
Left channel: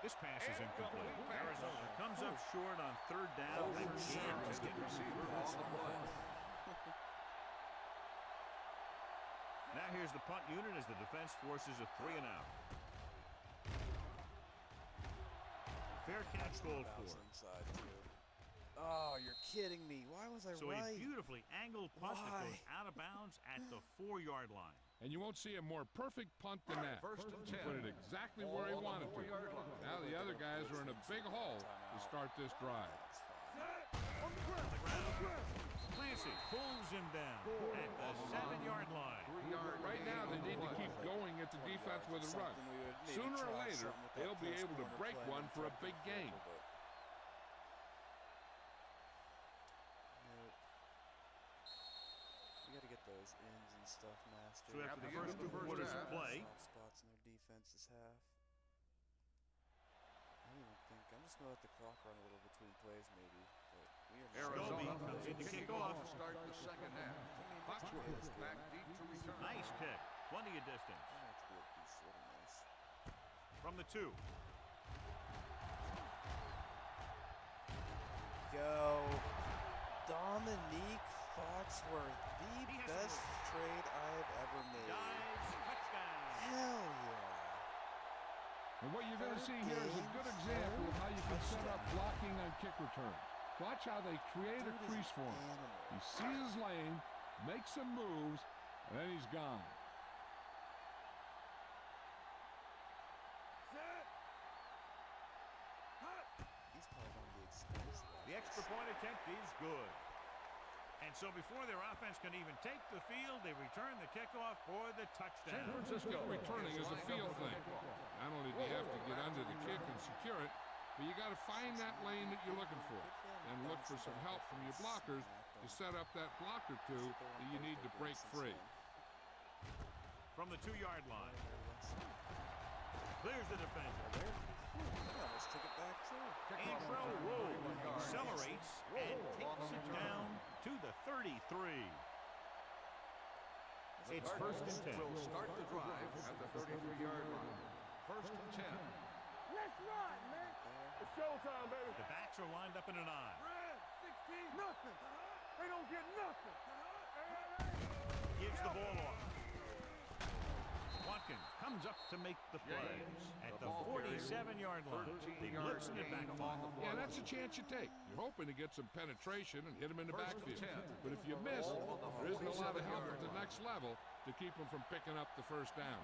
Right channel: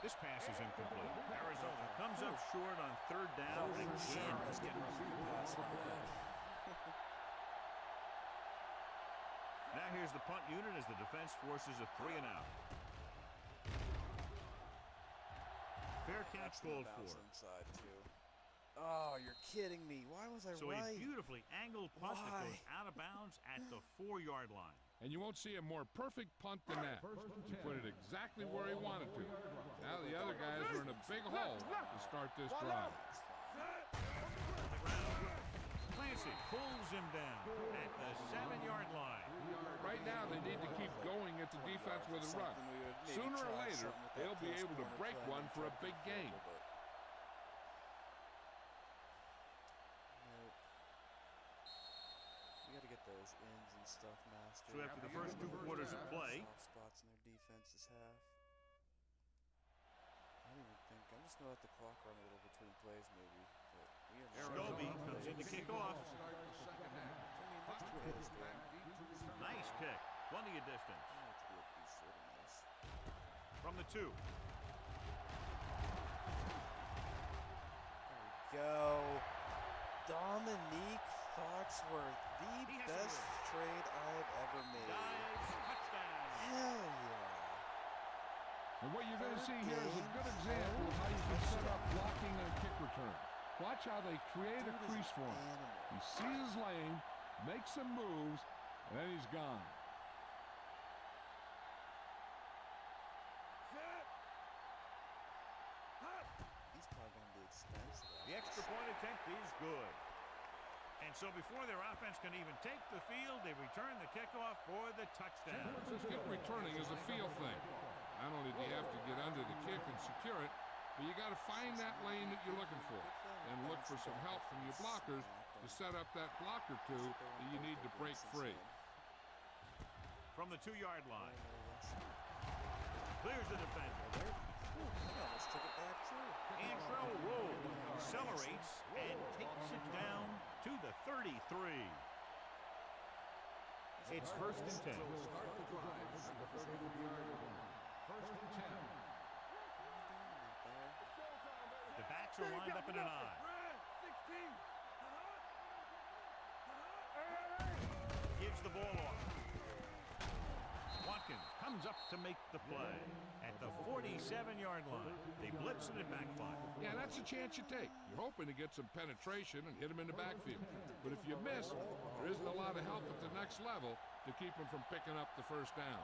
This pass is incomplete. Arizona comes up short on 3rd down again. He's getting ready to pass on that. Now here's the punt unit as the defense forces a 3 and out. Fair catch called for. Inside too. Oh, you're kidding me. Why was I So right? a beautifully angled punt that goes Why? out of bounds at the 4-yard line. And you won't see a more perfect punt than that. He put it exactly where he wanted to. Now the other guys are in a big hole to start this drive. On the ground. Clancy pulls him down at the 7-yard line. Right now they need to keep going at the defense with a run. Sooner or later, they'll be able to break one for a big gain. You got to get those ins and stuff mastered. So after the first 2 quarters of play, Soft spots in their defense this half. I don't even think. I'm just going to let the clock run a little between plays maybe. But we are Scobie comes in to kick off. To start the 2nd half. I mean, let's play this game. Back deep to return. Nice kick. Plenty of distance. I want it to be a piece sort of nice. From the 2. There we go. Dominique Foxworth, the best trade I've ever made. Dives, touchdown. Hell yeah. And what you're going to see here is a good example of how you can set up blocking on kick return. Watch how they create a crease for him. He sees his lane, makes some moves, and then he's gone. He's probably going to be expensive. The extra point attempt is good. And so before their offense can even take the field, they return the kickoff for the touchdown. San Francisco returning is a feel thing. Not only do you have to get under the kick and secure it, but you got to find that lane that you're looking for. And look for some help from your blockers to set up that block or two that you need to break free. From the 2-yard line. Clears the defender. He almost took it back too. Antro Rowe accelerates and takes it down to the 33. It's 1st and 10. Will start the drive at the 33-yard line. 1st and 10. Let's run, man. It's showtime, baby. The backs are lined up in an I. Red, 16, nothing. They don't get nothing. Hey. Gives the ball off. Watkins comes up to make the play at the 47-yard line. They blitz and it backfire. Yeah, that's a chance you take. You're hoping to get some penetration and hit him in the backfield. But if you miss, there isn't a lot of help at the next level to keep him from picking up the 1st down.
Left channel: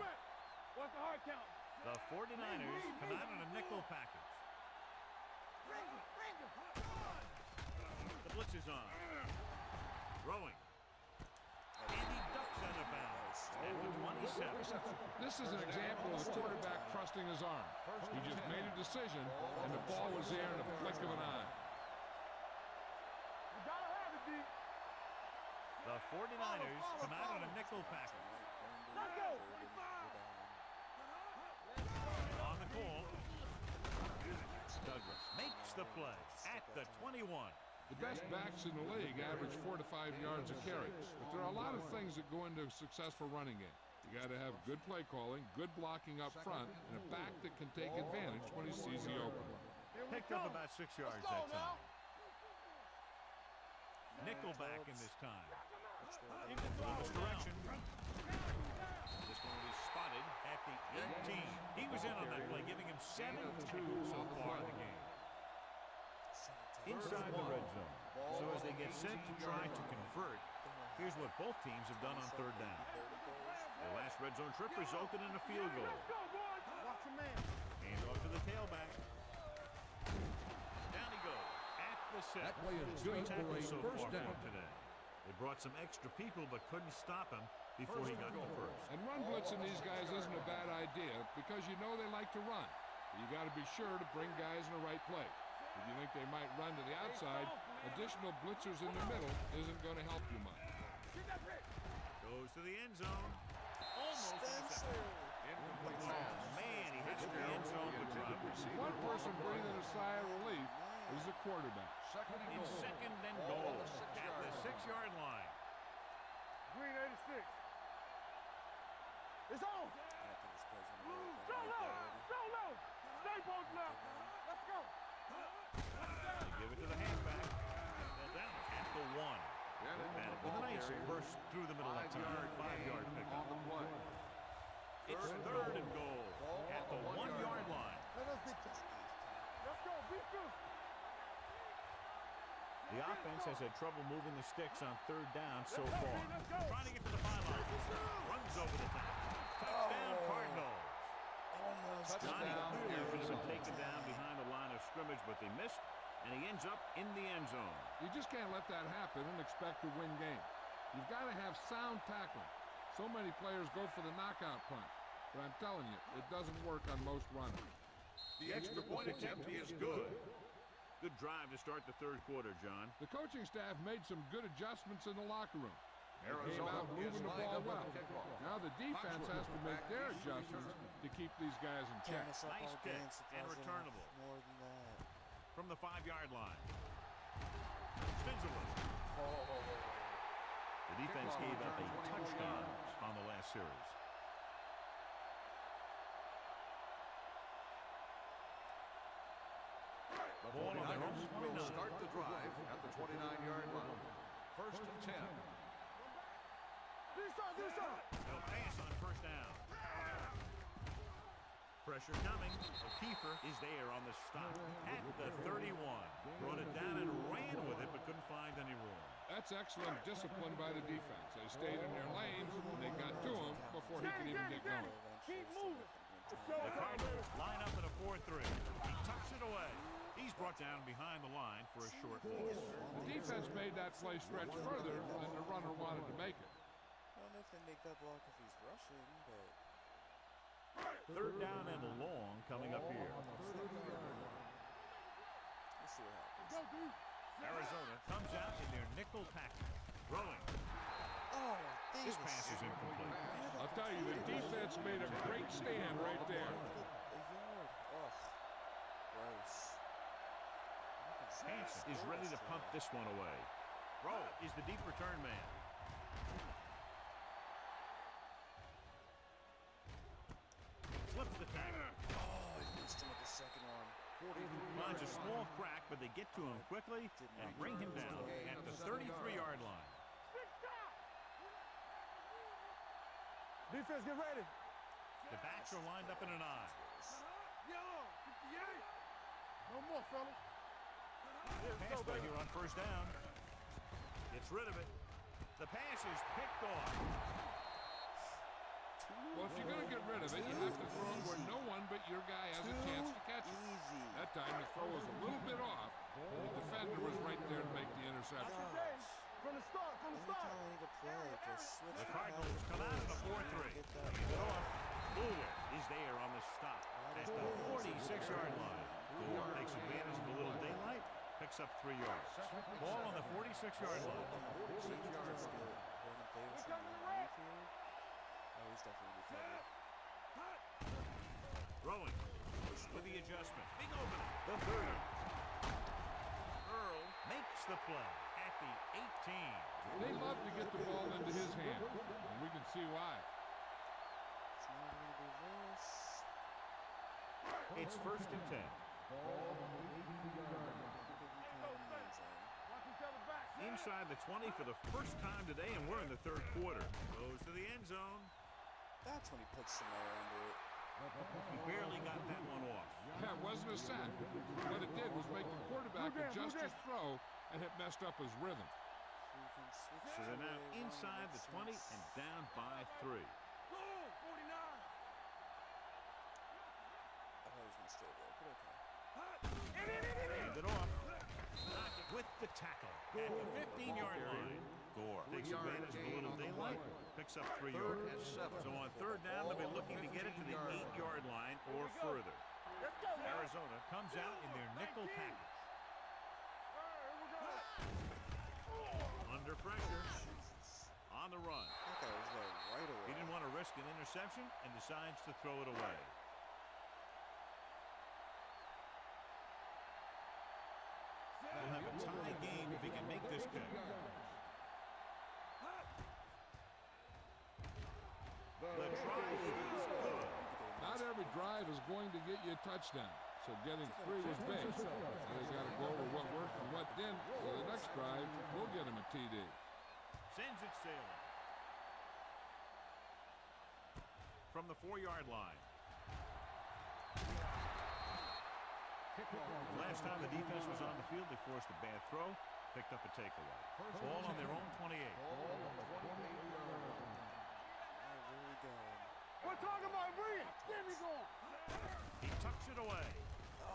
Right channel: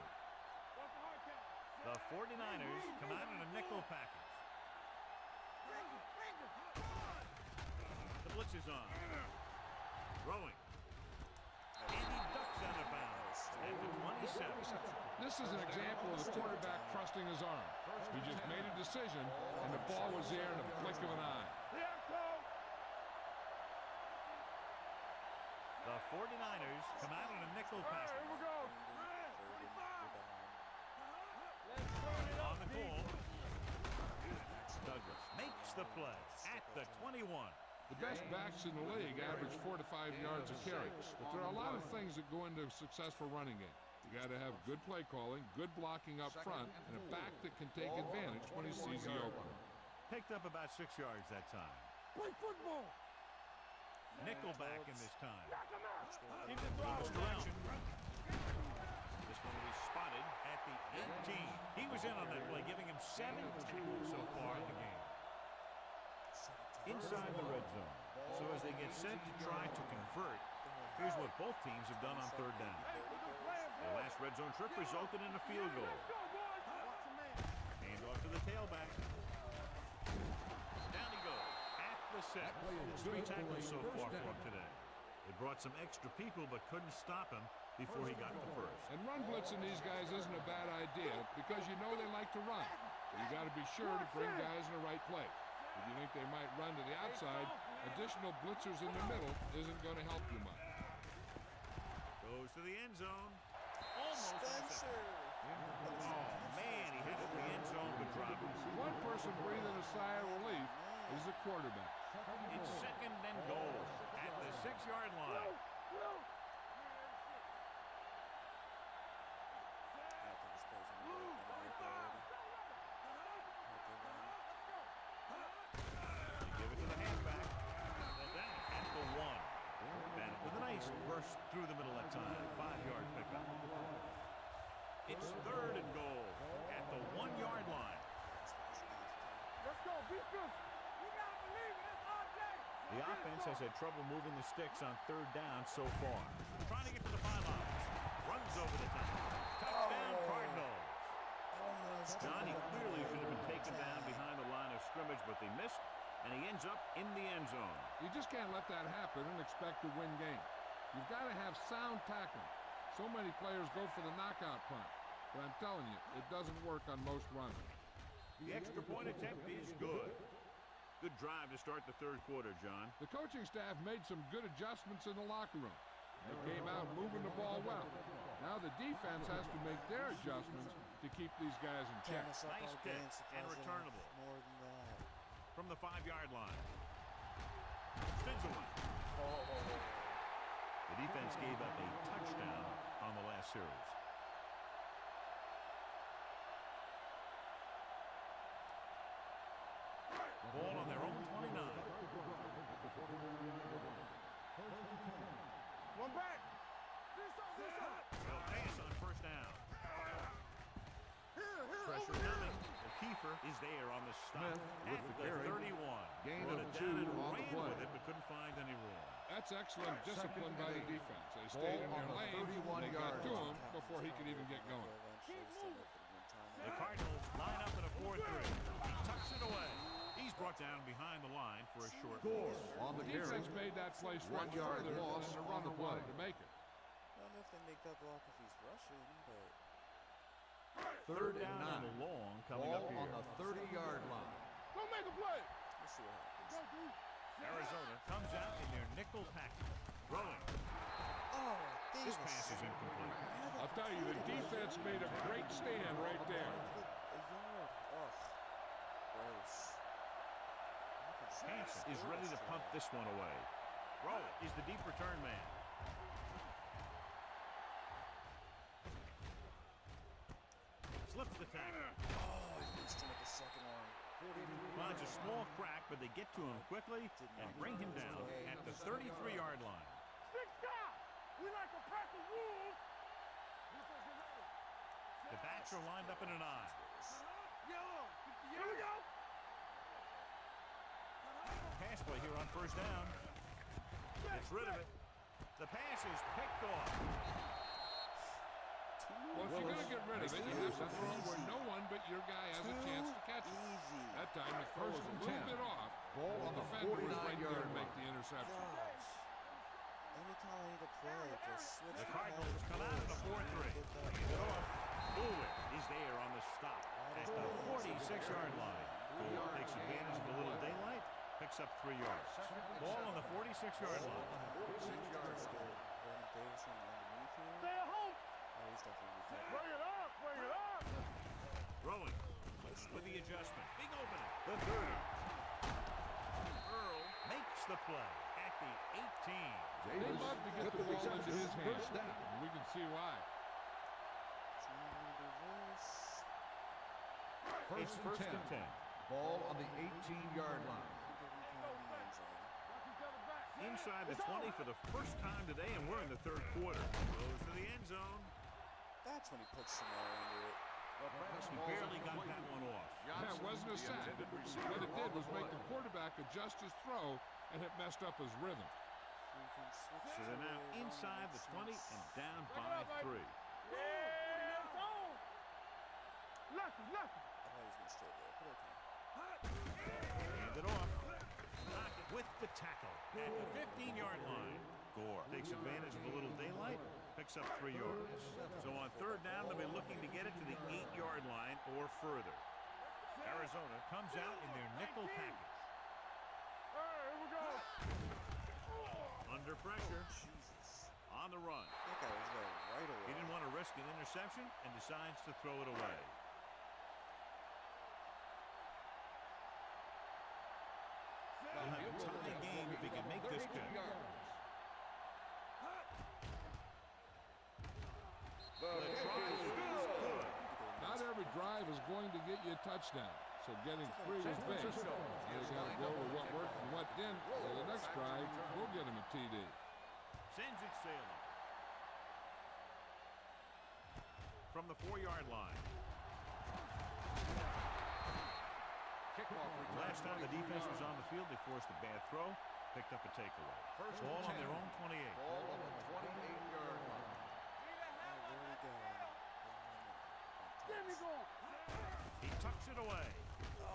What's the hard count? The 49ers come out in a nickel package. The blitz is on. Throwing. And he ducks out of bounds at the 27. This is an example of the quarterback trusting his arm. He just made a decision, and the ball was there in a blink of an eye. The 49ers come out in a nickel package. On the goal, Douglas makes the play at the 21. The best backs in the league average 4 to 5 yards a carry, but there are a lot of things that go into a successful running game. You got to have good play calling, good blocking up front, and a back that can take advantage when he sees the opening. Picked up about 6 yards that time. Nickel back in this time. In this direction. This one will be spotted at the 18. He was in on that play, giving him 7 tackles so far in the game. Inside the red zone. So as they get set to try to convert, here's what both teams have done on third down. Their last red zone trip resulted in a field goal. Hand off to the tailback. Down he goes at the 6. 3 tackles so far for him today. They brought some extra people but couldn't stop him before he got the first. And run blitzing these guys isn't a bad idea because you know they like to run. But you got to be sure to bring guys in the right place. If you think they might run to the outside, additional blitzers in the middle isn't going to help you much. Goes to the end zone. Almost intercepted. Oh, man, he had it in the end zone but dropped it. One person breathing a sigh of relief is the quarterback. It's second and goal at the 6-yard line. Green 86. It's on. I think this play's gonna work. I don't know if they're ready. Let's go. They give it to the halfback. They'll down it at the 1. Bennett with a nice burst through the middle that time. 5-yard pickup. It's third and goal at the 1-yard line. Let's go. Beat this. The offense has had trouble moving the sticks on third down so far. Trying to get to the pylon. Runs over the top. Touchdown, Cardinals. Almost. Johnny clearly should have been taken down behind the line of scrimmage, but they missed, and he ends up in the end zone. You just can't let that happen and expect to win games. You've got to have sound tackling. So many players go for the knockout punch, but I'm telling you, it doesn't work on most runners. The extra point attempt is good. Good drive to start the third quarter, John. The coaching staff made some good adjustments in the locker room. They came out moving the ball well. Now the defense has to make their adjustments to keep these guys in check. Nice kick and returnable. More than that. From the 5-yard line. Stinselman. Oh. The defense gave up a touchdown on the last series. Ball on their own 29. Start the drive at the 29-yard line. First and 10. One back. This side. They'll pass on first down. Pressure coming. O'Keefer is there on the stop at the 31. Brought it down and ran with it, but couldn't find any room. That's excellent discipline by the defense. They stayed in their lanes, and they got to him before he could even get going. Keep moving. The Cardinals line up in a 4-3. He tucks it away. He's brought down behind the line for a short loss. The defense made that play stretch further than the runner wanted to make it. I don't know if they make that block if he's rushing, but... Third down and long coming up here. On the 30-yard line. Don't make a play. Let's see what happens. Go, dude. Arizona comes out in their nickel package. Throwing. Oh, This pass is incomplete. I'll tell you, the defense made a great stand right there. A yard. Ugh. Gross. Hansen is ready to punt this one away. Rowe is the deep return man. Slips the tackle. Oh, I missed him with the second one. Finds a small crack, but they get to him quickly and bring him down at the 33-yard line. Stick stop. We like to pack the rules. Defense, get ready. The backs are lined up in an eye. Yellow. 58. No more, fellas. Pass play here on first down. Gets rid of it. The pass is picked off. Well, if you're going to get rid of it, you have to throw it where no one but your guy has a chance to catch it. Easy. That time the throw was a little bit off, and the defender was right there to make the interception. From the start. Anytime I need to play, just switch. The Cardinals come out in a 4-3. Get off. Bullwick is there on the stop at the 46-yard line. Gore takes advantage of the little daylight, picks up 3 yards. Ball on the 46-yard line. 46-yard line. Vernon Davidson underneath here. Oh, he's definitely going to be covered. Throwing with the adjustment. Big opening. The 30. Earl makes makes the play at the 18. They love to get the ball into his hands, and we can see why. So now we're going to do this. It's first and 10. Ball on the 18-yard line. I think I can count in the end zone. Watch each other back. Inside the 20 for the first time today, and we're in the third quarter. Goes to the end zone. That's when he puts some air under it. He barely got that one off. That wasn't a sack. What it did was make the quarterback adjust his throw, and it messed up his rhythm. We can switch So they're now away, inside the 20 sense. and down by 3. Go, 49. Lucky. I thought he was going to stay there, but okay. Hand it off. Pocket with the tackle at the 15-yard line. Gore takes advantage of a little daylight, picks up 3 yards. So on third down, they'll be looking to get it to the 8-yard line or further. Arizona comes out in their nickel package. All right, here we go. Under pressure, Jesus. on the run. That guy was there right away. He didn't want to risk an interception and decides to throw it away. They'll have a tie game if he can make this pick. The try is good. Not every drive is going to get you a touchdown, so getting 3 was big. You got to go over what worked and what didn't, so the next drive, we'll get him a TD. Sends it sailing. From the 4-yard line. Last time the defense was on the field, they forced a bad throw, picked up a takeaway. Ball on their own 28. Ball on the 28-yard line. Where are we going? We're talking about Rhea. Get me going. He tucks it away.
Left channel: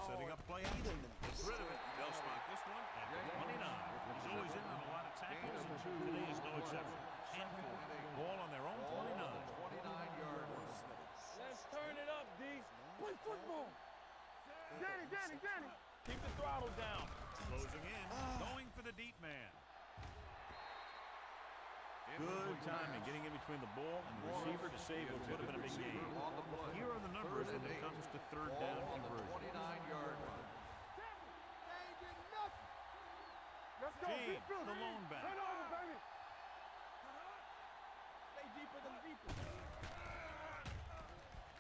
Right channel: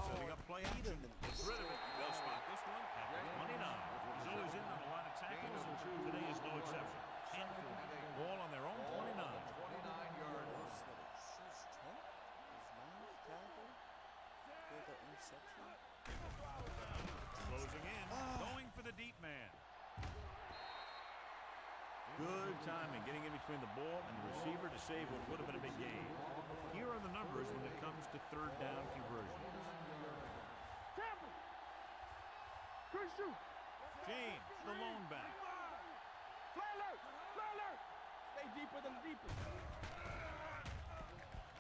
Setting up play action. Gets rid of it. They'll spot this one at the 29. He's always in on a lot of tackles, and today is no exception. And ball on their own 29. 29-yard line. Let's turn it up, D. Nice tackle. Good interception. Keep the throttle down. Closing in. Going for the deep man. Good timing, getting in between the ball and the receiver to save what would have been a big game. Here are the numbers when it comes to third down conversion. 29-yard line. Tampa. Good shoot. James, the lone back. Turn over, baby. Play alert. Play alert. Stay deeper than deeper.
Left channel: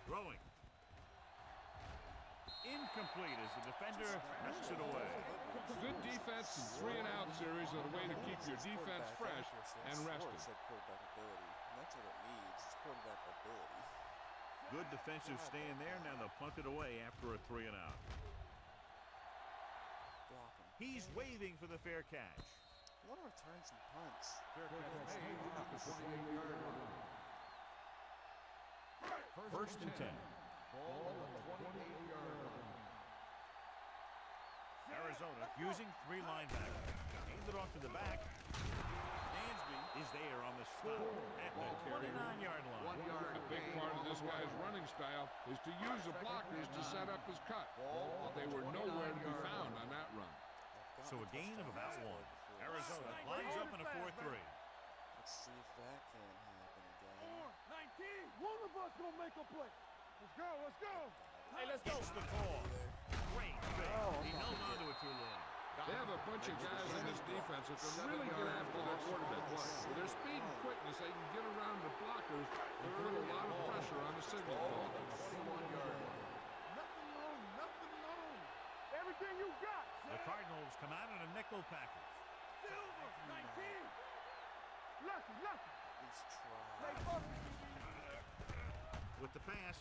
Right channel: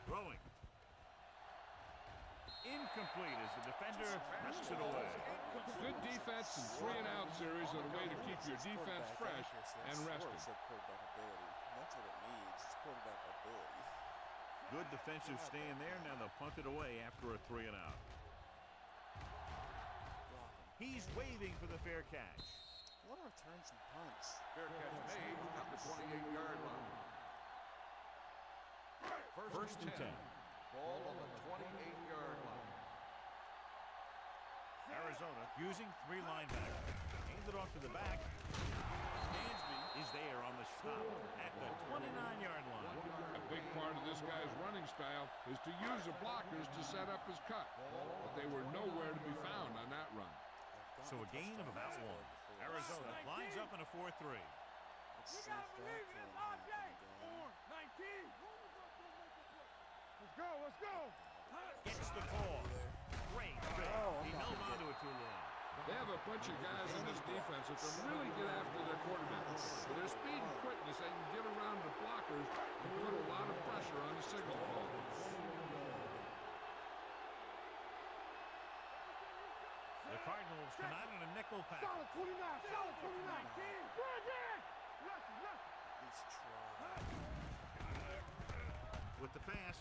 Throwing. Incomplete as the defender knocks it away. Good defense and 3-and-out series are the way to keep your defense fresh and rested. Said quarterback ability. And that's what it needs. It's quarterback ability. Good defensive stand there. Now they'll punt it away after a 3-and-out. Block him. He's waving for the fair catch. I want to return some punts. Fair catch made at the 28-yard line. First and 10. Ball on the 28-yard line. Arizona using 3 linebackers. Hand it off to the back. Dansby is there on the stop at the 29-yard line. 1 yard. A big part of this guy's running style is to use the blockers to set up his cut, but they were nowhere to be found on that run. So a gain of about 1. Arizona lines up in a 4-3. Let's see if that can happen again. 19. One of us gonna make a play. Let's go. Let's go. Gets the call. Great pick. Oh, He held on to it too long. They have a bunch of guys in this defense that can really get after their quarterback. With their speed and quickness, they can get around the blockers and put a lot of pressure on the signal call. Everything you got. The Cardinals come out in a nickel package. Solid 29. Silver. 19. Lucky. At least try. With the pass,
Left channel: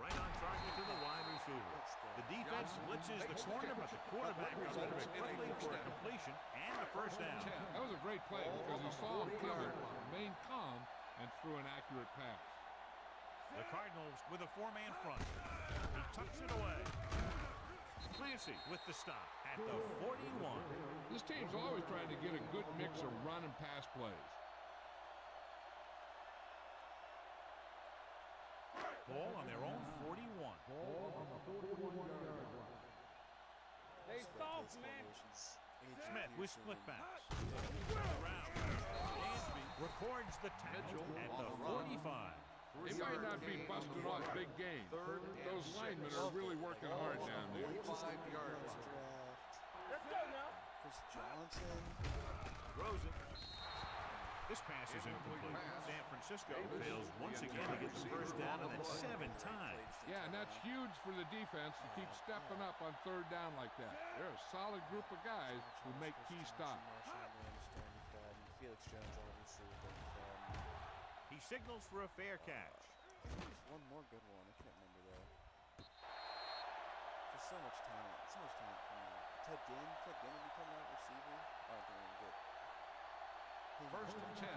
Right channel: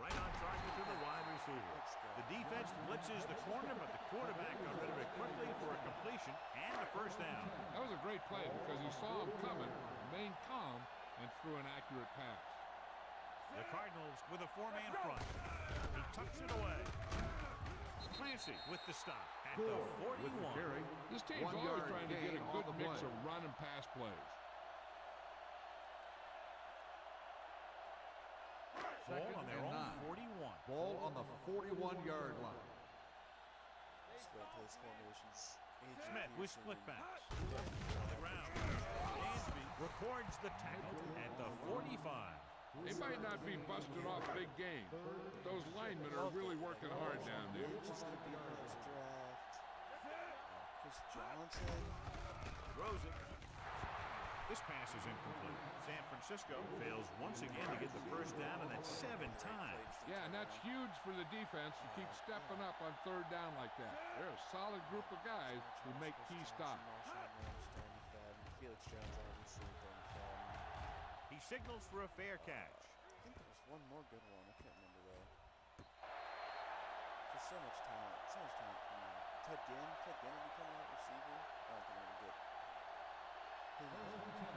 right on target to the wide receiver. The defense blitzes the corner, but the quarterback got rid of it quickly for a completion and a first down. That was a great play because he saw him coming, remained calm, and threw an accurate pass. The Cardinals with a 4-man front. He tucks it away. Clancy with the stop at the 41. This team's always trying to get a good mix of run and pass plays. Ball on their own 41. Ball on the 41-yard line. Just wait till this formation's age Smith with Pearson split and- backs. Around. Dansby records the tackle at the 45. They might not be busting off big games, but those linemen are really working hard down there. Which is going to be the next draft. Chris Johnson. Throws it. This pass is incomplete. San Francisco fails once again to get the first down, and that's 7 times. Yeah, and that's huge for the defense to keep stepping up on third down like that. They're a solid group of guys who make key stops. Felix Jones, obviously, with their McFadden. He signals for a fair catch. I think there's one more good one. I can't remember, though. Just so much talent. So much talent coming out. Ted Ginn will be coming out receiver. I don't think I'm going to get him. First and 10.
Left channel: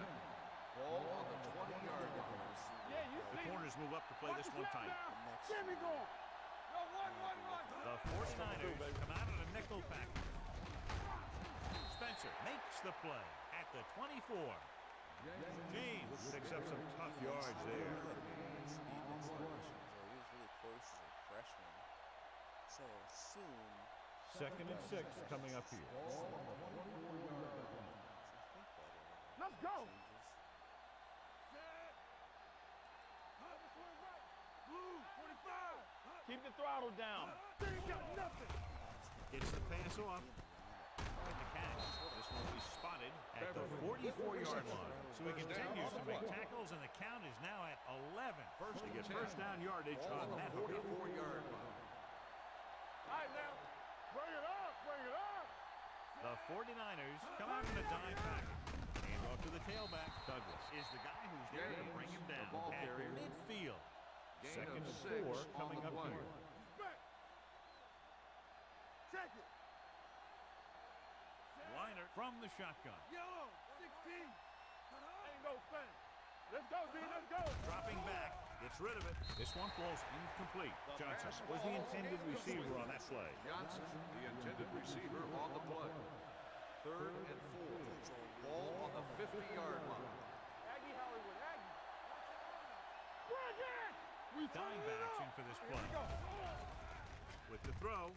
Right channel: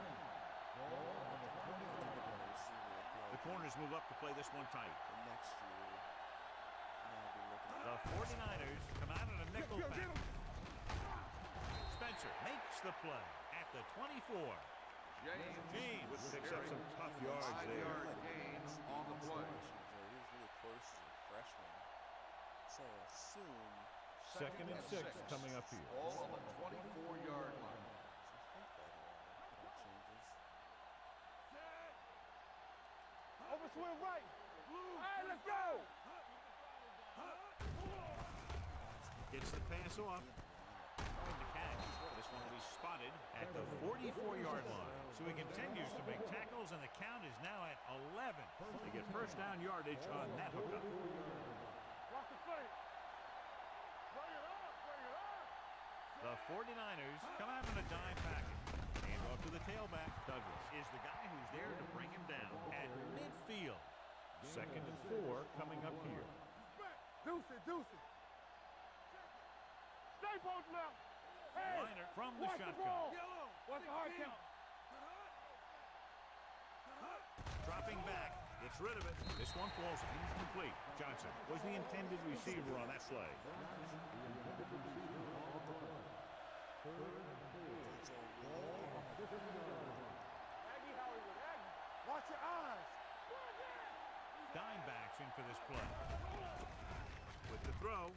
Ball on the 20-yard line. The corners move up to play this one tight. The next year, I'll be looking at The 49ers come out in a nickel pack. Spencer makes the play at the 24. James picks up some tough yards there. on the play. He was really close as a freshman. So I assume. 2nd and 6 coming up here. Ball on the 24-yard line. Let's go. Changes. Set. Over swing right. Blue. 45. Keep the throttle down. Gets the pass off. And the catch. This one will be spotted at the 44-yard line. So he continues to make tackles, and the count is now at 11. They get first down yardage on that hookup. Watch the play. All right, now. Bring it up. Bring it up. The 49ers come out in a dime package. Hand off to the tailback. Douglas is the guy who's there to bring him down at midfield. 2nd and 4 coming up here. Deuce it. Check it. Stay posted up. Liner from the shotgun. Yellow. 16. Let's go, D. Let's go. Dropping back. Gets rid of it. This one falls incomplete. Johnson was the intended receiver on that play. Johnson, the intended receiver on the play. 3rd and 4. Ball on the 50-yard line. Aggie Hollywood. Aggie. Watch your eyes. Bring it. Dime backs in for this play. With the throw.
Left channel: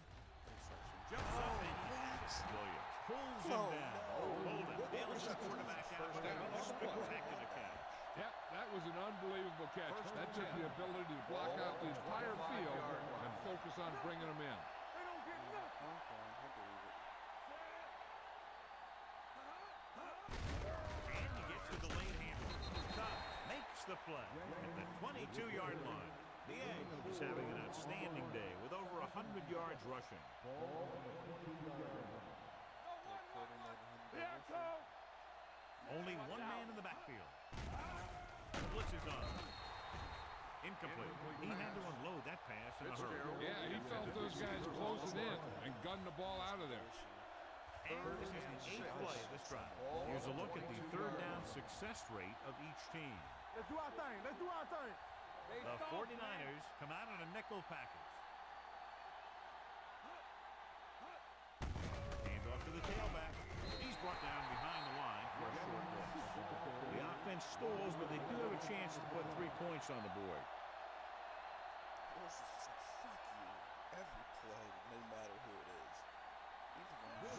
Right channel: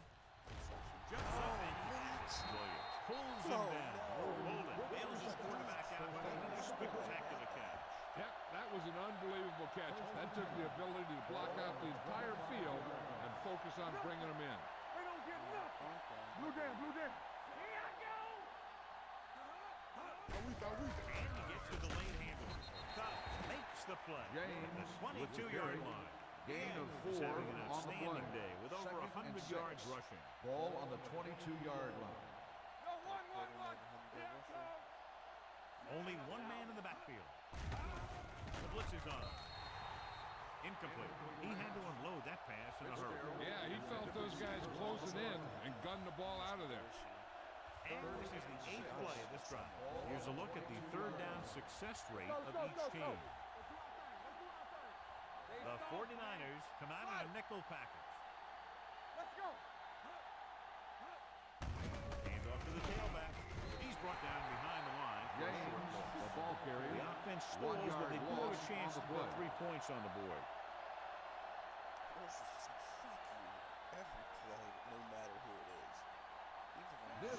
Jumps up and he has it. Williams pulls him down. Bolden bails his quarterback out by making a spectacular catch. Yep, that was an unbelievable catch. That took the ability to block out the entire field and focus on bringing them in. They don't get nothing. Blue down. And he gets the delayed handoff. Cobb makes the play at the 22-yard line. He's having an outstanding day with over 100 yards rushing. Ball on the 22-yard line. Only one man in the backfield. The blitz is on. Incomplete. He had to unload that pass in a hurry. Yeah, he felt those guys closing in and gunned the ball out of there. And this is the 8th play of this drive. Here's a look at the third down success rate of each team. Let's do our thing. The 49ers come out in a nickel package. Let's go. Hand off to the tailback. He's brought down behind the line for a short loss. The offense stalls, but they do have a chance to put 3 points on the board. This is just like, fuck you. Every play, no matter who it is.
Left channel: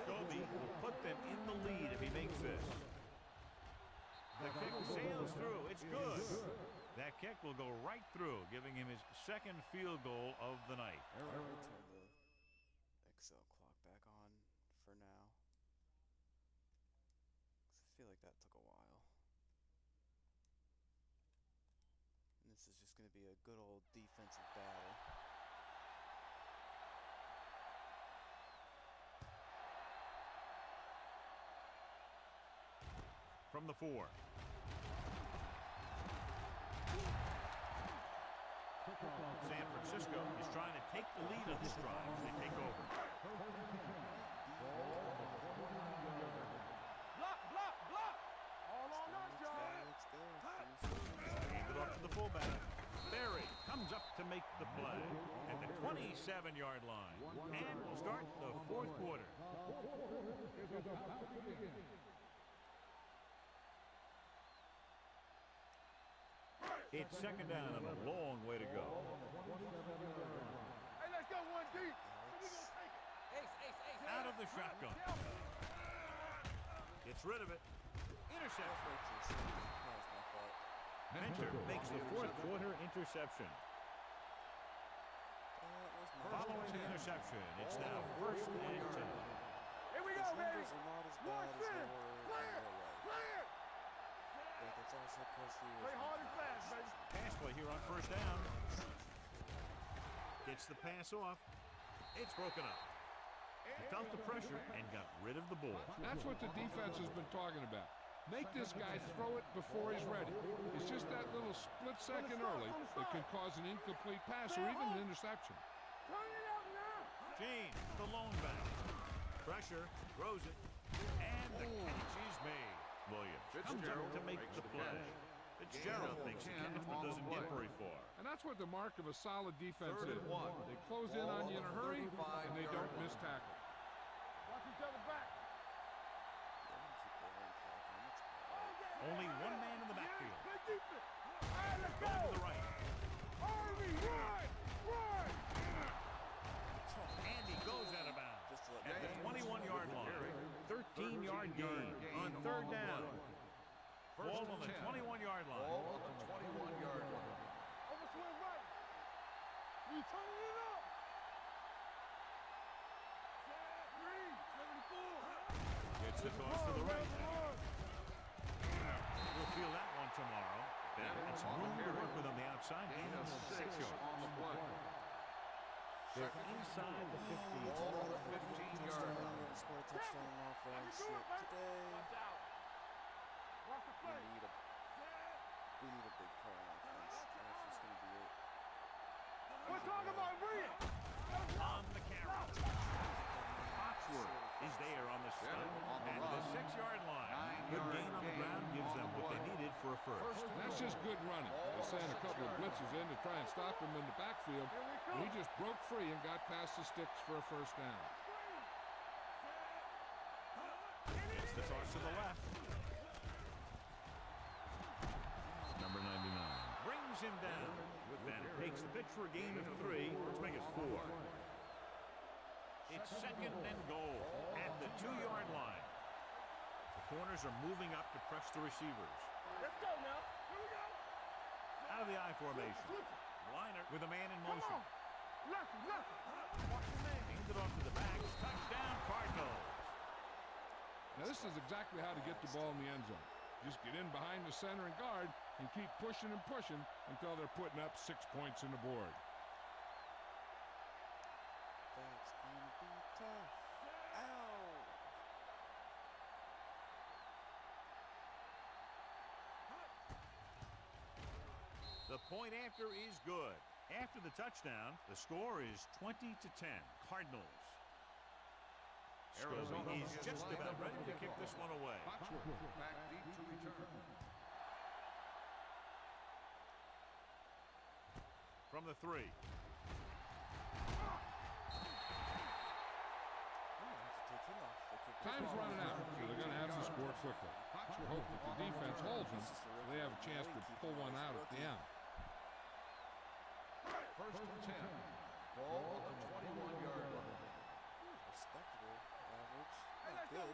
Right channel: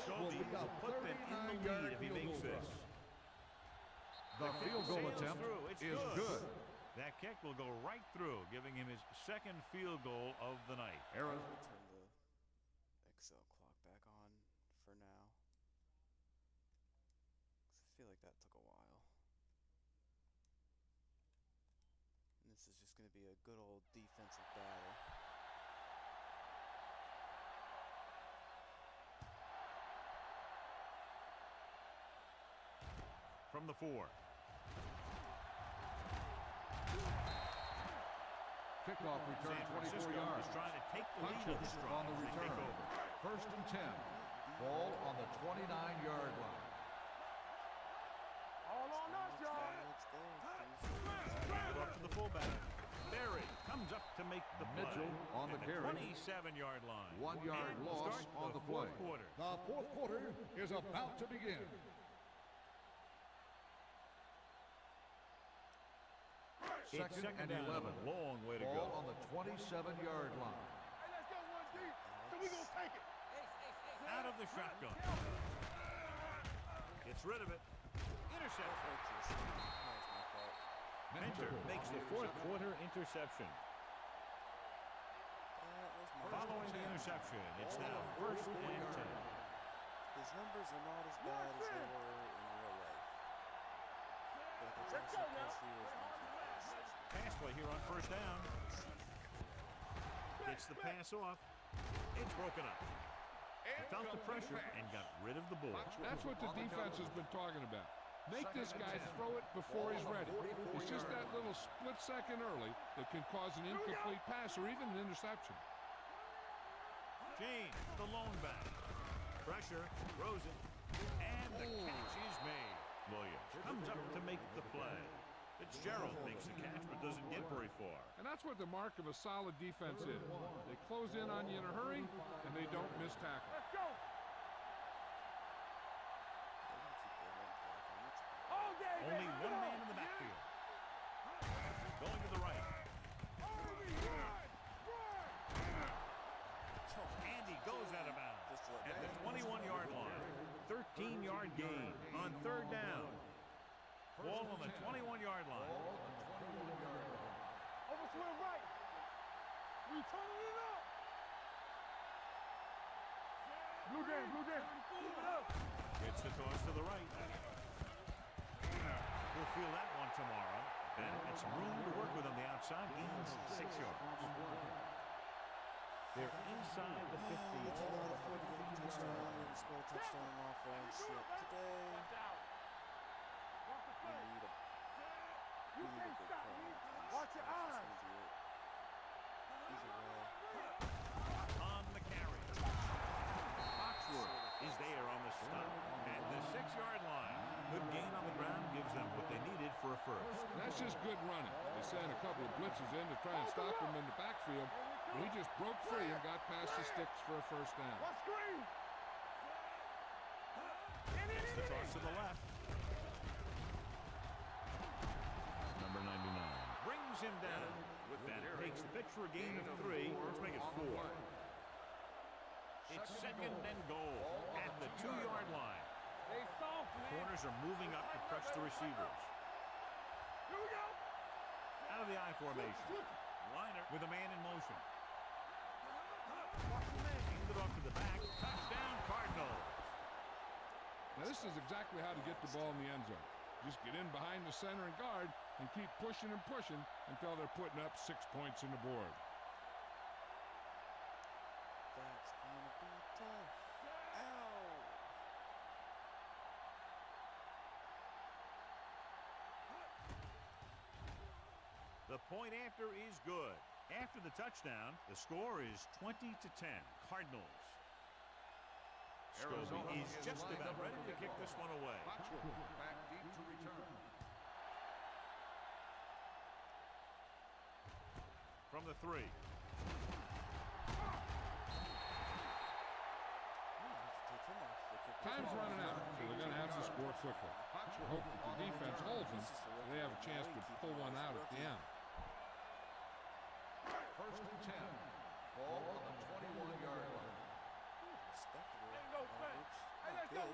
Scobie will put them in the lead if he makes this. The kick sails through. It's good. That kick will go right through, giving him his 2nd field goal of the night. We'll turn the Excel clock back on for now. 'Cause I feel like that took a while. And this is just going to be a good old defensive battle. From the 4. San Francisco is trying to take the lead on this drive as they take over. 1st and 10. Ball on the 29-yard line. All on us, y'all. Let's go. Hand it off to the fullback. Berry comes up to make the play on at the the carry. 27-yard line. 1 yard And we'll loss start on the the 4th play. quarter. The 4th quarter is about to begin. It's 2nd down and a long way to Ball go. on the 27-yard line. Hey, let's go 1 deep. So we gonna take it. Out of the shotgun. Gets rid of it. Interception. That was my fault. Mentor makes the 4th quarter interception. That was my Following the interception, it's now 1st and 10. Here we go. his numbers are not as bad as they were in real life. But that's also because he was Pass play here on first down. Gets the pass off. It's broken up. He felt the pressure and got rid of the ball. That's what the defense has been talking about. Make this guy throw it before he's ready. It's just that little split second early that can cause an incomplete pass or even an interception. James, the lone back. Pressure, throws it, and the catch is made. Williams comes up to make the play. Fitzgerald makes the catch but doesn't get very far. And that's what the mark of a solid defense is. They close in on you in a hurry, and they don't miss tackle. Only one man in the backfield. Going to the right. And he goes out of bounds at the 21-yard line. 13-yard gain on third down. Ball on the 21-yard line. Ball on the 21-yard line. Overswing right. We turning it up. Gets the toss to the right. We'll feel that one tomorrow. Ben had some room to work with on the outside. Gains 6 yards. They're inside the 50. We cannot afford to get a touchdown. We haven't scored a touchdown on offense yet today. We need a big play on offense. That's going to be it. On the carry. Foxworth is there on the stop. At the 6-yard line. Good gain on the ground gives them what they needed for a first. And that's just good running. They sent a couple of blitzes in to try and stop him in the backfield, and he just broke free and got past the sticks for a first down. Gets the toss to the left. Number 99 brings him down. With that, it takes the pitch for a gain of 3. Let's make it 4. It's second and goal at the 2-yard line. The corners are moving up to press the receivers. Out of the I formation. Liner with a man in motion. Hand it off to the back. Touchdown, Cardinals. Now this is exactly how to get the ball in the end zone. Just get in behind the center and guard and keep pushing and pushing until they're putting up 6 points on the board. That's going to be tough. Ow! The point after is good. After the touchdown, the score is 20-10. Cardinals. Scobie is just about ready to kick this one away. Foxworth back deep to return. From the 3. Time's running out, so they're going to have to score quickly. Foxworth hope that the defense holds them, so they have a chance to pull one out at the end. First and 10. Ball on the 21-yard line. Respectable average. Not good.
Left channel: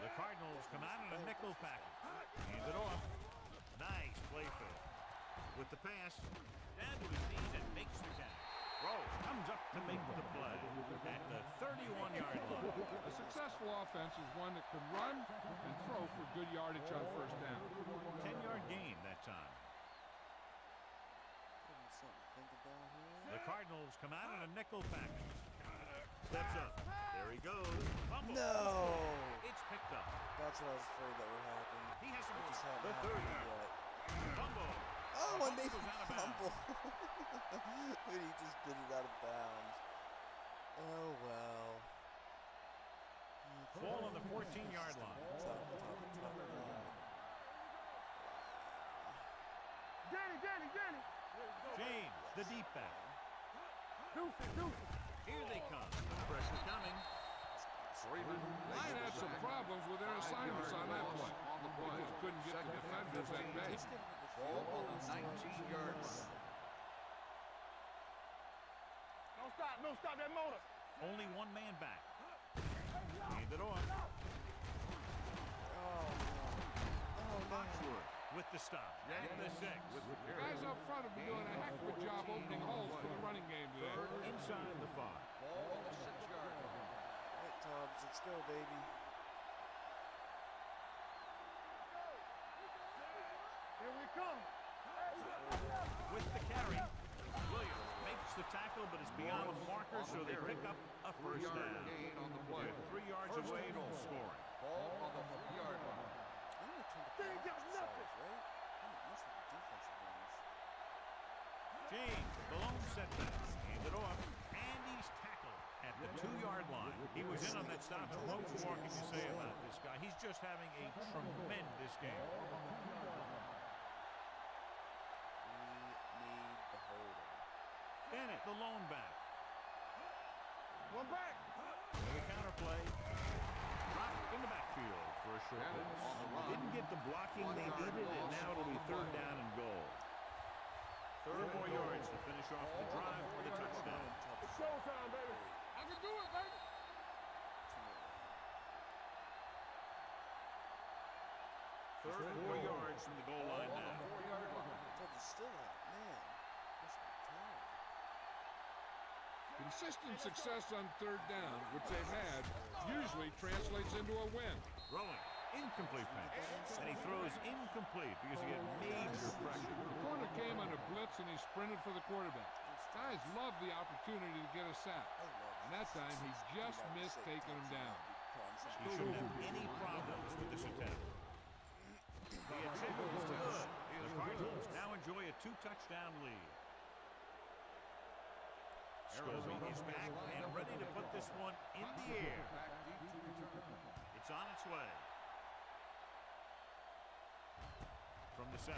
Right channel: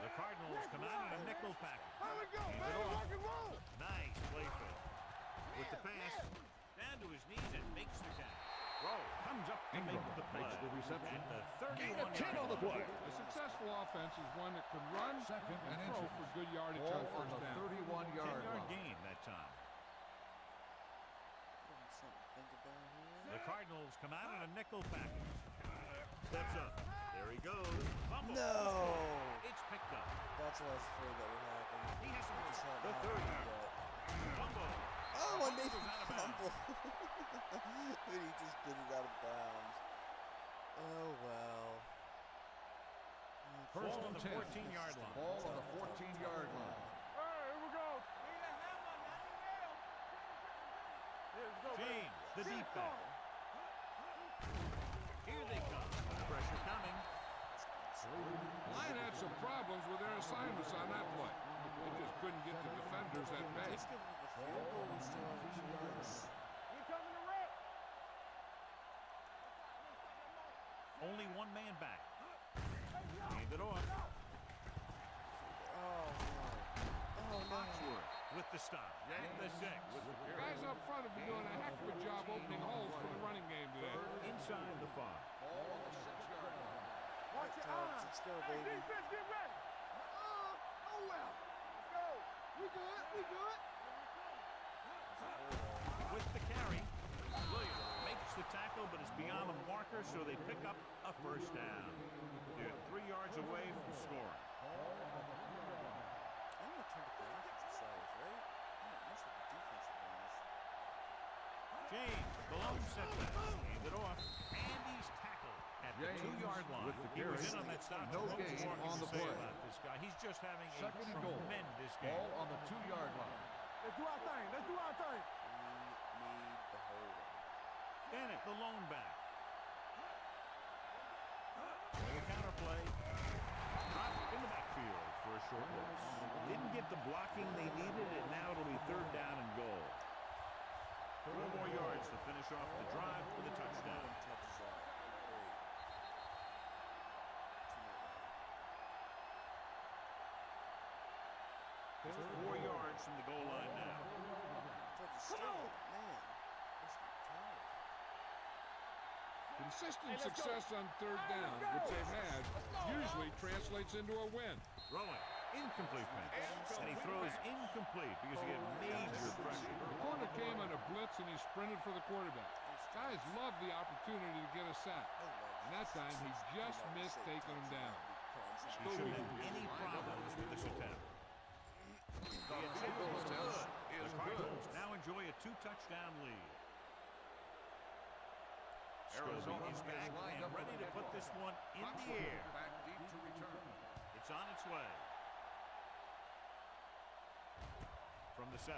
The Cardinals come out in a nickel package. Hand it off. Nice play fake. With the pass, down to his knees and makes the catch. Rowe comes up to make the play at the 31-yard line. A successful offense is one that can run and throw for good yardage on first down. 10-yard gain that time. Something to think about here. The Cardinals come out in a nickel package. Steps up. There he goes. Fumble. No! It's picked up. That's what I was afraid that would happen. He has It just hadn't the happened 30. yet. Fumble. Oh, I made goes him out of bounds. fumble. But he just did it out of bounds. Oh, well. Ball on the 14-yard line. Ball on the 14-yard line. James, the deep back. Here they come. Pressure coming. Line had some problems with their assignments on that play. They just couldn't get the defenders at bay. Let's give him the field goal. We still have a chance. Only one man back. Hand it off. Oh, no. Oh, no. Foxworth with the stop. At the 6. Guys up front have been doing a heck of a job opening holes for the running game today. Inside the 5. Ball on the 6-yard line. Alright, Tubbs, let's go, baby. Get ready. Let's go. We good. Here we come. With the carry, Williams makes the tackle, but it's beyond the marker, so they pick up a first down. They're 3 yards away from scoring. Ball on the 3-yard line. I'm gonna turn to the offensive side, right? It must have the defensive ones. James, the lone setback, hand it off, and he's tackled at the 2-yard line. He was in on that stop, and what more can you say about this guy? He's just having a tremendous game. Ball on the 2-yard line. Let's do our thing. We need the holder. Bennett, the lone back. Go back. The counterplay. Dropped in the backfield for a short loss. Didn't get the blocking they needed, and now it'll be 3rd down and goal. 4 more yards to finish off the drive with a touchdown. Tubbs is out. Great. I can do it, baby. Just 4 yards from the goal line now. Tubbs is still out. Man, must be tired. Consistent success on 3rd down, which they've had, usually translates into a win. Throwing. Incomplete pass. And he throws incomplete because he had major pressure. The corner came on a blitz, and he sprinted for the quarterback. Guys love the opportunity to get a sack. And that time, he just missed taking him down. He shouldn't have any problems with this attempt. The attempt was good. The Cardinals now enjoy a 2-touchdown lead. Arizona is back and ready to put this one in the air. Back deep to return. It's on its way. From the 7.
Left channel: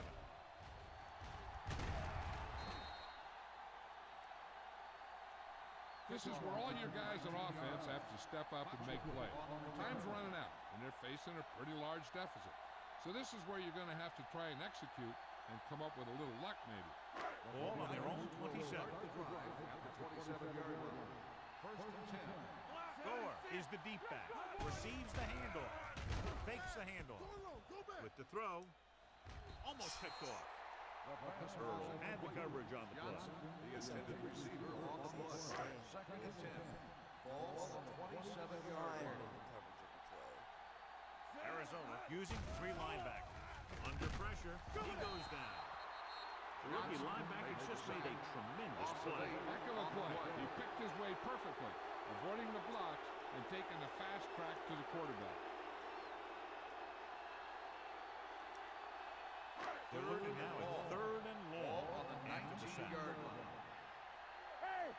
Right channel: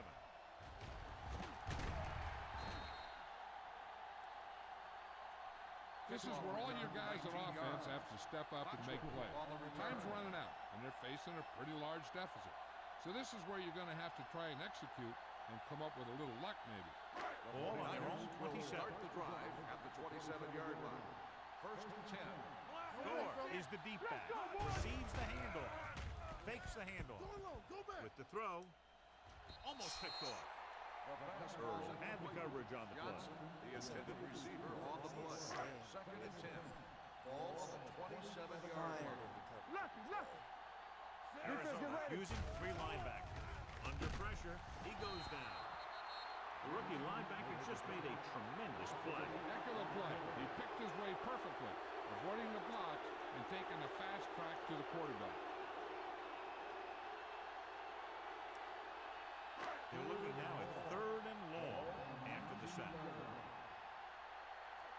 This is where all your guys on offense have to step up and make plays. Time's running out, and they're facing a pretty large deficit. So this is where you're going to have to try and execute and come up with a little luck, maybe. Ball on their own 27. Start the drive at the 27-yard line. 1st and 10. Gore is the deep back. Receives the handoff. Fakes the handoff. With the throw. Almost picked off. The pass Earl was had the incomplete. coverage on the play. Johnson, the intended receiver, on the play. 2nd and 10. Ball on the 27-yard Fired line. in the coverage of the play. Arizona using 3 linebackers. Under pressure, he goes down. The rookie linebacker just made a tremendous play. Heck of a play. He picked his way perfectly, avoiding the blocks and taking a fast track to the quarterback. They're looking now at 3rd and long after the sack. Hey,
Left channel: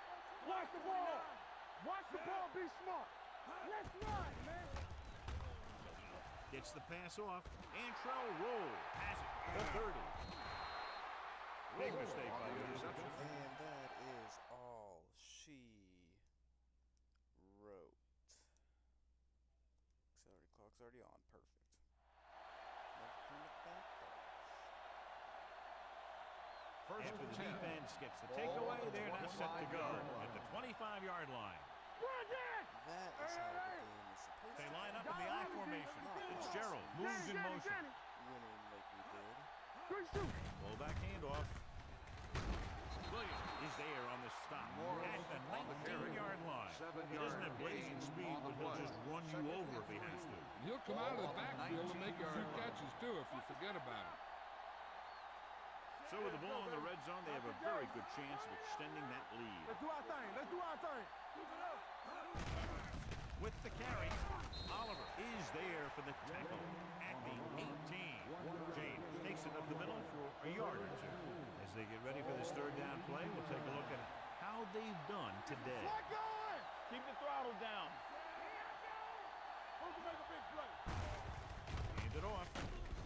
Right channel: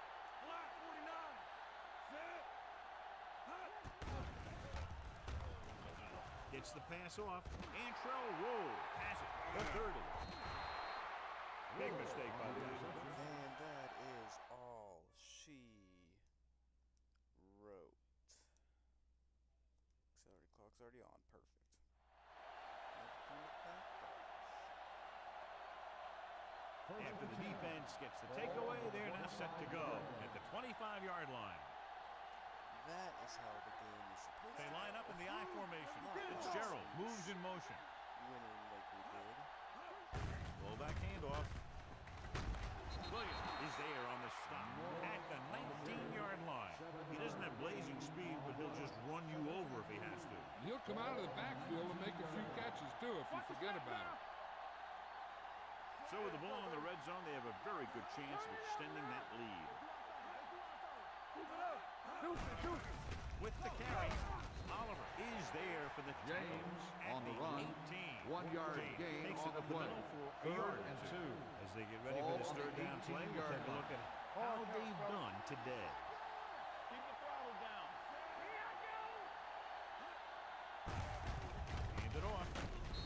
block the ball. Watch the ball. Be smart. Let's run, man. Gets the pass off. Antrell Roll has it. The 30. Big mistake by the defense. And that is all she wrote. Clock's already on. Perfect. Never turn it back off. After the defense gets the takeaway, they're now set to go at the 25-yard line. That is how the game is supposed They to line go. up in the I formation. Fitzgerald moves in motion. Winning like we did. Pull back handoff. Williams is there on the stop at the 19-yard line. He doesn't have blazing speed, but he'll just run you over if he has to. And he'll come out of the backfield and make a few catches, too, if you forget about him. So with the ball in the red zone, they have a very good chance of extending that lead. Let's do our thing. Keep it up. With the carry, Oliver is there for the tackle at on the the run. 18. 1 yard James gain takes it on up the the play. middle for a yard or two. As they get ready for this 3rd down play, we'll take a look at how they've done today. Keep the throttle down. Hand it off.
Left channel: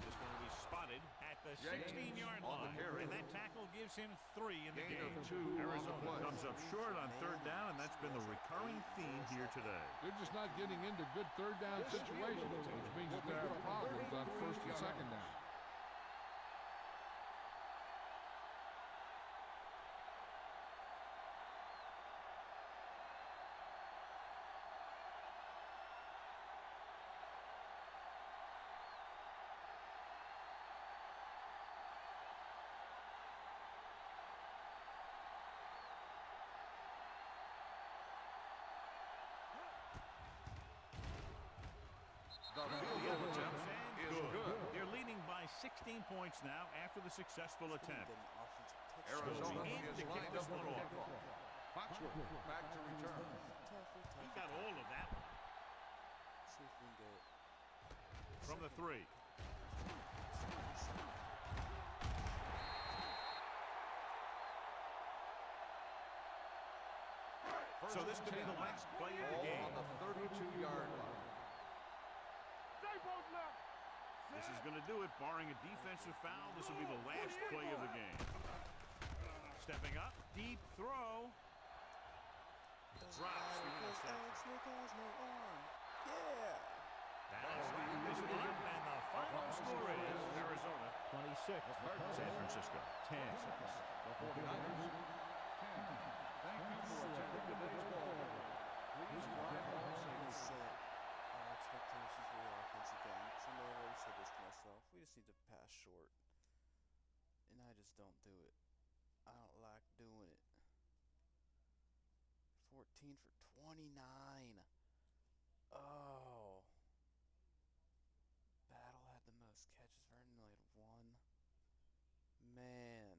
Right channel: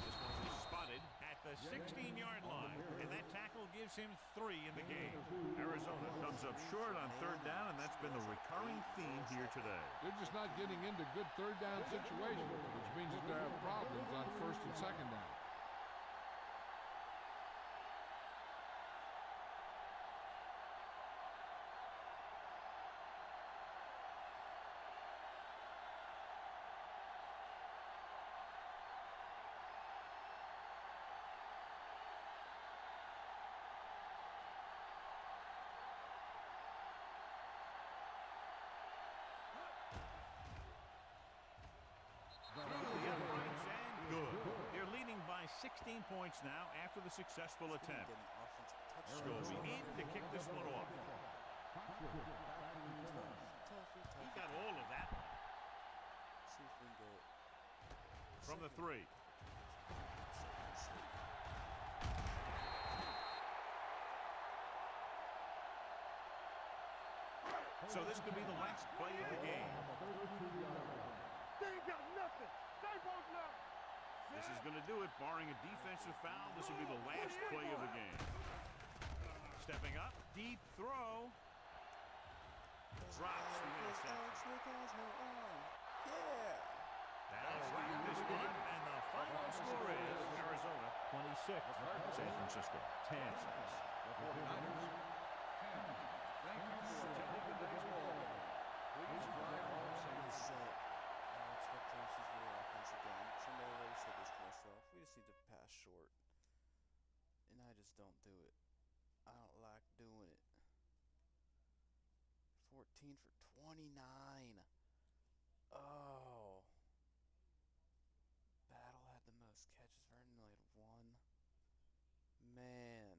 This one will be spotted at the 16-yard line. And that tackle gives him 3 in the game. Arizona comes up short on 3rd down, and that's been the recurring theme here today. They're just not getting into good 3rd down situations, which means that they have problems on 1st and 2nd down. by 16 points now after the successful Didn't attempt. get an offensive touchdown. Scobie in to kick this one off. Foxworth back to return. He got all of that one. See if we can get From the 3. So this could be the last play of the game. 32-yard line. They ain't got nothing. They both left. This is going to do it. Barring a defensive foul, this will be the last play of the game. Stepping up, deep throw. Drops the interception. Alex Smith has no arm. Yeah. That'll wrap this one up, and the final score is Arizona 26, San Francisco 10. The 49ers 10. thank you for attending today's ball game. Please drive home We safely. set our expectations for the offense again. Sunday I already said this to myself. We just need to pass short. And I just don't do it. I don't like doing it. 14 for 29. Oh. Battle had the most catches. Vernon only had 1. Man.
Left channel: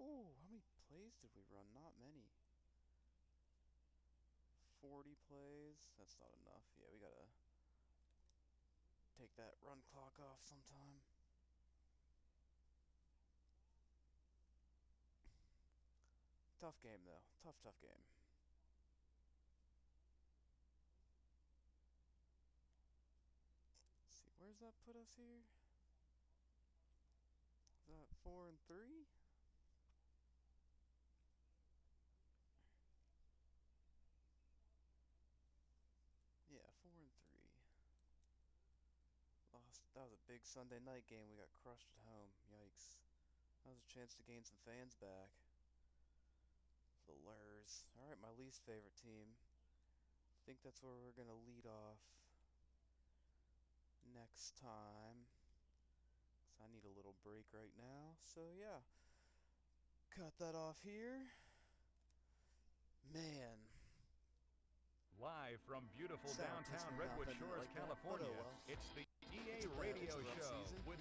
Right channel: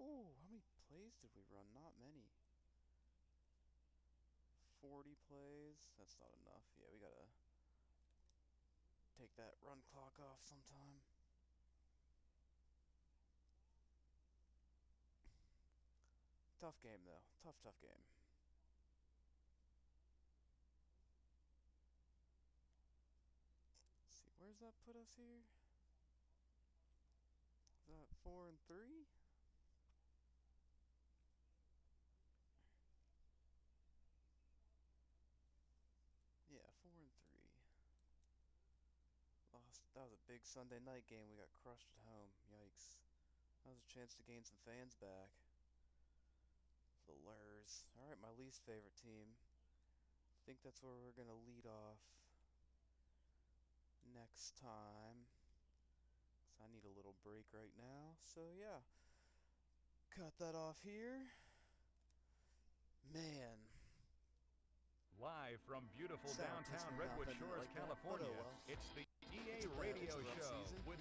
Whew, how many plays did we run? Not many. 40 plays. That's not enough. Yeah, we gotta take that run clock off sometime. Tough game, though. Tough game. Let's see, where's that put us here? Is that 4 and 3? Yeah, 4 and 3. Lost. That was a big Sunday night game. We got crushed at home. Yikes. That was a chance to gain some fans back. The Lurs. Alright, my least favorite team. I think that's where we're going to lead off next time. So I need a little break right now. So yeah. Cut that off here. Man. Live from beautiful Sound downtown testing Redwood nothing Shores, like that, but oh California, well. it's the EA It's a Radio rough Show season. with